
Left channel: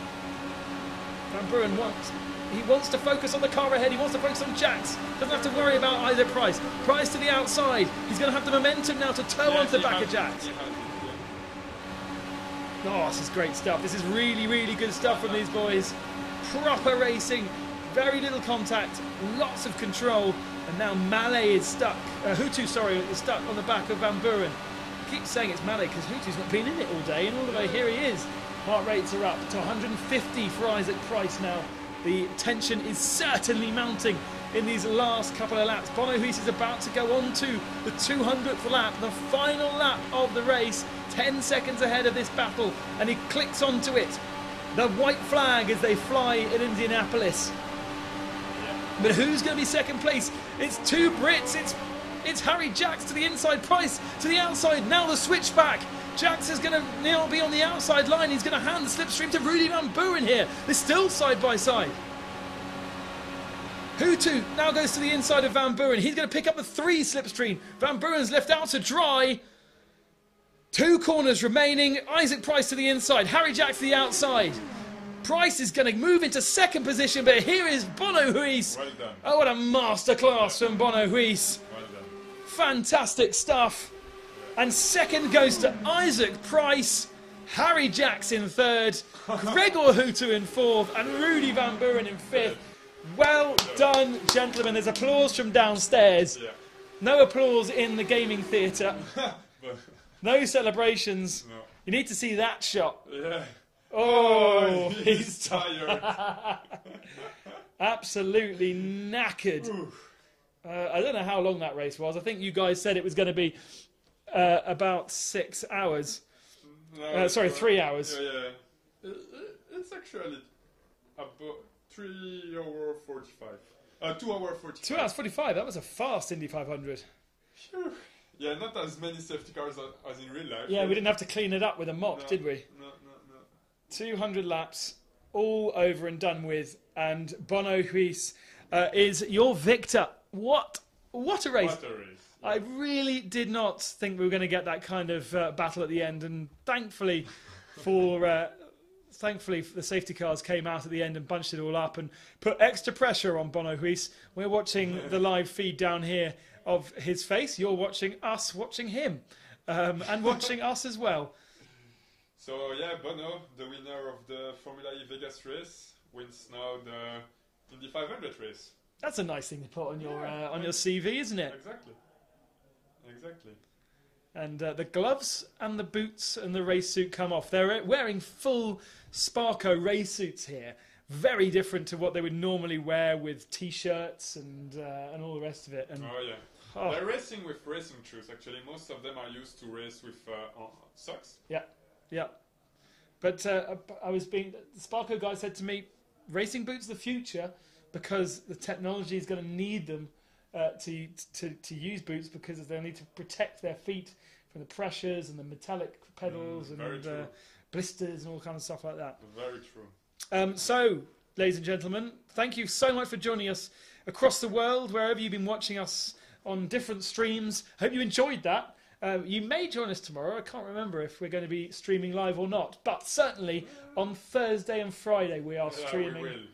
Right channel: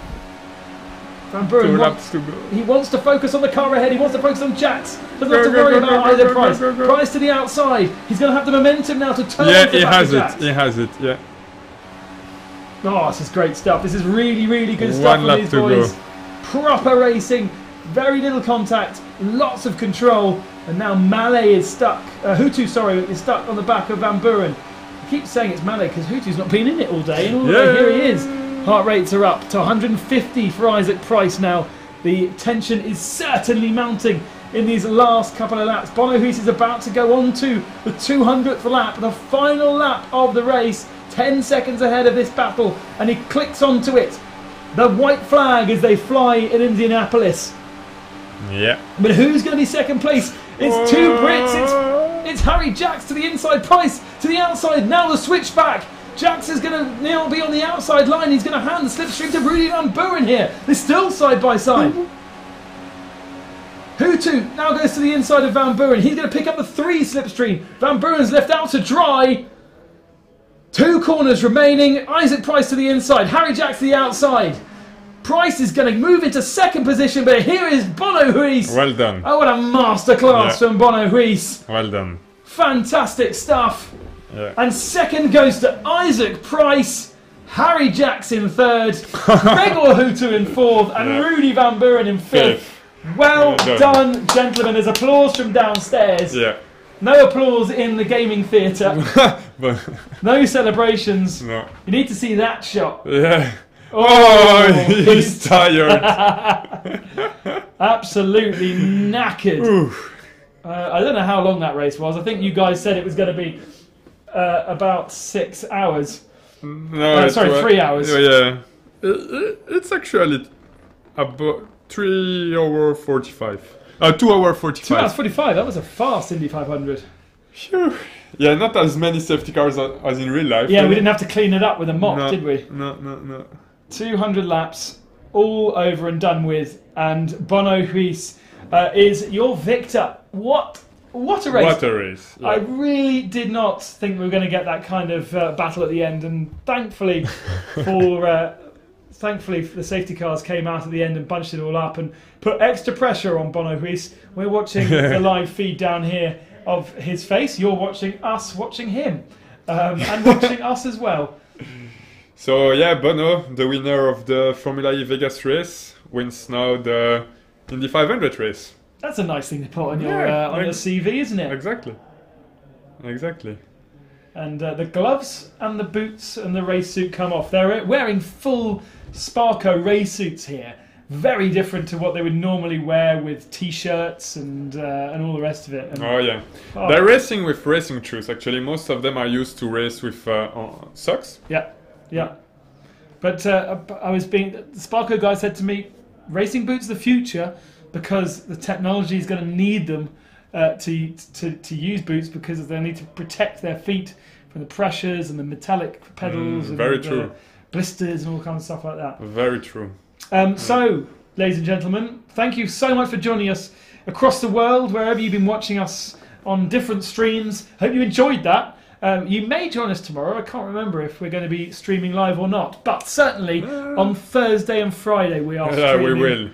Van Buren, 2 laps to go. he wants to focus on the car ahead. He wants to focus on Jax. Doesn't have to worry about either Price. Price to the outside. He's going to have the momentum now to turn. Yeah, he has it. He has it. Yeah. Oh, this is great stuff. This is really, really good stuff 1 from lap these to boys. go. Proper racing, very little contact, lots of control, and now Mallet is stuck. Hutu, sorry, is stuck on the back of Van Buren. I keep saying it's Mallet because Hutu's not been in it all day, and all the way here he is. Heart rates are up to 150 for Isaac Price now. The tension is certainly mounting in these last couple of laps. Bono Huis is about to go on to the 200th lap, the final lap of the race. 10 seconds ahead of this battle, and he clicks onto it. The white flag as they fly in Indianapolis. Yeah. But who's going to be second place? It's 2 Brits. It's Harry Jax to the inside, Price to the outside. Now the switchback. Jax is going to now be on the outside line. He's going to hand the slipstream to Rudy Van Buren here. They're still side by side. Hutu now goes to the inside of Van Buren. He's going to pick up the 3 slipstream. Van Buren's left out to dry. 2 corners remaining. Isaac Price to the inside. Harry Jax to the outside. Price is going to move into second position, but here is Bono Huis. Well done. Oh, what a masterclass from Bono Huis. Well done. Fantastic stuff. Yeah. And second goes to Isaac Price. Harry Jax in third. Gregor Hutu in fourth. And Rudy Van Buren in fifth. Well done, gentlemen. There's applause from downstairs. Yeah. No applause in the gaming theatre. But No celebrations. no. You need to see that shot. Yeah. Oh, he's tired. Absolutely knackered. I don't know how long that race was. I think you guys said it was going to be about 6 hours. No, sorry, 3 hours. Yeah. It's actually about 3 hours 45. 2 hours 45. 2 hours 45. That was a fast Indy 500. Phew. Yeah, not as many safety cars as in real life. Yeah, we didn't have to clean it up with a mop, did we? No. 200 laps, all over and done with, and Bono Huis is your victor. What a race! What a race! Yeah. I really did not think we were going to get that kind of battle at the end, and thankfully, thankfully the safety cars came out at the end and bunched it all up and put extra pressure on Bono Huis. We're watching the live feed down here of his face. You're watching us watching him, and watching us as well. So yeah, Bono, the winner of the Formula E Vegas race, wins now the Indy 500 race. That's a nice thing to put on your CV, isn't it? Exactly. And the gloves and the boots and the race suit come off. They're wearing full Sparco race suits here. Very different to what they would normally wear with t-shirts and all the rest of it. And, they're racing with racing shoes. Actually, most of them are used to race with socks. Yeah. But the Sparco guy said to me, racing boots are the future because the technology is going to need them to use boots because they need to protect their feet from the pressures and the metallic pedals and blisters and all kinds of stuff like that. Very true. So, ladies and gentlemen, thank you so much for joining us across the world, wherever you've been watching us on different streams. Hope you enjoyed that. You may join us tomorrow. I can't remember if we're going to be streaming live or not, but certainly on Thursday and Friday we are streaming. We will.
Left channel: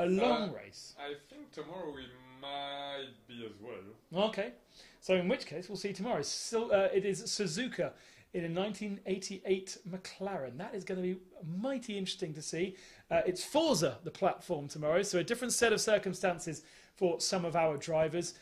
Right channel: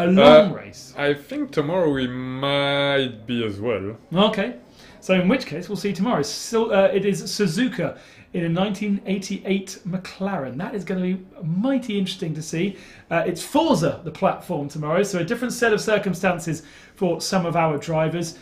A long race. I think tomorrow we might be as well. Okay. So in which case we'll see you tomorrow. It is Suzuka in a 1988 McLaren. That is going to be mighty interesting to see. It's Forza, the platform, tomorrow, so a different set of circumstances for some of our drivers.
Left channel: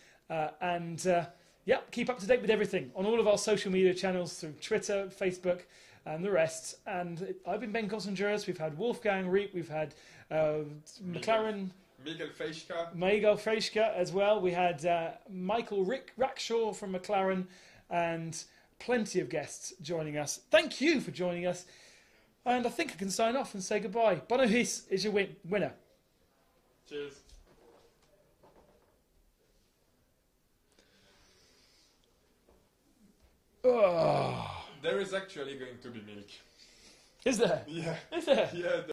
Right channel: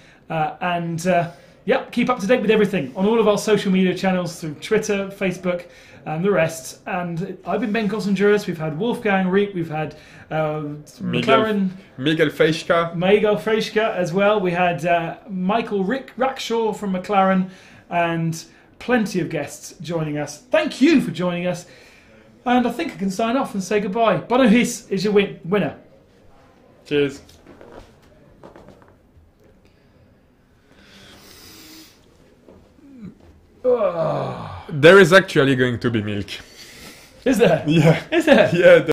Keep up to date with everything on all of our social media channels through Twitter, Facebook, and the rest. And I've been Ben Gossenjuris. We've had Wolfgang Rieck. We've had McLaren. Miguel Freischka as well. We had Michael Rackshaw from McLaren and plenty of guests joining us. Thank you for joining us. And I think I can sign off and say goodbye. Bono His is your winner. Cheers. Oh. There is actually going to be milk. Is there? Yeah. Is there? Yeah.